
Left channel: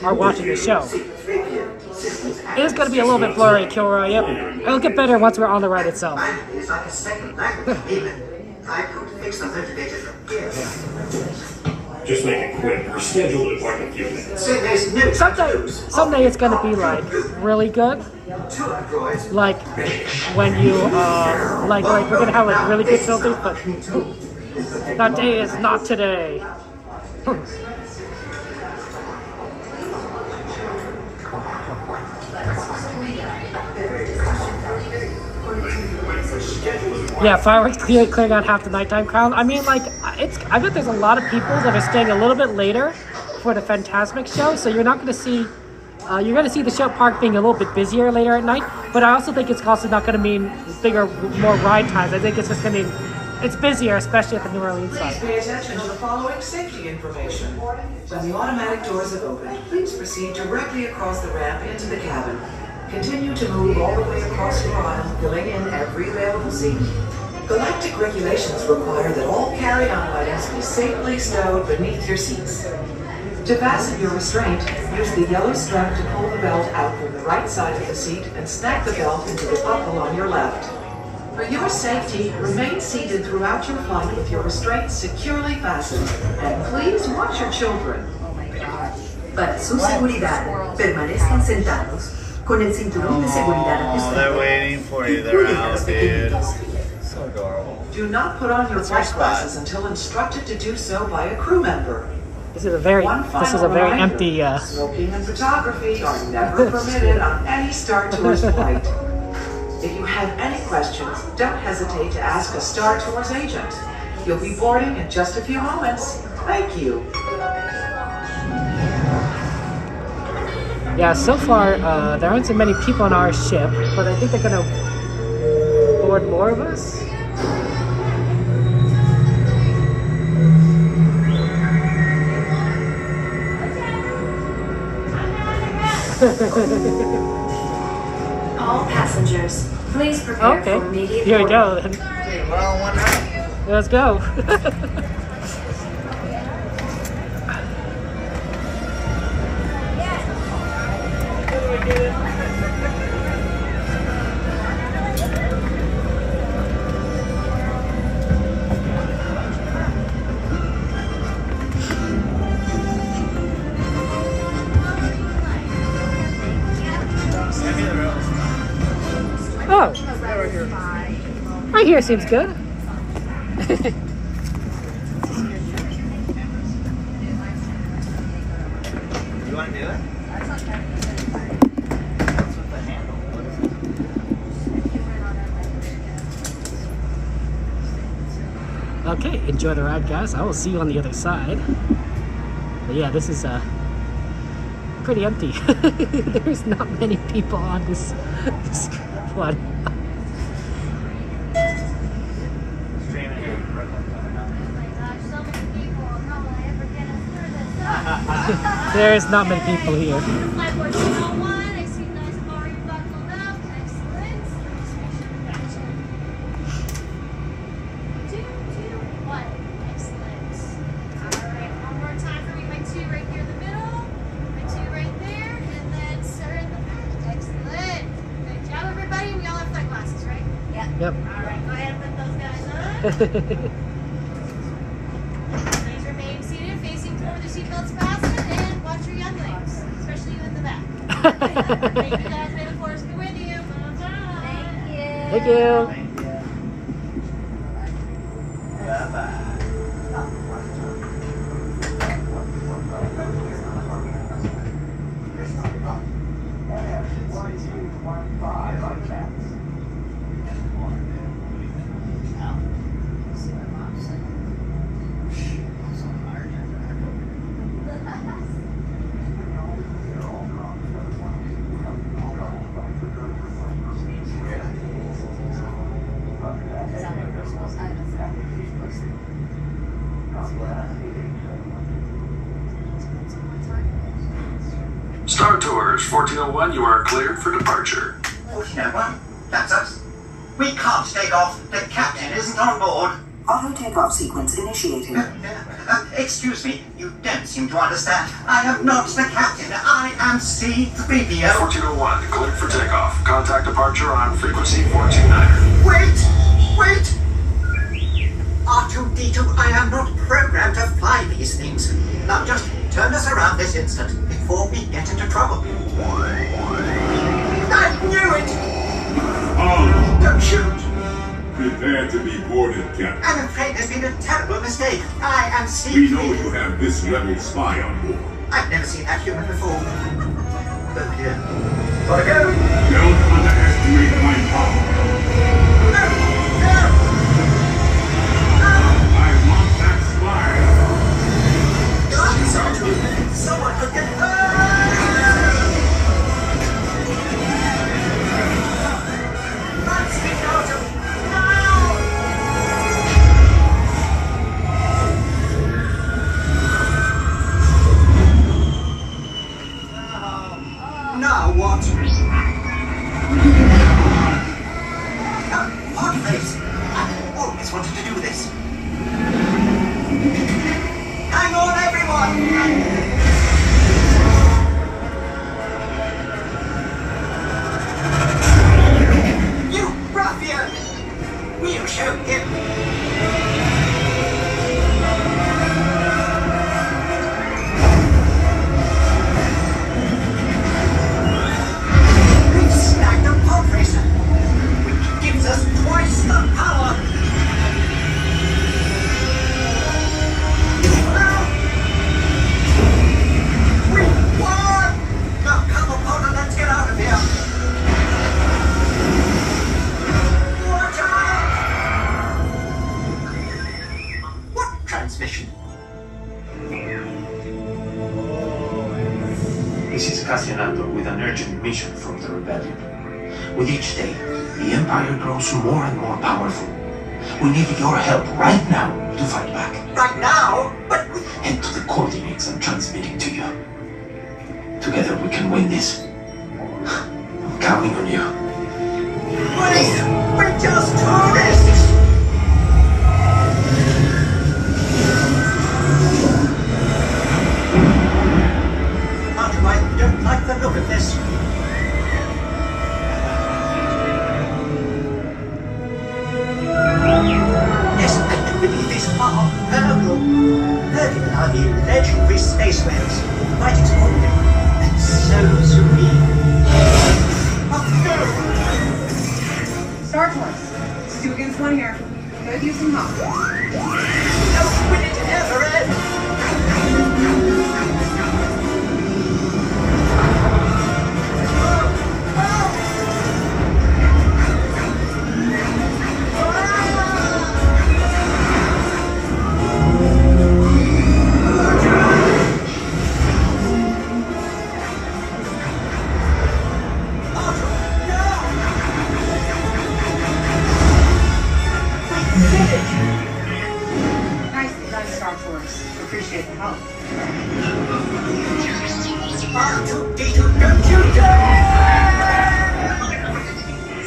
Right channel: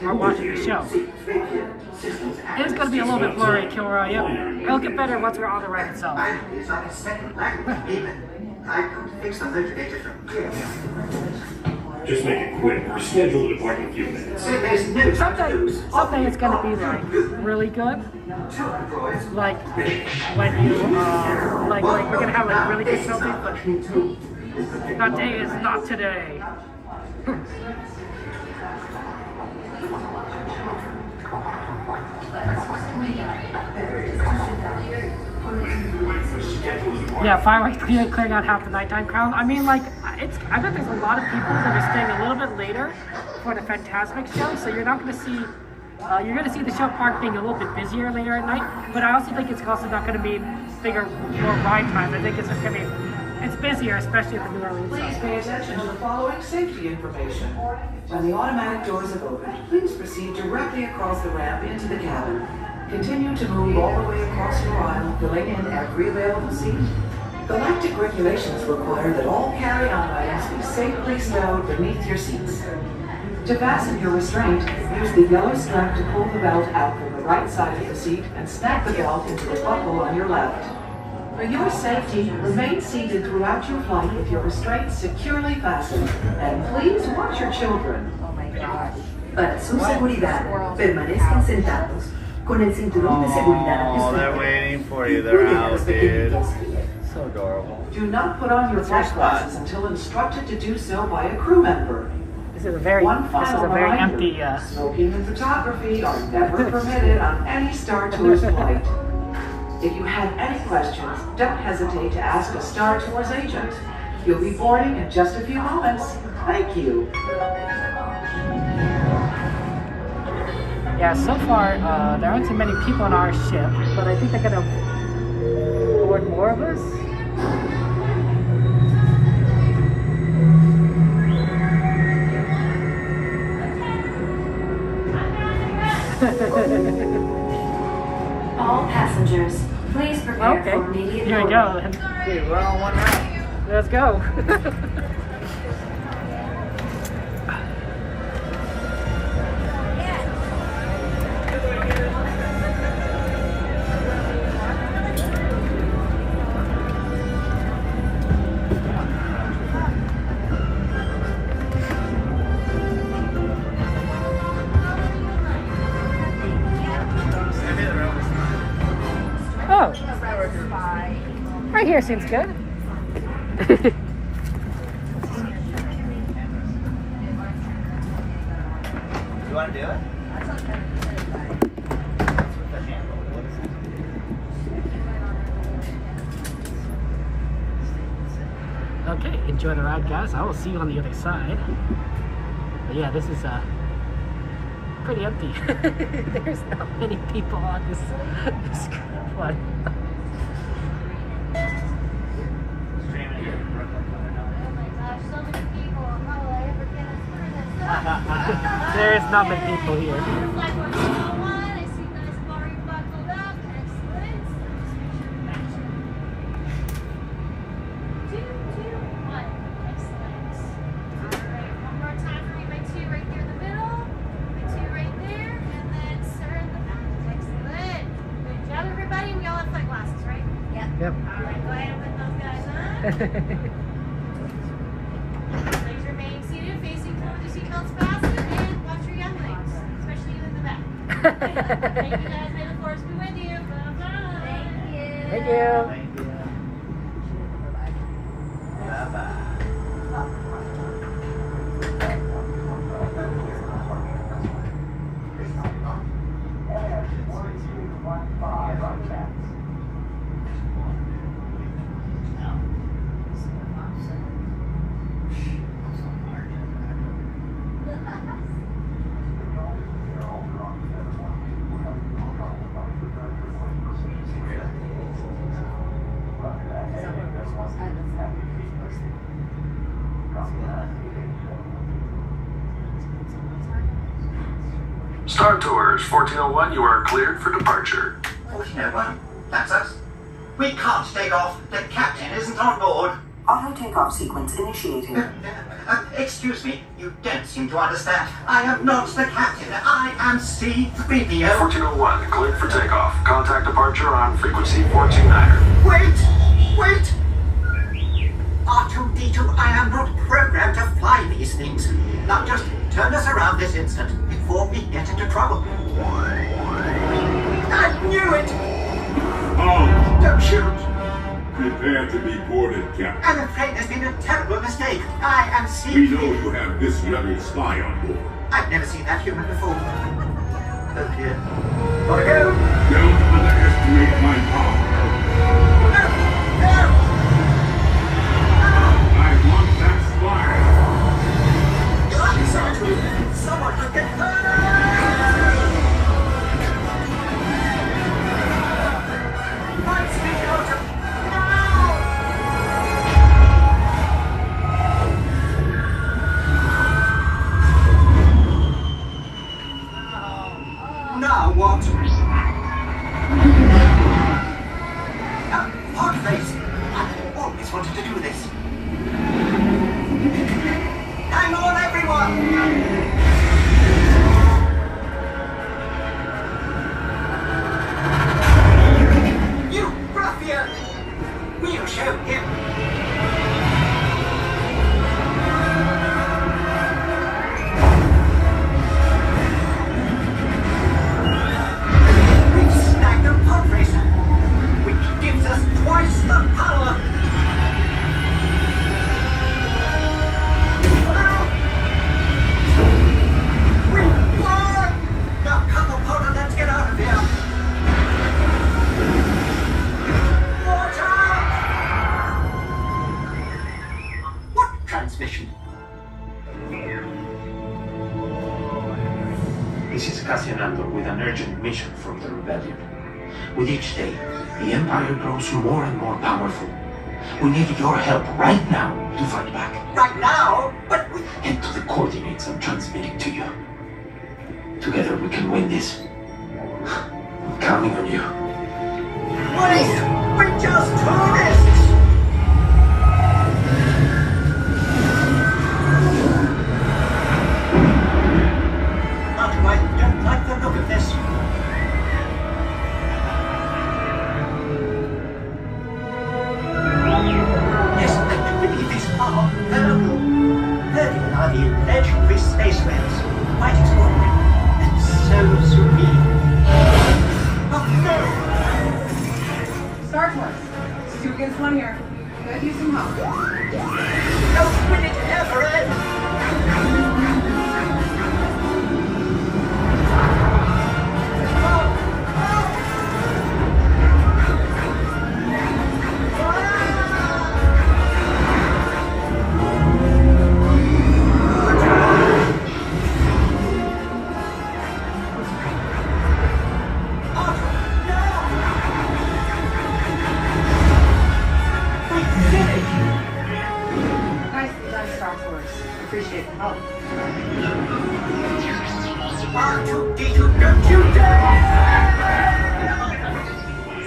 are watching the show. It is going to be a little bit blurry, Kilroy. Yep, it'll get better once we're on the ride itself. Just make it quick. We're scheduled to park in a few minutes. Someday it's going to be like really good. Like when you like we're gonna have like really good filters, but that day is not today. Yeah, fireworks clearing out half the nighttime crowd. I mean, like I bet there's a lot of people that are staying a little bit later for the Fantasmic Show, so you're not going to see. You're going to see the show park being a little bit busier later at night, but I also think it's also not going to mean bigger, more ride times. I think it's just going to be, it's busier, especially at the New Orleans side. Please pay attention to the following safety information. When the automatic doors have opened, please proceed directly across the ramp into the cabin. Continue to move all the way across your aisle, filling in every available seat. Galactic regulations require that all carry-on items be safely stowed beneath your seats. To fasten your restraint, use the yellow strap to pull the belt out from the right side of the seat and snap the belt into the buckle on your left. For your safety, remain seated throughout your flight with your restraints securely fastened, and please watch your children. Para su seguridad, permanezcan sentados con el cinturón de seguridad ajustado. They're waiting for you. They're Incluyen a out, los dude. pequeñitos. So adorable. Do not put on your fresh glasses until instructed to do so by a crew member. This is a very empty. Smoking and photography are never permitted on any Star Tours flight. If you have any questions, don't hesitate to ask a Star Tours agent. You'll be boarding in just a few moments. Thank you. Yeah, so far there aren't so many people on our ship, but I think they're gonna board more of us. All passengers, please prepare for immediate Here we go. boarding. Dude, we're on one now. Let's go. Oh, right here seems good. You want to do it? Okay, enjoy the ride, guys. I will see you on the other side. But yeah, this is pretty empty. There's not many people on this one. There's not many people here. Yep. Alright, go ahead and put those guys on. Please remain seated, facing toward the seatbelts fastened, and watch your younglings, especially you in the back. Thank you guys, may the force be with you. Bye-bye. Thank you. Thank you. Bye-bye. Star Tours 1401, you are cleared for departure. 1401? That's us. We can't take off. The captain isn't on board. Auto takeoff sequence initiated. Excuse me, you don't seem to understand. I am not the captain. I am C-3PO. 1401, cleared for takeoff. Contact departure on frequency 429er. Wait! R2-D2, I am not programmed to fly these things. Now just turn us around this instant before we get into trouble. I knew it! Oh! Don't shoot! Prepare to be boarded, Captain. I'm afraid there's been a terrible mistake. I am C-3PO. We know you have this rebel spy on board. I've never seen that human before. Oh dear. Gotta go! Don't underestimate my power. I want that spy. Someone could get hurt! Lights me out of now what? Pod race! I've always wanted to do this. Hang on, everyone! You ruffian! We'll show him! mission from the rebellion. With each day, the Empire grows more and more powerful. We need your help right now to fight back. Right now? But Head to the coordinates I'm transmitting to you. Together we can win this. I'm counting on you. wait! We're just tourists! Arthur, I don't like the look of this. Yes, I do believe these are Hurdle. Hurdle are the legendary space whales. Quite extraordinary. And so serene. Oh, no! Star Tours. It's 2 against 1 here. Could use some help. Oh, will it ever end? Nicely done, Star Tours. Appreciate the help. R2-D2, don't you dare!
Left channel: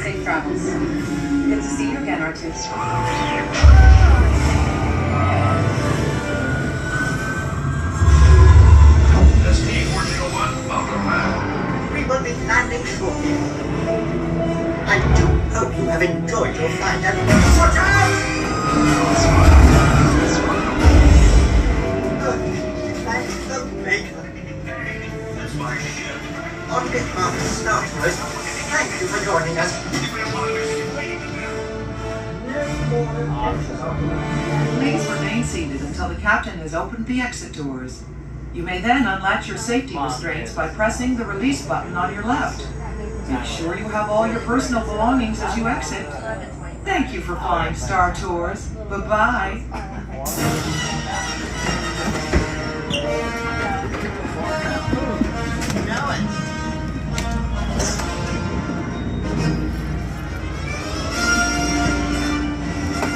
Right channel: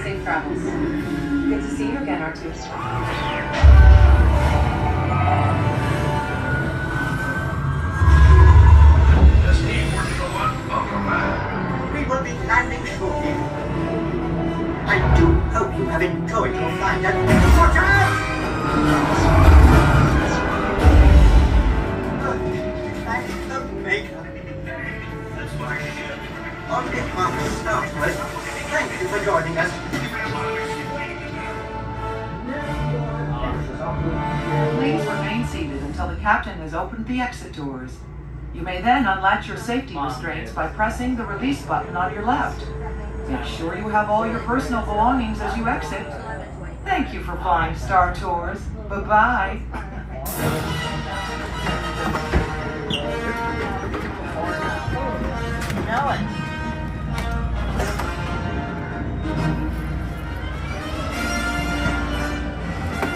Safe travels. Good to see you again, R2. Destiny 401, welcome back. We will be landing shortly. I do hope you have enjoyed your flight and watch out! Oh, thank the Maker. That's my ship. On behalf of Star Tours, thank you for joining us. Please remain seated until the captain has opened the exit doors. You may then unlatch your safety restraints by pressing the release button on your left. Make sure you have all your personal belongings as you exit. Thank you for flying Star Tours. Bye-bye.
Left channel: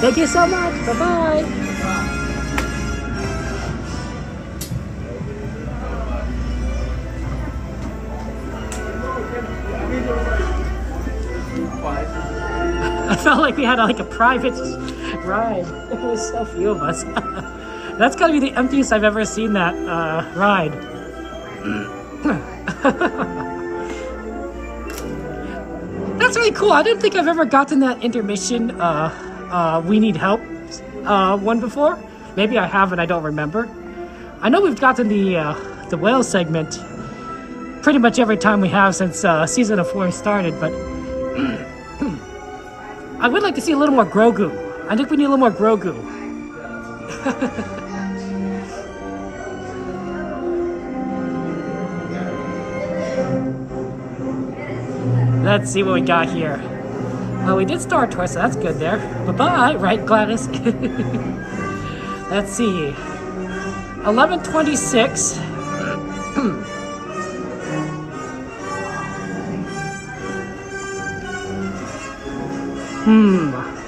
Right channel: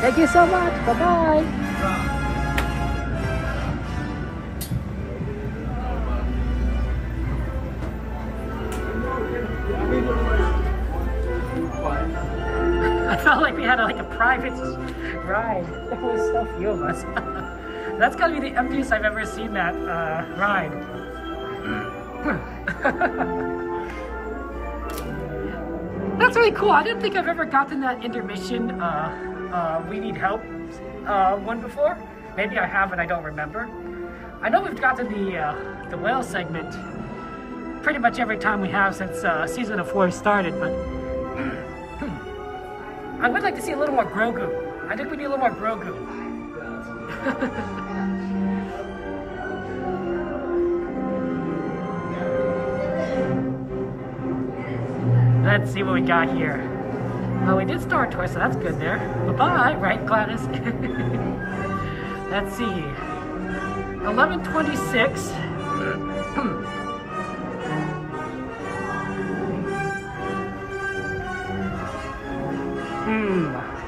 Thank you so much. Bye-bye. I felt like we had like a private ride. It was so few of us. That's gotta be the emptiest I've ever seen that ride. That's really cool. I didn't think I've ever gotten that intermission we need help one before. Maybe I have and I don't remember. I know we've gotten the whale segment pretty much every time we have since season 4 started, but I would like to see a little more Grogu. I think we need a little more Grogu. Let's see what we got here. Oh, we did Star Tours, so that's good there. Bye-bye, right, Gladys? Let's see. 11:26.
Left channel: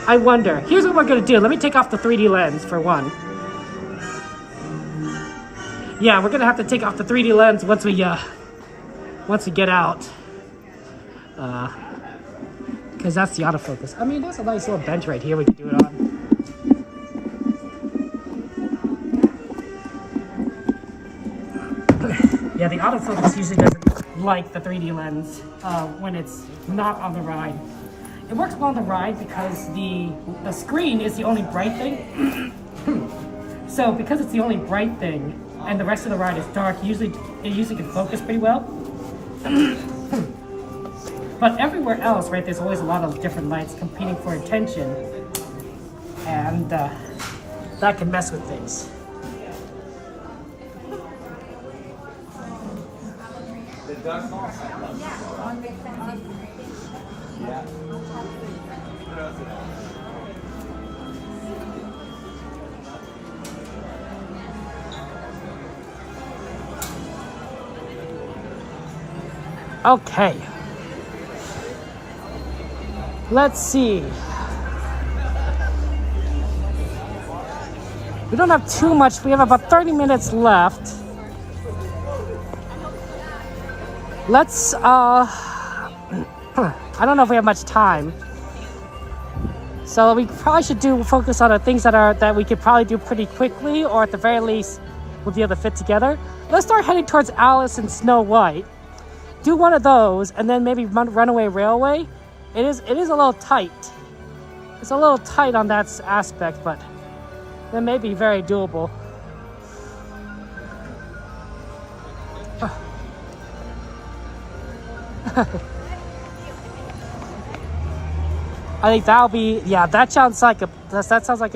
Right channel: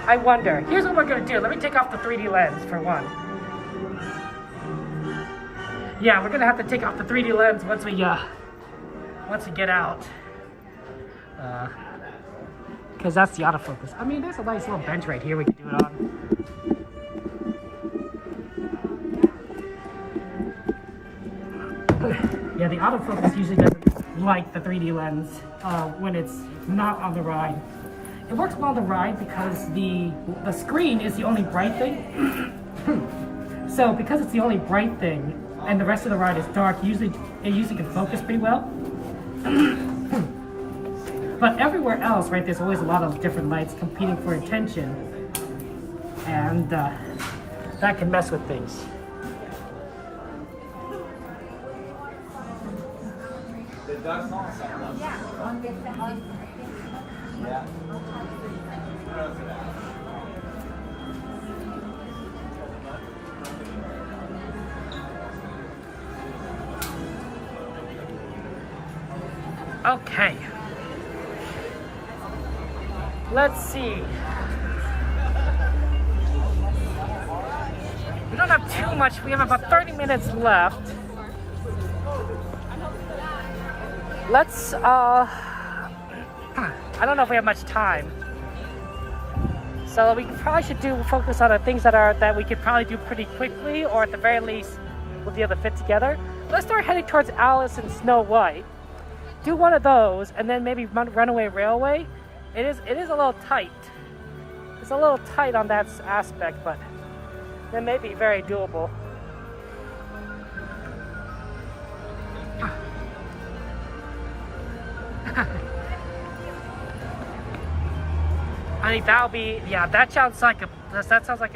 I wonder. Here's what we're gonna do. Let me take off the 3D lens for one. Yeah, we're gonna have to take off the 3D lens once we get out. Because that's the autofocus. I mean, there's a nice little bench right here we can do it on. Yeah, the autofocus usually doesn't like the 3D lens when it's not on the ride. It works well on the ride because the screen is the only bright thing. So because it's the only bright thing and the rest of the ride is dark, it usually can focus pretty well. But everywhere else, right, there's always a lot of different lights competing for attention, and that can mess with things. Okay. Let's see. We don't have too much. We have about 30 minutes left. Let's, I don't know if we have much time. So we probably should focus on the things that we could probably do pretty quickly, or at the very least, we'll be able to fit together. Let's start heading towards Alice and Snow White. Do one of those, and then maybe Runaway Railway. It is a little tight. It's a little tight on that aspect, but it may be very doable. I think that'll be, yeah, that sounds like a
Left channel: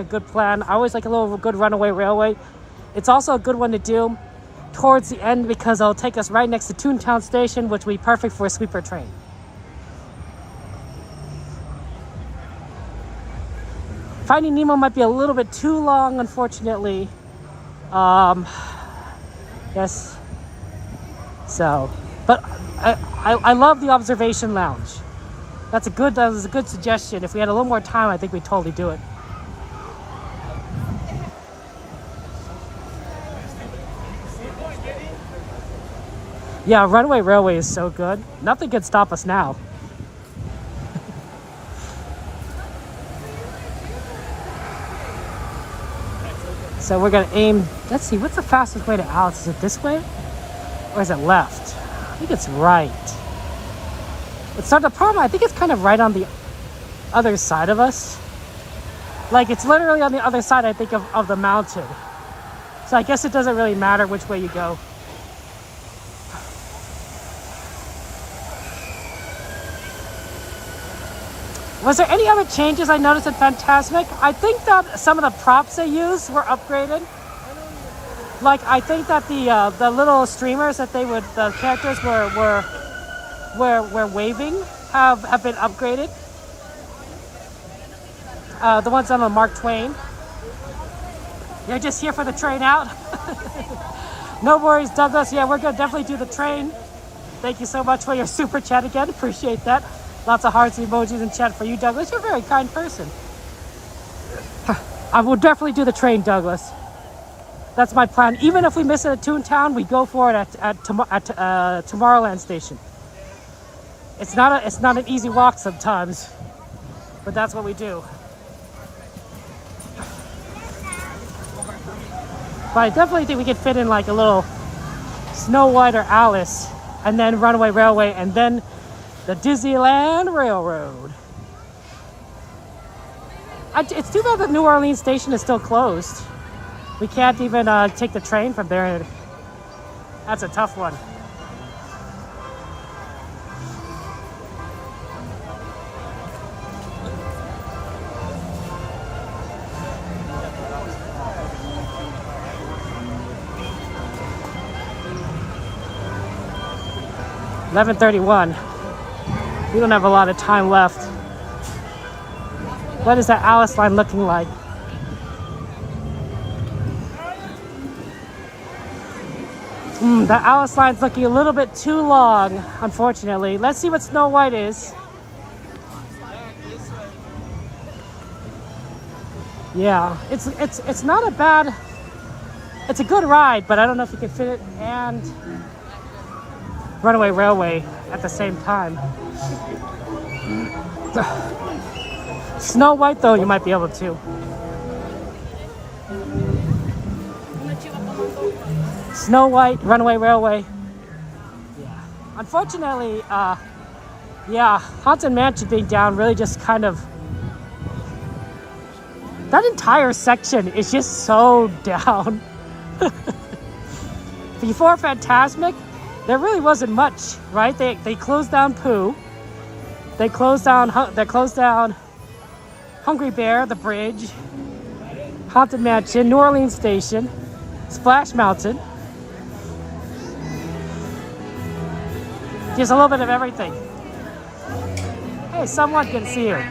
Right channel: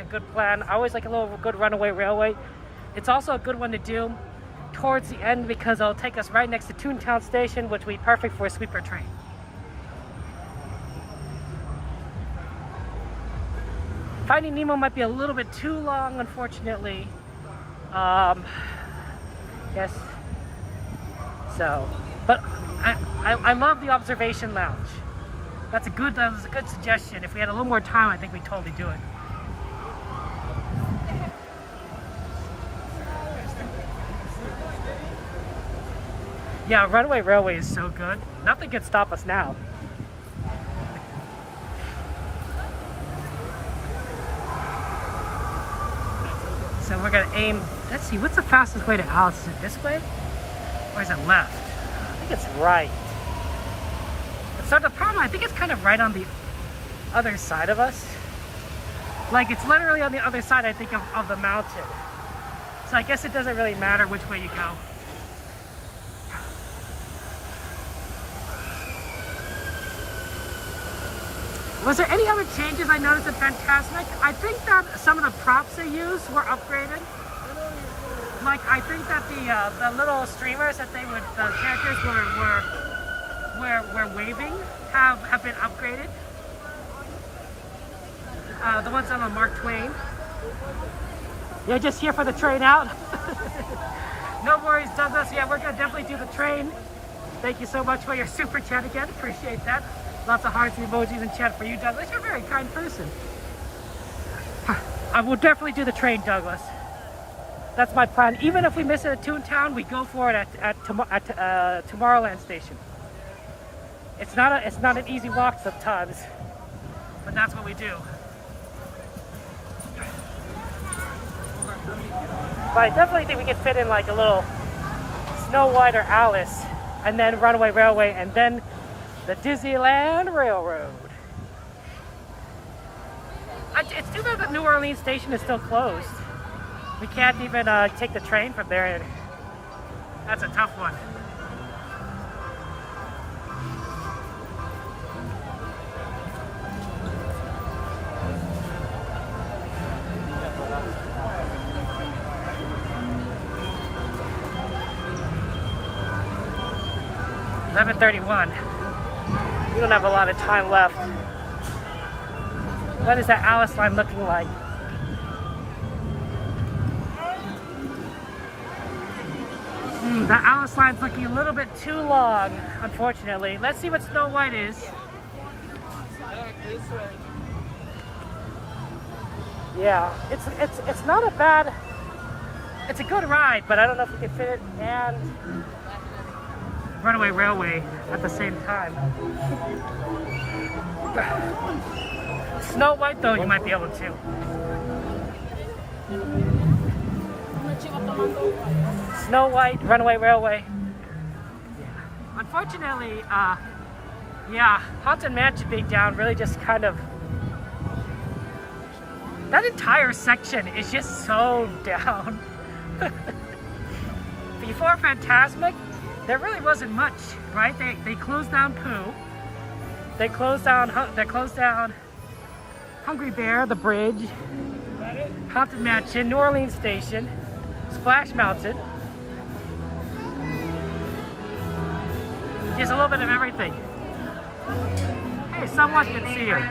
good plan. I always like a little good Runaway Railway. It's also a good one to do towards the end because it'll take us right next to Toontown Station, which will be perfect for a sleeper train. Finding Nemo might be a little bit too long, unfortunately. Yes. So, but I love the observation lounge. That was a good suggestion. If we had a little more time, I think we'd totally do it. Yeah, Runaway Railway is so good. Nothing can stop us now. So we're gonna aim, let's see, what's the fastest way to Alice? Is it this way? Or is it left? I think it's right. It's not the problem, I think it's kind of right on the other side of us. Like, it's literally on the other side, I think, of the mountain. So I guess it doesn't really matter which way you go. Was there any other changes I noticed in Fantasmic? I think that some of the props they used were upgraded. Like, I think that the little streamers that the characters were waving have been upgraded. The ones on the Mark Twain. You're just here for the train out. No worries, Douglas. Yeah, we're gonna definitely do the train. Thank you so much for your super chat again. Appreciate that. Lots of hearts and emojis in chat for you, Douglas. You're a very kind person. I will definitely do the train, Douglas. That's my plan. Even if we miss it at Toontown, we go for it at Tomorrowland Station. It's not an easy walk sometimes, but that's what we do. But I definitely think we could fit in like a little Snow White or Alice, and then Runaway Railway, and then the Disneyland Railroad. It's too bad the New Orleans station is still closed. We can't even take the train from there. That's a tough one. $11:31. We don't have a lot of time left. What is that Alice line looking like? That Alice line's looking a little bit too long, unfortunately. Let's see what Snow White is. Yeah, it's not a bad. It's a good ride, but I don't know if you can fit it and Runaway Railway at the same time. Snow White, though, you might be able to. Snow White, Runaway Railway. Yeah. Unfortunately, yeah, Haunted Mansion being down really just kind of. That entire section is just so down. Before Fantasmic, there really wasn't much, right? They closed down Pooh. They closed down Hungry Bear, the bridge, Haunted Mansion, New Orleans Station, Splash Mountain. Just a little bit of everything. Hey, someone can see you.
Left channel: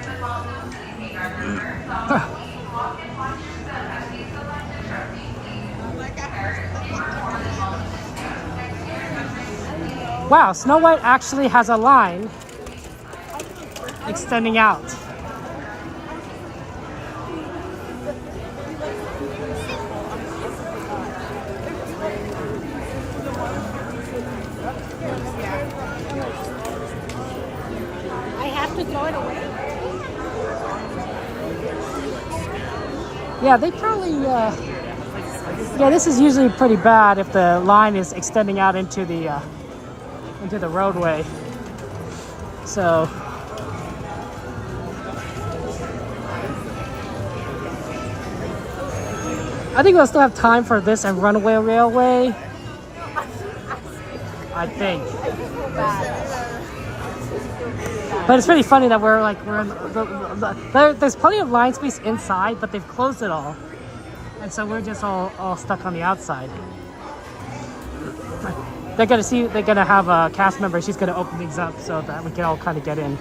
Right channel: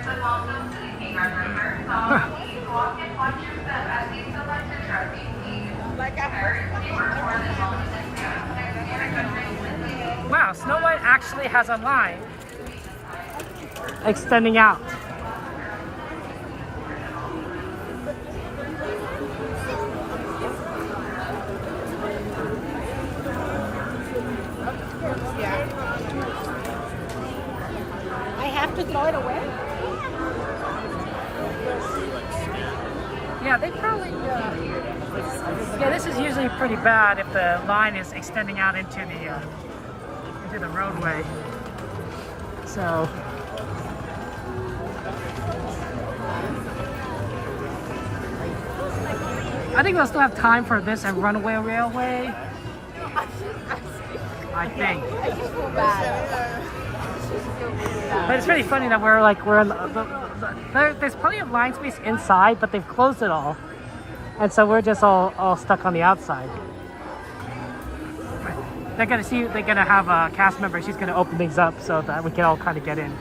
Wow, Snow White actually has a line extending out. I have to throw it away? Yeah, they probably, yeah, this is usually pretty bad if the line is extending out into the roadway. So, I think we'll still have time for this and Runaway Railway. I think. But it's pretty funny that we're in there's plenty of line space inside, but they've closed it all. And so we're just all stuck on the outside. They're gonna have a cast member, she's gonna open things up so that we can all kind of get in.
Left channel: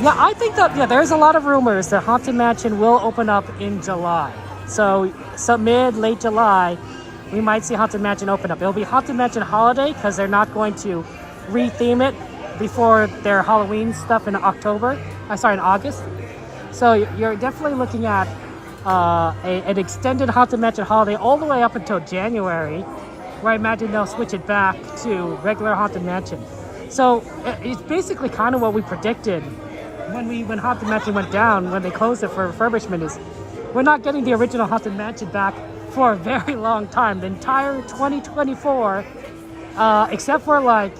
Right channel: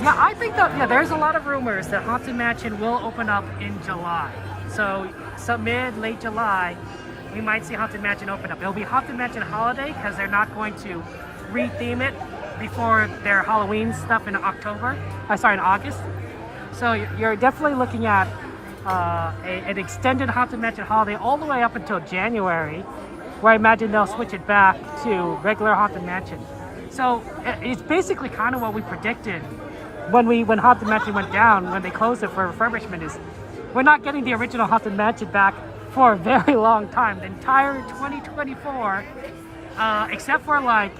Yeah, I think that, yeah, there's a lot of rumors that Haunted Mansion will open up in July. So late July, we might see Haunted Mansion open up. It'll be Haunted Mansion Holiday because they're not going to re-theme it before their Halloween stuff in August. So you're definitely looking at an extended Haunted Mansion Holiday all the way up until January, where I imagine they'll switch it back to regular Haunted Mansion. So it's basically kind of what we predicted when Haunted Mansion went down, when they closed it for refurbishment, is we're not getting the original Haunted Mansion back for a very long time. The entire 2024, except for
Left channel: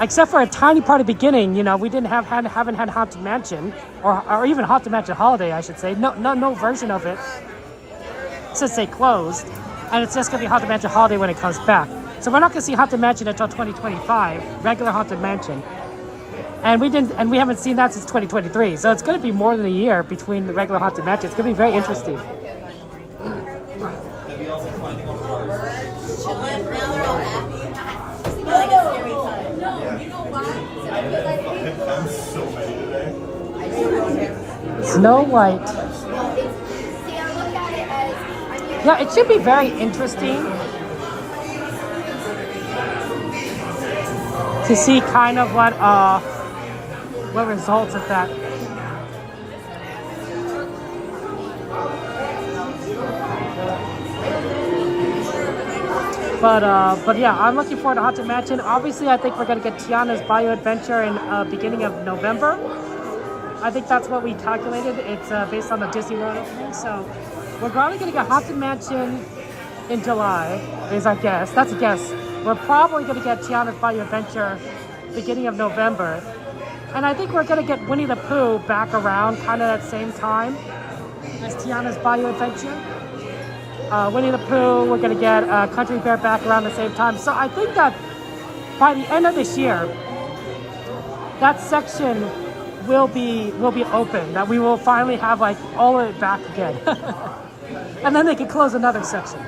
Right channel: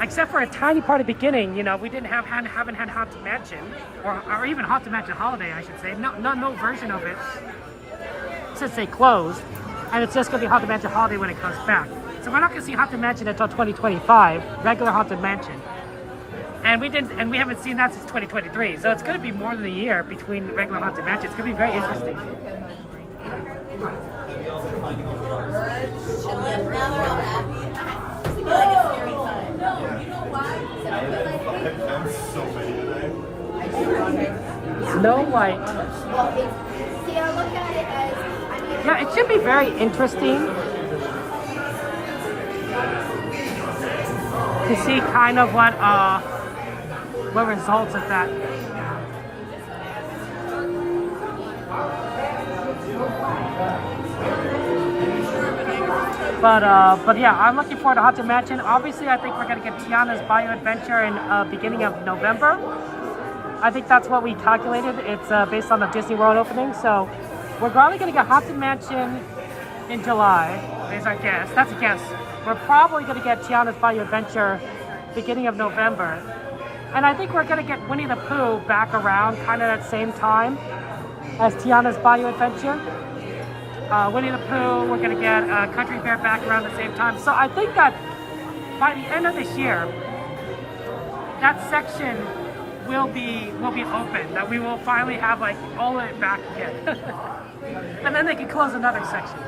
except for a tiny part of the beginning, you know, we haven't had Haunted Mansion or even Haunted Mansion Holiday, I should say. No version of it since they closed, and it's just gonna be Haunted Mansion Holiday when it comes back. So we're not gonna see Haunted Mansion until 2025, regular Haunted Mansion. And we haven't seen that since 2023. So it's gonna be more than a year between the regular Haunted Mansion. It's gonna be very interesting. Snow White. Yeah, it should be very interesting to see kind of what results of that. But yeah, I'm looking forward to Haunted Mansion. Obviously, I think we're gonna get Tiana's Bayou Adventure in beginning of November. I think that's what we calculated. It's based on the Disney World opening. So we're probably gonna get Haunted Mansion in July, is our guess. That's a guess. We're probably gonna get Tiana's Bayou Adventure beginning of November. And I think we're gonna get Winnie the Pooh back around kind of that same time as Tiana's Bayou Adventure. Winnie the Pooh, we're gonna get Country Bear back around the same time. So I think that by the end of this year, that section will be open. That we will finally have like all of it back again, and then they can close another section.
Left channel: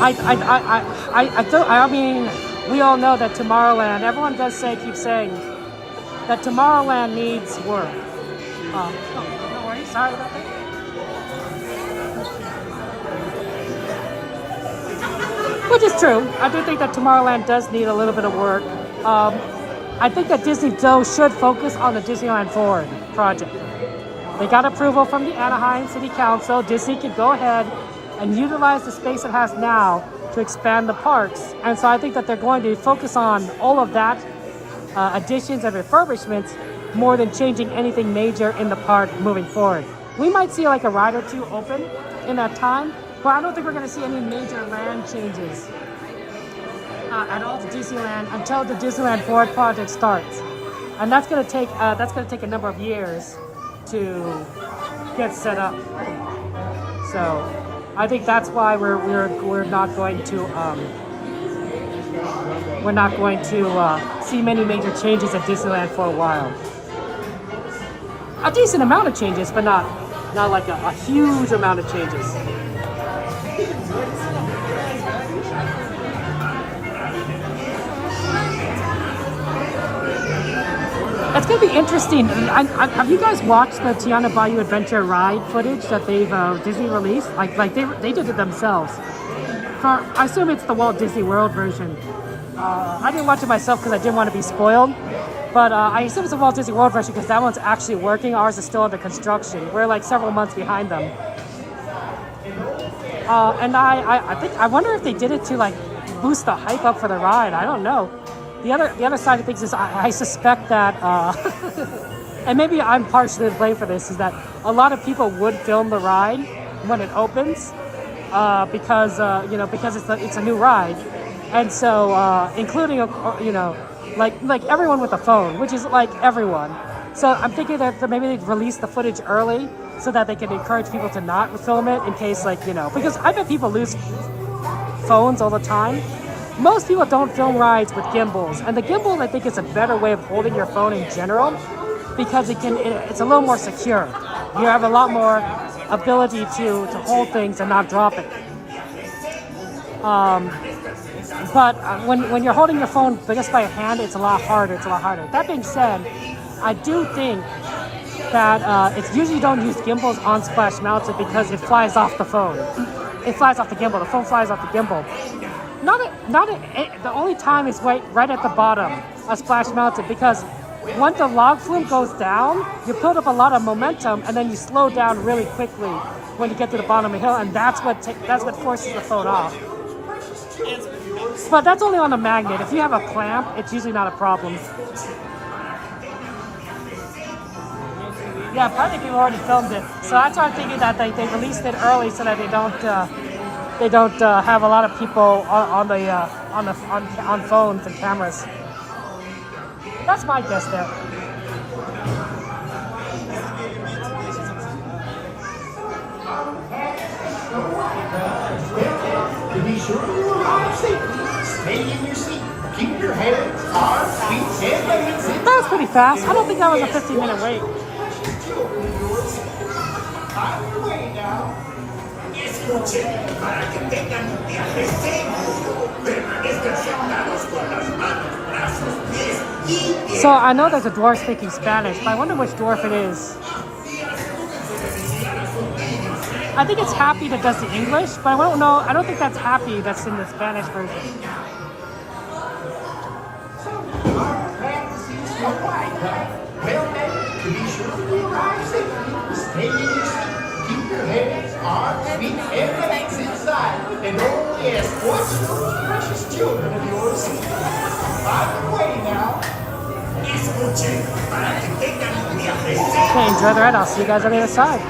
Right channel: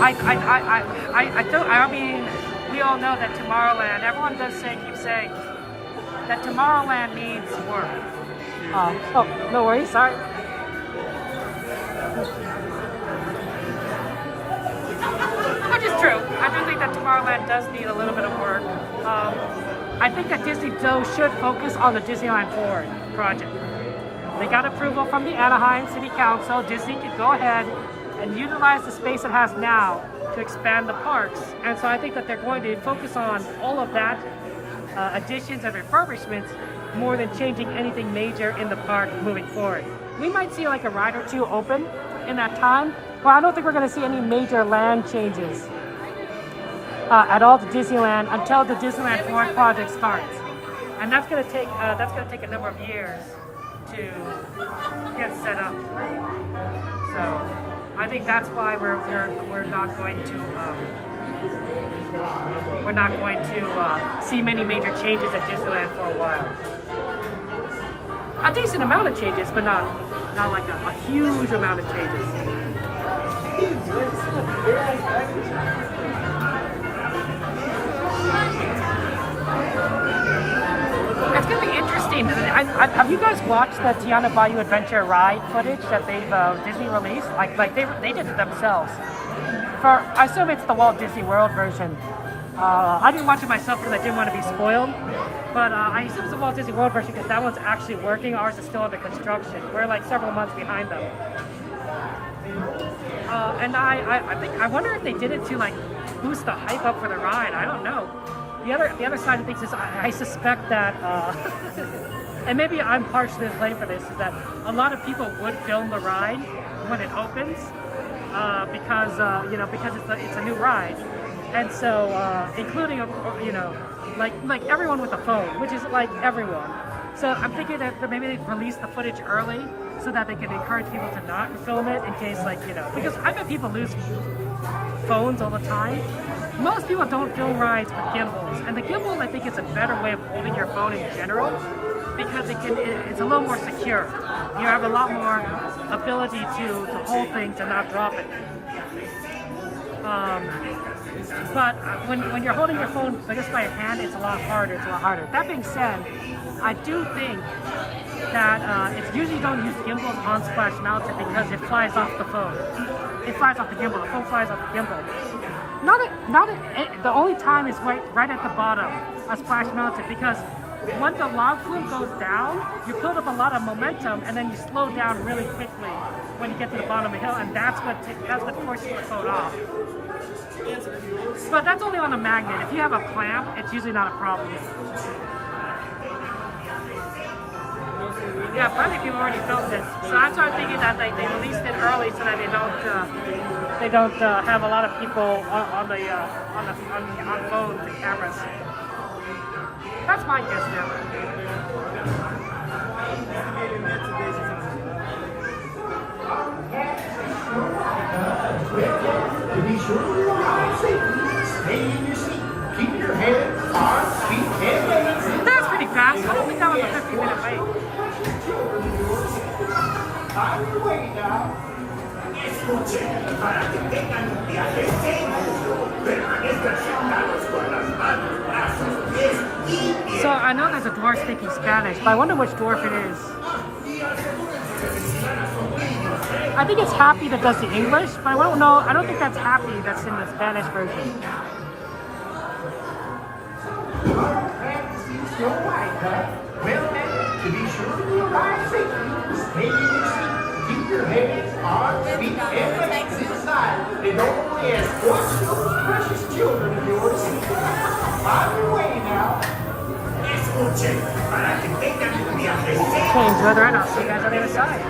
I mean, we all know that Tomorrowland, everyone keep saying that Tomorrowland needs work. Oh, no worries, sorry. Which is true. I do think that Tomorrowland does need a little bit of work. I think that Disney, though, should focus on the Disneyland Forward project. They got approval from the Anaheim City Council. Disney can go ahead and utilize the space it has now to expand the parks. And so I think that they're going to focus on all of that, additions and refurbishments, more than changing anything major in the park moving forward. We might see like a ride or two open in that time, but I don't think we're going to see any major land changes at all to Disneyland until the Disneyland Forward project starts. And that's going to take a number of years to get set up. So I think that's why we're not going to see many major changes at Disneyland for a while. A decent amount of changes, but not Not like a huge amount of changes. It's gonna be interesting. Have you guys watched the Tiana Bayou Adventure ride footage that they've Disney released? Like they did it themselves. I assume it's the Walt Disney World version. I didn't watch it myself because I didn't want to be spoiled. But I assume it's the Walt Disney World version because that one's actually working. Ours is still under construction. We're like several months behind them. And I wonder if they did it to like boost the hype up for the ride. I don't know. The other side of things is I suspect that, and maybe I'm partially to blame for this, is that a lot of people would film the ride when it opens because because it's a new ride, and so including like everyone with a phone, which is like everyone. So I'm thinking that maybe they've released the footage early so that they can encourage people to not film it in case because I bet people lose phones all the time. Most people don't film rides with gimbals, and the gimbal I think is a better way of holding your phone in general because it's a little more secure. You have a lot more ability to hold things and not drop it. But when you're holding your phone just by a hand, it's a lot harder. That being said, I do think that it's usually don't use gimbals on splash mounted because it flies off the phone. It flies off the gimbal. The phone flies off the gimbal. The only time is right at the bottom of splash mounted because once the log flume goes down, you build up a lot of momentum and then you slow down really quickly when you get to the bottom of the hill, and that's what forces the phone off. But that's only on a magnet. If you have a clamp, it's usually not a problem. Yeah, plenty of people already filmed it, so that's why I'm thinking that they released it early so that they don't have a lot of people on phones and cameras. That's my guess there. To be sure you arrive safely, stay in your seat. Keep your head, arms, feet, and legs inside. That was pretty fast. I don't think that was a 15-minute wait. On your way now. Escuchen, para que tengan un viaje seguro, permanezcan sentados con las manos, brazos, pies y pies. So I know there's a dwarf speaking Spanish, but I wonder which dwarf it is. I think it's Happy that does the English, but I don't know. I don't think that's Happy that's in the Spanish version. Well then, to be sure you arrive safely, stay in your seat. Keep your heads, arms, feet, and legs inside. And only escort those precious children of yours. On your way now. Escuchen, para que tengan un viaje seguro. Okay, enjoy the ride. I'll see you guys on the other side.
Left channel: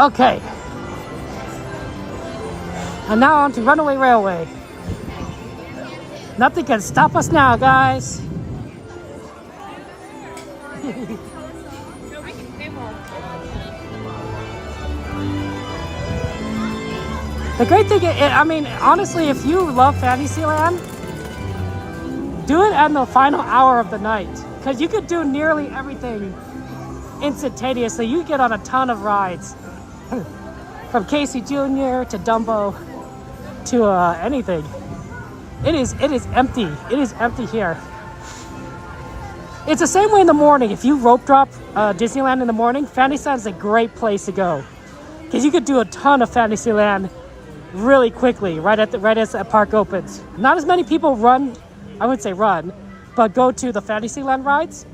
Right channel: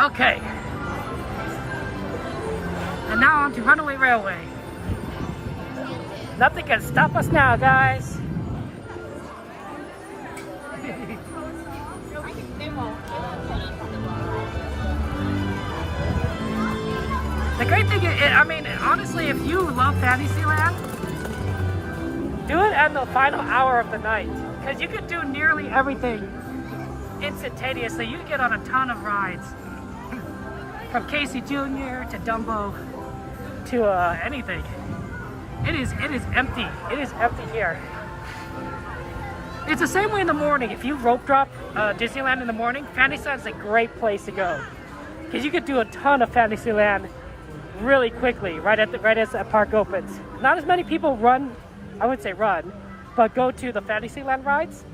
Okay. And now on to Runaway Railway. Nothing can stop us now, guys. The great thing, I mean, honestly, if you love Fantasyland, do it at the final hour of the night. Because you could do nearly everything instantaneously. You get on a ton of rides. From Casey Jr. to Dumbo to anything. It is empty. It is empty here. It's the same way in the morning. If you rope drop Disneyland in the morning, Fantasyland's a great place to go. Because you could do a ton of Fantasyland really quickly, right as the park opens. Not as many people run, I would say run, but go to the Fantasyland rides.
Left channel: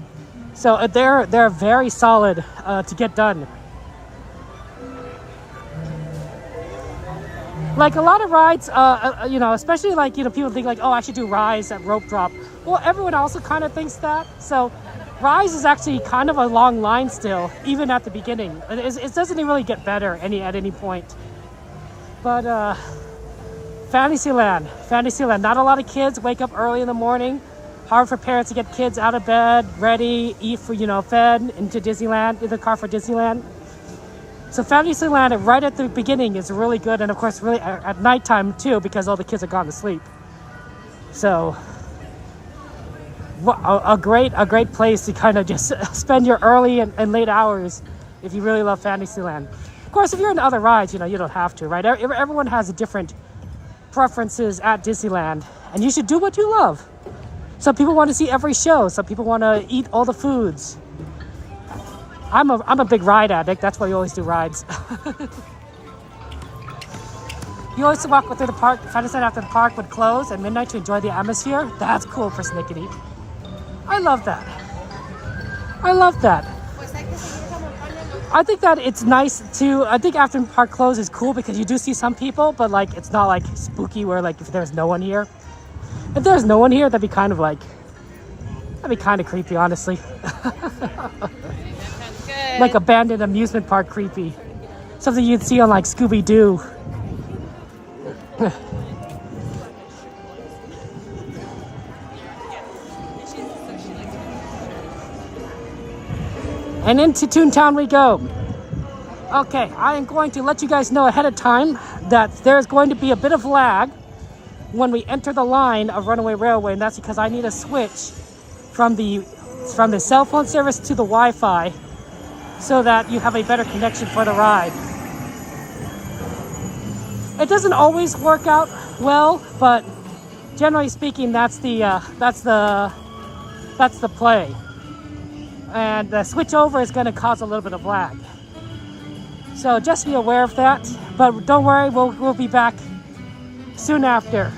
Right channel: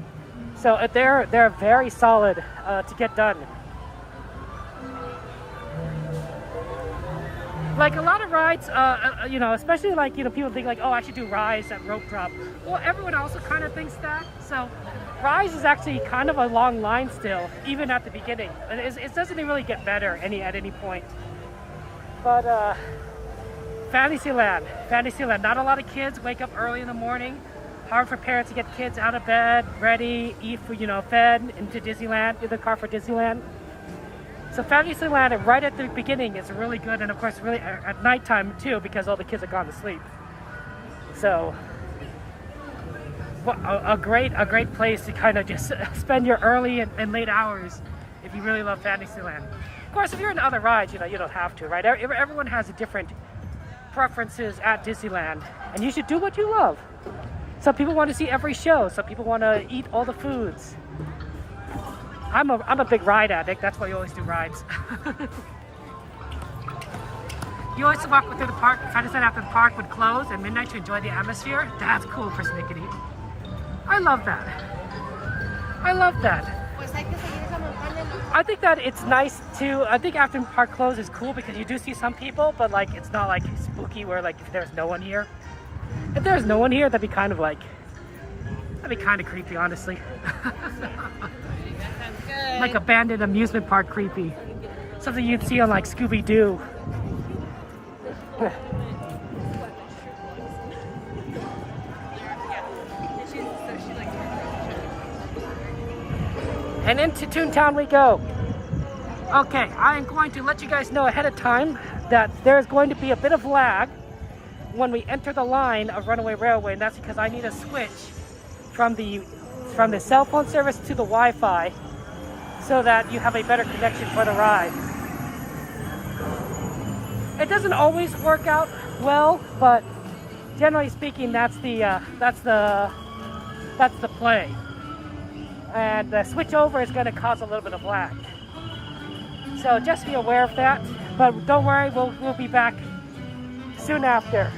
So they're very solid to get done. Like a lot of rides, you know, especially like, you know, people think like, oh, I should do Rise at rope drop. Well, everyone also kind of thinks that. So Rise is actually kind of a long line still, even at the beginning. It doesn't really get better at any point. But Fantasyland, not a lot of kids wake up early in the morning. Hard for parents to get kids out of bed, ready, eat for, you know, fed into Disneyland, in the car for Disneyland. So Fantasyland right at the beginning is really good, and of course really at nighttime too, because all the kids are gone to sleep. So a great place to kind of just spend your early and late hours if you really love Fantasyland. Of course, if you're in other rides, you know, you don't have to, right? Everyone has a different preferences at Disneyland, and you should do what you love. Some people want to see every show. Some people want to eat all the foods. I'm a big ride addict. That's why you always do rides. You always walk through the park. Fantasyland after the park would close at midnight to enjoy the atmosphere. That's cool for Snickety. I love that. I love that. I think that it's nice to, I think after the park closes is cool because you do see some people, but like it's not like spooky where like if there's no one here. If there's no one here, that'd be kind of like, that'd be kind of creepy, honestly. Like abandoned amusement park creepy. Something you'd see on like Scooby-Doo. And into Toontown we go. Okay, I am going to let you guys know ahead of time that there's going to be a bit of lag when we enter the line of Runaway Railway, and that's because I need a switch from the cell phone service to the Wi-Fi so that you have a better connection for the ride. It doesn't always work out well, but generally speaking, that's the play. And the switch over is going to cause a little bit of lag. So just be aware of that. But don't worry, we'll be back soon after.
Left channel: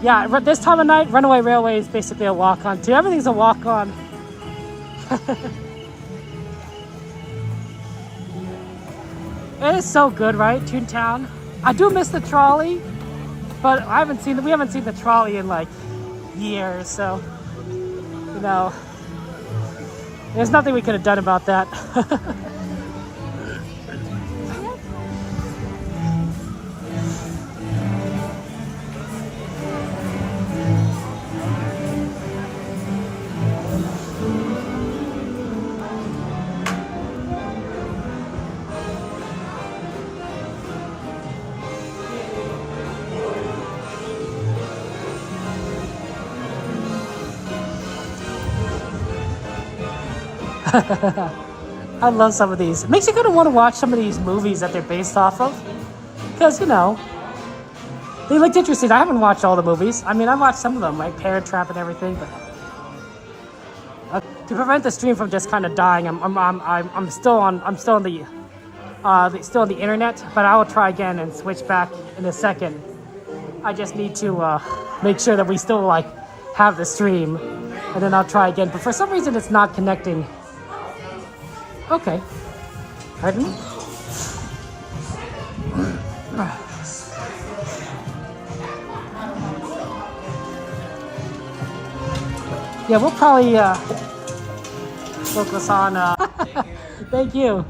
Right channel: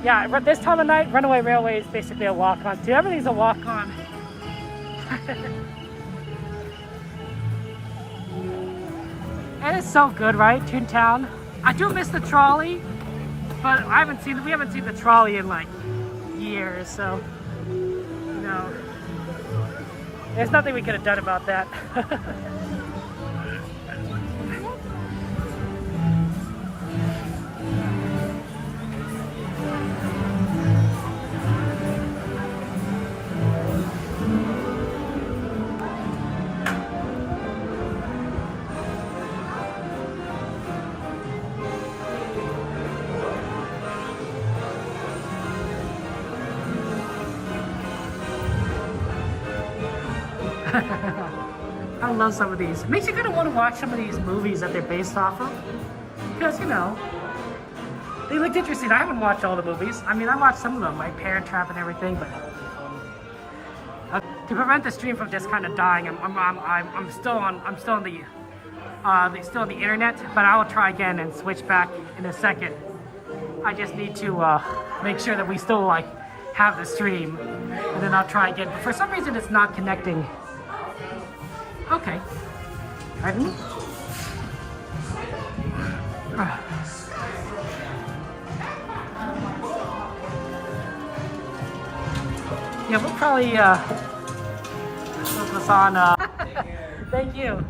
Yeah, this time of night, Runaway Railway is basically a walk-on too. Everything's a walk-on. It is so good, right? Toontown. I do miss the trolley, but we haven't seen the trolley in like years, so you know, there's nothing we could have done about that. I love some of these. It makes you kind of want to watch some of these movies that they're based off of. Because, you know, they looked interesting. I haven't watched all the movies. I mean, I watched some of them, like Parent Trap and everything, but to prevent the stream from just kind of dying, I'm still on the internet, but I will try again and switch back in a second. I just need to make sure that we still like have the stream, and then I'll try again. But for some reason, it's not connecting. Okay. Pardon me? Yeah, we'll probably focus on Thank you.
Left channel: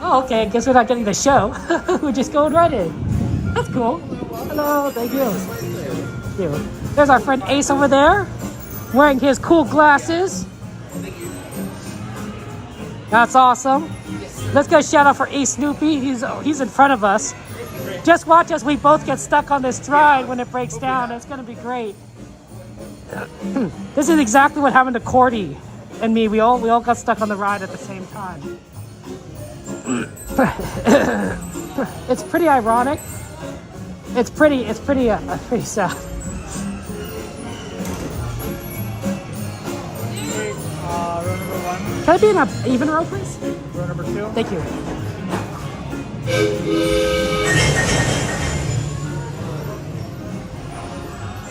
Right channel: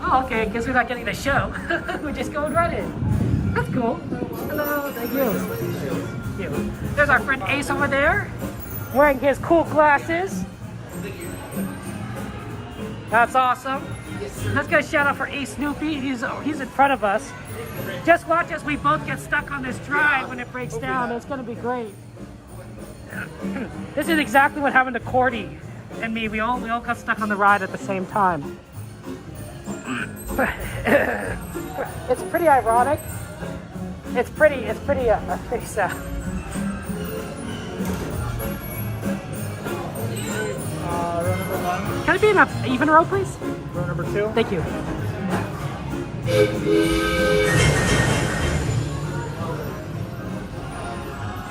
Oh, okay. I guess we're not getting the show. We're just going right in. That's cool. Hello. Thank you. Thank you. There's our friend Ace over there, wearing his cool glasses. That's awesome. Let's get a shout out for Ace Snoopy. He's in front of us. Just watch as we both get stuck on this ride when it breaks down. It's gonna be great. This is exactly what happened to Cordy and me. We all got stuck on the ride at the same time. It's pretty ironic. It's pretty sad. Can I be in an even row, please? Number 2. Thank you.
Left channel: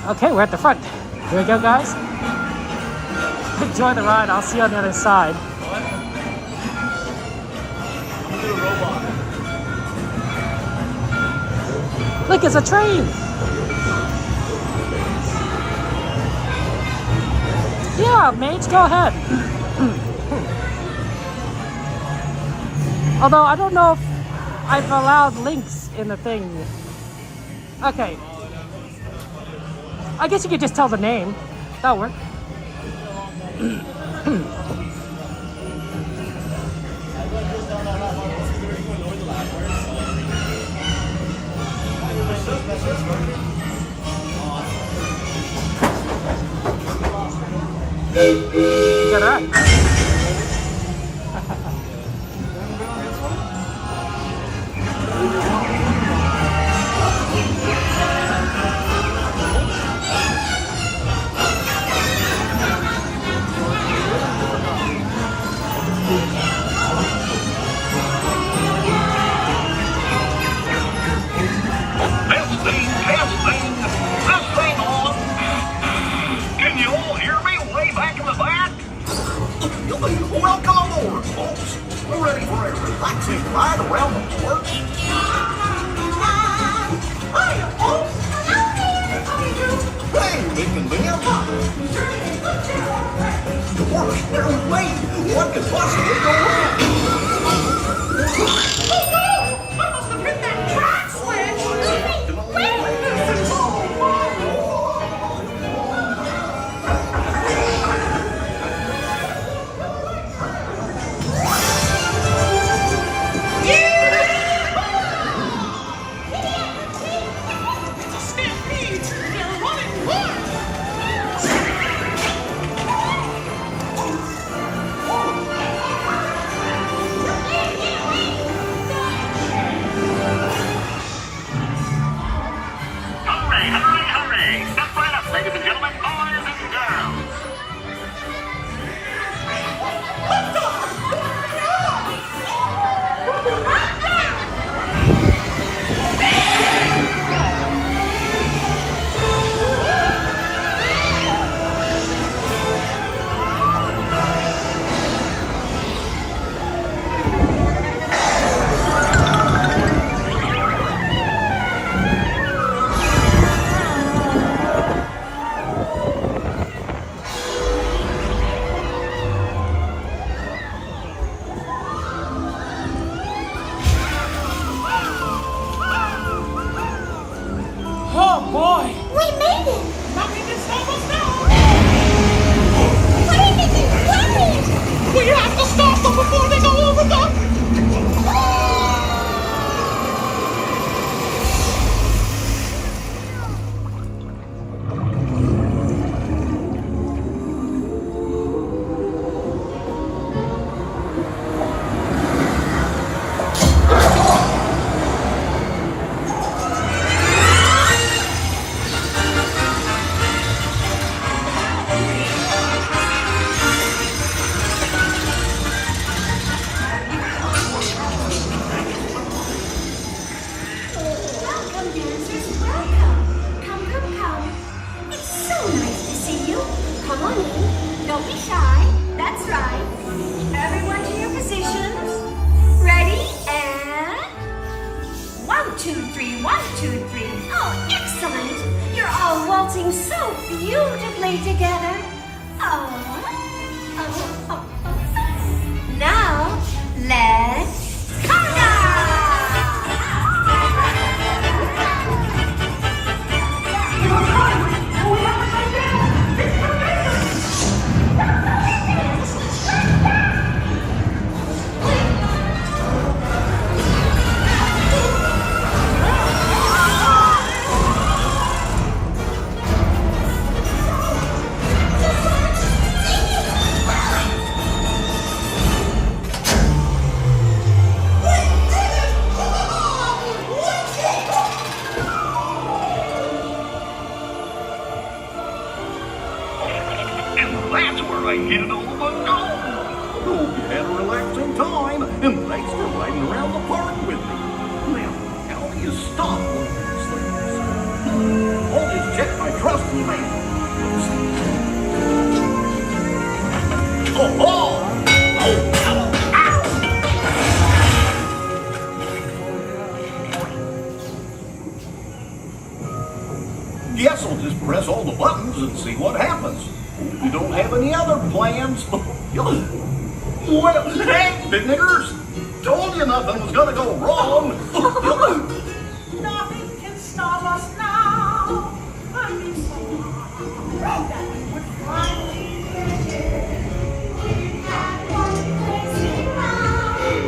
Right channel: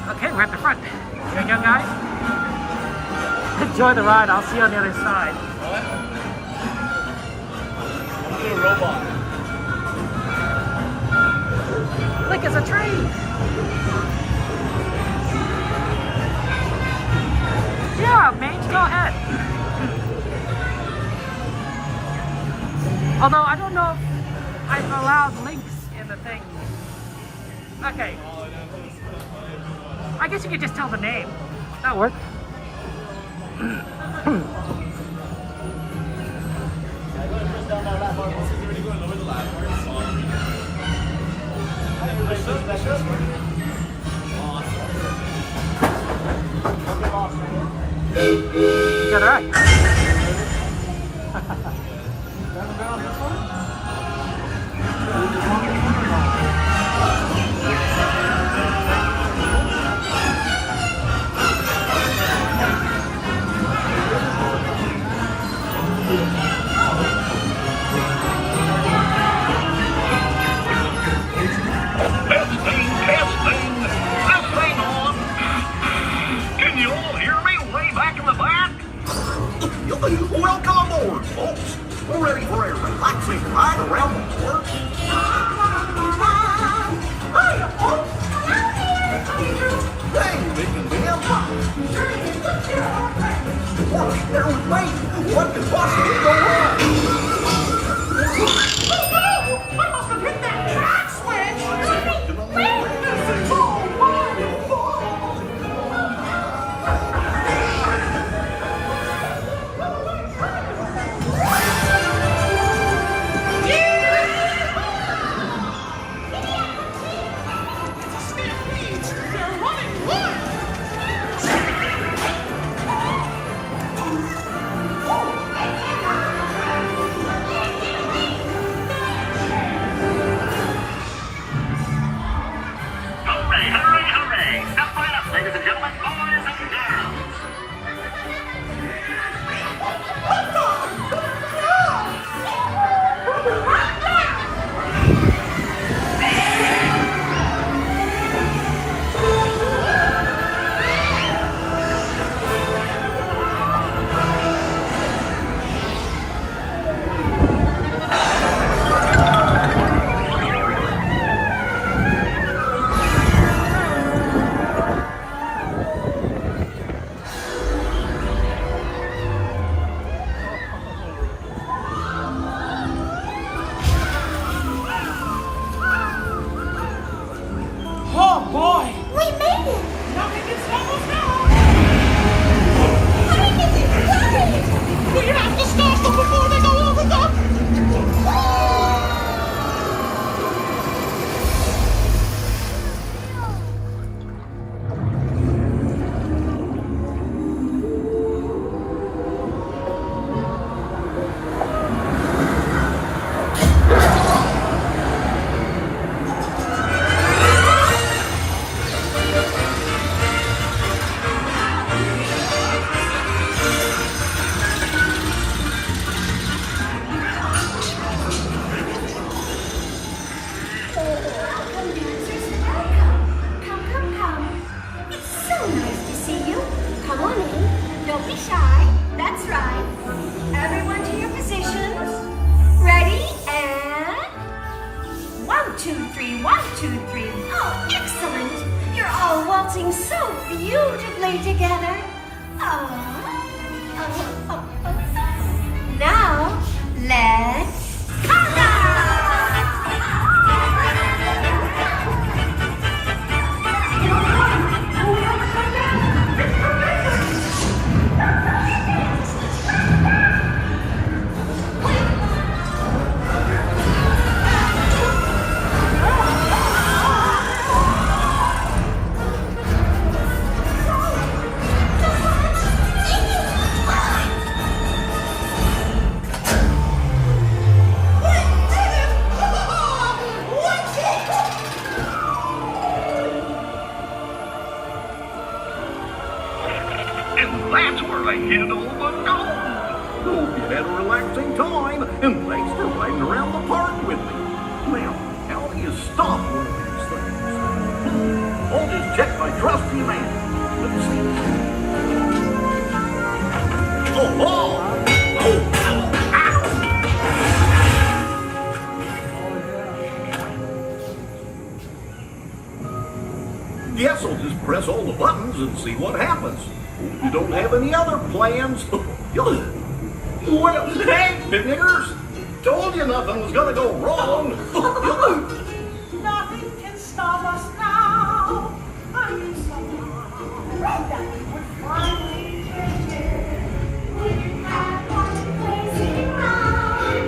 Okay, we're at the front. Here we go, guys. Enjoy the ride. I'll see you on the other side. Look, it's a train. Yeah, mates, go ahead. Although I don't know if I've allowed links in the thing. Okay. I guess you could just tell the name. That'll work. You got it right. Testing. This thing on. Can you all hear me way back in the back? Welcome aboard, folks. We're ready for a relaxing ride around the park. Hiya, folks. Hey, Mick and Ma'am. Works there with me. What could possibly go wrong? Oh no! I must have hit that track switch! Wait! This is so stampede! They're running wild! Hooray! Step right up, ladies and gentlemen, boys and girls. Oh boy! We made it! Nothing can stop us now! Hurry, Mickey! Hurry! We have to stop them before they go over the... Welcome, dancers, welcome. Come. It's so nice to see you. Come on in. Don't be shy. That's right. Everyone to your positions. Ready? And... 1, 2, 3, 1, 2, 3. Oh, excellent. You're all waltzing so beautifully together. Oh. Now, my trusty man. Oh, oh! Guess I'll just press all the buttons and see what happens. You don't have any other plans? Well, hey, big niggers! Told you nothing was gonna go wrong. Nothing can stop us now. I mean, someone that would finally get it. We had one place in mind.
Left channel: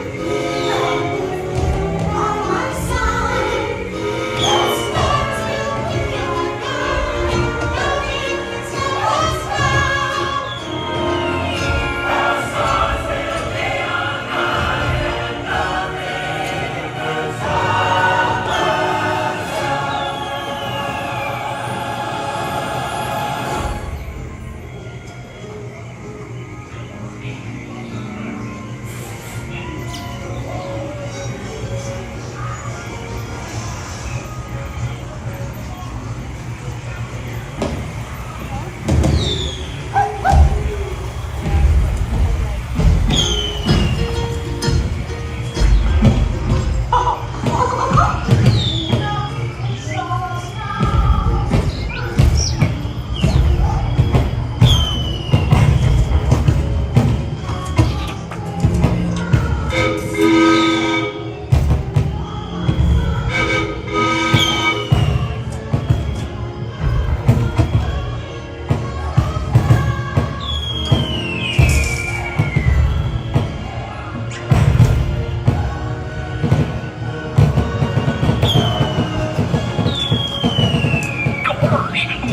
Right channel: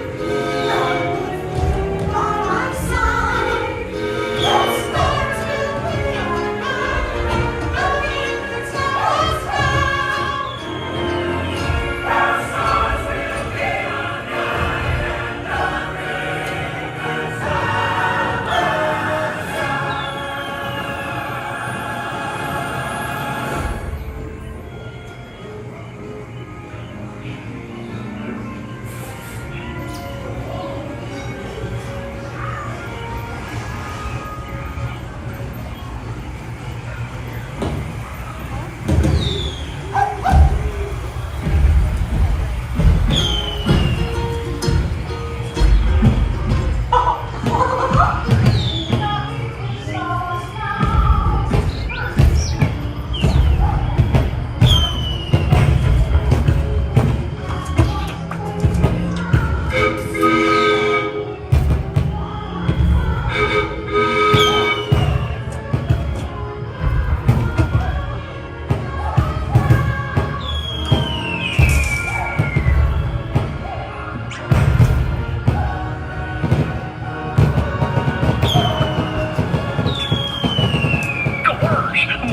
On my side, let's start to be alright. Nothing can stop us now. Our stars will be alright, and nothing can stop us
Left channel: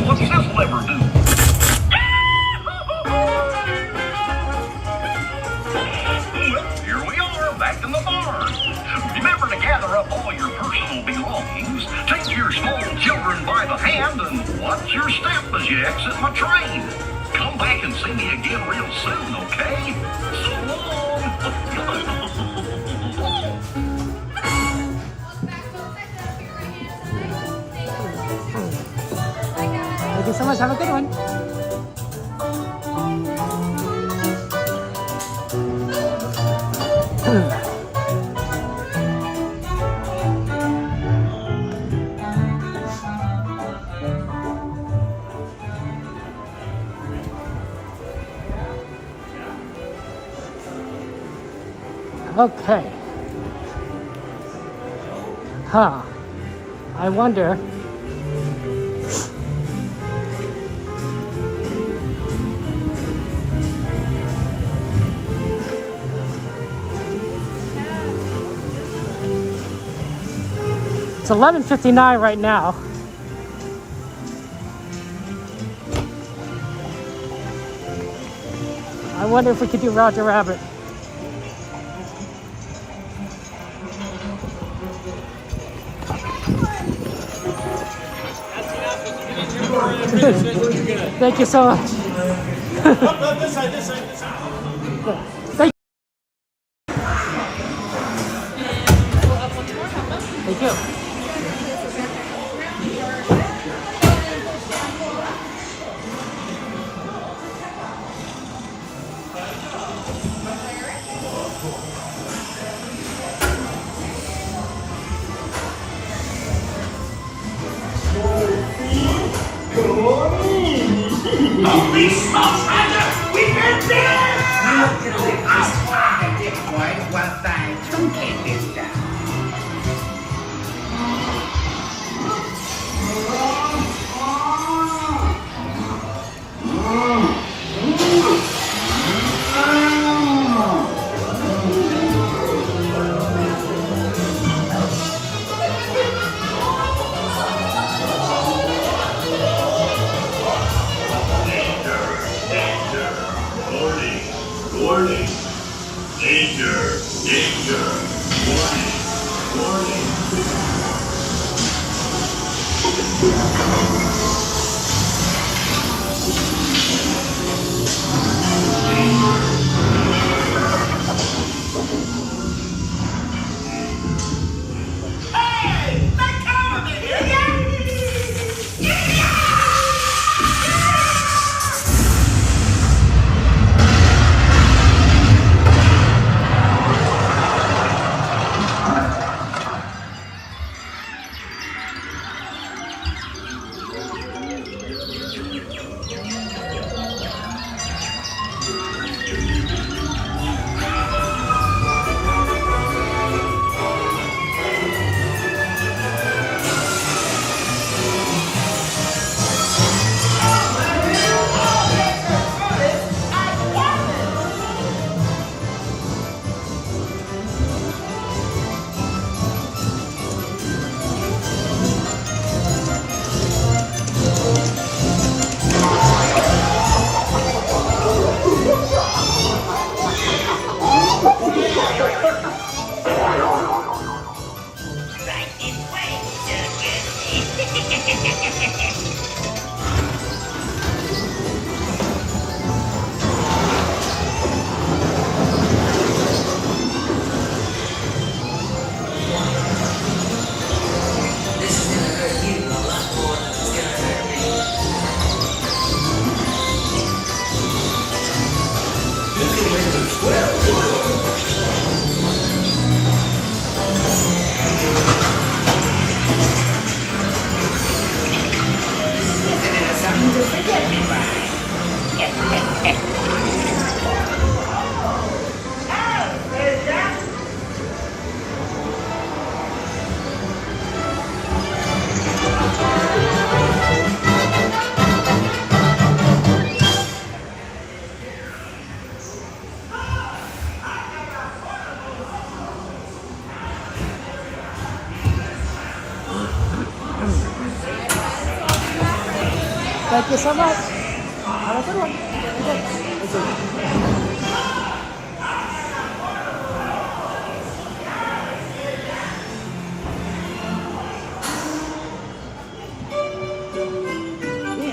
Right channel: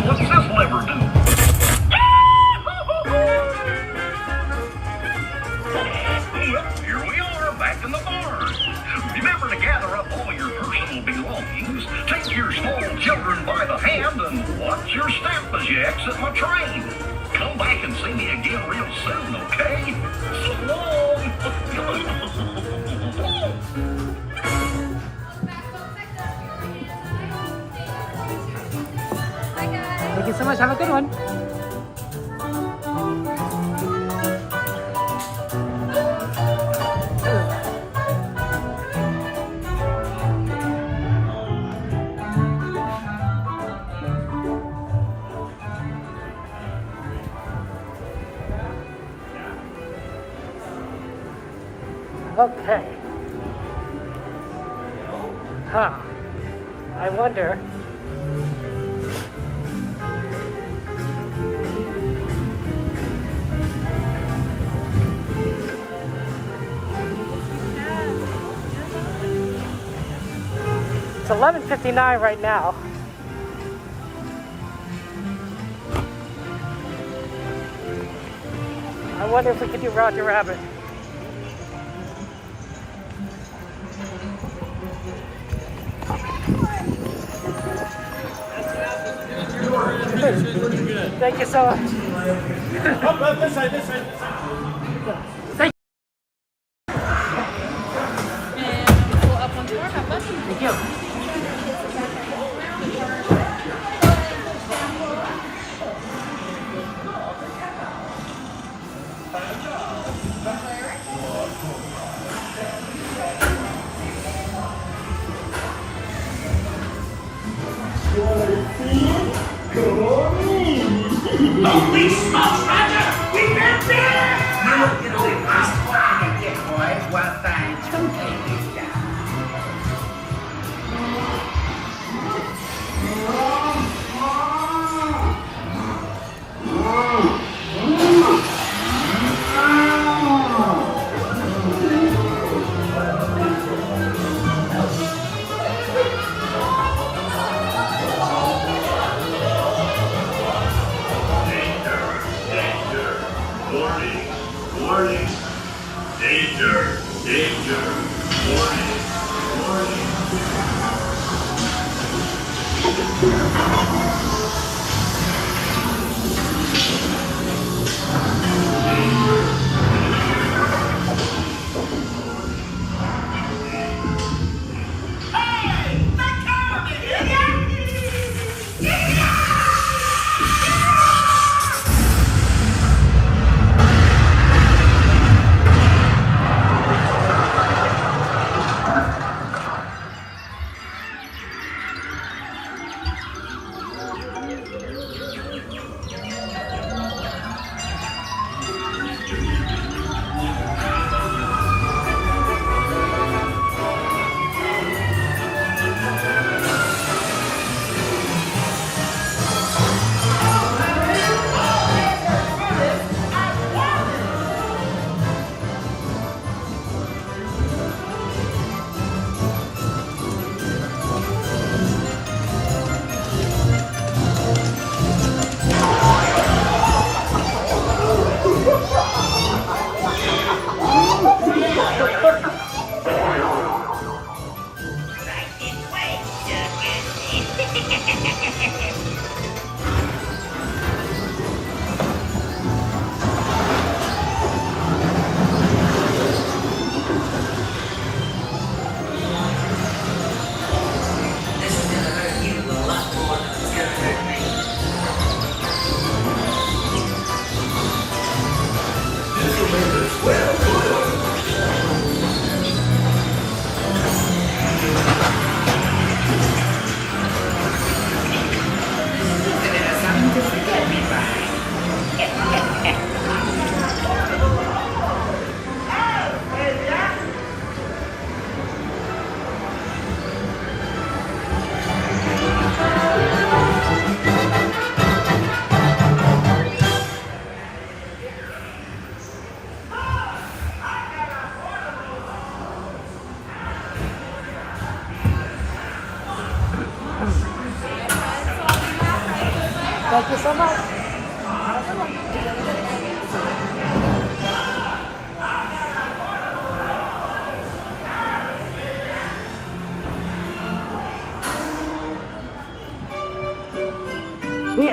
What's this lever do? Well, here we are, back in the barn. Remember to gather up all your personal belongings, take your small children by the hand, and watch your step as you exit my train. Come back and see me again real soon, okay? So long! Thank you so much. Have a good one. Okay. Huh. I wonder. It's 11:59 right now. I wonder if we could do Roger Rabbit. Thank you so much. this side, this side, this side. Thank you. Thank you. Holy smokes, Roger! We've been there! Now you know we must find it, boys. Well, thanks. Don't take this down. Warning! Danger! Danger! Warning! Warning! Hey! Let go of it, will ya?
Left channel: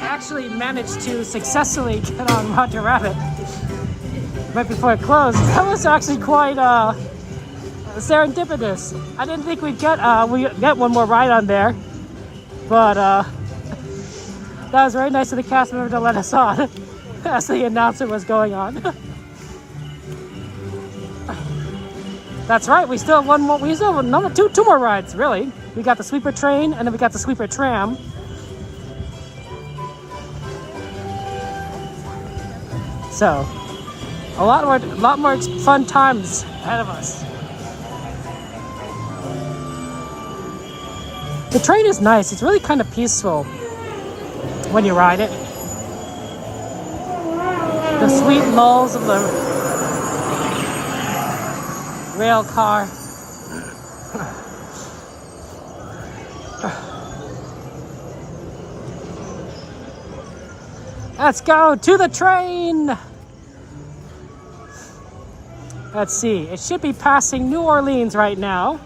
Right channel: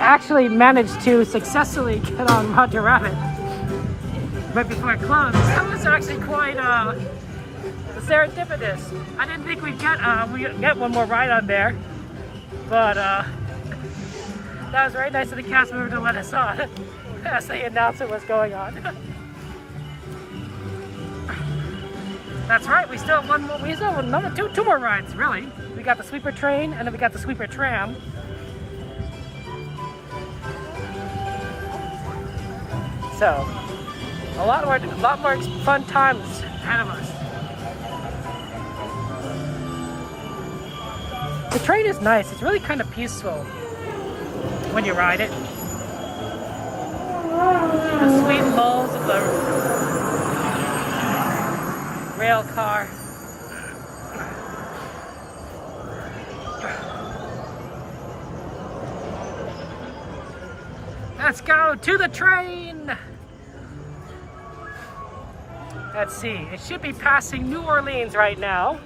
actually managed to successfully get on Roger Rabbit right before it closed. That was actually quite serendipitous. I didn't think we'd get one more ride on there, but that was very nice of the cast member to let us on as the announcement was going on. That's right. We still have one more. We still have two more rides. Really, we got the Sweeper Train and then we got the Sweeper Tram. So, a lot more fun times ahead of us. The train is nice. It's really kind of peaceful when you ride it. The sweet lulls of the rail car. Let's go to the train. Let's see. It should be passing New Orleans right now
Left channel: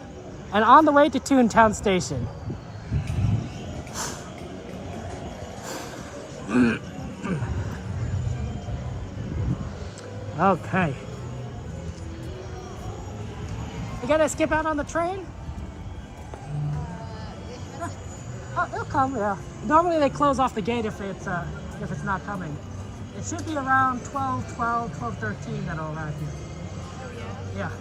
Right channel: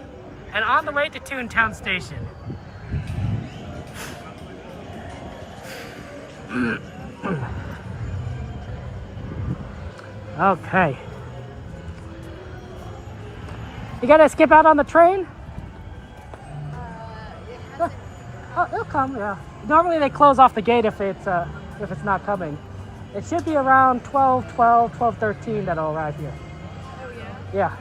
and on the way to Toontown Station. Okay. You gotta skip out on the train? Oh, it'll come, yeah. Normally they close off the gate if it's not coming. It should be around 12:13 that'll arrive here. Yeah.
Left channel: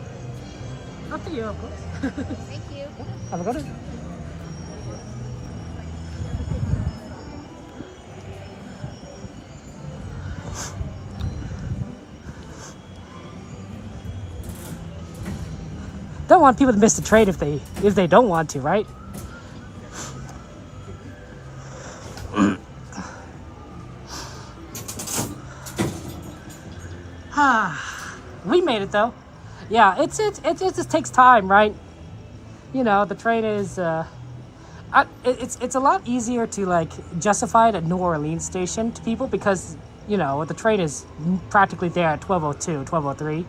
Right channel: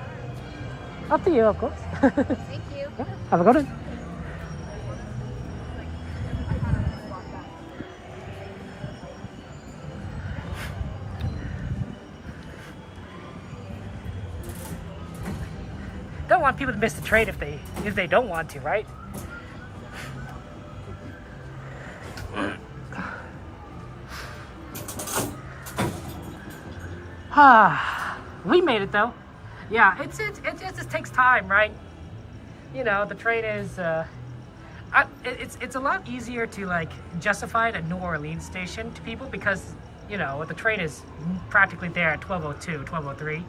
Up to you, of course. Thank you. Have a good one. Don't want people to miss the train if they don't want to, right? We made it though. Yeah, it just takes time, right? You know, the train is it's a lot easier to like justify it at New Orleans station to people because, you know, the train is practically there at 12:02, 12:03.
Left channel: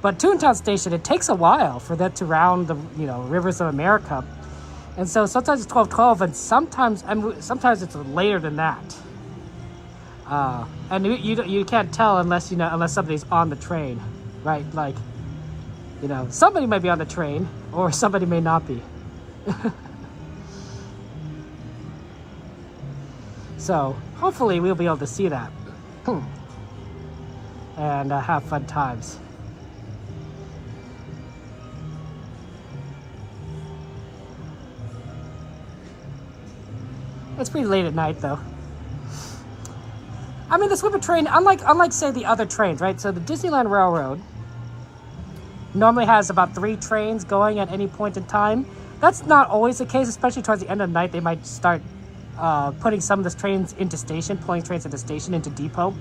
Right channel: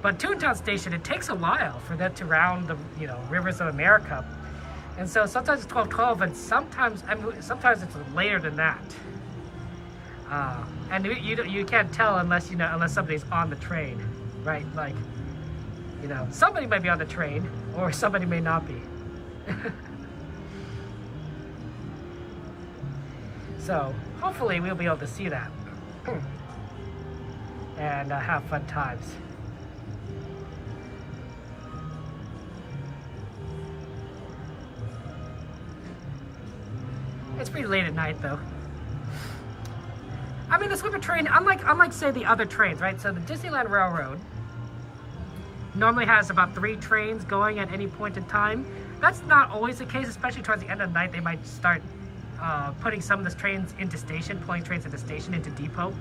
But Toontown Station, it takes a while for that to round the, you know, rivers of America. And so sometimes it's 12:12 and sometimes it's later than that. And you can't tell unless somebody's on the train, right? Like, you know, somebody might be on the train or somebody may not be. So hopefully we'll be able to see that and have fun times. It's pretty late at night though. I mean, the Sweeper Train, unlike say the other trains, right? So the Disneyland Railroad normally has about 3 trains going at any point in time. That's not always the case, especially towards the end of the night. They might start putting some of the trains into station, pulling trains into station, into depot.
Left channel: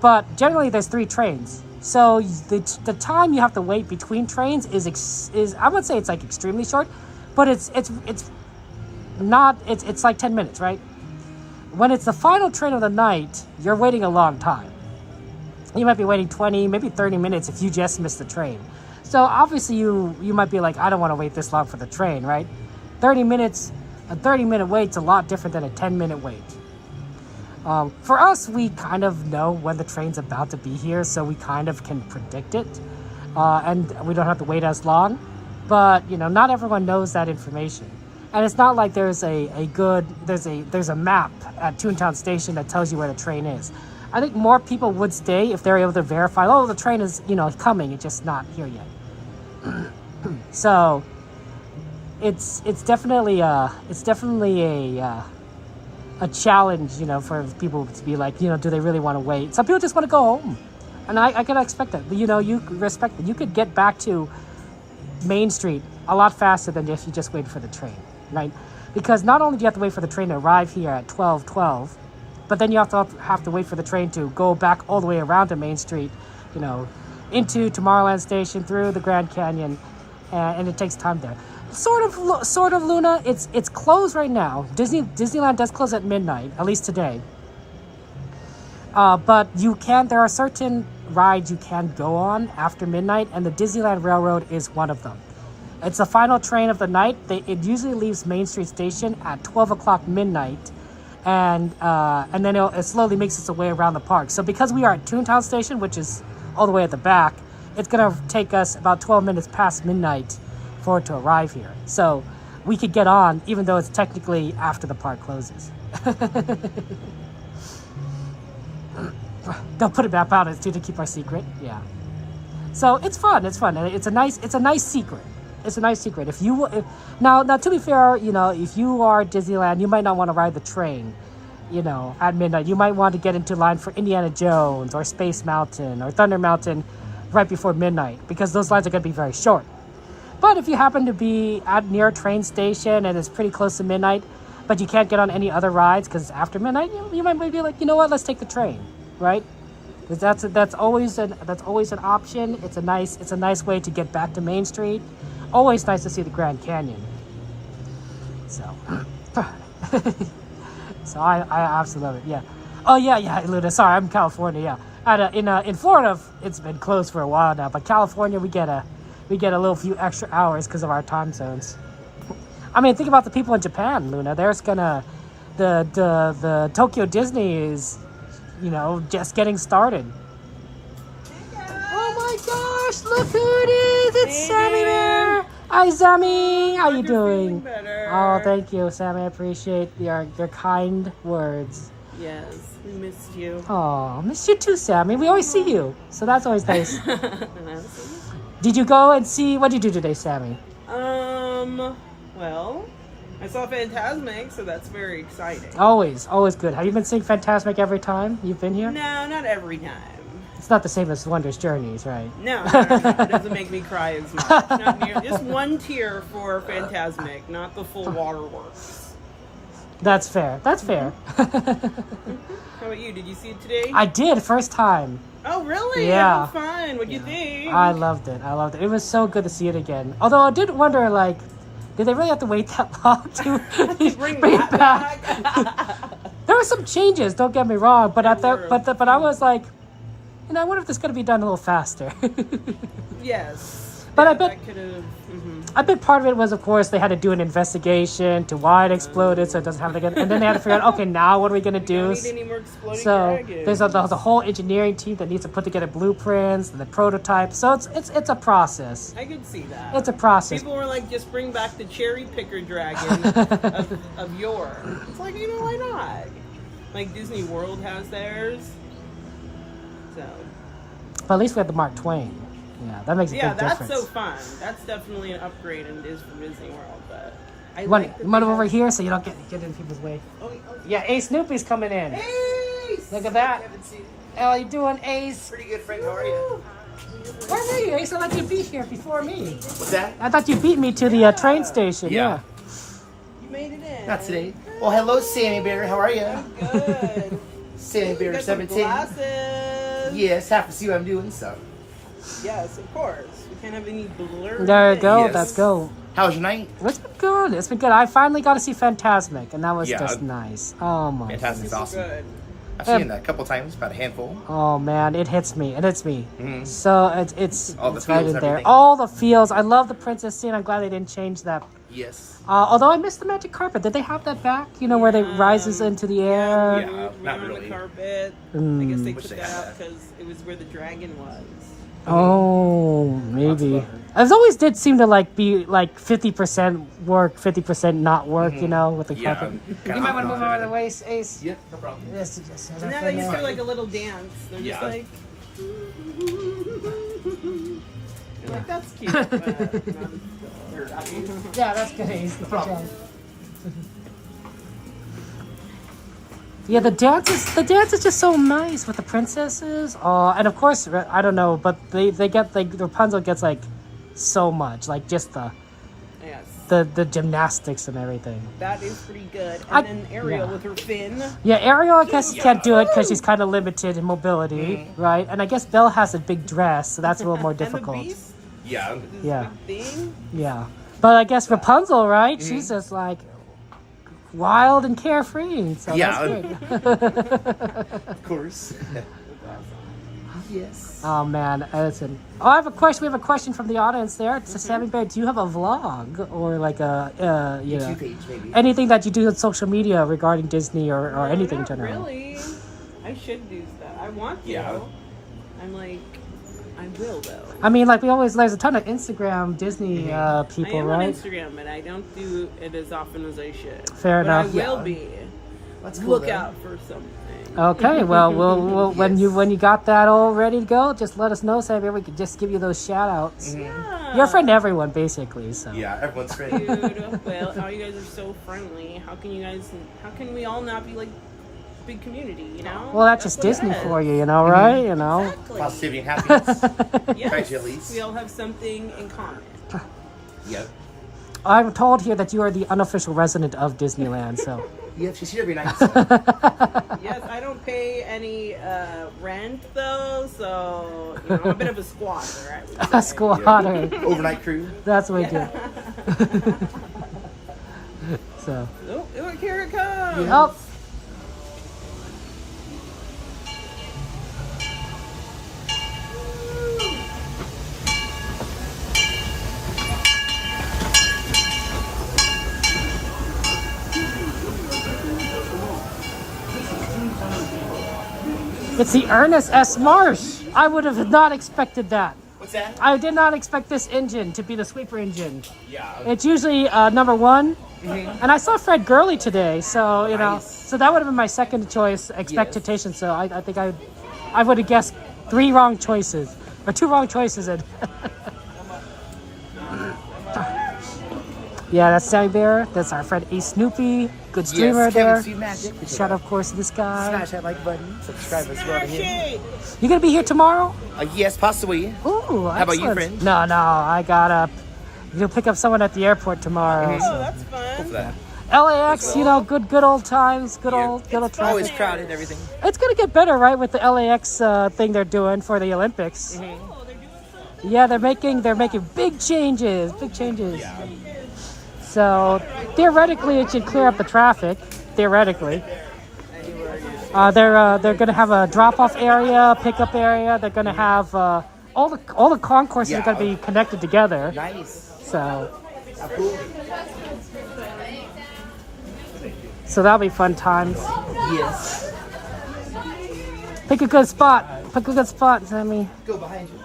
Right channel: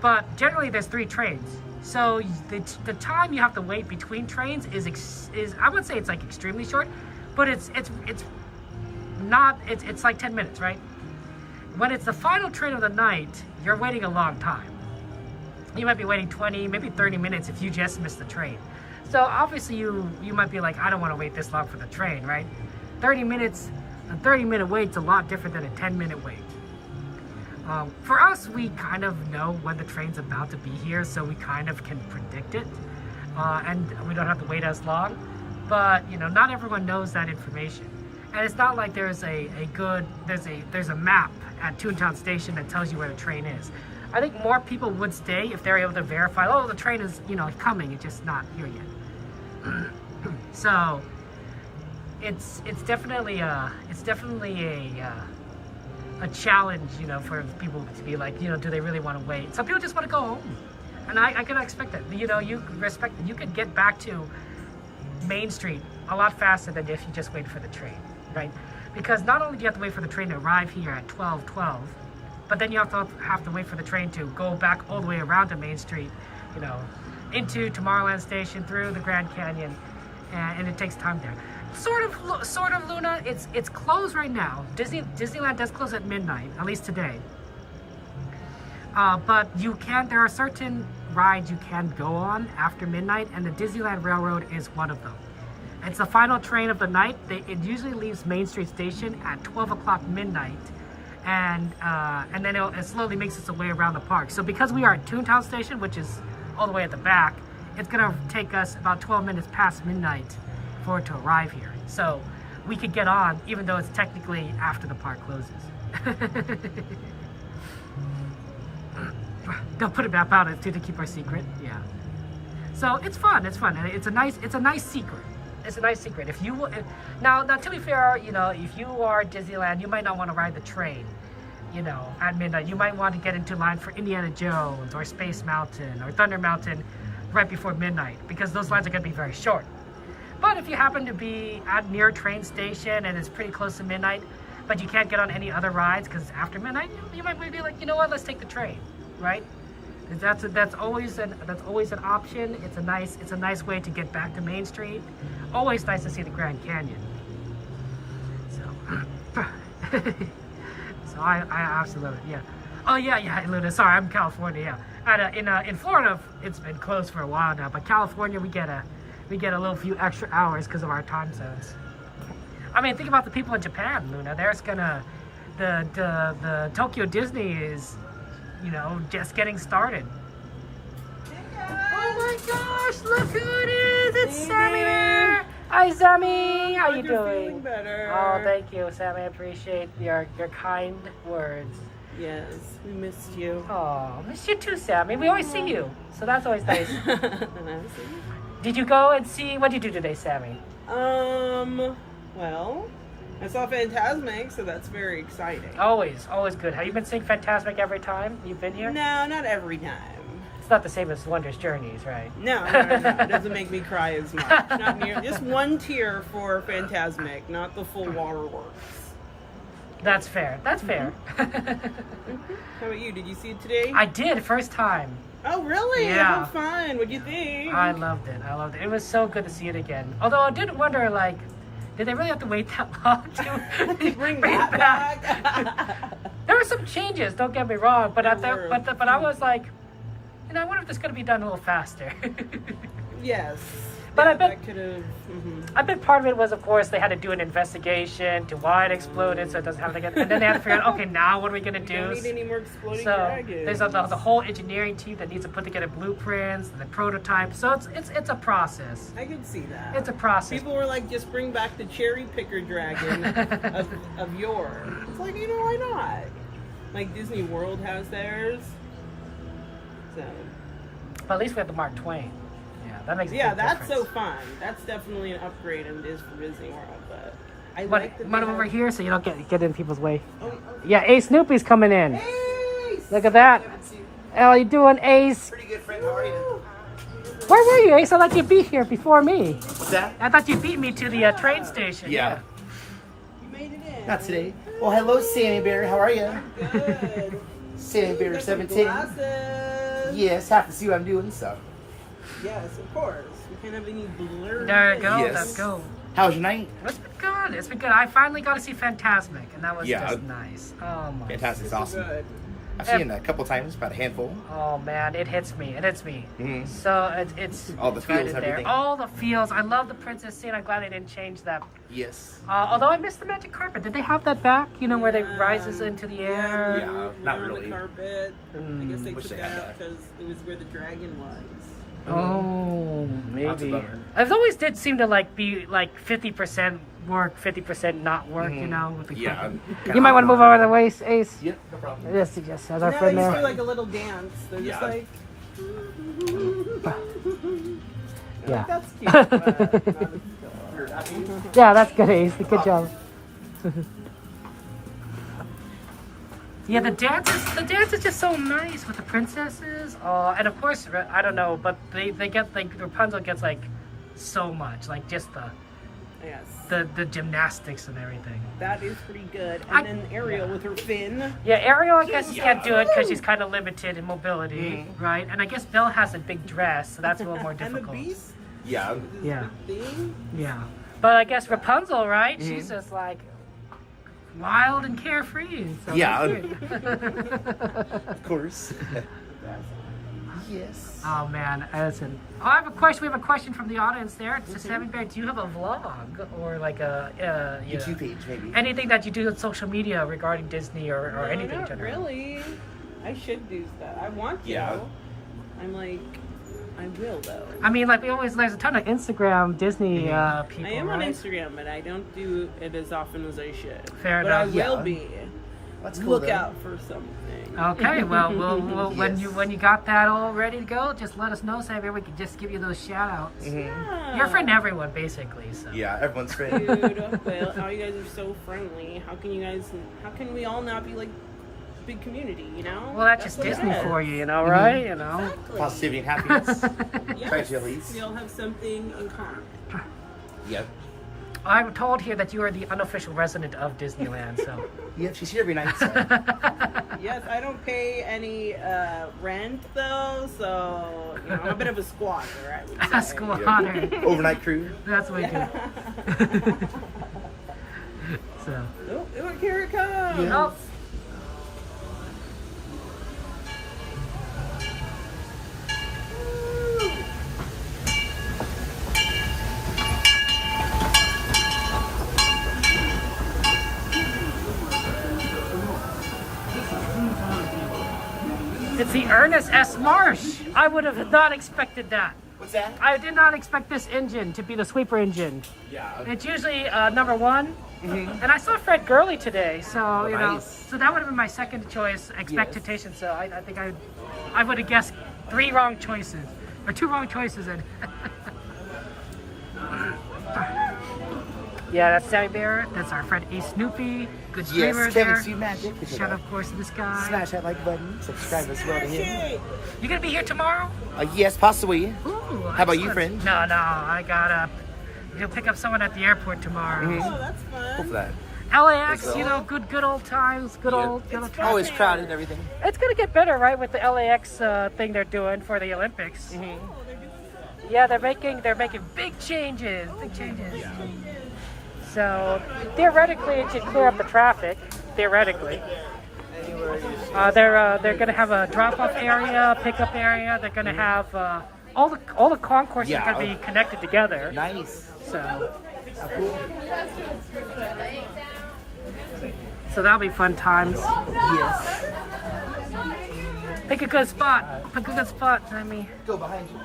But generally there's 3 trains. So the time you have to wait between trains is I would say it's like extremely short, but it's like 10 minutes, right? When it's the final train of the night, you're waiting a long time. You might be waiting 20, maybe 30 minutes if you just missed the train. So obviously you might be like, I don't want to wait this long for the train, right? 30 minutes, a 30-minute wait's a lot different than a 10-minute wait. For us, we kind of know when the train's about to be here, so we kind of can predict it. And we don't have to wait as long. But, you know, not everyone knows that information. And it's not like there's a map at Toontown Station that tells you where the train is. I think more people would stay if they're able to verify, oh, the train is, you know, coming, it's just not here yet. So it's definitely a challenge, you know, for people to be like, you know, do they really want to wait? Some people just want to go home, and I can expect that. You know, you respect that. You could get back to Main Street a lot faster than if you just waited for the train, right? Because not only do you have to wait for the train to arrive here at 12:12, but then you have to wait for the train to go back all the way around to Main Street, you know, into Tomorrowland Station, through the Grand Canyon, and it takes time there. Sort of, Luna. It's closed right now. Disneyland does close at midnight, at least today. But there are certain rides you can go on after midnight, and the Disneyland Railroad is one of them. It's the final train of the night. It usually leaves Main Street Station at 12 o'clock midnight, and then it slowly makes its way around the park. So because we are at Toontown Station, which is all the way at the back, it's gonna take us about 12 minutes past midnight for it to arrive here. So we could get on, even though it's technically after the park closes. They'll put a map out too to keep our secret. Yeah. So it's fun. It's fun. And it's a nice secret. It's a nice secret. Now to be fair, you know, if you are at Disneyland, you might not want to ride the train, you know, at midnight. You might want to get into line for Indiana Jones or Space Mountain or Thunder Mountain right before midnight, because those lines are going to be very short. But if you happen to be near a train station and it's pretty close to midnight, but you can't get on any other rides because it's after midnight, you might be like, you know what, let's take the train, right? That's always an option. It's a nice way to get back to Main Street. Always nice to see the Grand Canyon. So, so I absolutely love it. Yeah. Oh yeah, Luna. Sorry, I'm in California. Yeah. In Florida, it's been closed for a while now, but California, we get a little few extra hours because of our time zones. I mean, think about the people in Japan, Luna. The Tokyo Disney is, you know, just getting started. Oh my gosh, look who it is! It's Sammy there! Hi, Sammy! How you doing? Feeling better. Oh, thank you, Sammy. I appreciate your kind words. Yes, we missed you. Oh, missed you too, Sammy. We always see you, so that's always nice. Did you go and see, what did you do today, Sammy? Well, I saw Fantasmic, so that's very exciting. Always good. Have you been seeing Fantasmic every time you've been here? No, not every time. It's not the same as Wondrous Journeys, right? No. It doesn't make me cry as much. Not near. Just one tear for Fantasmic, not the full waterworks. That's fair. That's fair. How about you? Did you see it today? I did, first time. Oh, really? Yeah. How fun. What'd you think? I loved it. It was so good to see it again. Although I did wonder, like, did they really have to wait that long to bring that back? There are some changes, don't get me wrong, but I was like, you know, I wonder if this is going to be done a little faster. Yes. But yeah, I bet that could have. I bet part of it was, of course, they had to do an investigation to why it exploded, so it doesn't have to get. And then they had to figure out, okay, now what are we gonna do? Don't need any more exploding dragons. There's a whole engineering team that needs to put together blueprints and the prototypes. So it's a process. I could see that. It's a process. People were like, just bring back the cherry picker dragon of yore. It's like, you know, why not? Like Disney World has theirs. So. But at least we have the Mark Twain. Yeah, that makes a big that's difference. so fun. That's definitely an upgrade and it is for Disney World, but I You like that want over here so you don't get in people's way. Yeah, Ace Snoopy's coming in. Ace! Look at that. How you doing, Ace? Pretty good, friend. How are you? Where were you, Ace? I thought you'd be here before me. What's that? I thought you beat me to the train station. Yeah. You made it in. Not today. Well, hello, Sammy Bear. How are you? Good. Sammy Bear You got some 17. glasses. Yes, have to see what I'm doing, so. Yes, of course. We can't have any blur. There you go. Yes. Let's go. How was your night? It's been good. It's been good. I finally got to see Fantasmic, and that was Yeah. just nice. Oh my. Fantasmic's awesome. Good. I've seen it a couple times, about a handful. Oh man, it hits me. It hits me. Mhm. So it's All the it's right feels in and there. everything. All the feels. I love the princess scene. I'm glad they didn't change that. Yes. Although I missed the magic carpet. Did they have that back? You know, where they rises into the air. Yeah, not We're on really. The carpet. I guess they took that out because it was where the dragon was. Oh, maybe. It always did seem to be 50% work, 50% not work. You know, with the carpet. You might want to move over the way, Ace. Yeah, no problem. Yes. So now they just do like a little dance. They're just like. Yeah. Like, that's cute. But not as cool. Yeah, that's good, Ace. Good job. Yeah, the dance is just so nice with the princesses. And of course, I don't know, but they get Rapunzel gets so much, just the gymnastics and everything. That is pretty good. And then Ariel with her fin. Yeah, Ariel, I guess, can't do it because she's kind of limited in mobility, right? And I guess Belle has a big dress, so that's a little more difficult. And the Beast? Yeah. Yeah. Big thing? Yeah. But I guess Rapunzel, right? She's just wild and carefree. So Yeah. that's good. Of course. Yes. Oh man, listen. Oh, I have a question. We have a question from the audience there. It says, Sammy Bear, do you have a vlog or like a YouTube page, maybe? anything that you do on social media regarding Disney or anything? Not generally? really. I should do that. I want to. Yeah. I'm like, I will though. I mean, like there's a ton of Instagram Disney people, I am right? on Instagram, but I don't do it as often as I should. Fair but enough. I will be. That's cool, Look though. out for something. Okay, well, we'll Yes. when you got that all ready to go, just let us know, so maybe we could just give you those shout outs. Yeah. You're a friend to everyone, basically. So. Yeah, everyone's friend. Dude, well, how you guys are so friendly. How can we all not be like big community, you know? Well, that's just what it Disney is. for you, right? You know. Exactly. Positivity and happiness. Yes. Try to at least. We all have something in common. Yep. I'm told here that you are the unofficial resident of Disneyland, so. Yep, she's here every night. Yes, I don't pay any rent though, so you know, I'm a bit of a squatter, I would say. A squatter. Yeah. Overnight crew. That's what we do. So. Oh, look, here it comes. Oh. It's the Ernest S. Marsh. I would have not expected that. What's that? I did not expect this engine to be the sweeper engine. Yeah. It's usually number one. And I saw Fred Gurley today, so you know, so that would have been my second choice expectation. So I think I would have guessed 3 wrong choices or 2 wrong choices. And yeah, that's Sammy Bear. That's our friend A Snoopy. Good streamer Yes, there. Kevin Sweet Magic. Shout out, of course, to this guy. Smash that like button. Subscribe as well to him. You gonna be here tomorrow? Yes, possibly. Ooh, How about you, excellent. friend? No, I gotta. You'll pick up someone at the airport tomorrow. Oh, that's fun. Hope for that. LAX, you know, good old times, good old times. Always crowded and everything. It's gonna get better, right, with the LAX thing they're doing for the Olympics. Oh, they're doing something? Yeah, they're making big changes, So theoretically, it should clear up the traffic. Theoretically, they're gonna have a drop-off area, pickup area. They're gonna have all the concourses are gonna be connected together. Nice. So. Cool. So that'll be fun times. Yes. Pick a good spot. Pick a good spot, Sammy. Go behind you.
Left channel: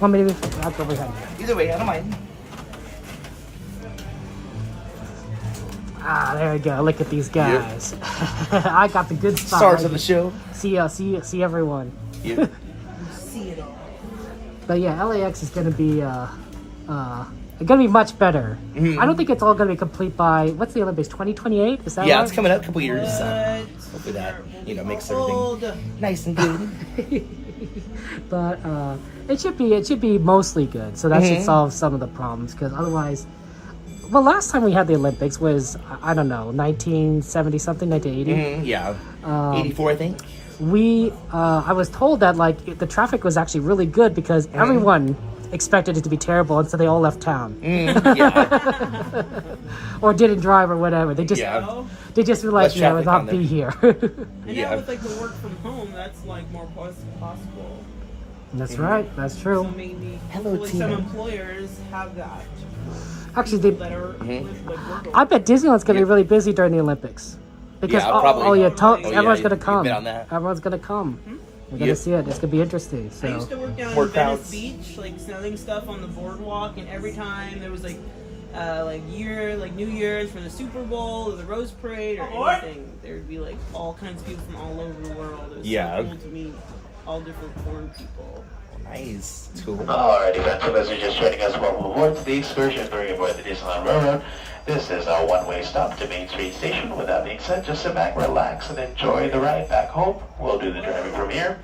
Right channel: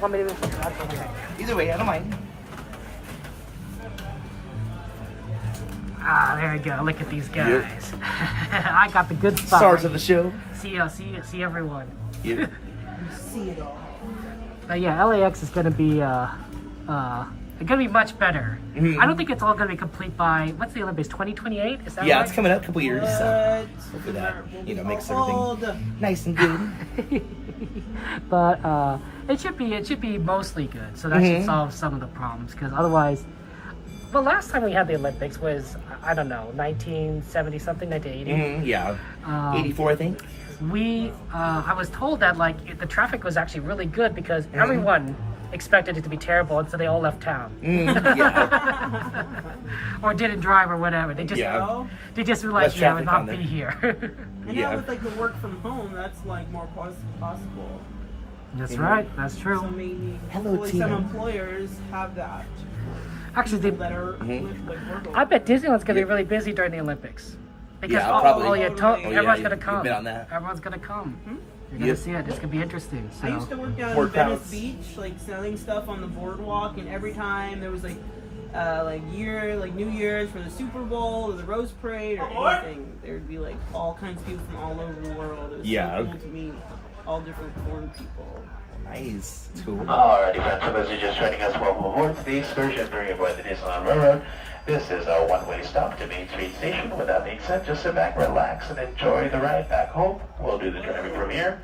Well, maybe I'll go behind you. Either way, I don't mind. Ah, there you go. Look at these guys. I got the good spot. Stars of the show. See everyone. Yep. See it all. But yeah, LAX is gonna be much better. I don't think it's all gonna be complete by what's the Olympics 2028? Is that Yeah, right? it's coming up a couple years. So hopefully that makes everything nice and good. But it should be mostly good. So that should solve some of the problems because otherwise. Well, last time we had the Olympics was, I don't know, 1970 something, 1980. Yeah, 84 I think. I was told that like the traffic was actually really good because everyone expected it to be terrible, and so they all left town. Yeah. Or didn't drive or whatever. They just were like, yeah, we'll not be here. And now with like the work from home, that's like more possible. That's right. That's true. So maybe Hello, some employers have that. Actually, I bet Disneyland's gonna be really busy during the Olympics because probably. everyone's gonna come. You've been on that. Everyone's gonna come. You're gonna see it. It's gonna be interesting. So. I used to work down in Venice Beach, like selling stuff on the boardwalk, and every time there was like New Year's for the Super Bowl or the Rose Parade or anything, there'd be like all kinds of people from all over the world. It was so cool to meet all different foreign people. Nice. It's cool. Alrighty, friends, for those who are just joining us, welcome aboard to the excursion bringing aboard the Disneyland Railroad. This is our one-way stop to Main Street Station. With that being said, just sit back, relax, and enjoy the ride back home. We'll do the driving from here.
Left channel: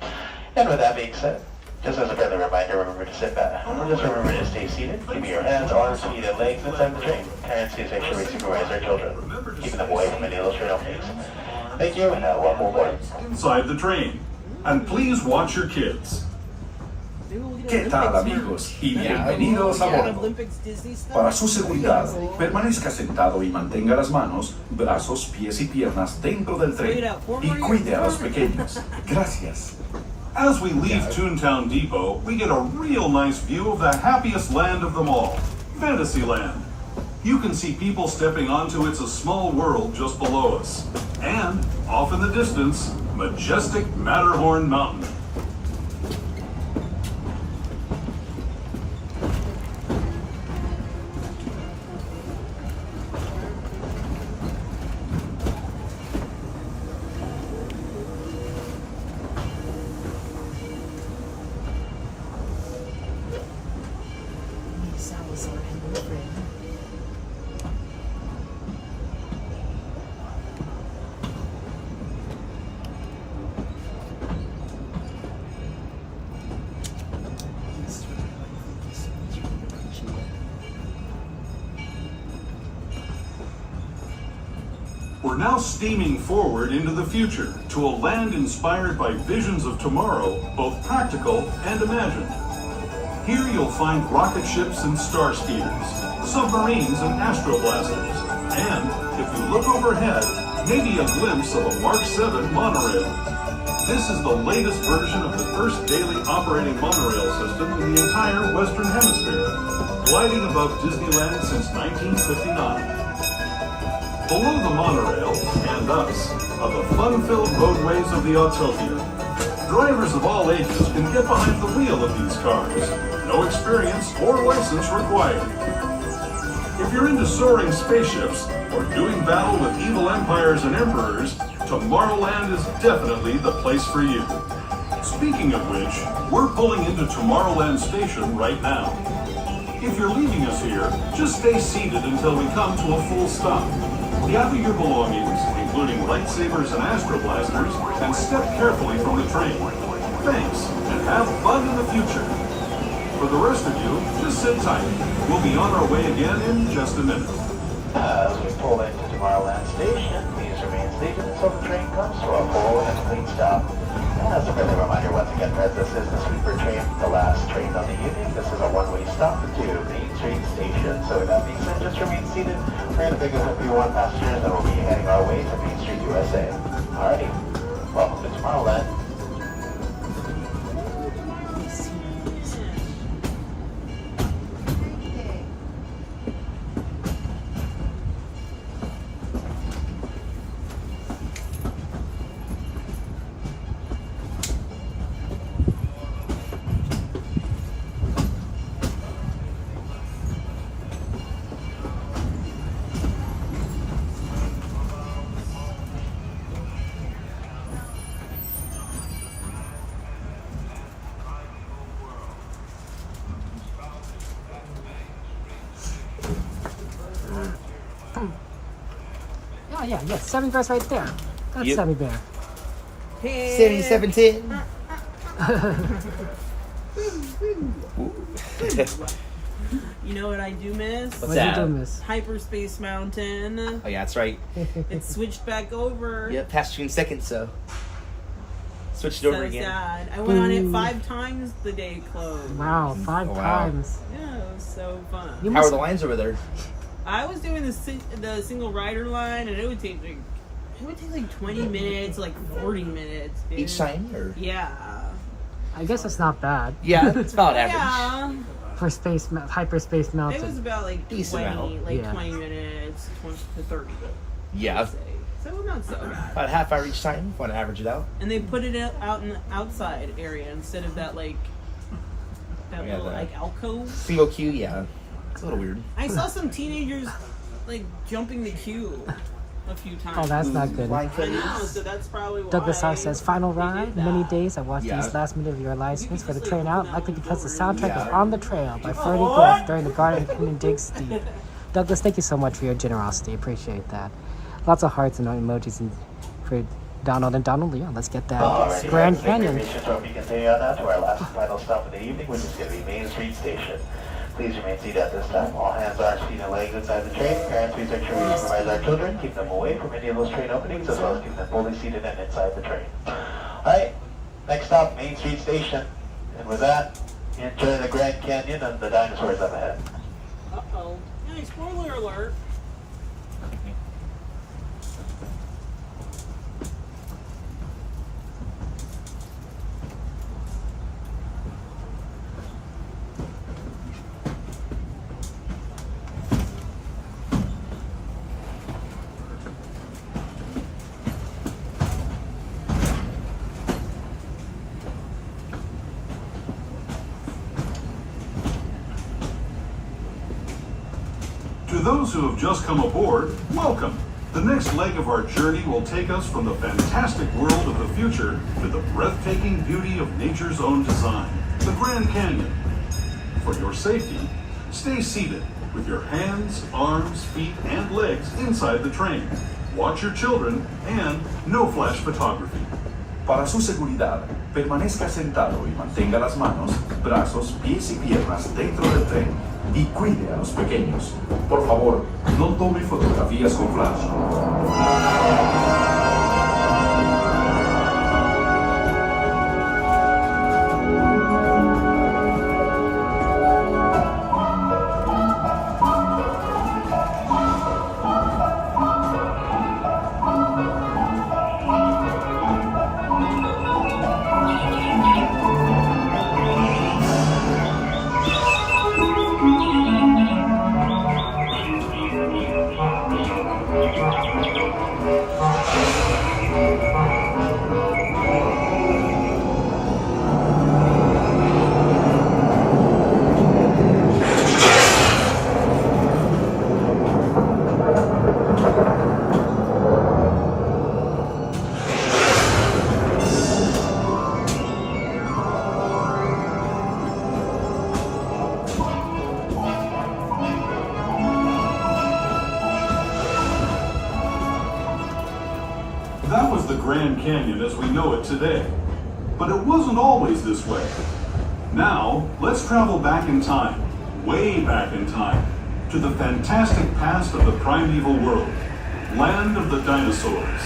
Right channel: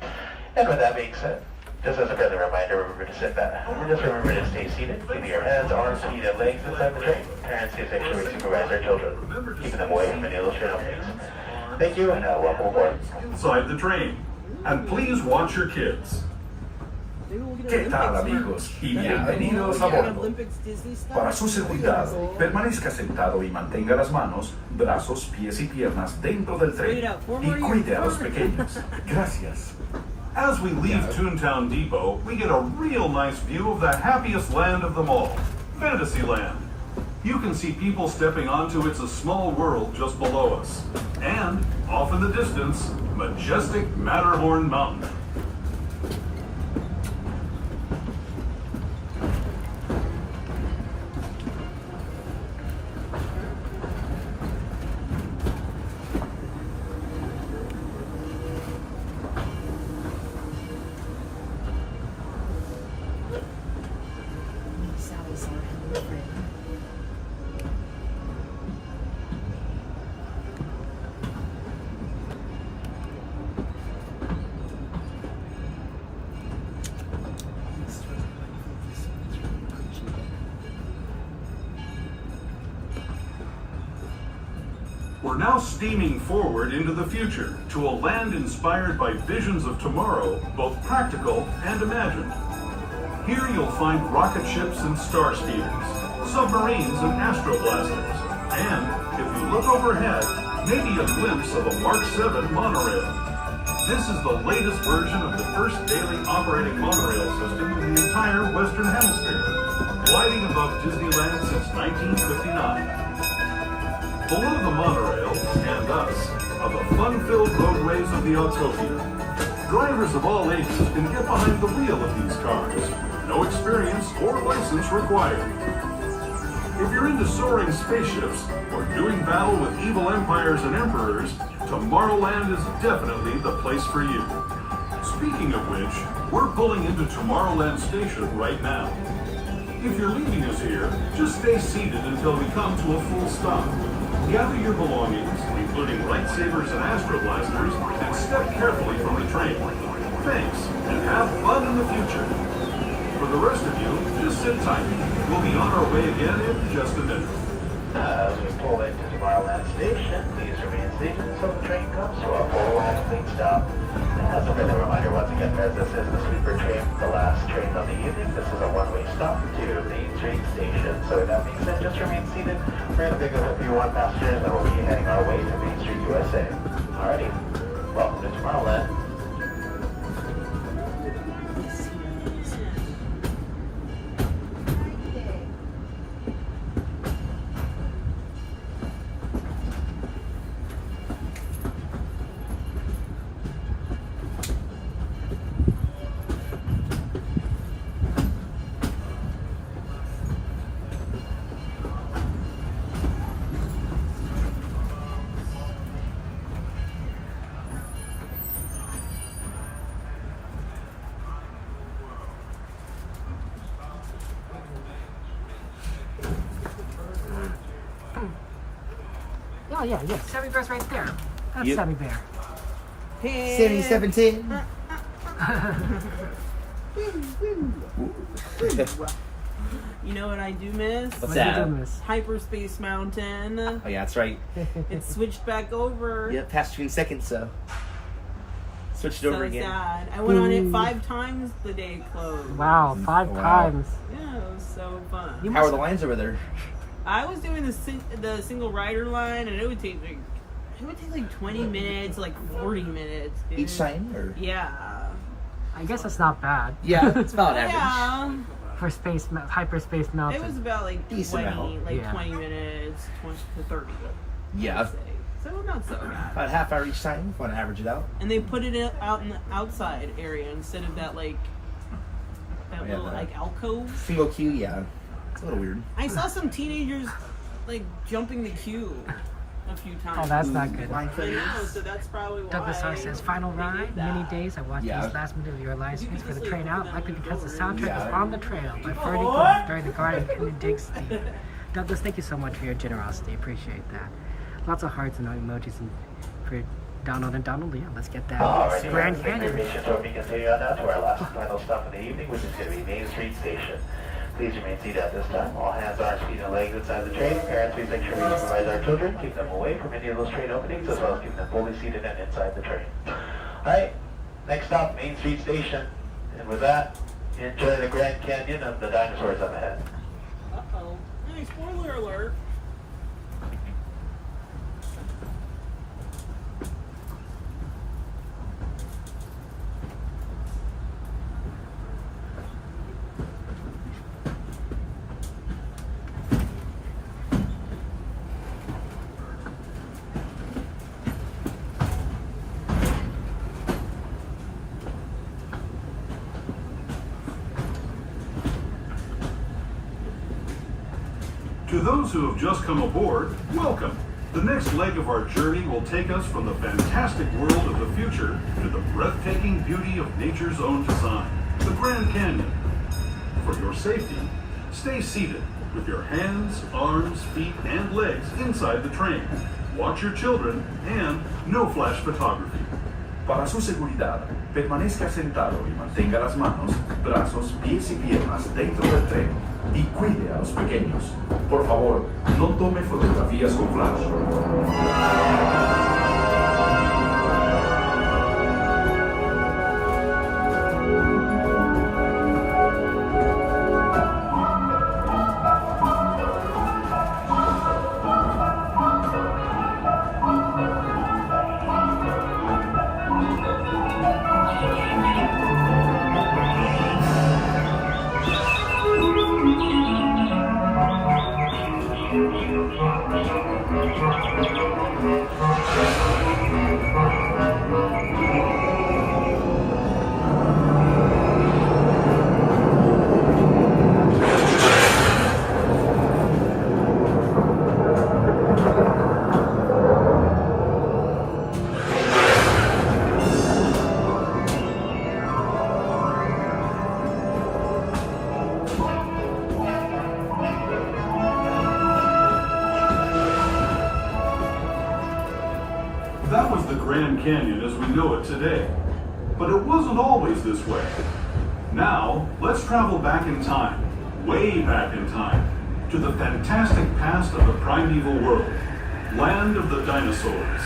And with that being said, just as a friendly reminder, remember to sit back. Just remember to stay seated. Keep your hands, arms, feet, and legs inside the train. Parents, please make sure we supervise their children, keeping them away from any illustrated things. Thank you, and welcome aboard. Inside the train. And please watch your kids. ¿Qué tal, amigos? Y bienvenidos a bordo. Para su seguridad, permanezca sentado y mantenga las manos, brazos, pies y piernas dentro del tren y cuide a los pequeños. Gracias. As we leave Toontown Depot, we get a real nice view of the happiest land of them all, Fantasyland. You can see people stepping onto It's a Small World just below us. And, off in the distance, majestic Matterhorn Mountain. We're now steaming forward into the future to a land inspired by visions of tomorrow, both practical and imagined. Here you'll find rocket ships and star speeders, submarines and astroblasters, and, if you look overhead, maybe a glimpse of a Mark 7 monorail. This is the latest version of the first daily operating monorail system in the entire Western Hemisphere, gliding above Disneyland since 1959. Below the monorail, and us, are the fun-filled roadways of the Autopia. Drivers of all ages can get behind the wheel of these cars. No experience or license required. If you're into soaring spaceships or doing battle with evil empires and emperors, Tomorrowland is definitely the place for you. Speaking of which, we're pulling into Tomorrowland Station right now. If you're leaving us here, just stay seated until we come to a full stop. Gather your belongings, including lightsabers and astroblasters, and step carefully from the train. Thanks, and have fun in the future. For the rest of you, just sit tight. We'll be on our way again in just a minute. As we pull into Tomorrowland Station, please remain seated until the train comes to a full and clean stop. As a friendly reminder, once again, that this is the sleeper train, the last train of the evening. This is a one-way stop to Main Street Station. So that means that just remain seated. We're going to pick up a few more passengers and we'll be heading our way to Main Street, USA. Alrighty, welcome to Tomorrowland. Oh yeah, Sammy Bear's right there. That's Yep. Sammy Bear. 7710. You know what I do miss? What's that? You do miss? Hyperspace Mountain. Oh yeah, that's right. It switched back over. Yep, past 2 seconds, so switched it over again. Sad. I went on it 5 times the day it closed. Wow, 5 times. Yeah, it was so fun. How are the lines over there? I was doing the single rider line, and it would take like 20 minutes, like 40 minutes. Dude. Each time, or yeah. I guess that's not bad. Yeah, it's about average. Yeah. For hyperspace mountain. It was about like 20 minutes, 20 to 30. Yeah. So not so bad. About a half hour each time. Want to average it out? And they put it out in the outside area instead of that little like alcove. Single queue, yeah. It's a little weird. I saw some teenagers like jumping the queue a few times. Oh, that's not good. I know, so that's probably why. Douglas R says, final ride, many days. I watched these last minute of your license for the train out, likely because the soundtrack was On the Trail by Ferdy Golf during the Garden Canyon Dig Steep. Douglas, thank you so much for your generosity. Appreciate that. Lots of hearts and emojis for Donald and Donald. Yeah, let's get that. Grand Canyon. We continue on now to our last and final stop of the evening, which is going to be Main Street Station. Please remain seated at this time. All hands are feet and legs inside the train. Parents, please make sure we supervise our children. Keep them away from any of those train openings, as well as keep them fully seated and inside the train. Alright, next stop, Main Street Station. And with that, Enjoy the Grand Canyon and the dinosaurs up ahead. Uh-oh. Hey, spoiler alert. To those who have just come aboard, welcome. The next leg of our journey will take us from the fantastic world of the future to the breathtaking beauty of nature's own design, the Grand Canyon. For your safety, stay seated with your hands, arms, feet, and legs inside the train. Watch your children and no flash photography. Para su seguridad, permanezca sentado y mantenga las manos, brazos, pies y piernas dentro del tren y cuide a los pequeños. Por favor, no tome fotografías con flash. That was the Grand Canyon as we know it today. But it wasn't always this way. Now, let's travel back in time, way back in time, to the fantastic past of the primeval world, land of the dinosaurs.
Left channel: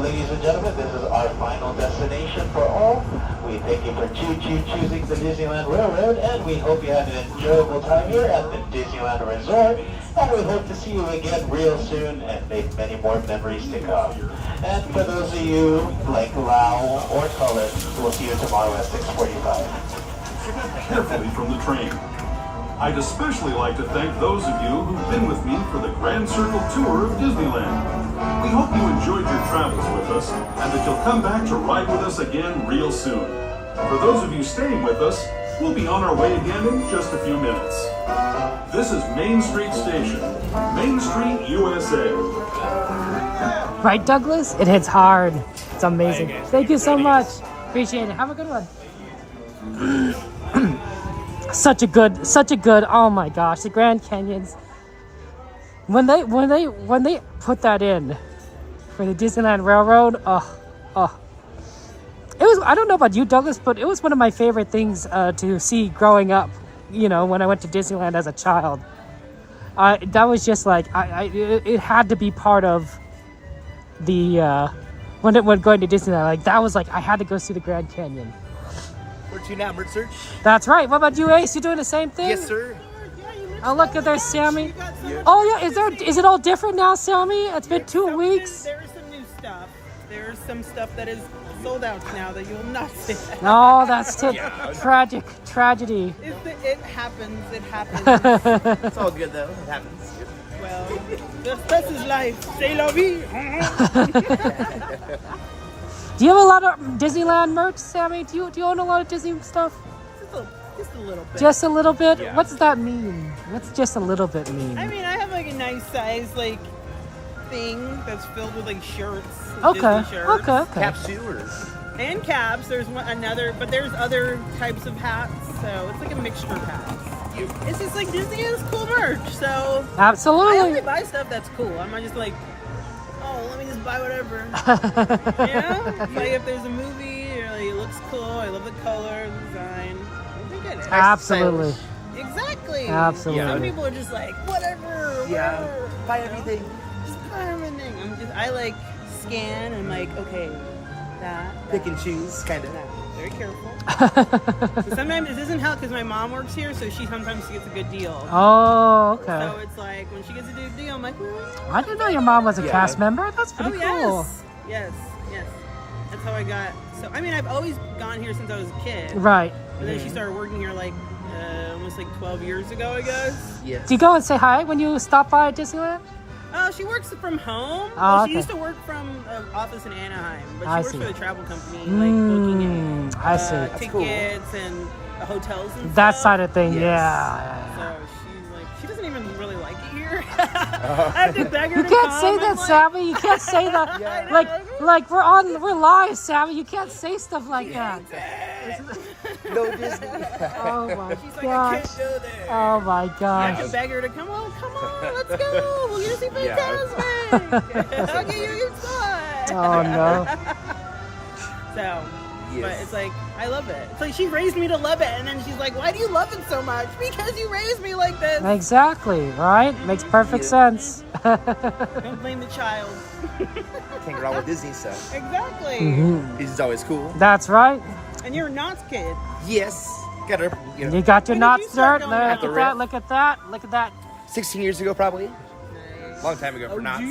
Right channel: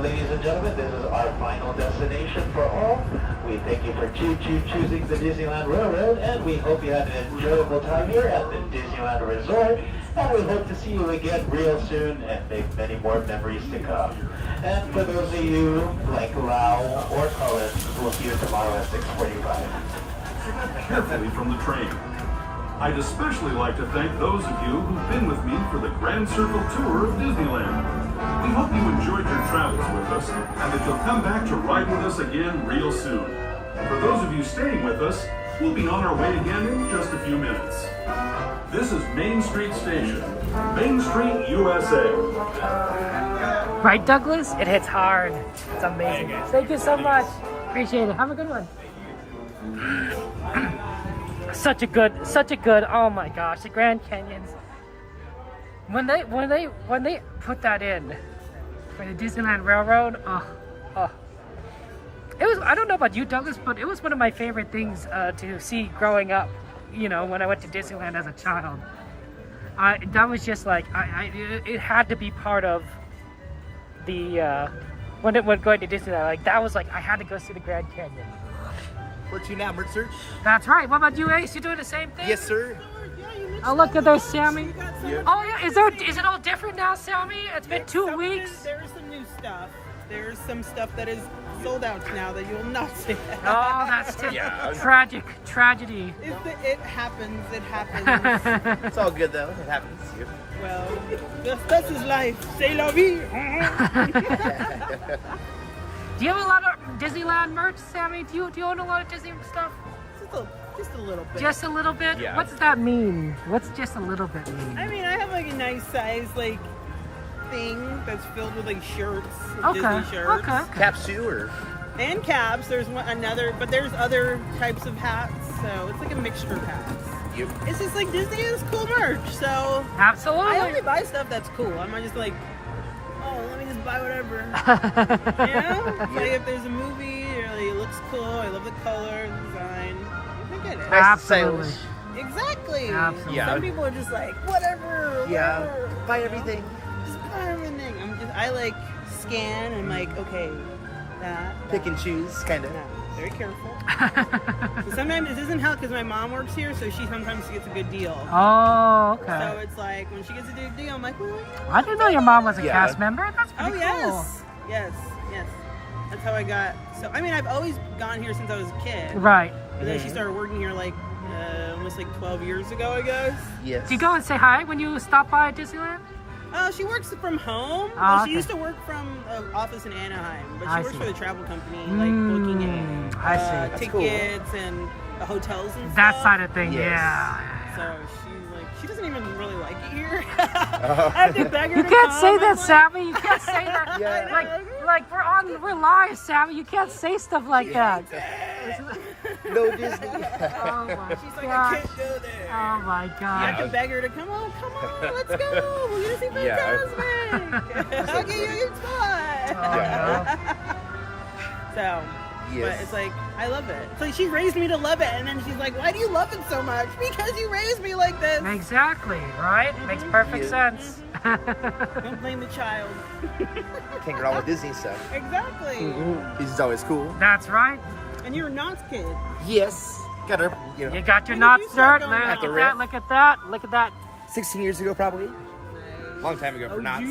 Ladies and gentlemen, this is our final destination for all. We thank you for choosing the Disneyland Railroad, and we hope you had an enjoyable time here at the Disneyland Resort. And we hope to see you again real soon and make many more memories to come. And for those of you like Lau or Cullen, we'll see you tomorrow at 6:45. Carefully from the train. I'd especially like to thank those of you who've been with me for the Grand Circle Tour of Disneyland. We hope you enjoyed your travels with us and that you'll come back to ride with us again real soon. For those of you staying with us, we'll be on our way again in just a few minutes. This is Main Street Station, Main Street, USA. Right, Douglas? It hits hard. It's amazing. Bye, guys. Thank you so much. Appreciate it. Have a good one. Such a good, oh my gosh, the Grand Canyons. When they put that in for the Disneyland Railroad, it was, I don't know about you, Douglas, but it was one of my favorite things to see growing up, you know, when I went to Disneyland as a child. That was just like, it had to be part of the, when going to Disneyland, like that was like, I had to go see the Grand Canyon. Where to now, bird search? That's right. What about you, Ace? You doing the same thing? Yes, sir. Oh, look at those, Sammy. Oh, yeah. Is it all different now, Sammy? It's been 2 weeks. There's some new stuff. There's some stuff that is sold out now that you will not see. Oh, that's tragedy. It happens. It happens. It's all good, though. It happens. Well, this is life. C'est la vie. Do you have a lot of Disneyland merch, Sammy? Do you own a lot of Disney stuff? Just a little bit. Just a little bit? Yeah. What's that mean? What's just a little bit mean? I mean, I have like a nice size like thing that's filled with like shirts. Okay. Disney shirts. Okay. Caps too, or? And caps. There's but there's other types of hats. So it's like a mixture of hats. It's just like Disney has cool merch. So absolutely. I only buy stuff that's cool. I'm not just like, oh, let me just buy whatever. You know? Like if there's a movie or like, it looks cool, I love the color, the design. I think it is. Absolutely. Exactly. Absolutely. Some people are just like, whatever. Buy everything. Just buy everything. I like scan and I'm like, okay, that. Pick and choose, kind of. No, very careful. So sometimes this isn't how, because my mom works here, so she sometimes gets a good deal. Oh, okay. So it's like, when she gets a good deal, I'm like, well, I didn't know your mom was a cast member. That's pretty cool. Yes. That's how I got. So, I mean, I've always gone here since I was a kid. Right. But then she started working here like almost like 12 years ago, I guess. Yes. Do you go and say hi when you stop by at Disneyland? She works from home. Oh, okay. She used to work from an office in Anaheim, but she I works see. for the travel company, like booking it. I see. Tickets and hotels and That stuff. side of thing, Yes. yeah. So she's like, she doesn't even really like it here. I have to beg her You to can't come. say that, I'm like, Sammy. You can't say that. I know. Like we're live, Sammy. You can't say stuff like that. No Disney. Oh my She's like, I gosh. can't go there. Oh my I have gosh. to beg her to come on, let's go. We're gonna see Fantasmic. I'll get you a good spot. Oh no. So, but it's like, I love it. It's like she raised me to love it, and then she's like, why do you love it so much? Because you raised me like this. Exactly, right? Makes perfect sense. Don't blame the child. Can't get all the Disney stuff. Exactly. Disney's always cool. That's right. And you're a Knots kid. Yes. Got her. You got your Knots dirt. Look At the rip. Look at that. Look at that. 16 years ago, probably. Long time ago for Knots.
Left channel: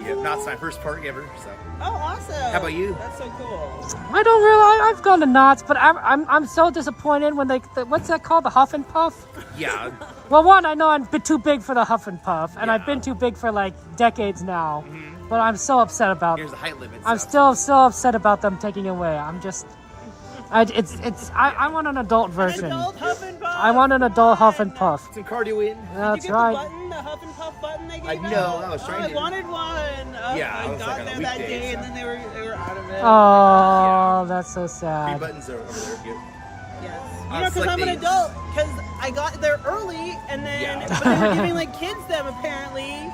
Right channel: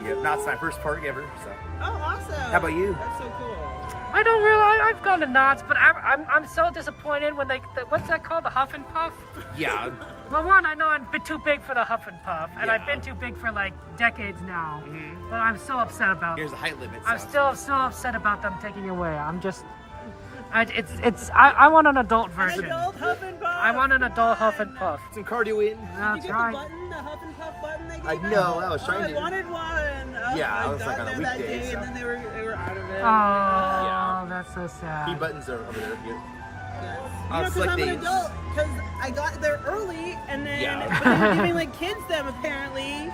Yeah, Knots my first park ever. So. Oh, awesome. How about you? That's so cool. I don't really. I've gone to Knots, but I'm so disappointed when what's that called? The Huff and Puff. Yeah. Well, one, I know I'm too big for the Huff and Puff, and I've been too big for like decades now. But I'm so upset about. Here's the height limit. I'm still so upset about them taking it away. I'm just. I want an adult version. An adult Huff and Puff. I want an adult Huff and Puff. Some cardio in. That's Did you get right. the button, the Huff and Puff button they gave I know, I was trying I to. wanted one. Yeah, I I was got like on a there that weekday, day, so. and then they were out of it. Oh, that's so 3 sad. buttons are over there. Good. Yes. On You know, because select I'm an days. adult. Because I got there early, and then Yeah. but they were giving like kids them apparently,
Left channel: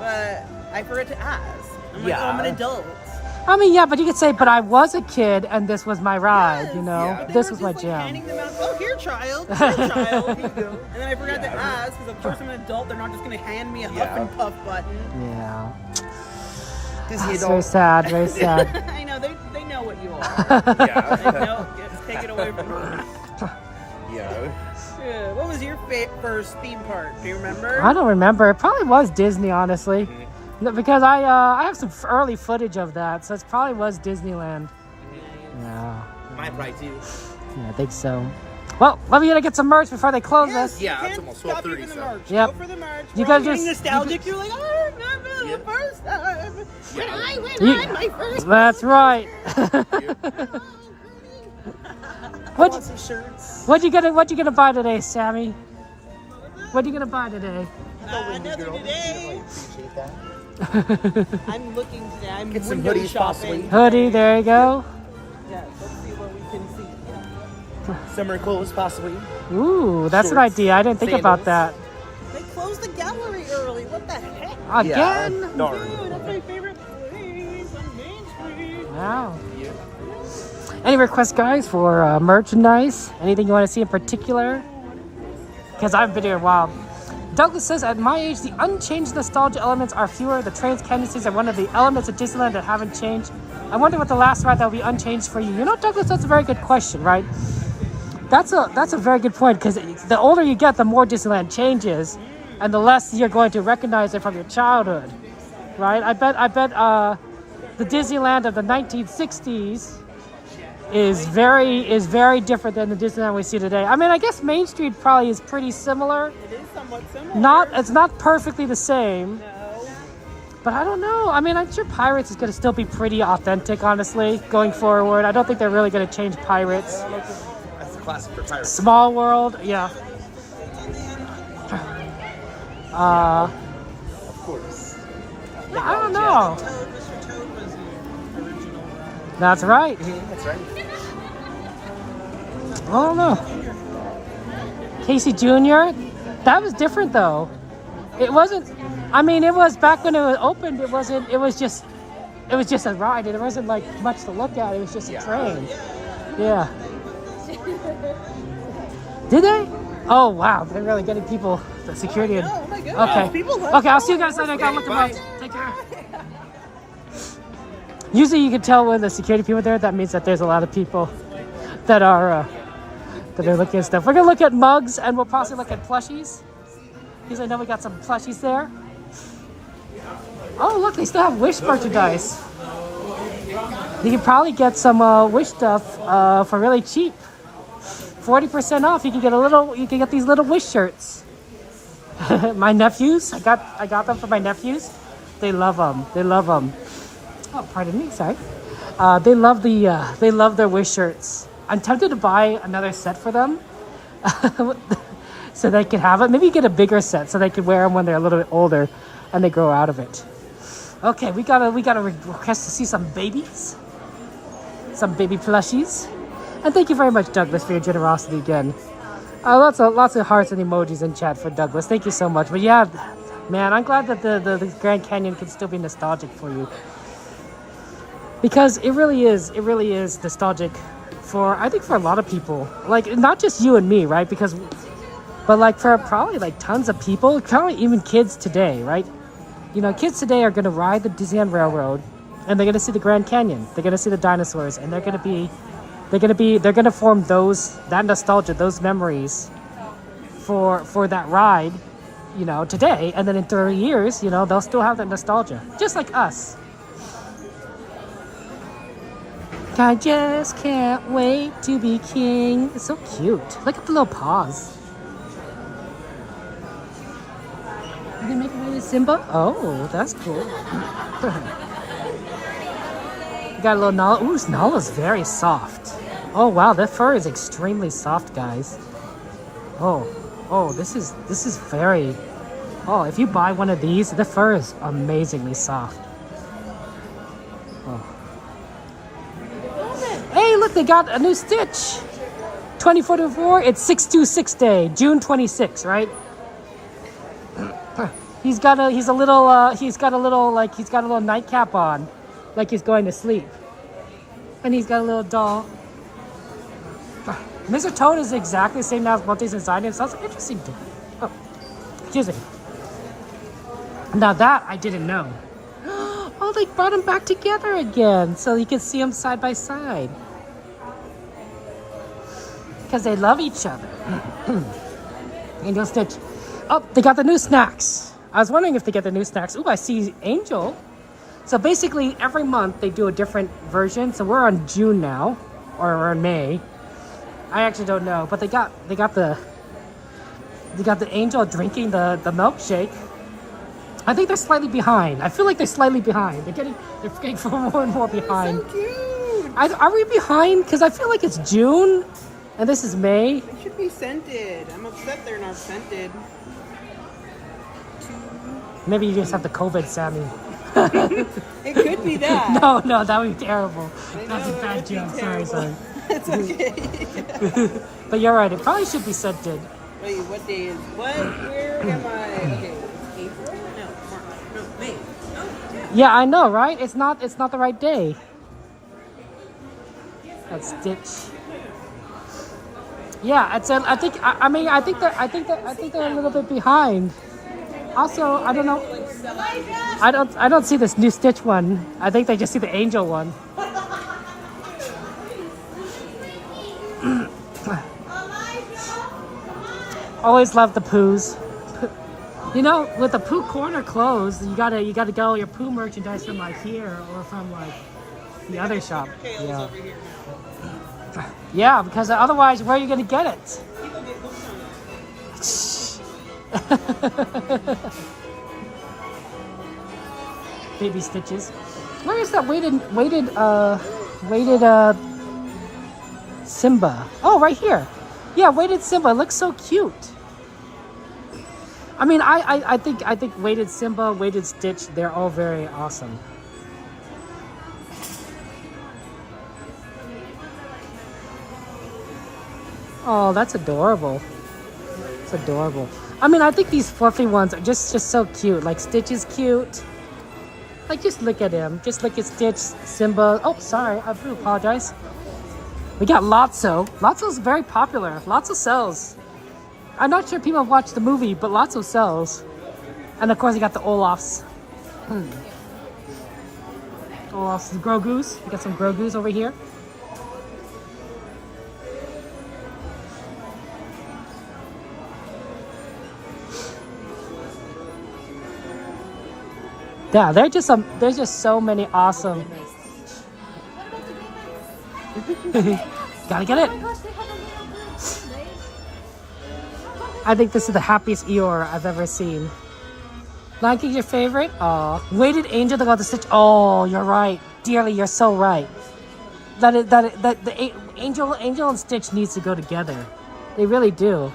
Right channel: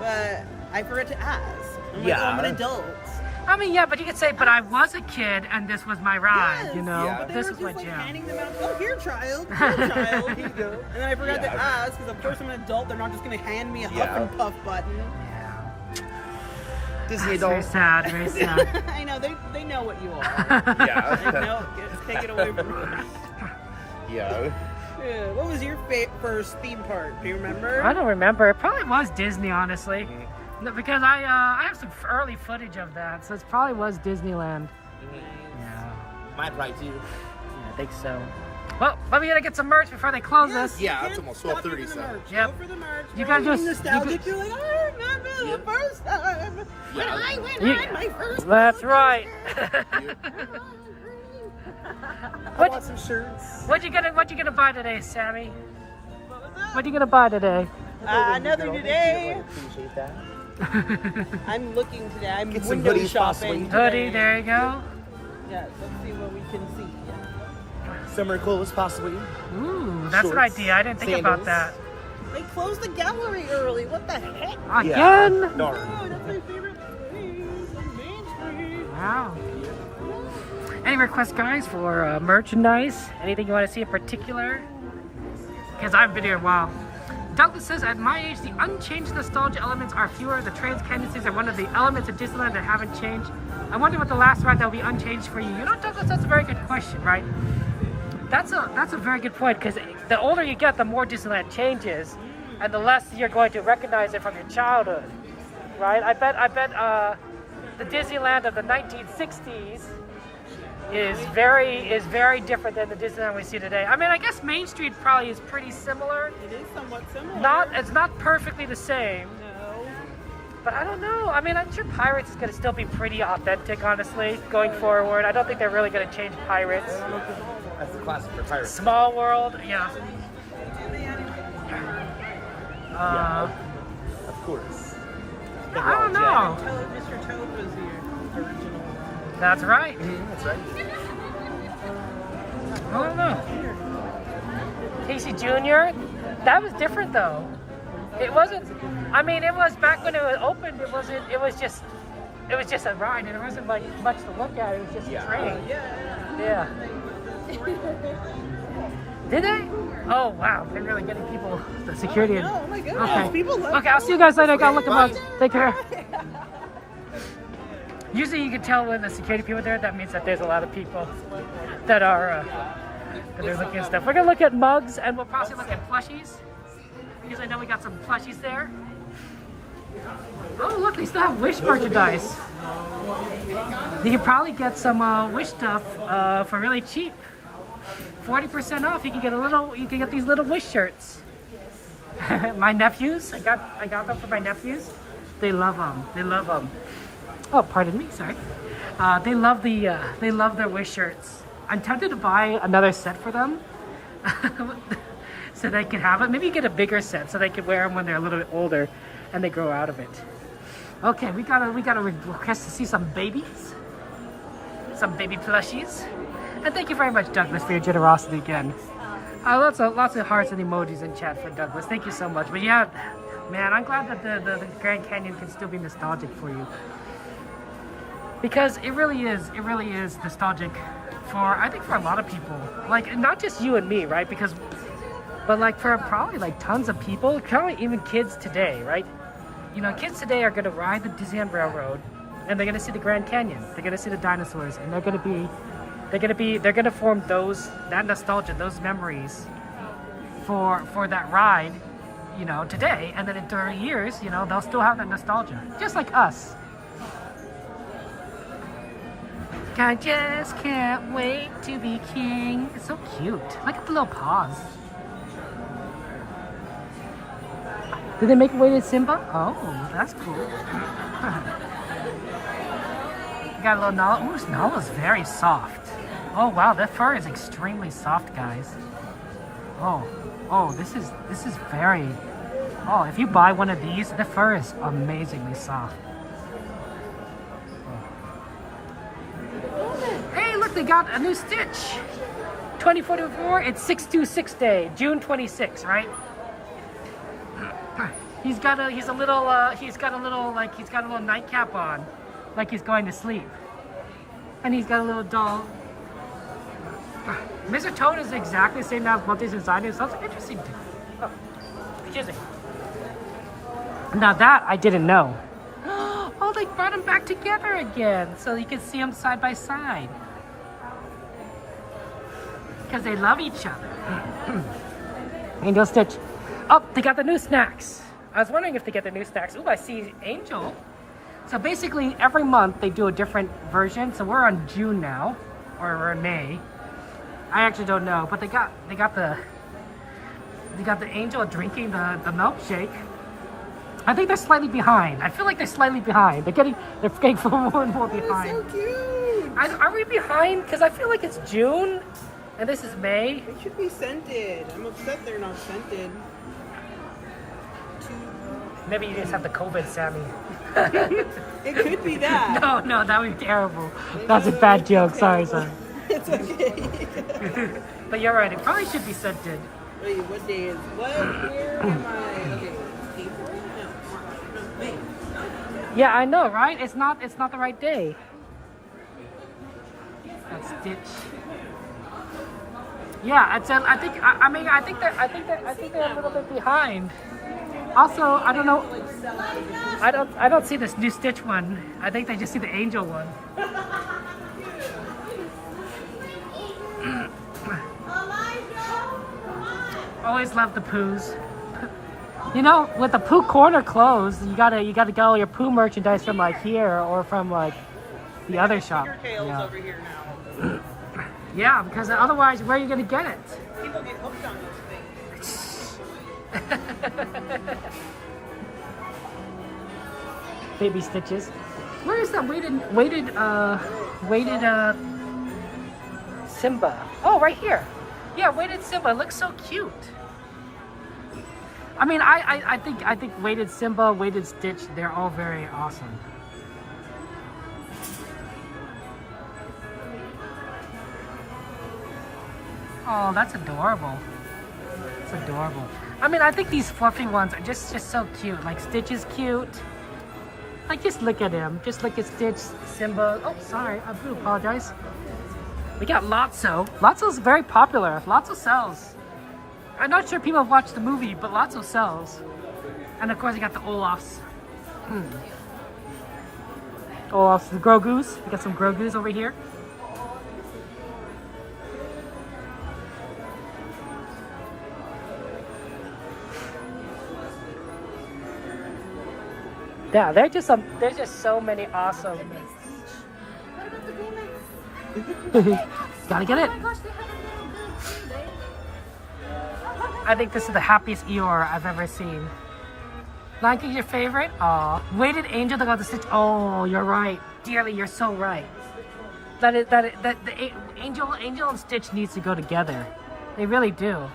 but I forgot to ask. I'm like, Yeah. oh, I'm an adult. I mean, yeah, but you could say, but I was a kid and this was my ride, you know? But they This were was my just, like, jam. handing them out. Oh, here, child. Here, child. Here you go. And then I forgot to ask, because of course I'm an adult. They're not just going to hand me a Huff and Puff button. Yeah. Disney That's adult. very sad, very sad. I know, they know what you are. Yeah. They know, take it away from me. Yeah. Yeah. What was your first theme park? Do you remember? I don't remember. It probably was Disney, honestly. No, because I have some early footage of that, so it probably was Disneyland. Yeah. Mine probably too. Yeah, I think so. Well, let me get some merch before they close us. Yeah, it's almost 12:30, so. Yep. Go for the march. You We're gotta getting just- nostalgic. You're like, I remember the first time when I went You- on my first. That's right. What you gonna buy today, Sammy? What you gonna buy today? Another today. I'm looking today. I'm Get some window hoodies, shopping. possibly. Hoodie, there you go. Yeah, let's see what we can see. Summer clothes, possibly. Ooh, that's an Shorts, idea. I didn't think about that. They closed the gallery early. What the heck? Again? Dude, that's my favorite place on Main Street. Wow. Any requests, guys, for merchandise? Anything you want to see in particular? Because I haven't been here in a while. Douglas says, at my age, the unchanged nostalgia elements are fewer. The trains, canyon stays are one of the elements of Disneyland that haven't changed. I wonder what the last ride that will be unchanged for you. You know, Douglas, that's a very good question, right? That's a very good point, because the older you get, the more Disneyland changes, and the less you're going to recognize it from your childhood, right? I bet the Disneyland of the 1960s is very different than the Disneyland we see today. I mean, I guess Main Street probably is pretty similar. It is somewhat similar. It's not perfectly the same. But I don't know. I mean, I'm sure Pirates is going to still be pretty authentic, honestly, going forward. I don't think they're really going to change Pirates. That's the classic for Pirates. Small World, yeah. Of course. I don't know. That's right. That's right. I don't know. Casey Jr., that was different though. It wasn't, I mean, it was back when it was opened, it was just a ride. It wasn't like much to look at. It was just a train. Yeah. Did they? Oh wow, they're really getting people, the security in. Okay. Okay, I'll see you guys later. I gotta look them up. Take care. Usually you can tell when the security people are there, that means that there's a lot of people that are looking at stuff. We're gonna look at mugs, and we'll possibly look at plushies, because I know we got some plushies there. Oh look, they still have Wish merchandise. You can probably get some Wish stuff for really cheap. 40% off. You can get these little Wish shirts. My nephews, I got them for my nephews. They love them. They love them. Oh, pardon me, sorry. They love their Wish shirts. I'm tempted to buy another set for them, so they can have it. Maybe get a bigger set so they can wear them when they're a little bit older, and they grow out of it. Okay, we got a request to see some babies, some baby plushies, and thank you very much, Douglas, for your generosity again. Lots of hearts and emojis in chat for Douglas. Thank you so much. But yeah, man, I'm glad that the Grand Canyon can still be nostalgic for you. Because it really is nostalgic for, I think, for a lot of people. Like, not just you and me, right? But like for probably like tons of people, probably even kids today, right? You know, kids today are gonna ride the Disneyland Railroad, and they're gonna see the Grand Canyon. They're gonna see the dinosaurs, and they're gonna form that nostalgia, those memories for that ride, you know, today. And then in 30 years, you know, they'll still have that nostalgia, just like us. I just can't wait to be king. It's so cute. Look at the little paws. Did they make away with Simba? Oh, that's cool. You got a little Nala. Ooh, Nala's very soft. Oh wow, their fur is extremely soft, guys. Oh, this is very. Oh, if you buy one of these, the fur is amazingly soft. Hey, look, they got a new Stitch. 2044, it's 626 day, June 26, right? He's got a little nightcap on, like he's going to sleep. And he's got a little doll. Mr. Toad is exactly the same now as Monty's inside him, so that's interesting. Excuse me. Now that I didn't know. Oh, they brought them back together again, so you can see them side by side. Because they love each other. Angel Stitch. Oh, they got the new snacks. I was wondering if they get the new snacks. Ooh, I see Angel. So basically, every month they do a different version. So we're on June now, or we're in May. I actually don't know, but they got the Angel drinking the milkshake. I think they're slightly behind. I feel like they're slightly behind. They're getting more and more behind. That's so cute. Are we behind? Because I feel like it's June, and this is May. They should be scented. I'm upset they're not scented. Maybe you just have the COVID, Sammy. It could be that. No, that would be terrible. That's a bad joke. Sorry. It's okay. But you're right. It probably should be scented. Wait, what day is what? Where am I? Okay, April? No, May. Yeah, I know, right? It's not the right day. That's Stitch. Yeah, I think they're a little bit behind. Also, I don't know. I don't see this new Stitch one. I think they just see the Angel one. Always love the Poos. You know, with the Pooh corner closed, you gotta get all your Pooh merchandise from like here or from like the other shop. Yeah. Yeah, because otherwise, where are you gonna get it? Baby Stitches. Where is that weighted Simba? Oh, right here. Yeah, weighted Simba. It looks so cute. I mean, I think weighted Simba, weighted Stitch, they're all very awesome. Oh, that's adorable. It's adorable. I mean, I think these fluffy ones are just so cute. Like Stitch is cute. Like, just look at him. Just look at Stitch, Simba. Oh, sorry. I do apologize. We got Lotso. Lotso's very popular. Lotso sells. I'm not sure if people have watched the movie, but Lotso sells. And of course, you got the Olafs. Olafs, the Grogu's. We got some Grogu's over here. Yeah, there's just so many awesome. Gotta get it. I think this is the happiest Eeyore I've ever seen. Lion King's your favorite? Aw. Weighted Angel that got the Stitch. Oh, you're right. Dearly, you're so right. That the Angel and Stitch needs to go together. They really do.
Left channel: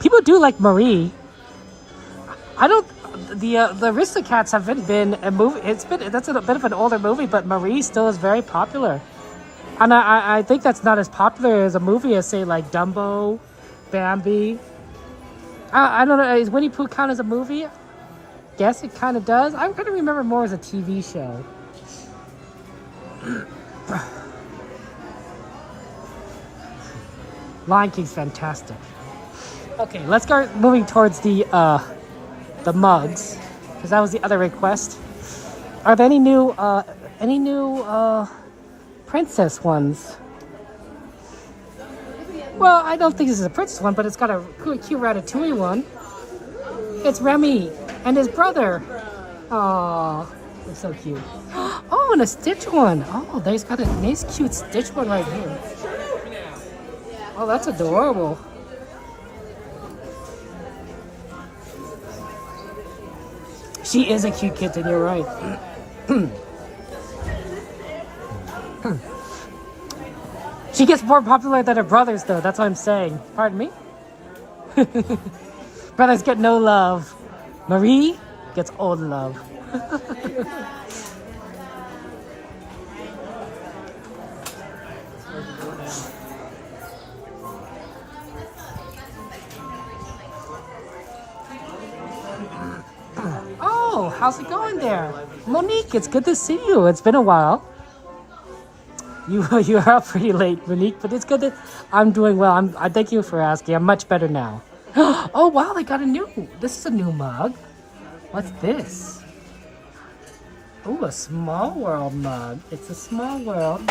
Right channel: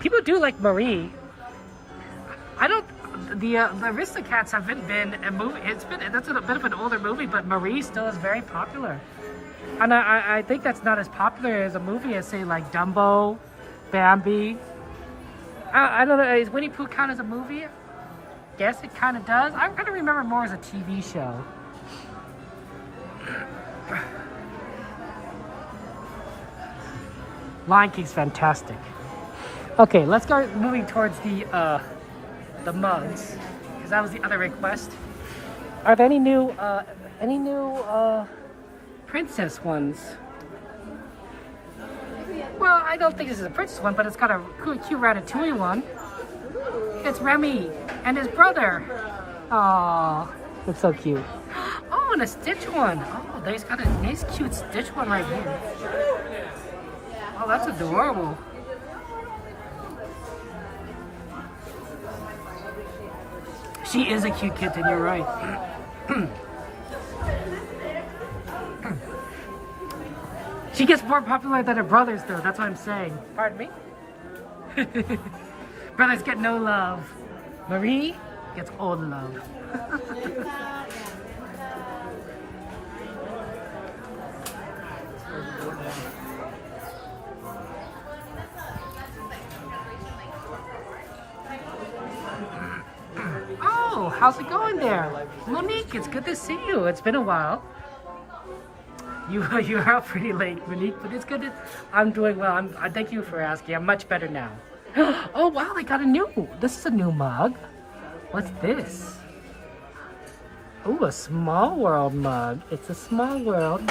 People do like Marie. I don't. The Aristocats haven't been a movie. That's a bit of an older movie, but Marie still is very popular. And I think that's not as popular as a movie as, say, like Dumbo, Bambi. I don't know. Is Winnie Pooh count as a movie? Guess it kind of does. I'm gonna remember more as a TV show. Lion King's fantastic. Okay, let's start moving towards the mugs, because that was the other request. Are there any new princess ones? Well, I don't think this is a princess one, but it's got a cute Ratatouille one. It's Remy and his brother. Aww, that's so cute. Oh, and a Stitch one. Oh, there's got a nice cute Stitch one right here. Oh, that's adorable. She is a cute kitten, you're right. She gets more popular than her brothers, though. That's what I'm saying. Pardon me? Brothers get no love. Marie gets all the love. Oh, how's it going there? Monique, it's good to see you. It's been a while. You are up pretty late, Monique, but it's good that I'm doing well. I thank you for asking. I'm much better now. Oh, wow, they got this is a new mug. What's this? Ooh, a Small World mug. It's a Small World.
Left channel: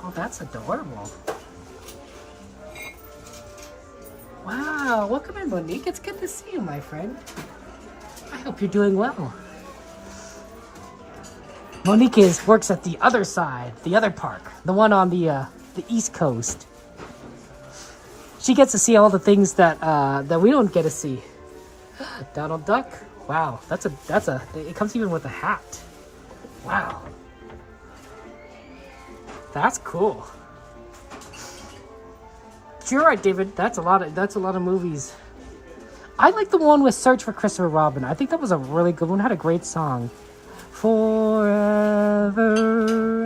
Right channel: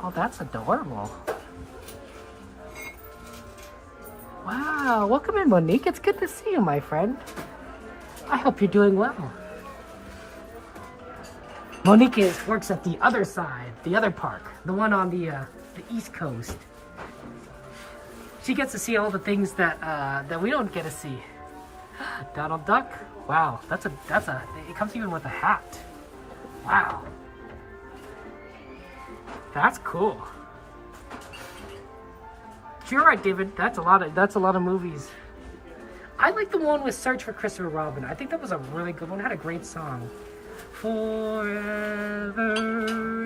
Oh, that's adorable. Wow, welcome in, Monique. It's good to see you, my friend. I hope you're doing well. Monique works at the other side, the other park, the one on the East Coast. She gets to see all the things that we don't get to see. Donald Duck. Wow, it comes even with a hat. Wow. That's cool. You're right, David. That's a lot of movies. I like the one with Search for Christopher Robin. I think that was a really good one. It had a great song. Forever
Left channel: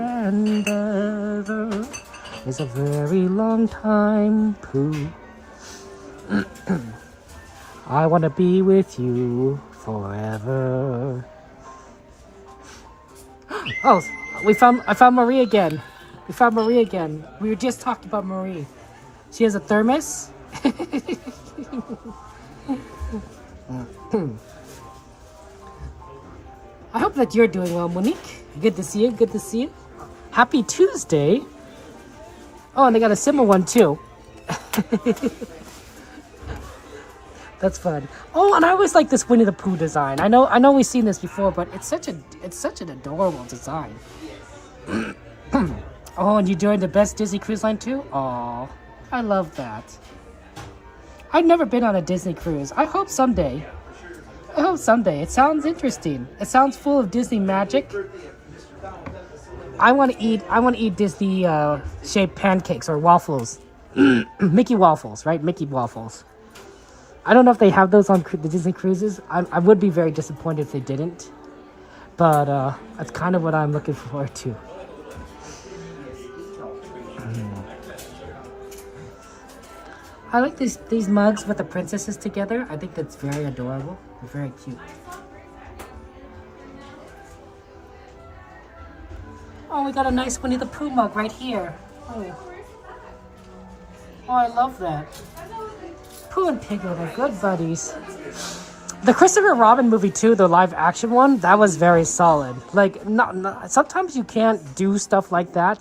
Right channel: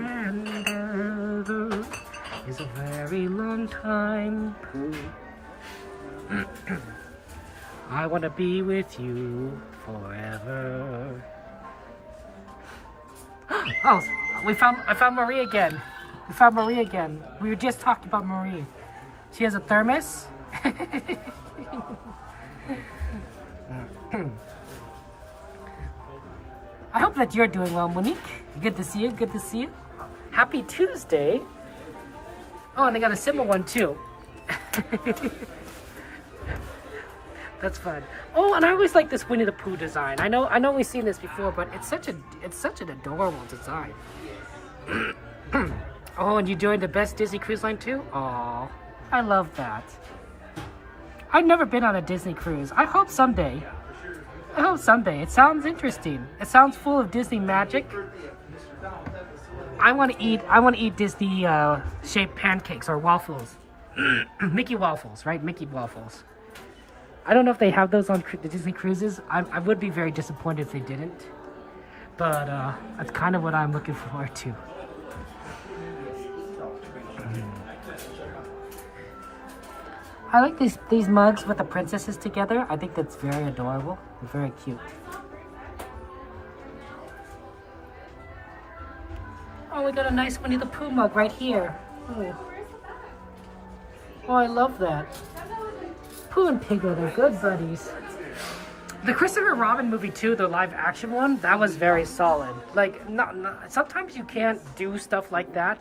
and ever is a very long time, Pooh. I want to be with you forever. Oh, I found Marie again. We found Marie again. We were just talking about Marie. She has a thermos. I hope that you're doing well, Monique. Good to see you. Good to see you. Happy Tuesday. Oh, and they got a similar one too. That's fun. Oh, and I always like this Winnie the Pooh design. I know we've seen this before, but it's such an adorable design. Oh, and you joined the best Disney cruise line too? Oh, I love that. I've never been on a Disney cruise. I hope someday. It sounds interesting. It sounds full of Disney magic. I want to eat Disney shaped pancakes or waffles. Mickey waffles, right? Mickey waffles. I don't know if they have those on the Disney cruises. I would be very disappointed if they didn't. But that's kind of what I'm looking forward to. I like these mugs with the princesses together. I think that's very adorable. Very cute. Oh, we got a nice Winnie the Pooh mug right here. Oh, I love that. Pooh and Piglet are good buddies. The Christopher Robin movie too, the live action one, that was very solid. Like, sometimes you can't do stuff like that,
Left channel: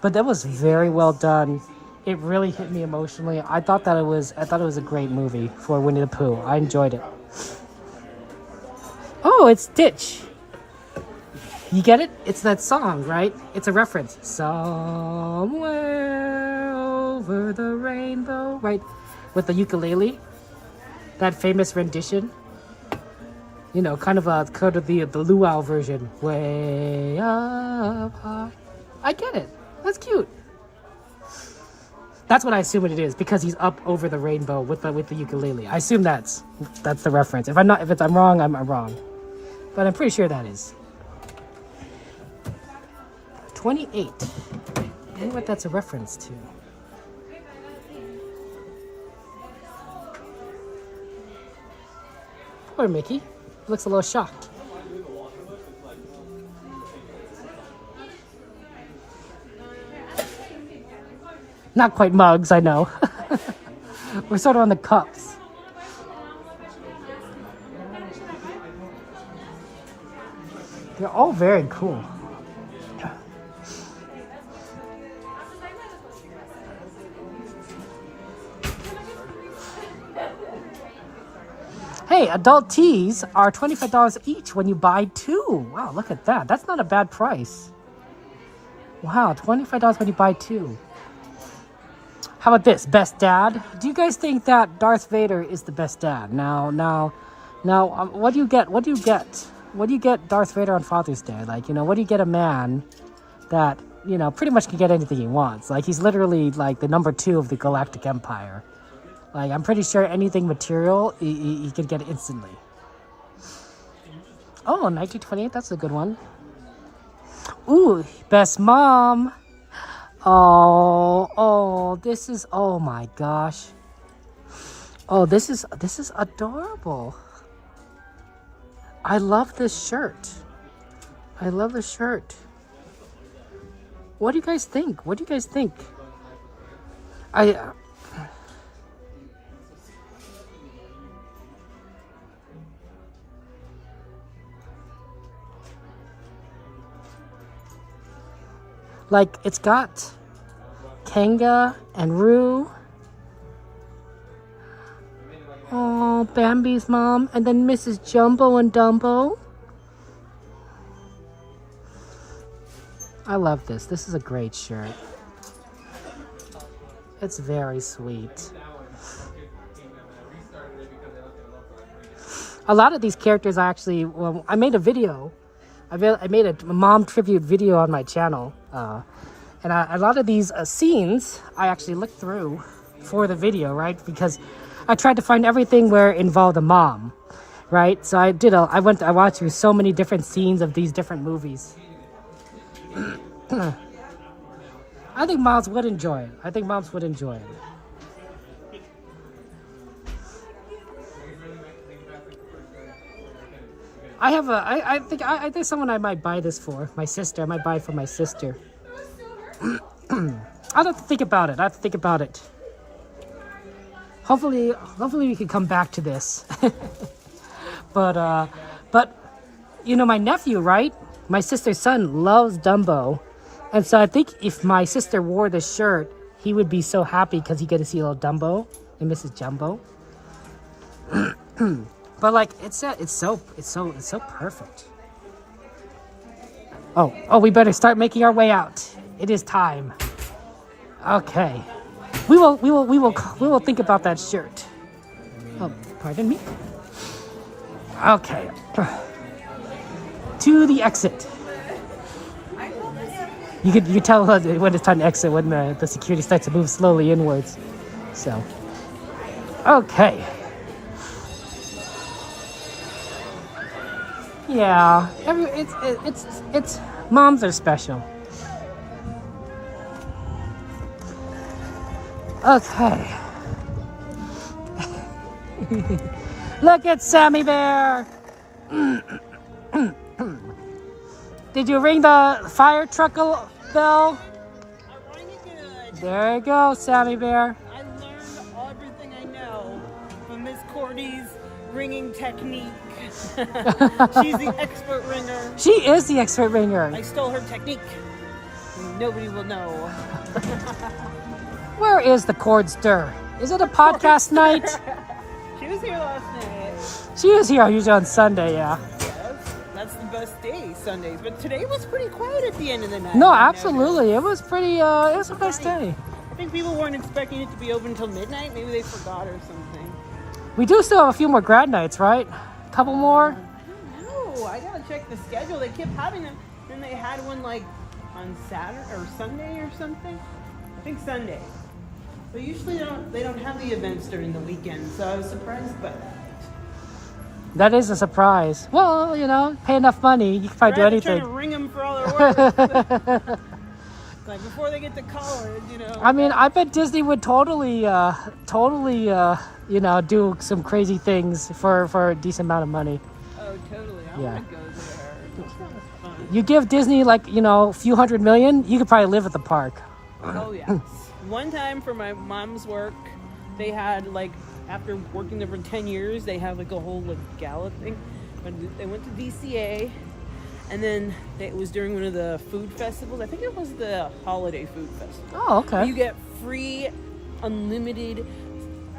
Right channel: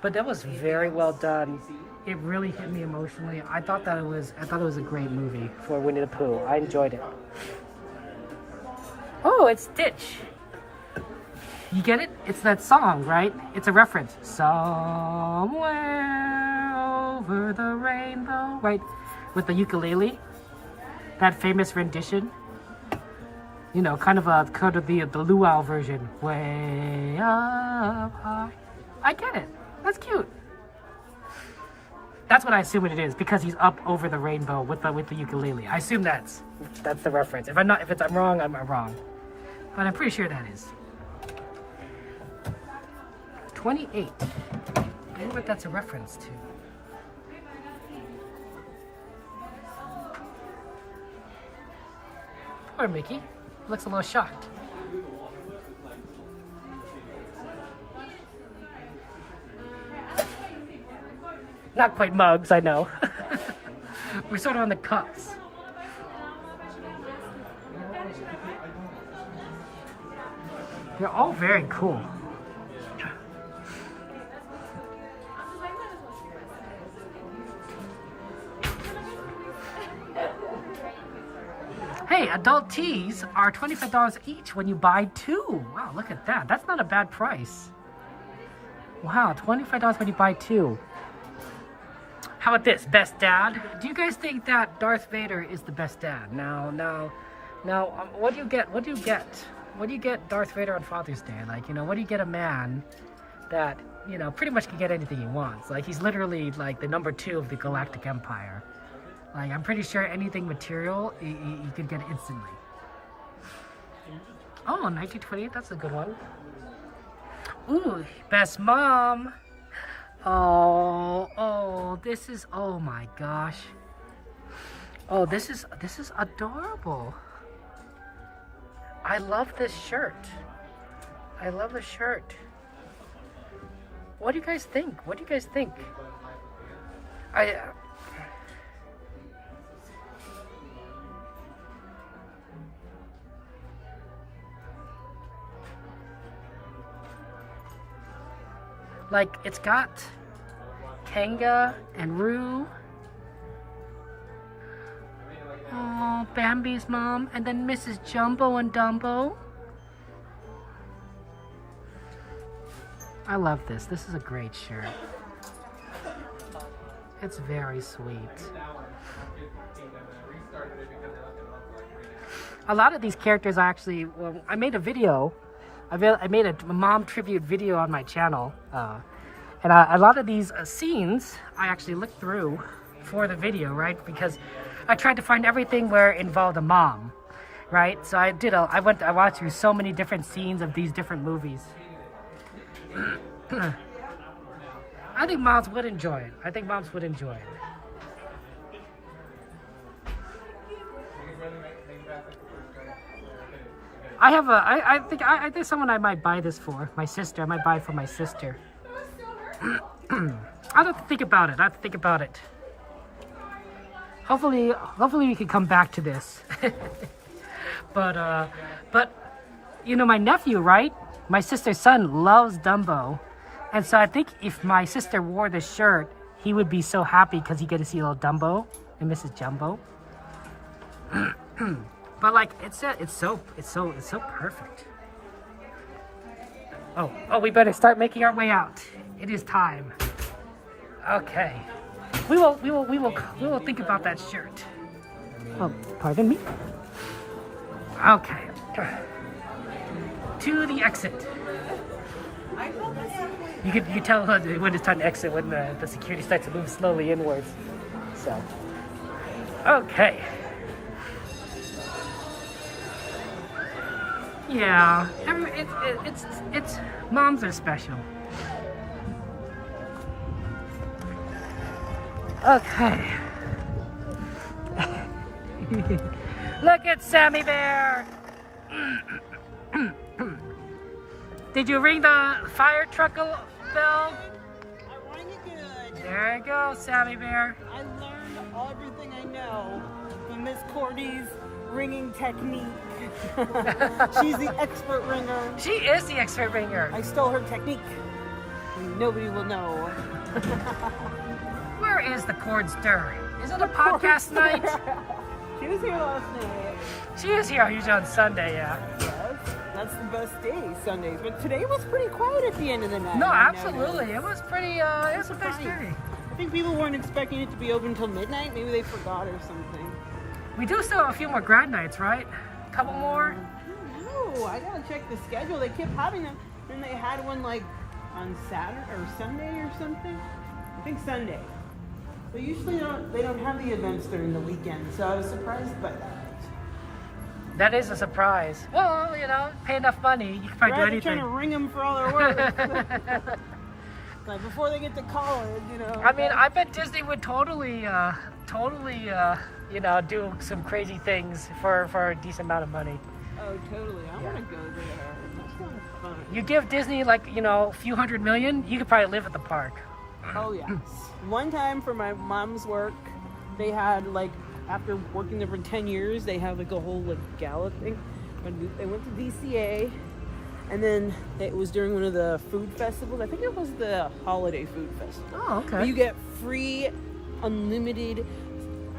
but that was very well done. It really hit me emotionally. I thought it was a great movie for Winnie the Pooh. I enjoyed it. Oh, it's Stitch. You get it? It's that song, right? It's a reference. Somewhere over the rainbow, right? With the ukulele. That famous rendition. You know, kind of the luau version. Way up high. I get it. That's cute. That's what I assume it is, because he's up over the rainbow with the ukulele. I assume that's the reference. If I'm wrong, I'm wrong. But I'm pretty sure that is. 28. I wonder what that's a reference to. Poor Mickey. Looks a little shocked. Not quite mugs, I know. We're sort of on the cups. They're all very cool. Hey, adult teas are $25 each when you buy 2. Wow, look at that. That's not a bad price. Wow, $25 when you buy 2. How about this? Best dad? Do you guys think that Darth Vader is the best dad? Now, what do you get? What do you get? What do you get Darth Vader on Father's Day? Like, you know, what do you get a man that, you know, pretty much can get anything he wants? Like, he's literally like the number 2 of the Galactic Empire. Like, I'm pretty sure anything material, he can get instantly. Oh, 1928, that's a good one. Ooh, best mom. Oh, this is, oh my gosh. Oh, this is adorable. I love this shirt. I love the shirt. What do you guys think? What do you guys think? Like, it's got Kanga and Roo. Oh, Bambi's mom. And then Mrs. Jumbo and Dumbo. I love this. This is a great shirt. It's very sweet. A lot of these characters actually, well, I made a video. I made a mom tribute video on my channel. And a lot of these scenes, I actually looked through for the video, right? Because I tried to find everything where it involved a mom, right? So I watched through so many different scenes of these different movies. I think moms would enjoy it. I think moms would enjoy it. I think someone I might buy this for. My sister. I might buy it for my sister. I'll have to think about it. Hopefully we can come back to this. But you know, my nephew, right? My sister's son loves Dumbo. And so I think if my sister wore this shirt, he would be so happy because he get to see a little Dumbo and Mrs. Jumbo. But like it's so perfect. Oh, we better start making our way out. It is time. Okay. We will think about that shirt. Oh, pardon me. Okay. To the exit. You could tell when it's time to exit when the security starts to move slowly inwards. So, okay. Yeah, it's moms are special. Okay. Look at Sammy Bear. Did you ring the fire truck bell? I rang it good. There you go, Sammy Bear. I learned everything I know from Miss Cordy's ringing technique. She's the expert ringer. She is the expert ringer. I stole her technique. Nobody will know. Where is the chord stir? Is it a podcast night? She was here last night. She is here usually on Sunday, yeah. Yes, that's the best day, Sundays. But today was pretty quiet at the end of the night. No, absolutely. It was pretty, it was the best day. I think people weren't expecting it to be open until midnight. Maybe they forgot or something. We do still have a few more grad nights, right? A couple more? I don't know. I gotta check the schedule. They kept having them. Then they had one like on Saturday or Sunday or something. I think Sunday. But usually they don't have the events during the weekend, so I was surprised by that. That is a surprise. Well, you know, pay enough money, you can probably do anything. Trying to ring them for all their work. Like before they get to college, you know. I mean, I bet Disney would totally, you know, do some crazy things for a decent amount of money. Oh, totally. I want to go there. That sounds fun. You give Disney like, you know, a few $100 million, you could probably live at the park. Oh, yes. One time for my mom's work, they had like, after working there for 10 years, they have like a whole like gala thing. They went to VCA, and then it was during one of the food festivals. I think it was the holiday food festival. Oh, okay. You get free, unlimited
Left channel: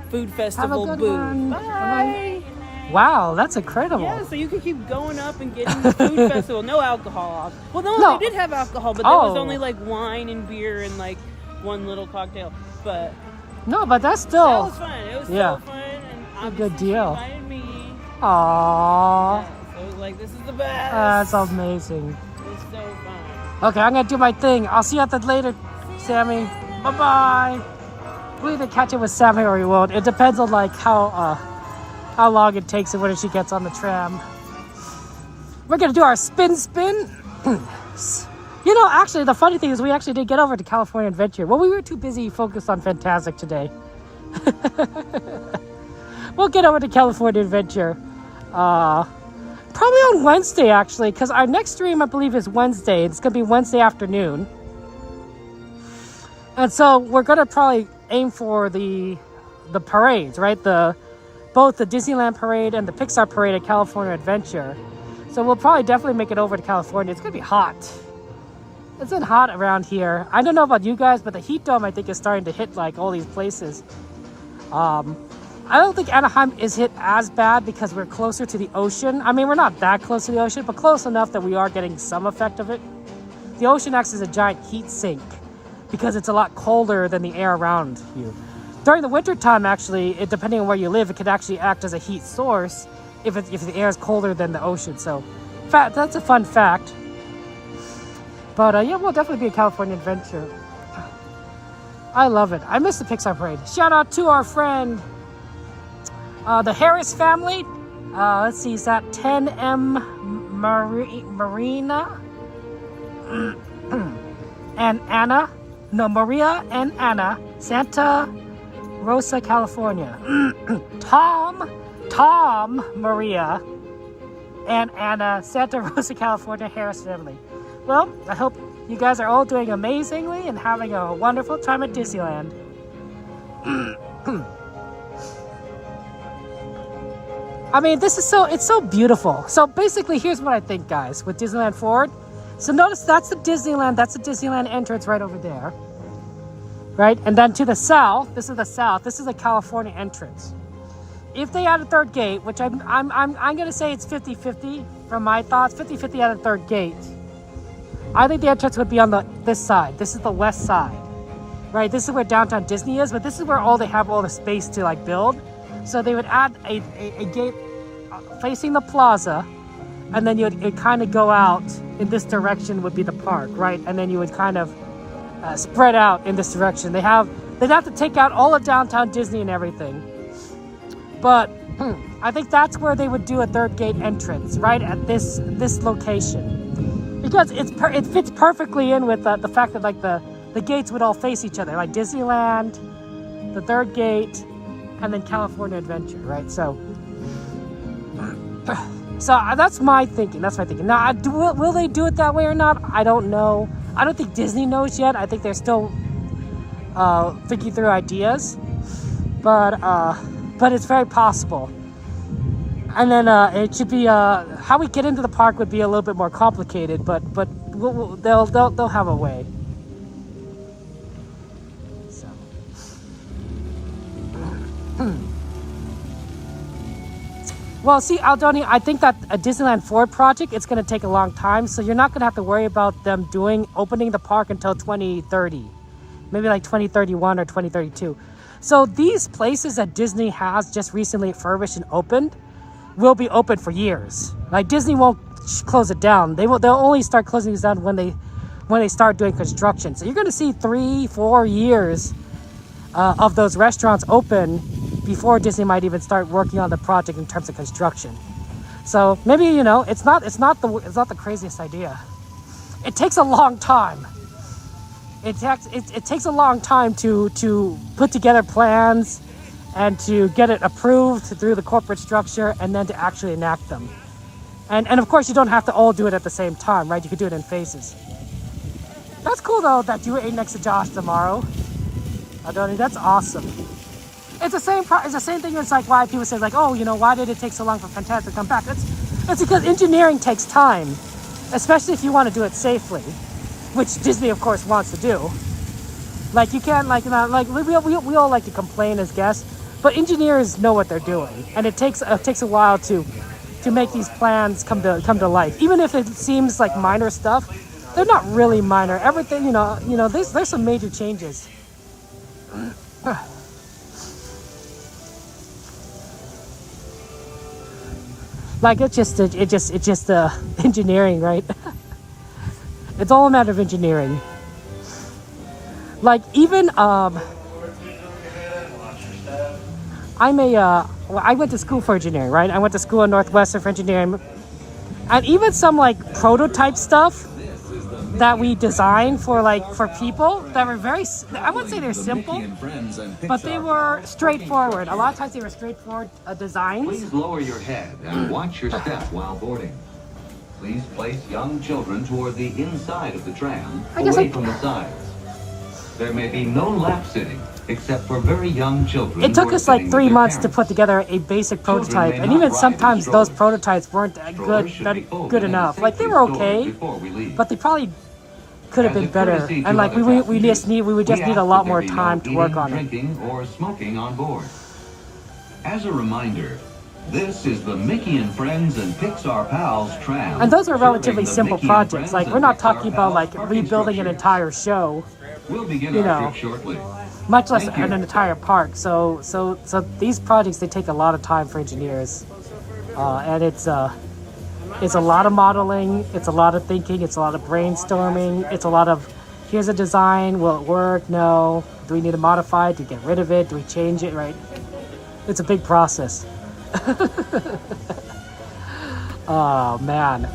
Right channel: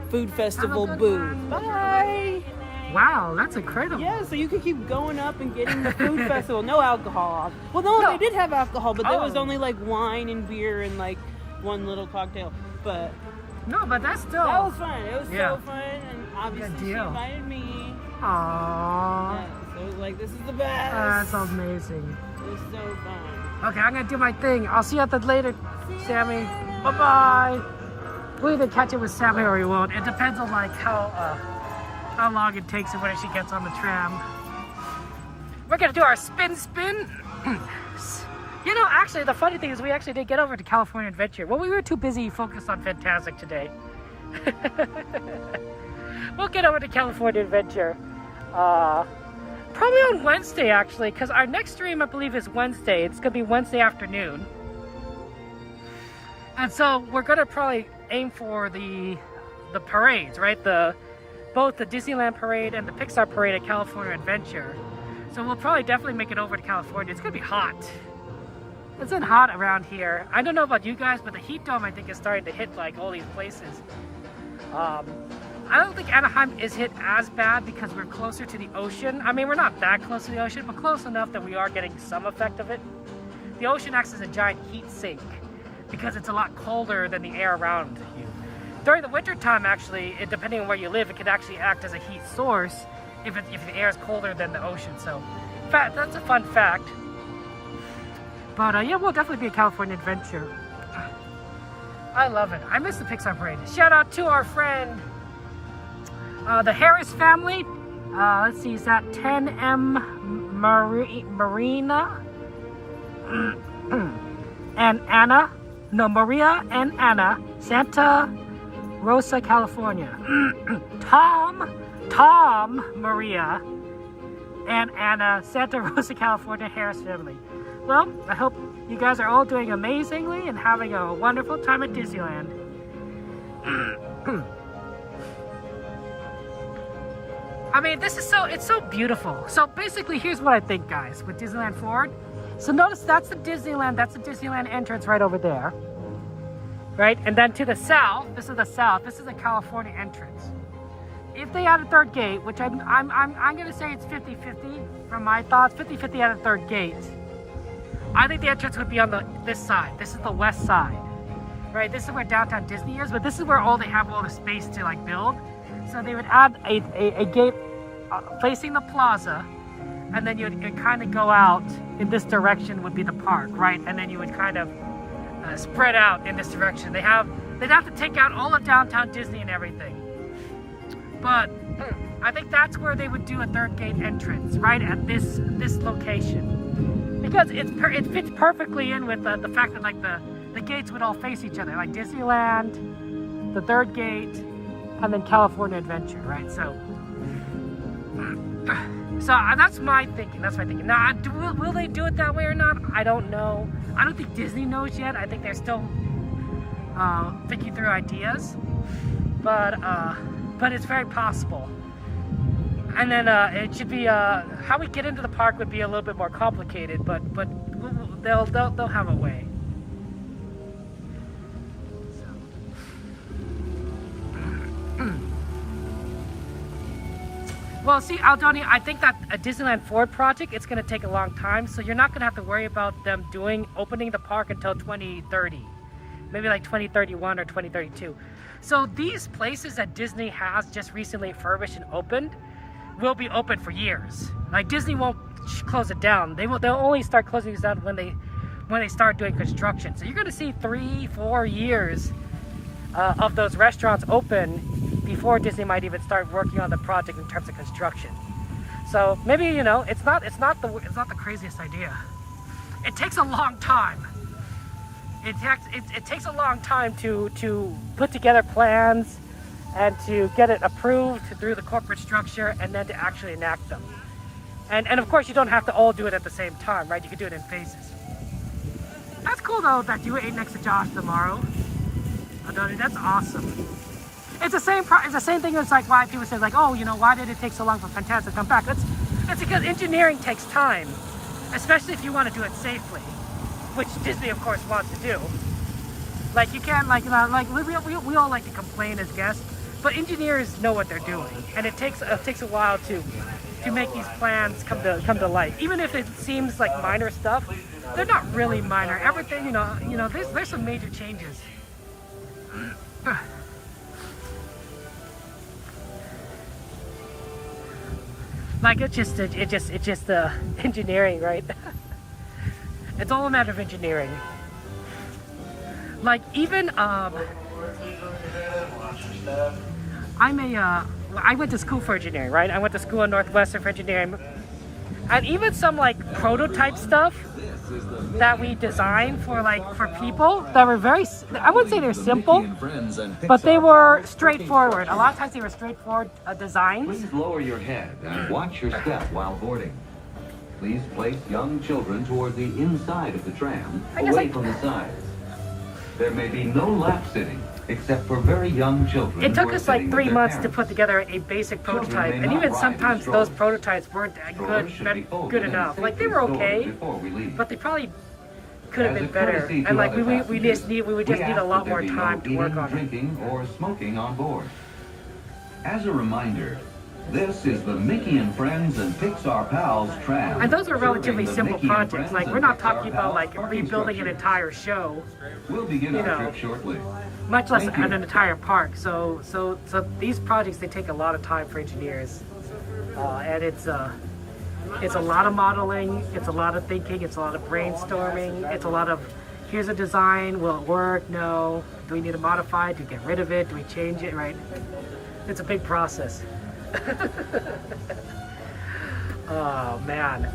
food festival booth. Bye. Wow, that's incredible. Yeah, so you can keep going up and getting the food festival. No alcohol. Well, no, they did have alcohol, but there was only like wine and beer and like one little cocktail. But no, but that's still. That was fun. It was so fun, and obviously good deal. she invited me. Aww. Yeah, so it was like, this is the best. That's amazing. It was so fun. Okay, I'm gonna do my thing. I'll see you at the later, Sammy. Bye bye. We'll either catch it with Sammy or we won't. It depends on like how long it takes and when she gets on the tram. We're gonna do our spin. You know, actually, the funny thing is we actually did get over to California Adventure. Well, we were too busy focused on Fantasmic today. We'll get over to California Adventure. Probably on Wednesday, actually, because our next stream, I believe, is Wednesday. It's going to be Wednesday afternoon. And so we're going to probably aim for the parades, right? Both the Disneyland parade and the Pixar parade at California Adventure. So we'll probably definitely make it over to California. It's going to be hot. It's been hot around here. I don't know about you guys, but the heat dome, I think, is starting to hit like all these places. I don't think Anaheim is hit as bad because we're closer to the ocean. I mean, we're not that close to the ocean, but close enough that we are getting some effect of it. The ocean acts as a giant heat sink because it's a lot colder than the air around you. During the winter time, actually, depending on where you live, it can actually act as a heat source if the air is colder than the ocean. So that's a fun fact. But yeah, we'll definitely be a California Adventure. I love it. I miss the Pixar parade. Shout out to our friend, the Harris family. Let's see, is that 10M Marina and Anna? No, Maria and Anna, Santa Rosa, California. Tom, Maria, and Anna, Santa Rosa, California, Harris family. Well, I hope you guys are all doing amazingly and having a wonderful time at Disneyland. I mean, it's so beautiful. So basically, here's what I think, guys, with Disneyland Forward. So notice that's the Disneyland entrance right over there. right? And then to the south, this is the California entrance. If they add a third gate, which I'm gonna say it's 50-50 from my thoughts, 50-50 at a third gate. I think the entrance would be on this side. This is the west side, right? This is where downtown Disney is, but this is where they have all the space to like build. So they would add a gate facing the plaza, and then you'd kind of go out in this direction would be the park, right? And then you would kind of spread out in this direction. They'd have to take out all of downtown Disney and everything. But I think that's where they would do a third gate entrance, right at this location, because it fits perfectly in with the fact that like the gates would all face each other, like Disneyland, the third gate, and then California Adventure, right? So that's my thinking. Now, will they do it that way or not? I don't know. I don't think Disney knows yet. I think they're still thinking through ideas, but it's very possible. And then it should be how we get into the park would be a little bit more complicated, but they'll have a way. So. Well, see, Aldoni, I think that a Disneyland Forward project, it's going to take a long time, so you're not going to have to worry about them opening the park until 2030, maybe like 2031 or 2032. So these places that Disney has just recently refurbished and opened will be open for years. Like Disney won't close it down. They'll only start closing these down when they start doing construction. So you're going to see 3-4 years of those restaurants open before Disney might even start working on the project in terms of construction. So maybe, you know, it's not the craziest idea. It takes a long time. It takes a long time to put together plans and to get it approved through the corporate structure and then to actually enact them. And of course you don't have to all do it at the same time, right? You could do it in phases. That's cool though that you ate next to Josh tomorrow. Adoni, that's awesome. It's the same thing as like why people say like, oh, you know, why did it take so long for Fantasmic to come back? It's because engineering takes time, especially if you want to do it safely, which Disney of course wants to do. Like you can't like we all like to complain as guests, but engineers know what they're doing, and it takes a while to make these plans come to life. Even if it seems like minor stuff, they're not really minor. Everything, you know, there's some major changes. Like it's just engineering, right? It's all a matter of engineering. Like even I went to school for engineering, right? I went to school in Northwestern for engineering, and even some like prototype stuff that we designed for people that were very, I wouldn't say they're simple, but they were straightforward. A lot of times they were straightforward designs. Please lower your head and watch your step while boarding. Please place young children toward the inside of the tram, away from the sides. There may be no lap sitting, except for very young children. It took us like 3 months to put together a basic prototype, and even sometimes those prototypes weren't good enough. Like they were okay, but they probably could have been better. And like we would just need a lot more time to work on it. Drinking or smoking on board. As a reminder, this is the Mickey and Friends and Pixar Pals tram. And those are relatively simple projects. Like we're not talking about like rebuilding an entire show. We'll begin our trip shortly. Much less an entire park. So these projects, they take a lot of time for engineers, and it's a lot of modeling, it's a lot of thinking, it's a lot of brainstorming, it's a lot of here's a design, will it work? No. Do we need to modify it? Do we get rid of it? Do we change it? Right? It's a big process. Oh man,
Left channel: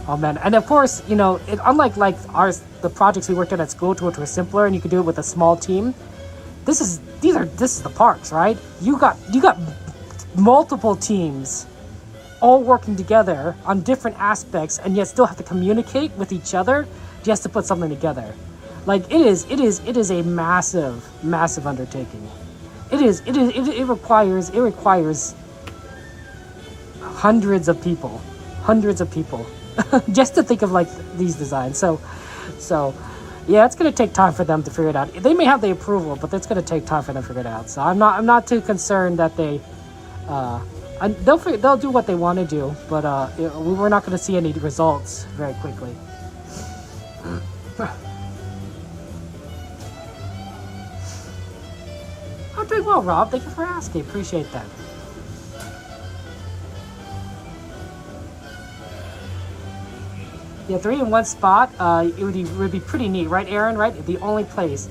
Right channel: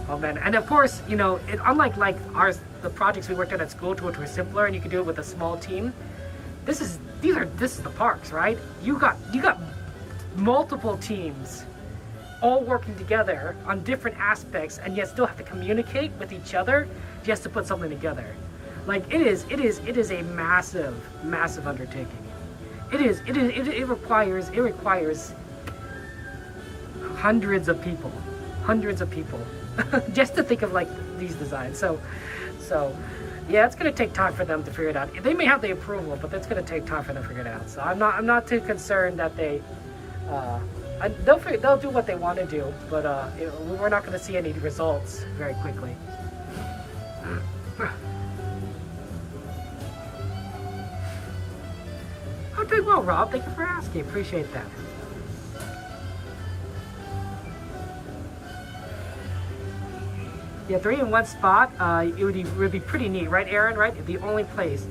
and of course, you know, unlike the projects we worked on at school, which were simpler and you could do it with a small team. This is the parks, right? You got multiple teams all working together on different aspects, and yet still have to communicate with each other just to put something together. Like it is a massive undertaking. It requires hundreds of people just to think of like these designs. So Yeah, it's gonna take time for them to figure it out. They may have the approval, but it's gonna take time for them to figure it out. So I'm not too concerned that they, they'll do what they want to do, but we're not gonna see any results very quickly. I'm doing well, Rob. Thank you for asking. Appreciate that. Yeah, 3 in one spot. It would be pretty neat, right, Aaron? Right, the only place.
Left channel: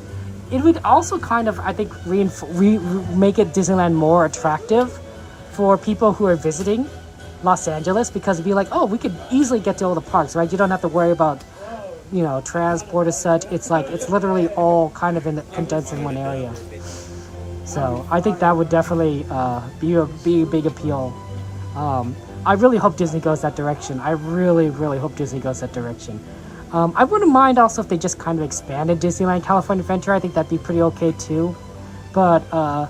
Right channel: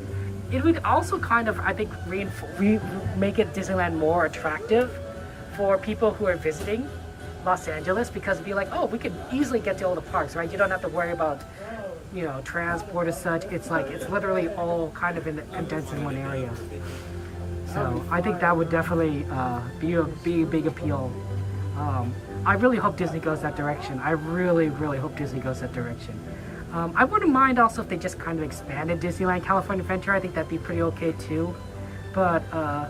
It would also kind of, I think, make it Disneyland more attractive for people who are visiting Los Angeles, because it'd be like, oh, we could easily get to all the parks, right? You don't have to worry about, you know, transport as such. It's like it's literally all kind of condensed in one area. So I think that would definitely be a big appeal. I really hope Disney goes that direction. I really, really hope Disney goes that direction. I wouldn't mind also if they just kind of expanded Disneyland California Adventure. I think that'd be pretty okay too. But a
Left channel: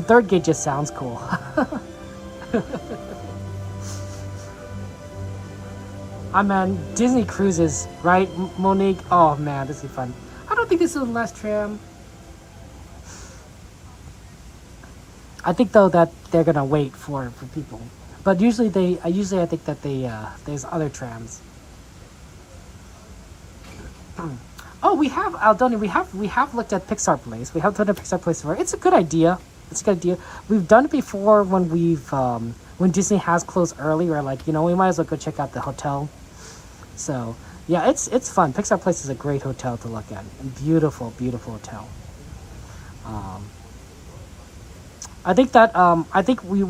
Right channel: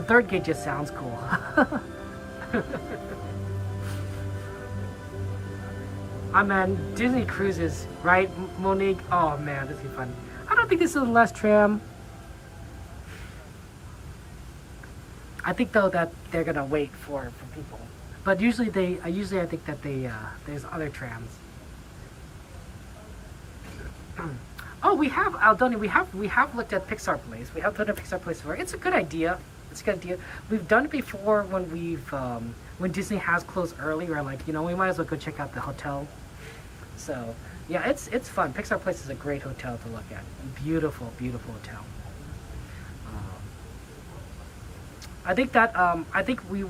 third gate just sounds cool. I mean, Disney Cruises, right, Monique? Oh man, this is fun. I don't think this is the last tram. I think though that they're gonna wait for people. But usually I think that there's other trams. Oh, we have Aldoni. We have looked at Pixar Place. We have done a Pixar Place before. It's a good idea. It's a good idea. We've done it before when when Disney has closed early. We're like, you know, we might as well go check out the hotel. So yeah, it's fun. Pixar Place is a great hotel to look at. Beautiful, beautiful hotel. I think that I think we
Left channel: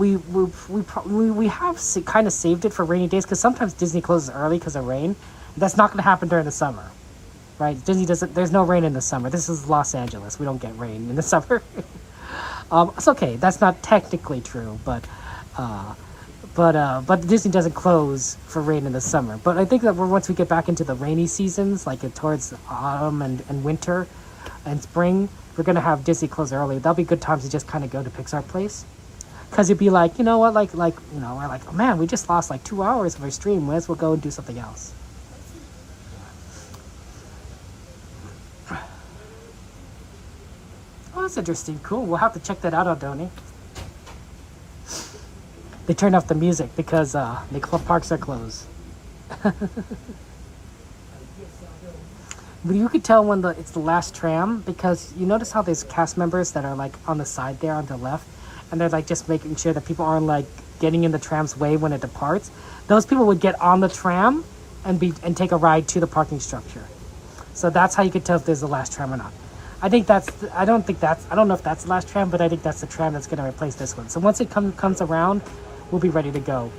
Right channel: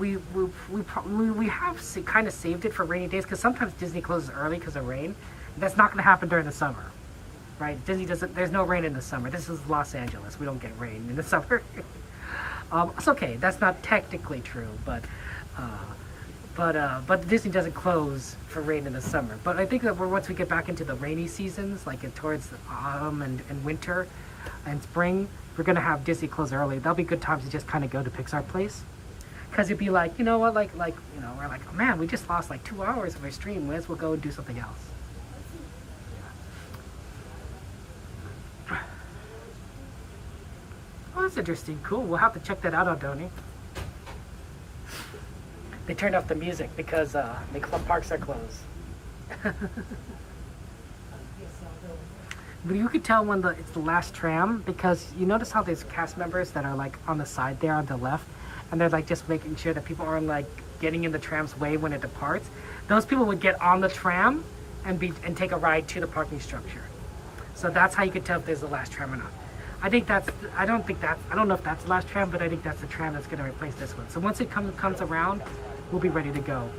have kind of saved it for rainy days, because sometimes Disney closes early because of rain. That's not going to happen during the summer, right? Disney doesn't. There's no rain in the summer. This is Los Angeles. We don't get rain in the summer. It's okay. That's not technically true, but Disney doesn't close for rain in the summer. But I think that once we get back into the rainy seasons, like towards autumn and winter and spring, we're going to have Disney close early. That'll be good times to just kind of go to Pixar Place. Because it'd be like, you know what, like, you know, we're like, oh man, we just lost like 2 hours of our stream. Might as well go and do something else. Oh, that's interesting. Cool. We'll have to check that out, Aldoni. They turned off the music because the parks are closed. But you could tell when it's the last tram, because you notice how there's cast members that are like on the side there on the left, and they're like just making sure that people aren't like getting in the tram's way when it departs. Those people would get on the tram and take a ride to the parking structure. So that's how you could tell if there's the last tram or not. I don't know if that's the last tram, but I think that's the tram that's going to replace this one. So once it comes around, we'll be ready to go.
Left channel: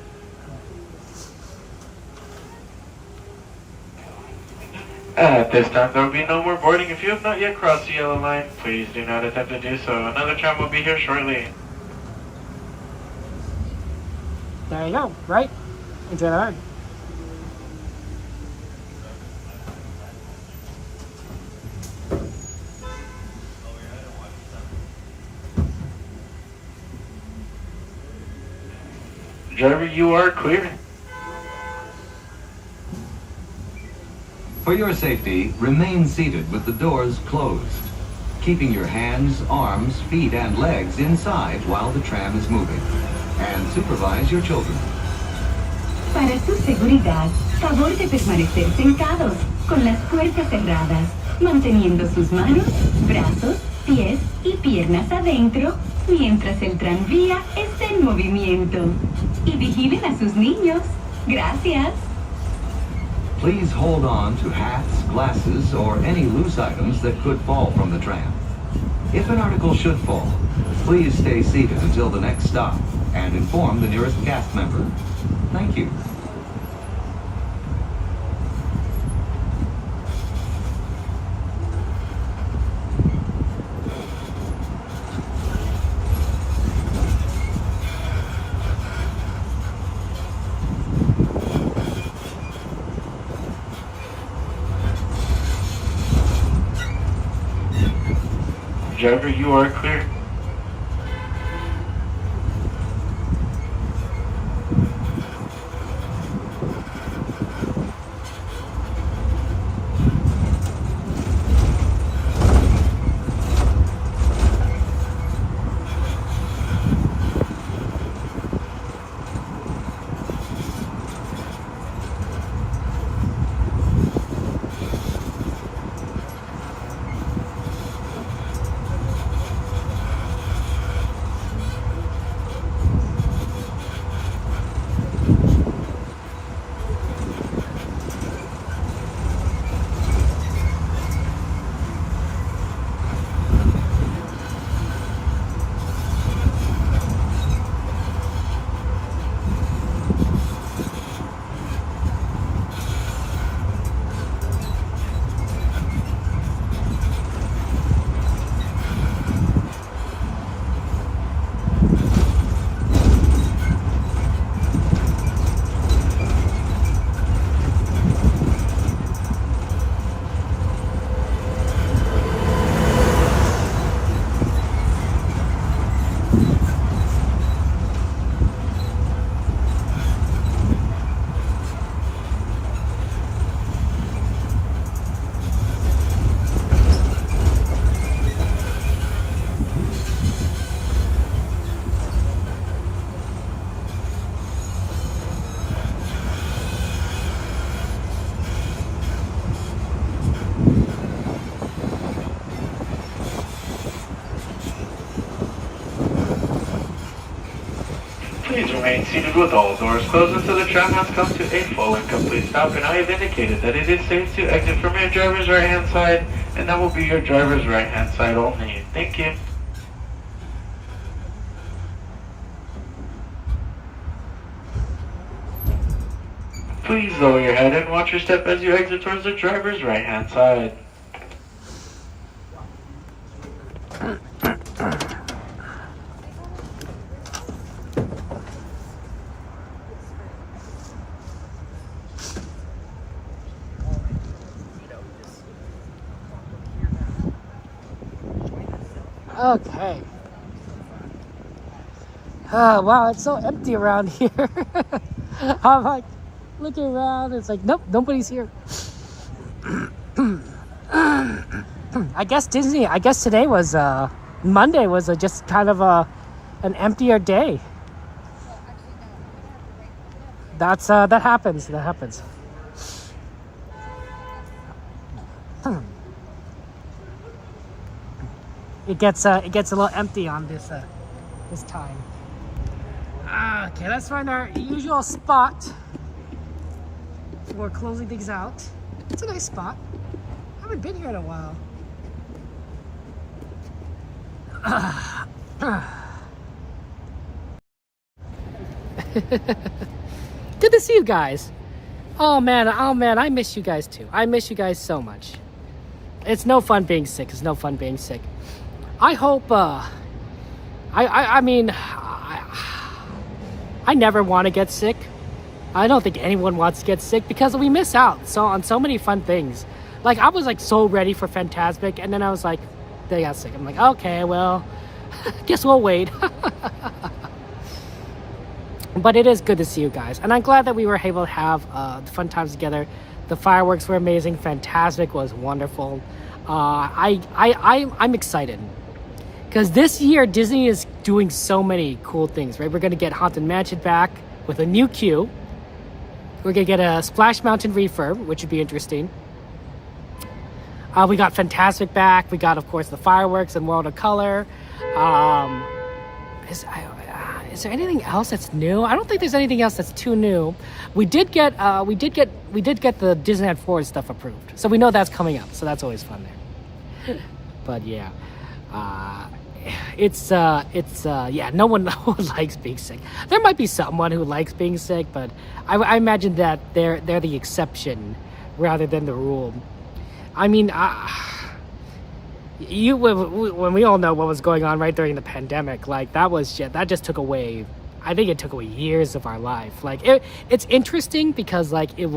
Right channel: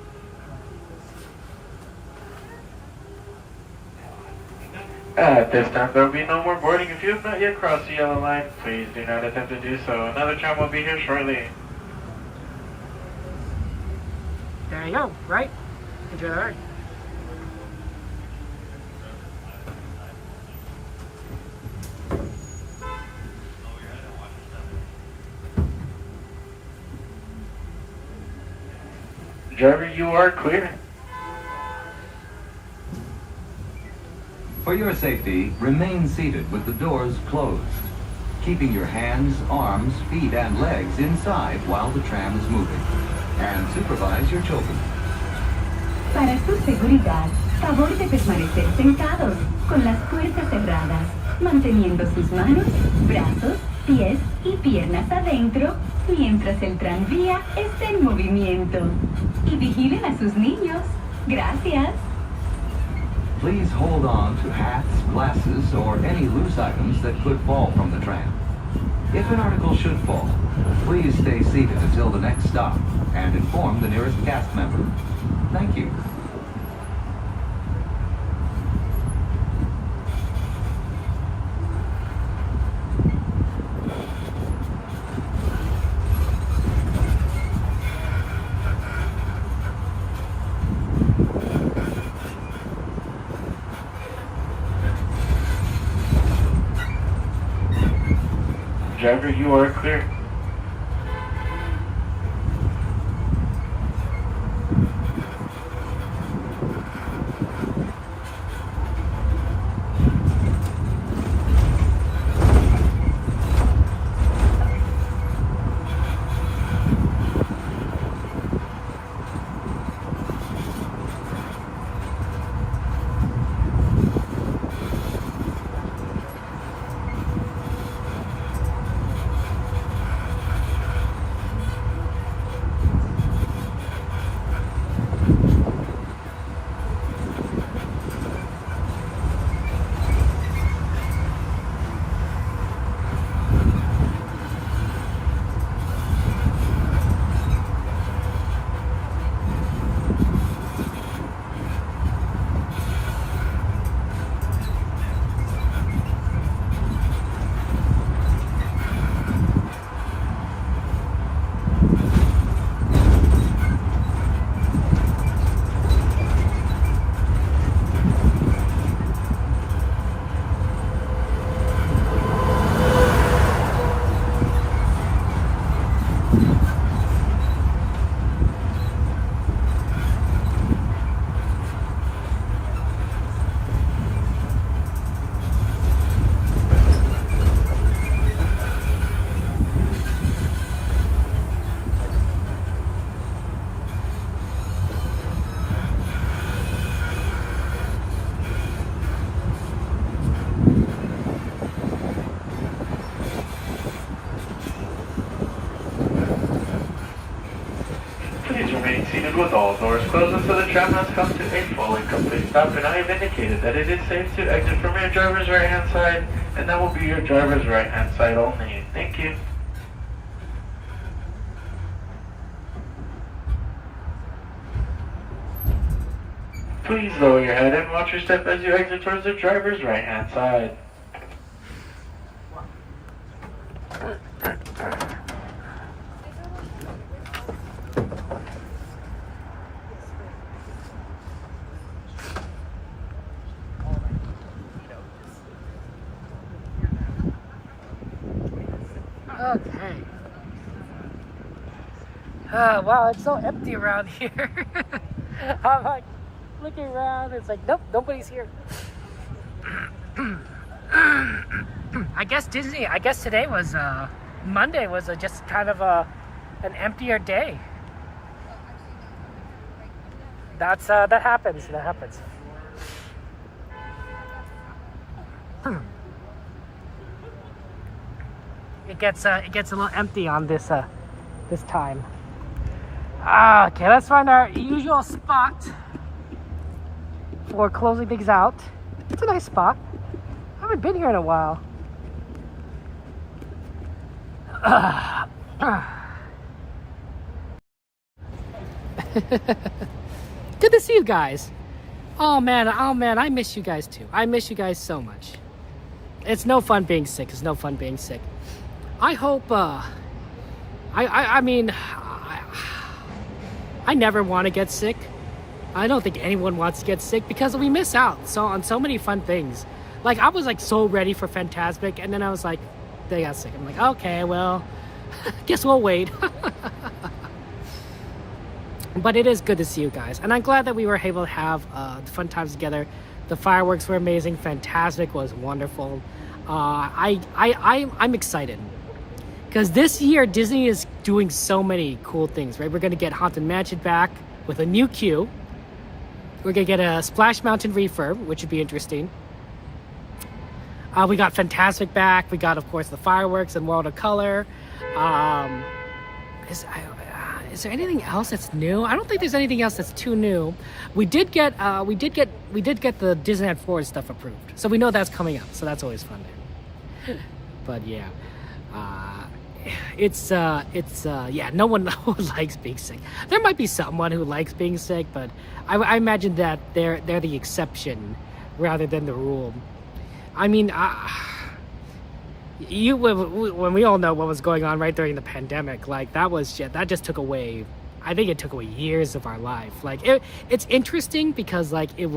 At this time, there will be no more boarding. If you have not yet crossed the yellow line, please do not attempt to do so. Another tram will be here shortly. There you go, right? Enjoy the ride. Driver, you are clear. For your safety, remain seated with the doors closed, keeping your hands, arms, feet, and legs inside while the tram is moving. And supervise your children. Para su seguridad, favor de permanecer sentados, con las puertas cerradas, manteniendo sus manos, brazos, pies y piernas adentro, mientras el tranvía está en movimiento. Y vigilen a sus niños. Gracias. Please hold on to hats, glasses, or any loose items that could fall from the tram. If an article should fall, please stay seated until the next stop and inform the nearest cast member. Thank you. Driver, you are clear. Please remain seated with all doors closed until the tram has come to a full and complete stop, and I have indicated that it is safe to exit from your driver's right-hand side, and that will be your driver's right-hand side only. Thank you. Please lower your head and watch your step as you exit towards the driver's right-hand side. Okay. Oh, wow, it's so empty around here. I'm like looking around, it's like, nope, nobody's here. I guess today was, Monday was just kind of an emptier day. That happens. It gets a little empty on this time. Okay, let's find our usual spot for closing things out. It's a nice spot. I haven't been here in a while. Good to see you guys. Oh man, I miss you guys too. I miss you guys so much. It's no fun being sick. I hope, I mean, I never want to get sick. I don't think anyone wants to get sick because we miss out on so many fun things. Like, I was like so ready for Fantasmic, and then I was like, they got sick. I'm like, okay, well, guess we'll wait. But it is good to see you guys, and I'm glad that we were able to have fun times together. The fireworks were amazing. Fantasmic was wonderful. I'm excited. Because this year, Disney is doing so many cool things, right? We're going to get Haunted Mansion back with a new queue. We're going to get a Splash Mountain refurb, which would be interesting. We got Fantasmic back. We got, of course, the fireworks and World of Color. Is there anything else that's new? I don't think there's anything else that's too new. We did get the Disneyland Forward stuff approved, so we know that's coming up. So that's always fun there. But yeah. Yeah, no one likes being sick. There might be someone who likes being sick, but I imagine that they're the exception rather than the rule. I mean, when we all know what was going on right during the pandemic, like that just took away. I think it took away years of our life. Like it's interesting because like it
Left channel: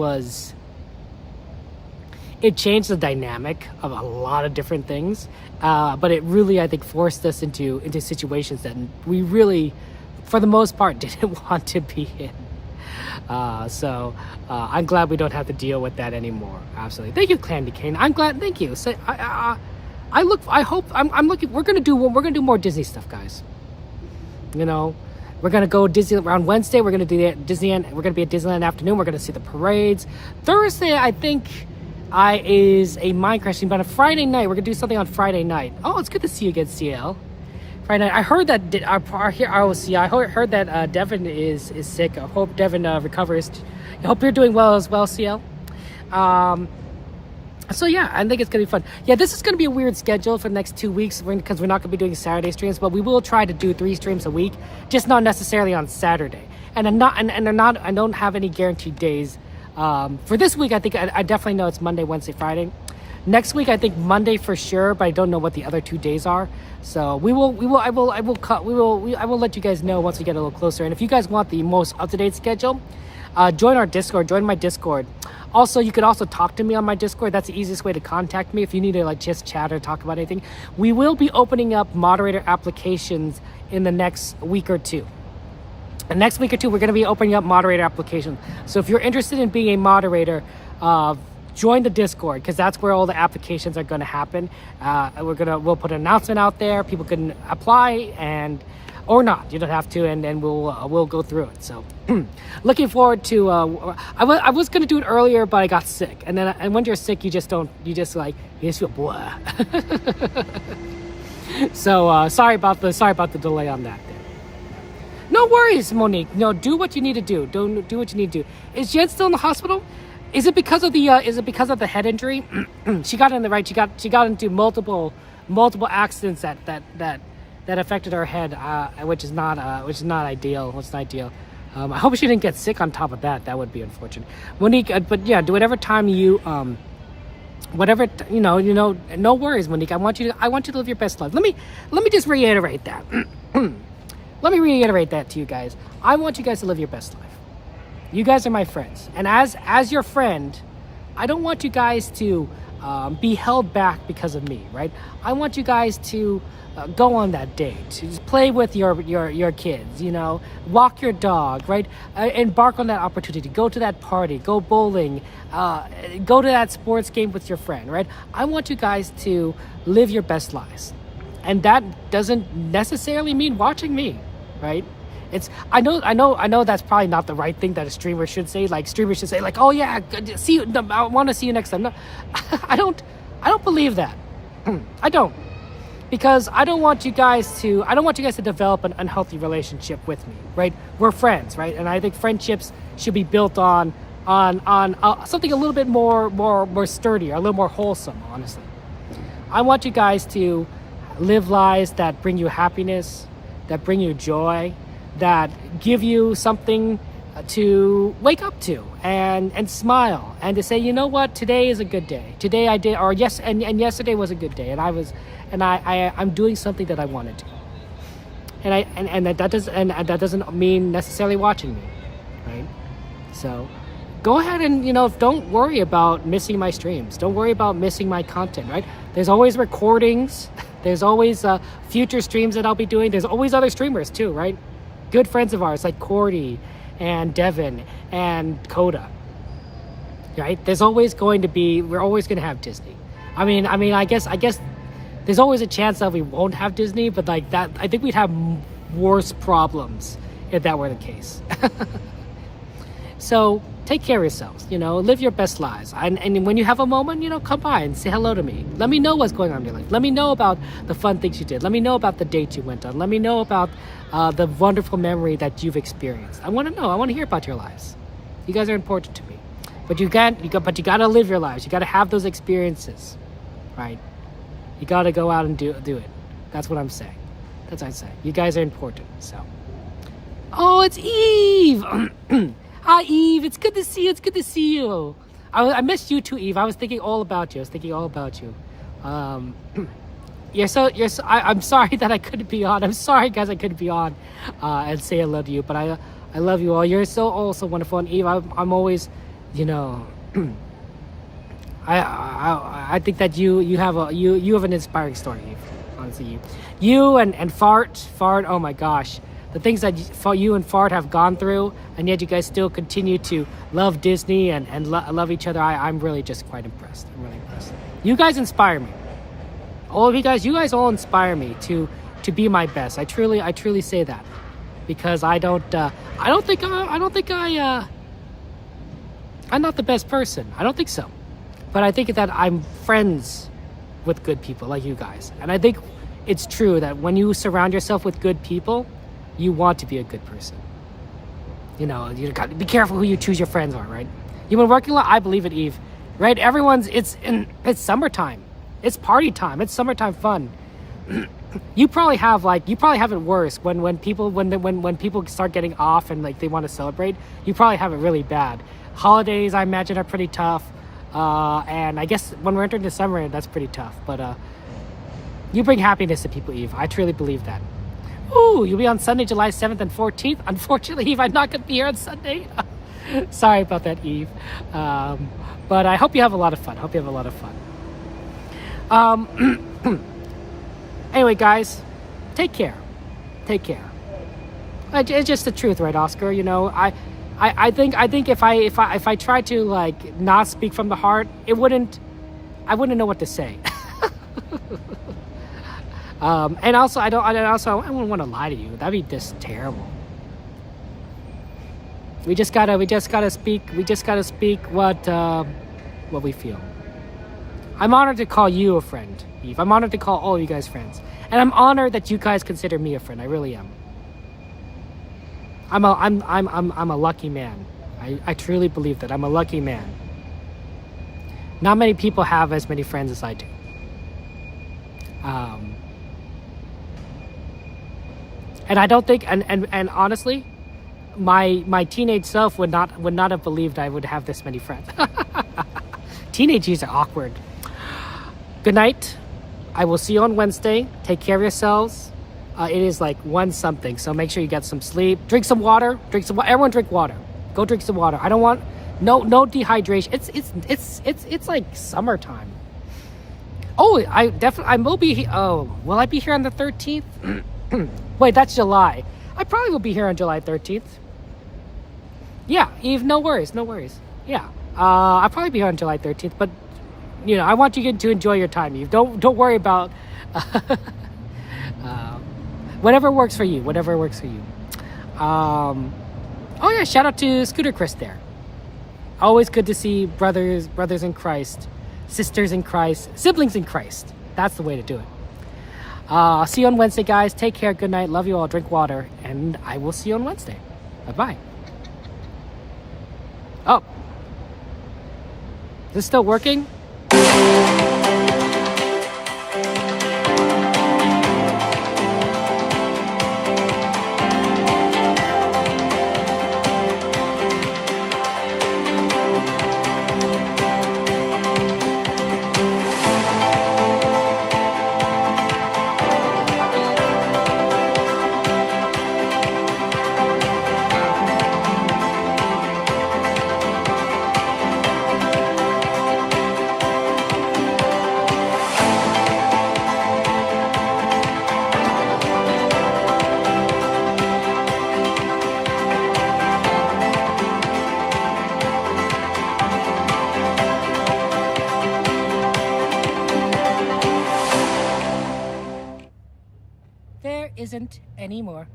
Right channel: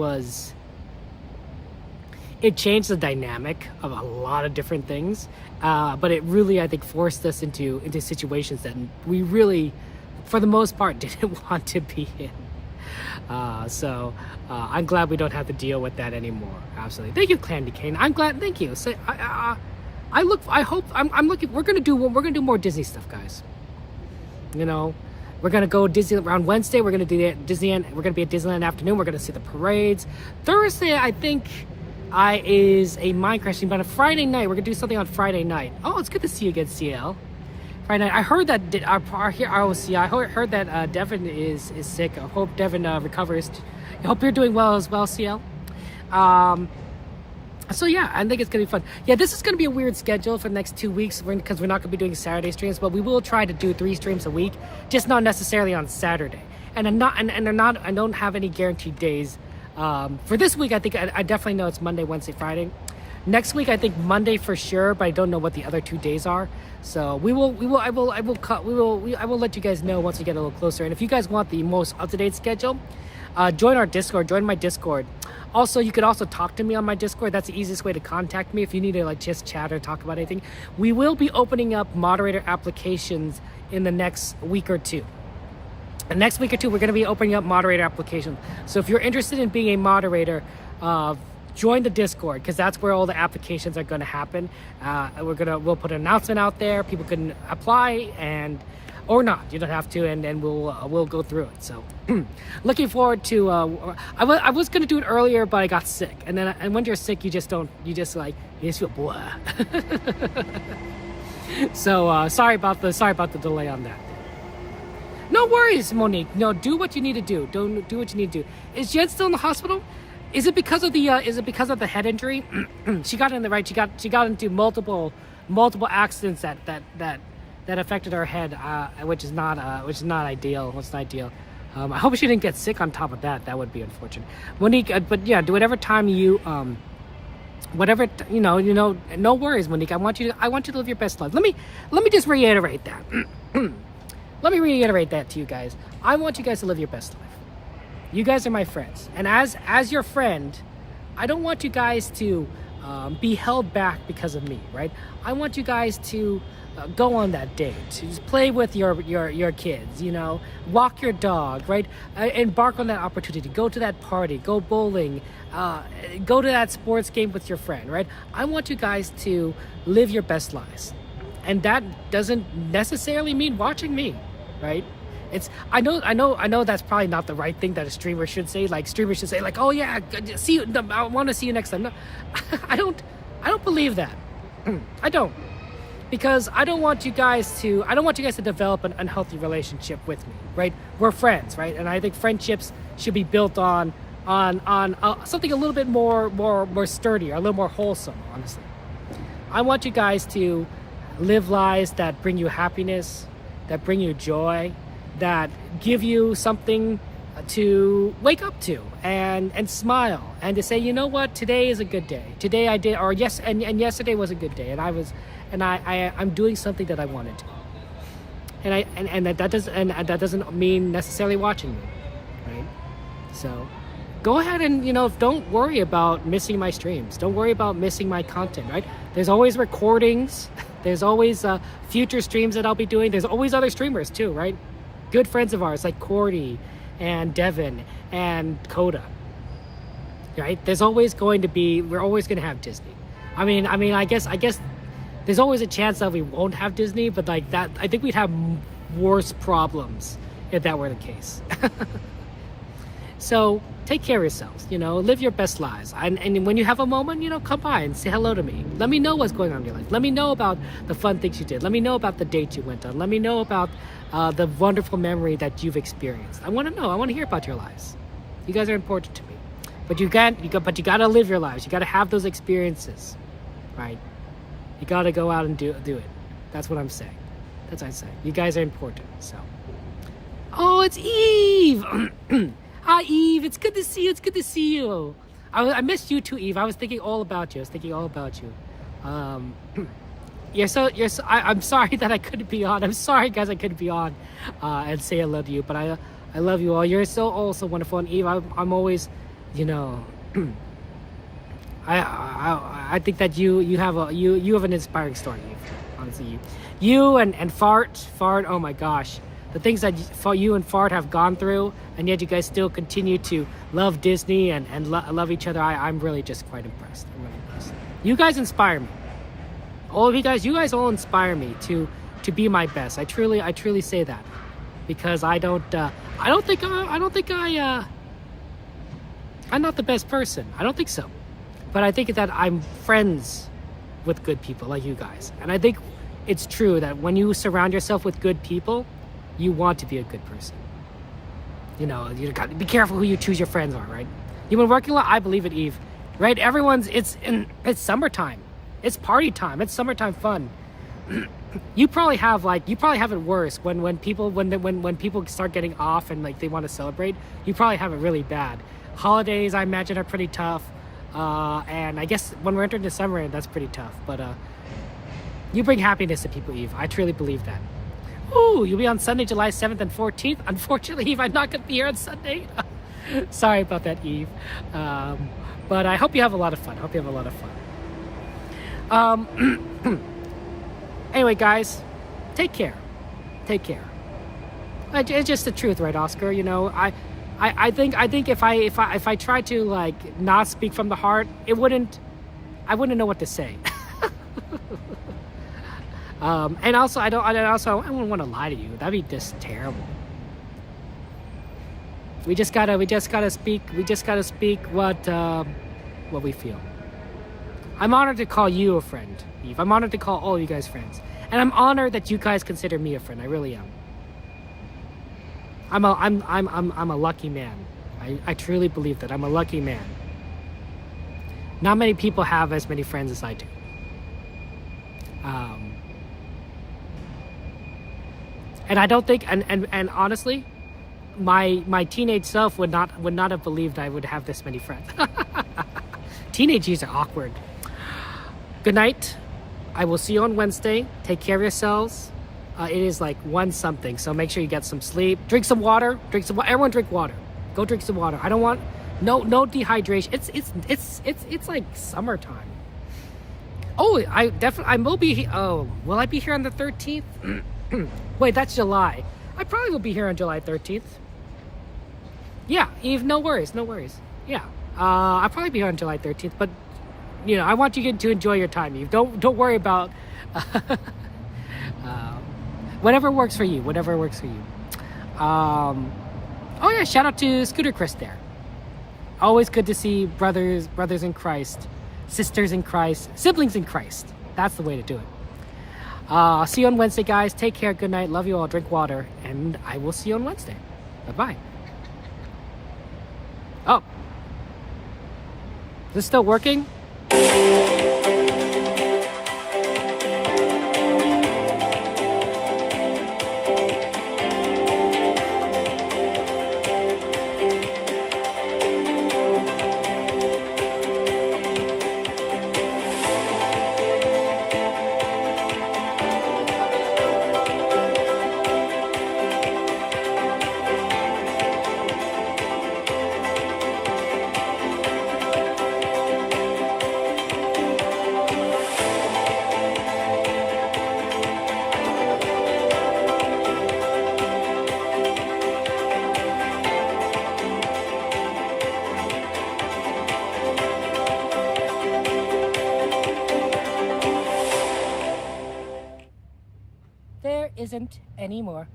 changed the dynamic of a lot of different things. But it really, I think, forced us into situations that we really, for the most part, didn't want to be in. So I'm glad we don't have to deal with that anymore. Absolutely. Thank you, Candy Cane. I'm glad. Thank you. So I'm looking. We're gonna do more Disney stuff, guys. You know, we're gonna go Disney around Wednesday. We're gonna do Disneyland. We're gonna be at Disneyland afternoon. We're gonna see the parades. Thursday, I think. Is a Minecraft stream, but on Friday night we're gonna do something on Friday night. Oh, it's good to see you again, CL. Friday night. I heard that I heard that Devin is sick. I hope Devin recovers. I hope you're doing well as well, CL. So yeah, I think it's gonna be fun. Yeah, this is gonna be a weird schedule for the next 2 weeks because we're not gonna be doing Saturday streams, but we will try to do 3 streams a week, just not necessarily on Saturday. And I don't have any guaranteed days. For this week, I think I definitely know it's Monday, Wednesday, Friday. Next week, I think Monday for sure, but I don't know what the other 2 days are. So I will let you guys know once we get a little closer. And if you guys want the most up-to-date schedule, join our Discord, join my Discord. Also, you could also talk to me on my Discord. That's the easiest way to contact me if you need to like just chat or talk about anything. We will be opening up moderator applications in the next week or two. The next week or two, we're going to be opening up moderator applications. So if you're interested in being a moderator, join the Discord because that's where all the applications are going to happen. We'll put an announcement out there. People can apply or not. You don't have to, and then we'll go through it. So looking forward to. I was going to do it earlier, but I got sick, and when you're sick, you just feel blah. So sorry about the delay on that. No worries, Monique. No, do what you need to do. Don't do what you need to do. Is Jen still in the hospital? Is it because of the head injury? She got she got into multiple accidents that affected her head, which is not ideal. What's not ideal? I hope she didn't get sick on top of that. That would be unfortunate. Monique, but yeah, do whatever time you no worries, Monique. I want you to live your best life. Let me just reiterate that. Let me reiterate that to you guys. I want you guys to live your best life. You guys are my friends, and as your friend, I don't want you guys to be held back because of me, right? I want you guys to go on that date, just play with your kids, walk your dog, right? Embark on that opportunity. Go to that party. Go bowling. Go to that sports game with your friend, right? I want you guys to live your best lives, and that doesn't necessarily mean watching me, right? I know that's probably not the right thing that a streamer should say. Like, streamers should say, like, oh yeah, see you, I want to see you next time. No, I don't believe that. I don't, because I don't want you guys to develop an unhealthy relationship with me, right? We're friends, right? And I think friendships should be built on something a little bit more sturdy, or a little more wholesome, honestly. I want you guys to live lives that bring you happiness, that bring you joy, that give you something to wake up to and smile, and to say, you know what, today is a good day. Today I did, or yes, and yesterday was a good day, and I'm doing something that I wanted to. And that doesn't mean necessarily watching me, right? So go ahead and, don't worry about missing my streams. Don't worry about missing my content, right? There's always recordings. There's always future streams that I'll be doing. There's always other streamers too, right? Good friends of ours like Cordy and Devin and Coda, right? We're always going to have Disney. I mean, I guess there's always a chance that we won't have Disney, but like that, I think we'd have worse problems if that were the case. So take care of yourselves, live your best lives. And when you have a moment, come by and say hello to me. Let me know what's going on in your life. Let me know about the fun things you did. Let me know about the dates you went on. Let me know about the wonderful memory that you've experienced. I want to know. I want to hear about your lives. You guys are important to me. But you got to live your lives. You got to have those experiences, right? You got to go out and do it. That's what I'm saying. That's what I'm saying. You guys are important. So, oh, it's Eve. Hi, Eve. It's good to see you. It's good to see you. I missed you too, Eve. I was thinking all about you. I'm sorry that I couldn't be on. I'm sorry, guys, I couldn't be on and say hello to you. But I love you all. You're so wonderful. And Eve, I'm always, I think that you have an inspiring story, Eve. Honestly, you and Fart. Oh my gosh. The things that you and Fart have gone through, and yet you guys still continue to love Disney and love each other. I'm really just quite impressed. I'm really impressed. You guys inspire me. All of you guys all inspire me to be my best. I truly say that, because I'm not the best person. I don't think so. But I think that I'm friends with good people like you guys. And I think it's true that when you surround yourself with good people, you want to be a good person. You got to be careful who you choose your friends are, right? You've been working a lot. I believe it, Eve. Right? It's summertime. It's party time. It's summertime fun. You probably have it worse when people start getting off and like they want to celebrate. You probably have it really bad. Holidays, I imagine, are pretty tough. And I guess when we're entering December, that's pretty tough. But you bring happiness to people, Eve. I truly believe that. Ooh, you'll be on Sunday, July 7th and 14th. Unfortunately, Eve, I'm not going to be here on Sunday. Sorry about that, Eve. But I hope you have a lot of fun. Anyway, guys, take care. It's just the truth, right, Oscar? I think if I tried to like not speak from the heart, I wouldn't know what to say. And also I wouldn't want to lie to you. That'd be just terrible. We just gotta speak what we feel. I'm honored to call you a friend, Eve. I'm honored to call all of you guys friends. And I'm honored that you guys consider me a friend. I really am. I'm a lucky man. I truly believe that I'm a lucky man. Not many people have as many friends as I do. And I don't think, and honestly, my teenage self would not have believed I would have this many friends. Teenage years are awkward. Good night. I will see you on Wednesday. Take care of yourselves. It is like 1 something, so make sure you get some sleep. Drink some water. Everyone drink water. Go drink some water. I don't want no dehydration. It's like summertime. Oh, I will be. Oh, will I be here on the 13th? Wait, that's July. I probably will be here on July 13th. Yeah, Eve, no worries. Yeah, I'll probably be here on July 13th, but you know, I want you to enjoy your time, Eve. Don't worry about whatever works for you. Oh yeah, shout out to Scooter Chris there. Always good to see brothers in Christ, sisters in Christ, siblings in Christ. That's the way to do it. I'll see you on Wednesday, guys. Take care. Good night. Love you all. Drink water. And I will see you on Wednesday. Bye-bye. Oh. Is this still working? There isn't anymore.